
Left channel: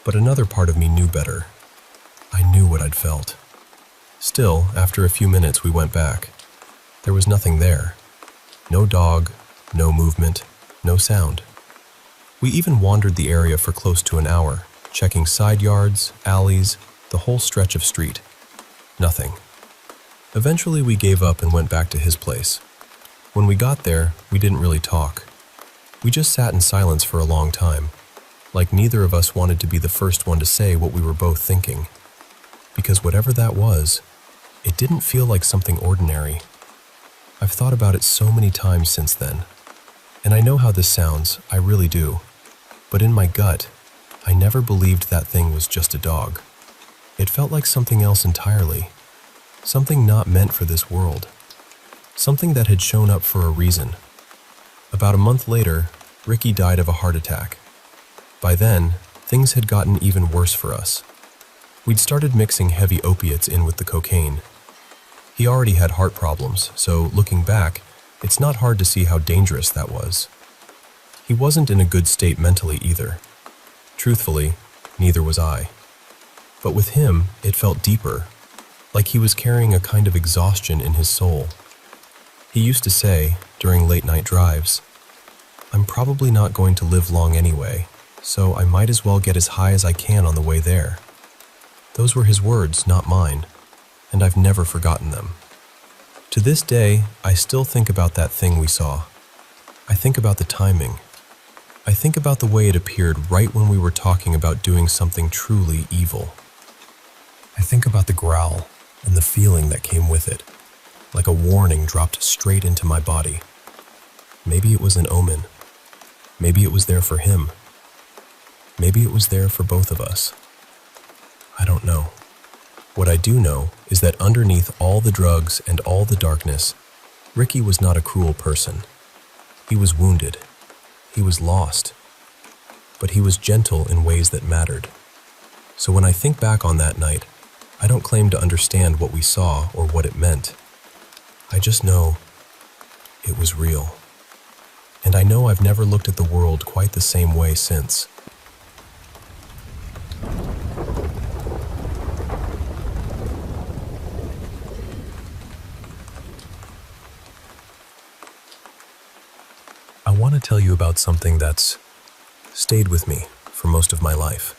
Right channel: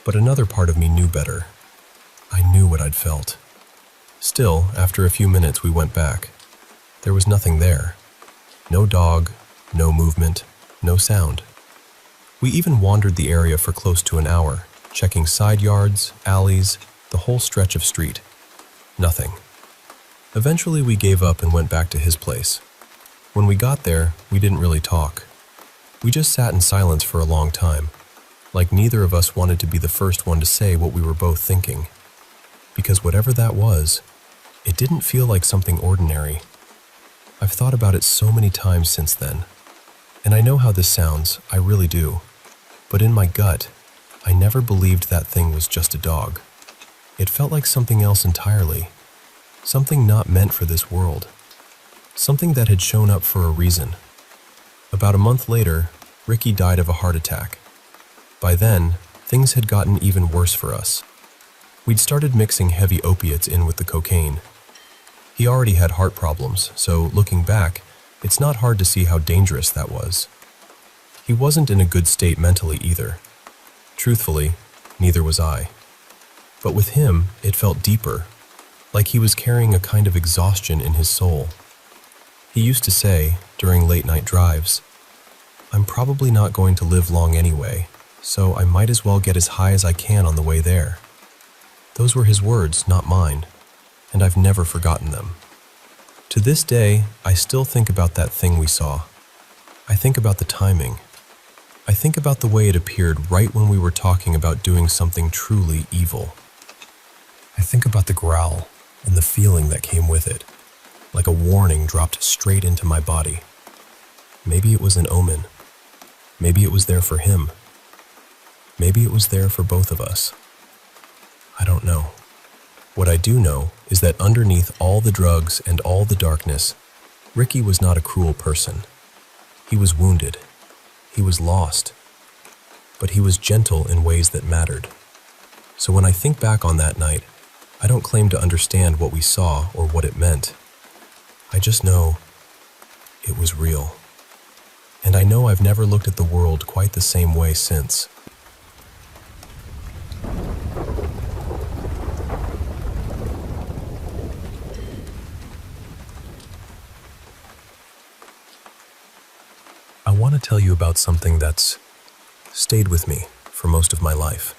But another part of me knew better. I knew what I'd felt. Still, after a few minutes, we went back. There was nothing there. No dog, no movement, no sound. We even wandered the area for close to an hour, checking side yards, alleys, the whole stretch of street. Nothing. Eventually, we gave up and went back to his place. When we got there, we didn't really talk. We just sat in silence for a long time, like neither of us wanted to be the first one to say what we were both thinking. Because whatever that was, it didn't feel like something ordinary. I've thought about it so many times since then, and I know how this sounds, I really do. But in my gut, I never believed that thing was just a dog. It felt like something else entirely. Something not meant for this world. Something that had shown up for a reason. About a month later, Ricky died of a heart attack. By then, things had gotten even worse for us. We'd started mixing heavy opiates in with the cocaine. He already had heart problems, so looking back, it's not hard to see how dangerous that was. He wasn't in a good state mentally either. Truthfully, neither was I. But with him, it felt deeper, like he was carrying a kind of exhaustion in his soul. He used to say, during late-night drives, "I'm probably not going to live long anyway, so I might as well get as high as I can on the way there." Those were his words, not mine, and I've never forgotten them. To this day, I still think about that thing we saw. I think about the timing. I think about the way it appeared right when we were talking about doing something truly evil. I think about the growl and the feeling that came with it, like a warning dropped straight into my body. Maybe it was an omen. Maybe it was there for him. Maybe it was there for both of us. I don't know. What I do know is that underneath all the drugs and all the darkness, Ricky was not a cruel person. He was wounded. He was lost. But he was gentle in ways that mattered. So when I think back on that night, I don't claim to understand what we saw or what it meant. I just know it was real. And I know I've never looked at the world quite the same way since. I want to tell you about something that's stayed with me for most of my life.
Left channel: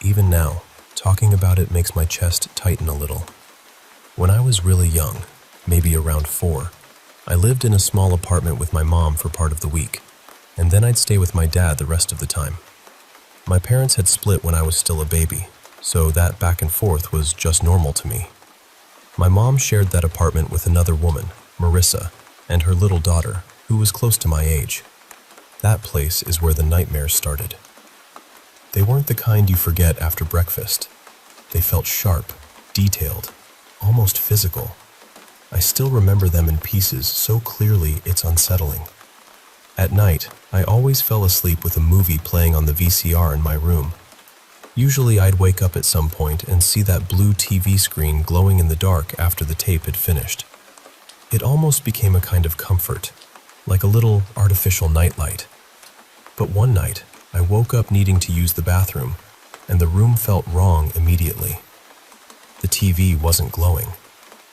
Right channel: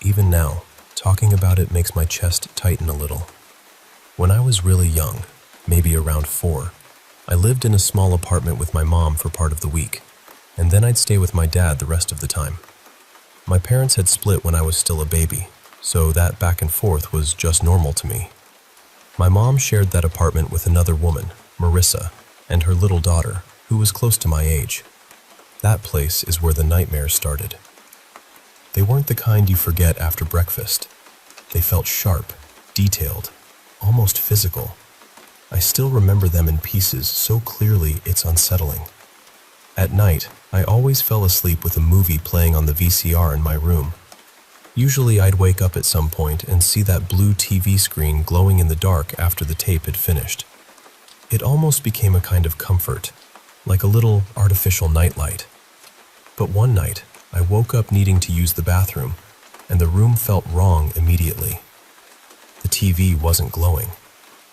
Even now, talking about it makes my chest tighten a little. When I was really young, maybe around 4, I lived in a small apartment with my mom for part of the week, and then I'd stay with my dad the rest of the time. My parents had split when I was still a baby, so that back and forth was just normal to me. My mom shared that apartment with another woman, Marissa, and her little daughter, who was close to my age. That place is where the nightmares started. They weren't the kind you forget after breakfast. They felt sharp, detailed, almost physical. I still remember them in pieces so clearly it's unsettling. At night, I always fell asleep with a movie playing on the VCR in my room. Usually I'd wake up at some point and see that blue TV screen glowing in the dark after the tape had finished. It almost became a kind of comfort, like a little artificial nightlight. But one night, I woke up needing to use the bathroom, and the room felt wrong immediately. The TV wasn't glowing.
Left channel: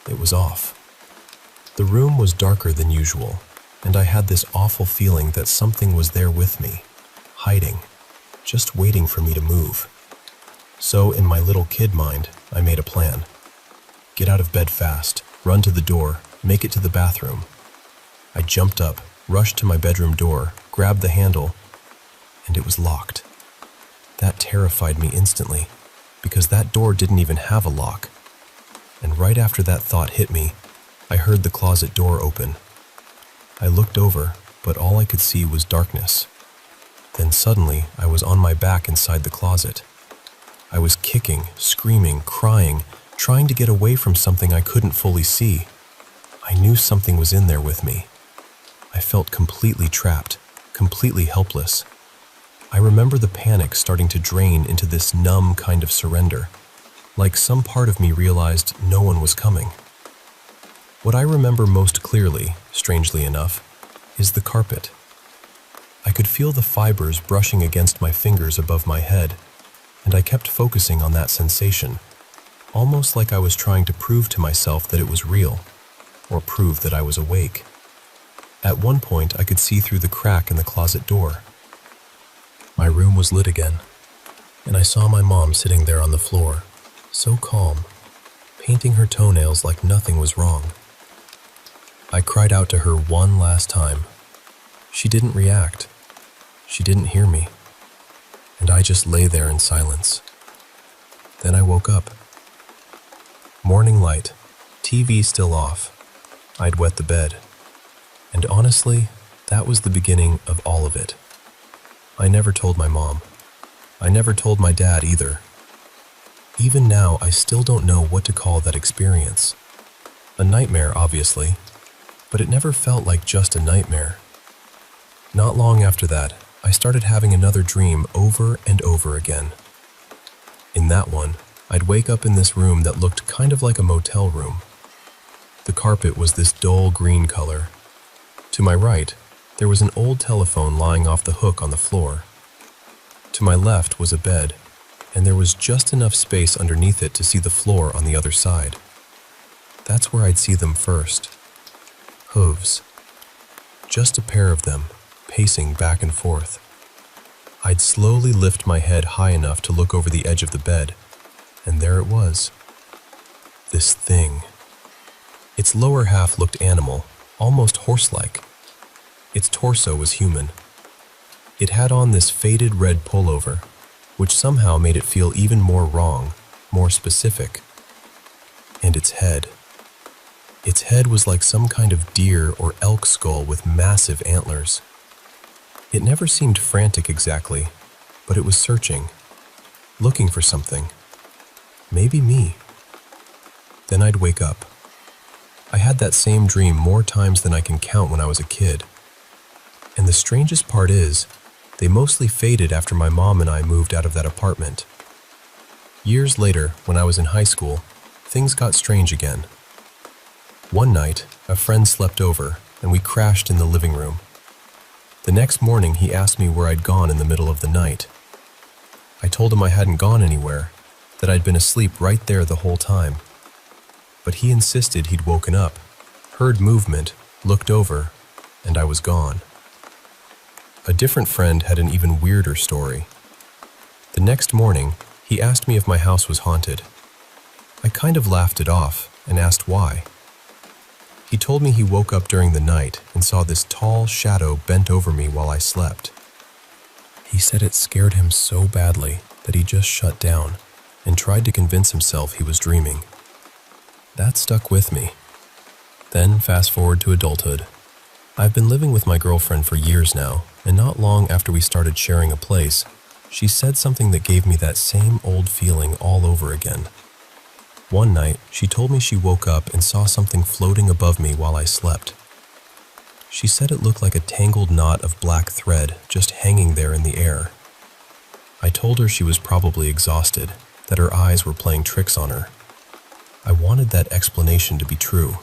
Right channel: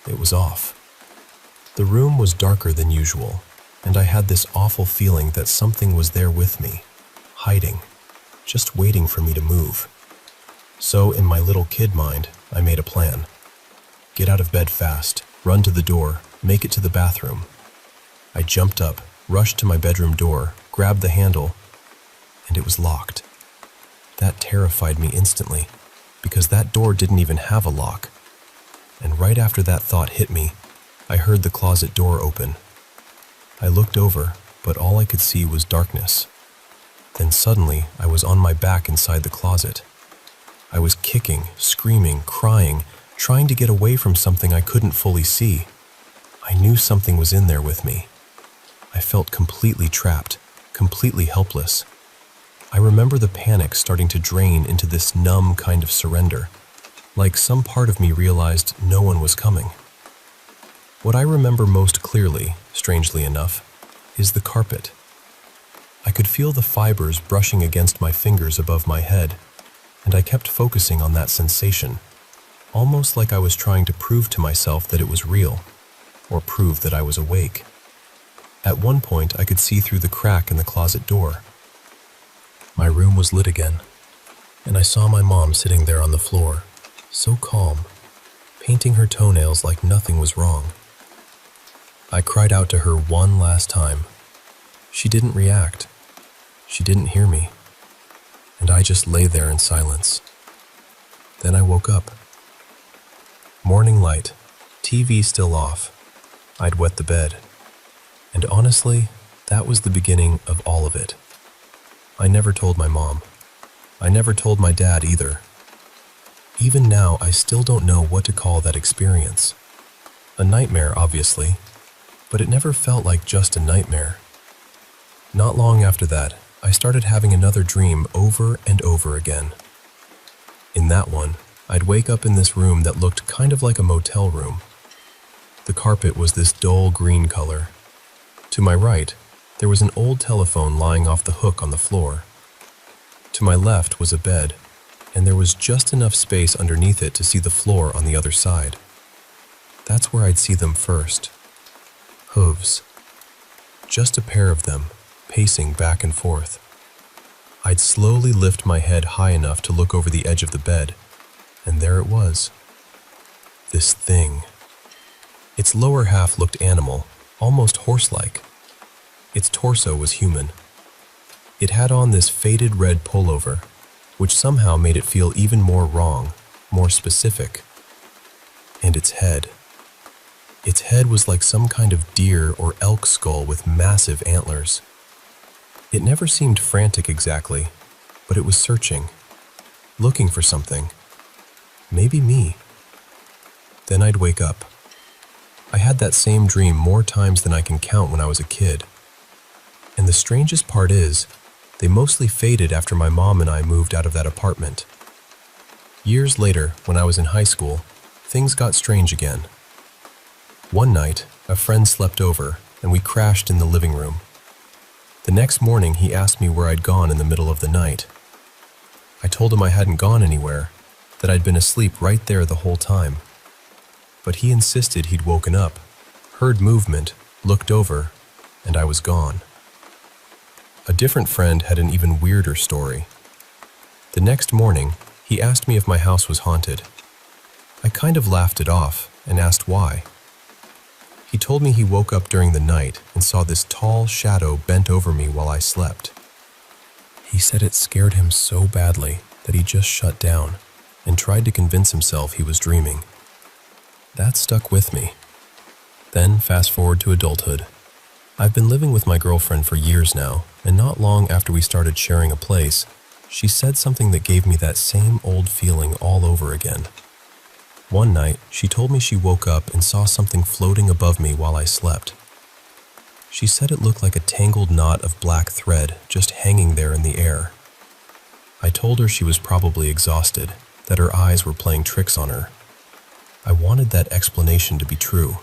It was off. The room was darker than usual, and I had this awful feeling that something was there with me, hiding, just waiting for me to move. So, in my little kid mind, I made a plan. Get out of bed fast, run to the door, make it to the bathroom. I jumped up, rushed to my bedroom door, grabbed the handle, and it was locked. That terrified me instantly, because that door didn't even have a lock. And right after that thought hit me, I heard the closet door open. I looked over, but all I could see was darkness. Then suddenly, I was on my back inside the closet. I was kicking, screaming, crying, trying to get away from something I couldn't fully see. I knew something was in there with me. I felt completely trapped, completely helpless. I remember the panic starting to drain into this numb kind of surrender, like some part of me realized no one was coming. What I remember most clearly, strangely enough, is the carpet. I could feel the fibers brushing against my fingers above my head, and I kept focusing on that sensation, almost like I was trying to prove to myself that it was real, or prove that I was awake. At one point, I could see through the crack in the closet door. My room was lit again, and I saw my mom sitting there on the floor, so calm, painting her toenails like nothing was wrong. I cried out to her one last time. She didn't react. She didn't hear me. And I just lay there in silence. Then I woke up. Morning light, TV still off. I'd wet the bed. And honestly, that was the beginning of all of it. I never told my mom. I never told my dad either. Even now, I still don't know what to call that experience. A nightmare, obviously, but it never felt like just a nightmare. Not long after that, I started having another dream over and over again. In that one, I'd wake up in this room that looked kind of like a motel room. The carpet was this dull green color. To my right, there was an old telephone lying off the hook on the floor. To my left was a bed, and there was just enough space underneath it to see the floor on the other side. That's where I'd see them first. Hooves. Just a pair of them, pacing back and forth. I'd slowly lift my head high enough to look over the edge of the bed, and there it was. This thing. Its lower half looked animal, almost horse-like. Its torso was human. It had on this faded red pullover, which somehow made it feel even more wrong, more specific. And its head. Its head was like some kind of deer or elk skull with massive antlers. It never seemed frantic exactly, but it was searching, looking for something. Maybe me. Then I'd wake up. I had that same dream more times than I can count when I was a kid. And the strangest part is, they mostly faded after my mom and I moved out of that apartment. Years later, when I was in high school, things got strange again. One night, a friend slept over, and we crashed in the living room. The next morning, he asked me where I'd gone in the middle of the night. I told him I hadn't gone anywhere, that I'd been asleep right there the whole time. But he insisted he'd woken up, heard movement, looked over, and I was gone. A different friend had an even weirder story. The next morning, he asked me if my house was haunted. I kind of laughed it off and asked why. He told me he woke up during the night and saw this tall shadow bent over me while I slept. He said it scared him so badly that he just shut down and tried to convince himself he was dreaming. That stuck with me. Then fast forward to adulthood. I've been living with my girlfriend for years now, and not long after we started sharing a place, she said something that gave me that same old feeling all over again. One night, she told me she woke up and saw something floating above me while I slept. She said it looked like a tangled knot of black thread just hanging there in the air. I told her she was probably exhausted, that her eyes were playing tricks on her. I wanted that explanation to be true.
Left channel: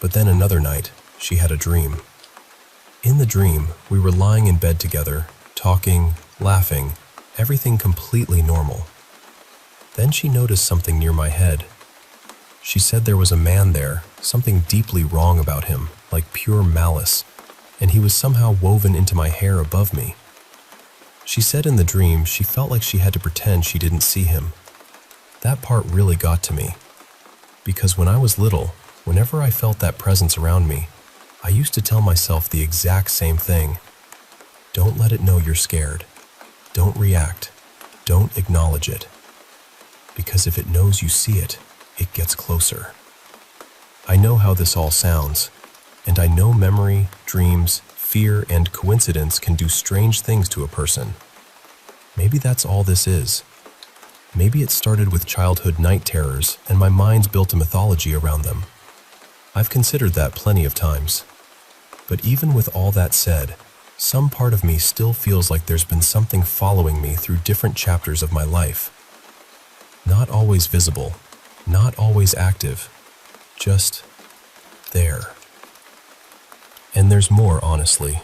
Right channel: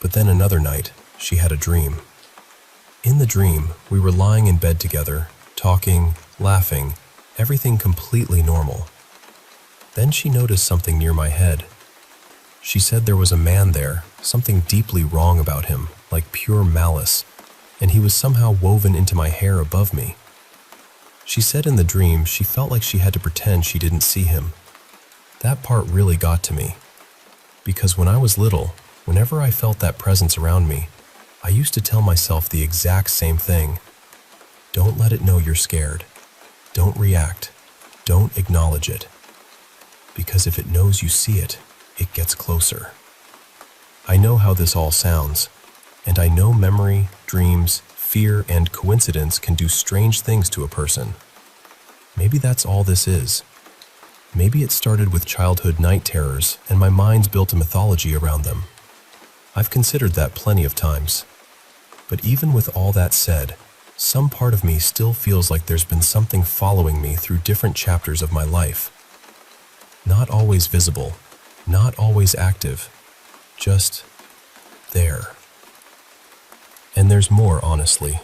But then another night, she had a dream. In the dream, we were lying in bed together, talking, laughing, everything completely normal. Then she noticed something near my head. She said there was a man there, something deeply wrong about him, like pure malice, and he was somehow woven into my hair above me. She said in the dream she felt like she had to pretend she didn't see him. That part really got to me, because when I was little, whenever I felt that presence around me, I used to tell myself the exact same thing. Don't let it know you're scared. Don't react. Don't acknowledge it. Because if it knows you see it, it gets closer. I know how this all sounds, and I know memory, dreams, fear, and coincidence can do strange things to a person. Maybe that's all this is. Maybe it started with childhood night terrors, and my mind's built a mythology around them. I've considered that plenty of times. But even with all that said, some part of me still feels like there's been something following me through different chapters of my life. Not always visible, not always active, just there. And there's more, honestly.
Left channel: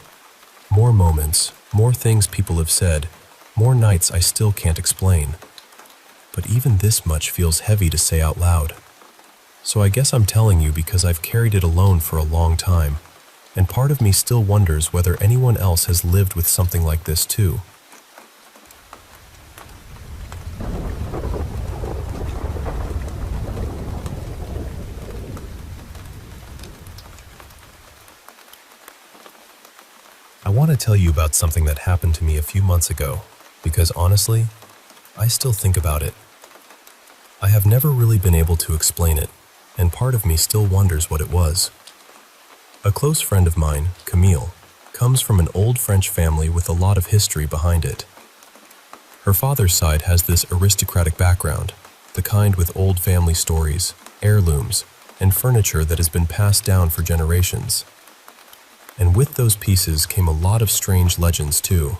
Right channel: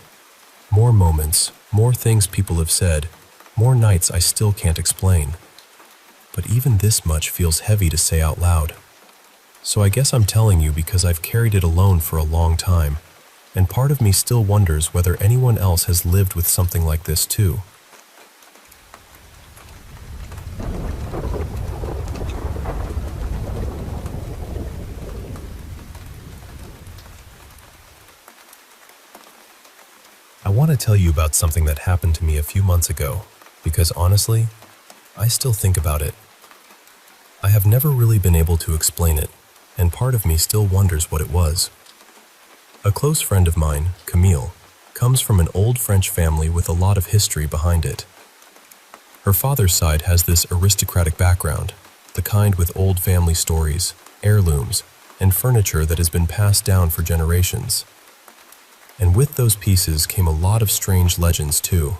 More moments, more things people have said, more nights I still can't explain. But even this much feels heavy to say out loud. So I guess I'm telling you because I've carried it alone for a long time, and part of me still wonders whether anyone else has lived with something like this too. I want to tell you about something that happened to me a few months ago, because honestly, I still think about it. I have never really been able to explain it, and part of me still wonders what it was. A close friend of mine, Camille, comes from an old French family with a lot of history behind it. Her father's side has this aristocratic background, the kind with old family stories, heirlooms, and furniture that has been passed down for generations. And with those pieces came a lot of strange legends too.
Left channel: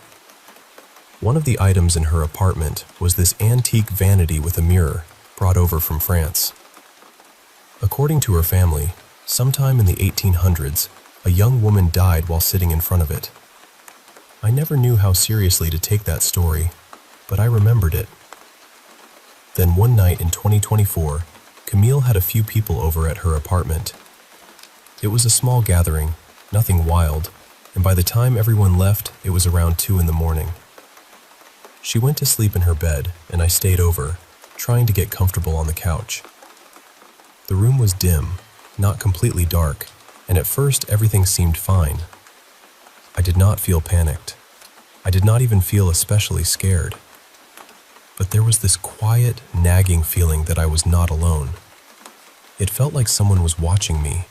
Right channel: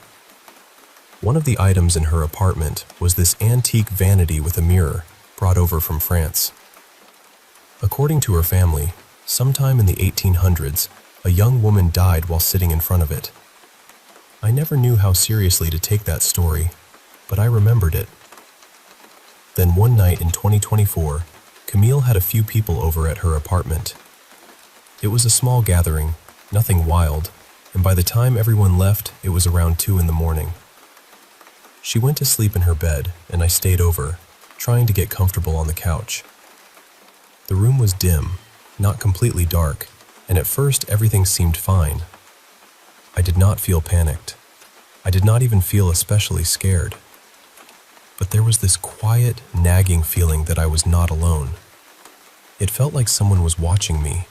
One of the items in her apartment was this antique vanity with a mirror brought over from France. According to her family, sometime in the 1800s, a young woman died while sitting in front of it. I never knew how seriously to take that story, but I remembered it. Then one night in 2024, Camille had a few people over at her apartment. It was a small gathering, nothing wild, and by the time everyone left, it was around 2 in the morning. She went to sleep in her bed, and I stayed over, trying to get comfortable on the couch. The room was dim, not completely dark, and at first everything seemed fine. I did not feel panicked. I did not even feel especially scared. But there was this quiet, nagging feeling that I was not alone. It felt like someone was watching me.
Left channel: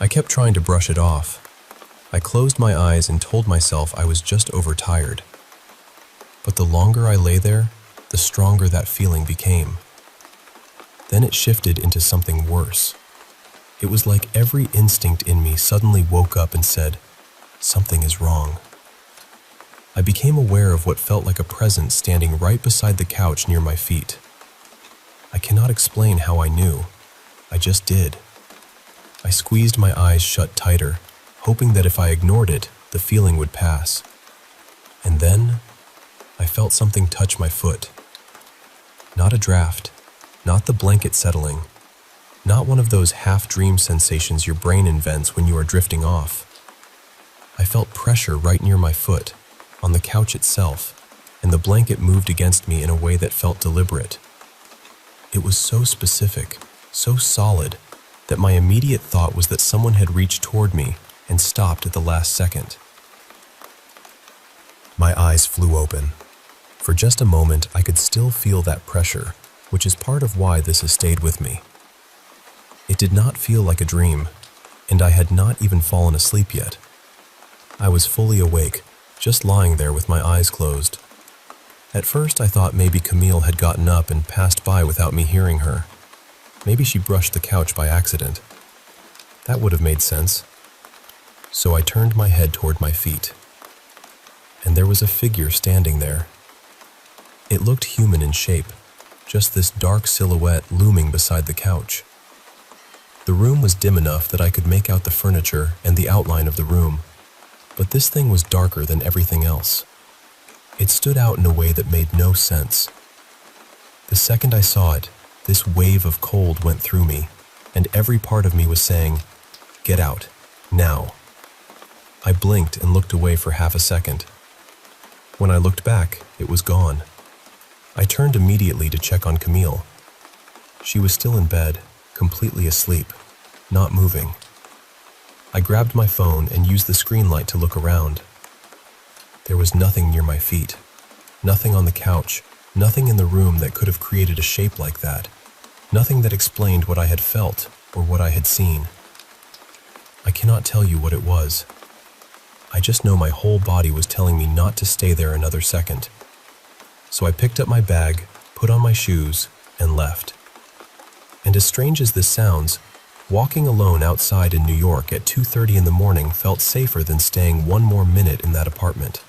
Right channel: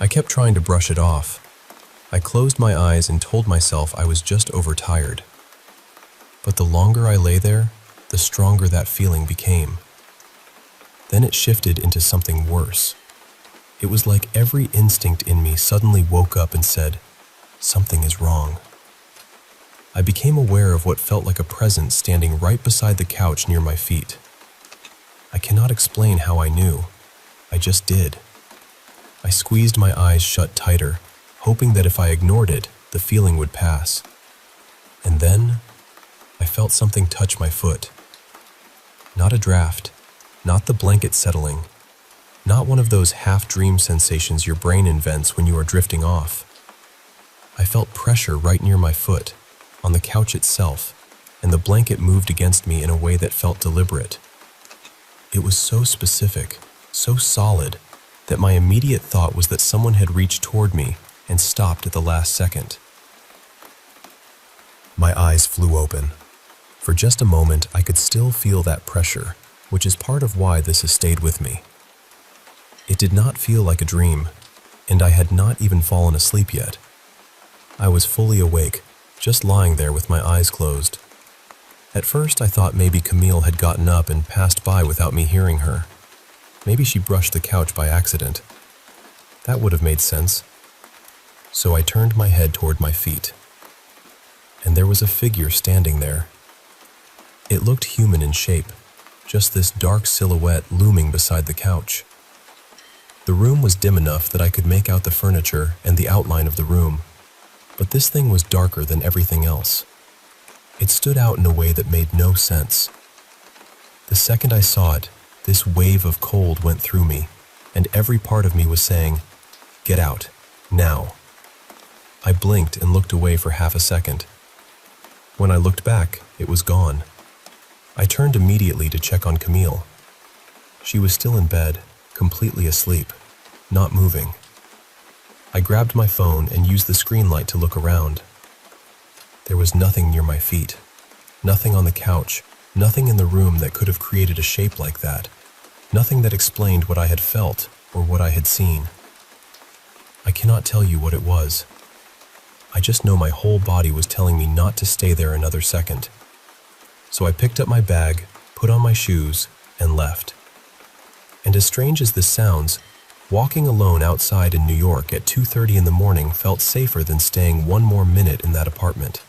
I kept trying to brush it off. I closed my eyes and told myself I was just overtired. But the longer I lay there, the stronger that feeling became. Then it shifted into something worse. It was like every instinct in me suddenly woke up and said, "Something is wrong." I became aware of what felt like a presence standing right beside the couch near my feet. I cannot explain how I knew. I just did. I squeezed my eyes shut tighter, hoping that if I ignored it, the feeling would pass. And then, I felt something touch my foot. Not a draft, not the blanket settling, not one of those half-dream sensations your brain invents when you are drifting off. I felt pressure right near my foot, on the couch itself, and the blanket moved against me in a way that felt deliberate. It was so specific, so solid, that my immediate thought was that someone had reached toward me and stopped at the last second. My eyes flew open. For just a moment, I could still feel that pressure, which is part of why this has stayed with me. It did not feel like a dream, and I had not even fallen asleep yet. I was fully awake, just lying there with my eyes closed. At first, I thought maybe Camille had gotten up and passed by without me hearing her. Maybe she brushed the couch by accident. That would have made sense. So I turned my head toward my feet, and there was a figure standing there. It looked human in shape, just this dark silhouette looming beside the couch. The room was dim enough that I could make out the furniture and the outline of the room, but this thing was darker than everything else. It stood out in a way that made no sense. The second I saw it, this wave of cold went through me, and every part of me was saying, "Get out, now." I blinked and looked away for half a second. When I looked back, it was gone. I turned immediately to check on Camille. She was still in bed, completely asleep, not moving. I grabbed my phone and used the screen light to look around. There was nothing near my feet, nothing on the couch, nothing in the room that could have created a shape like that, nothing that explained what I had felt or what I had seen. I cannot tell you what it was. I just know my whole body was telling me not to stay there another second. So I picked up my bag, put on my shoes, and left. And as strange as this sounds, walking alone outside in New York at 2:30 in the morning felt safer than staying one more minute in that apartment.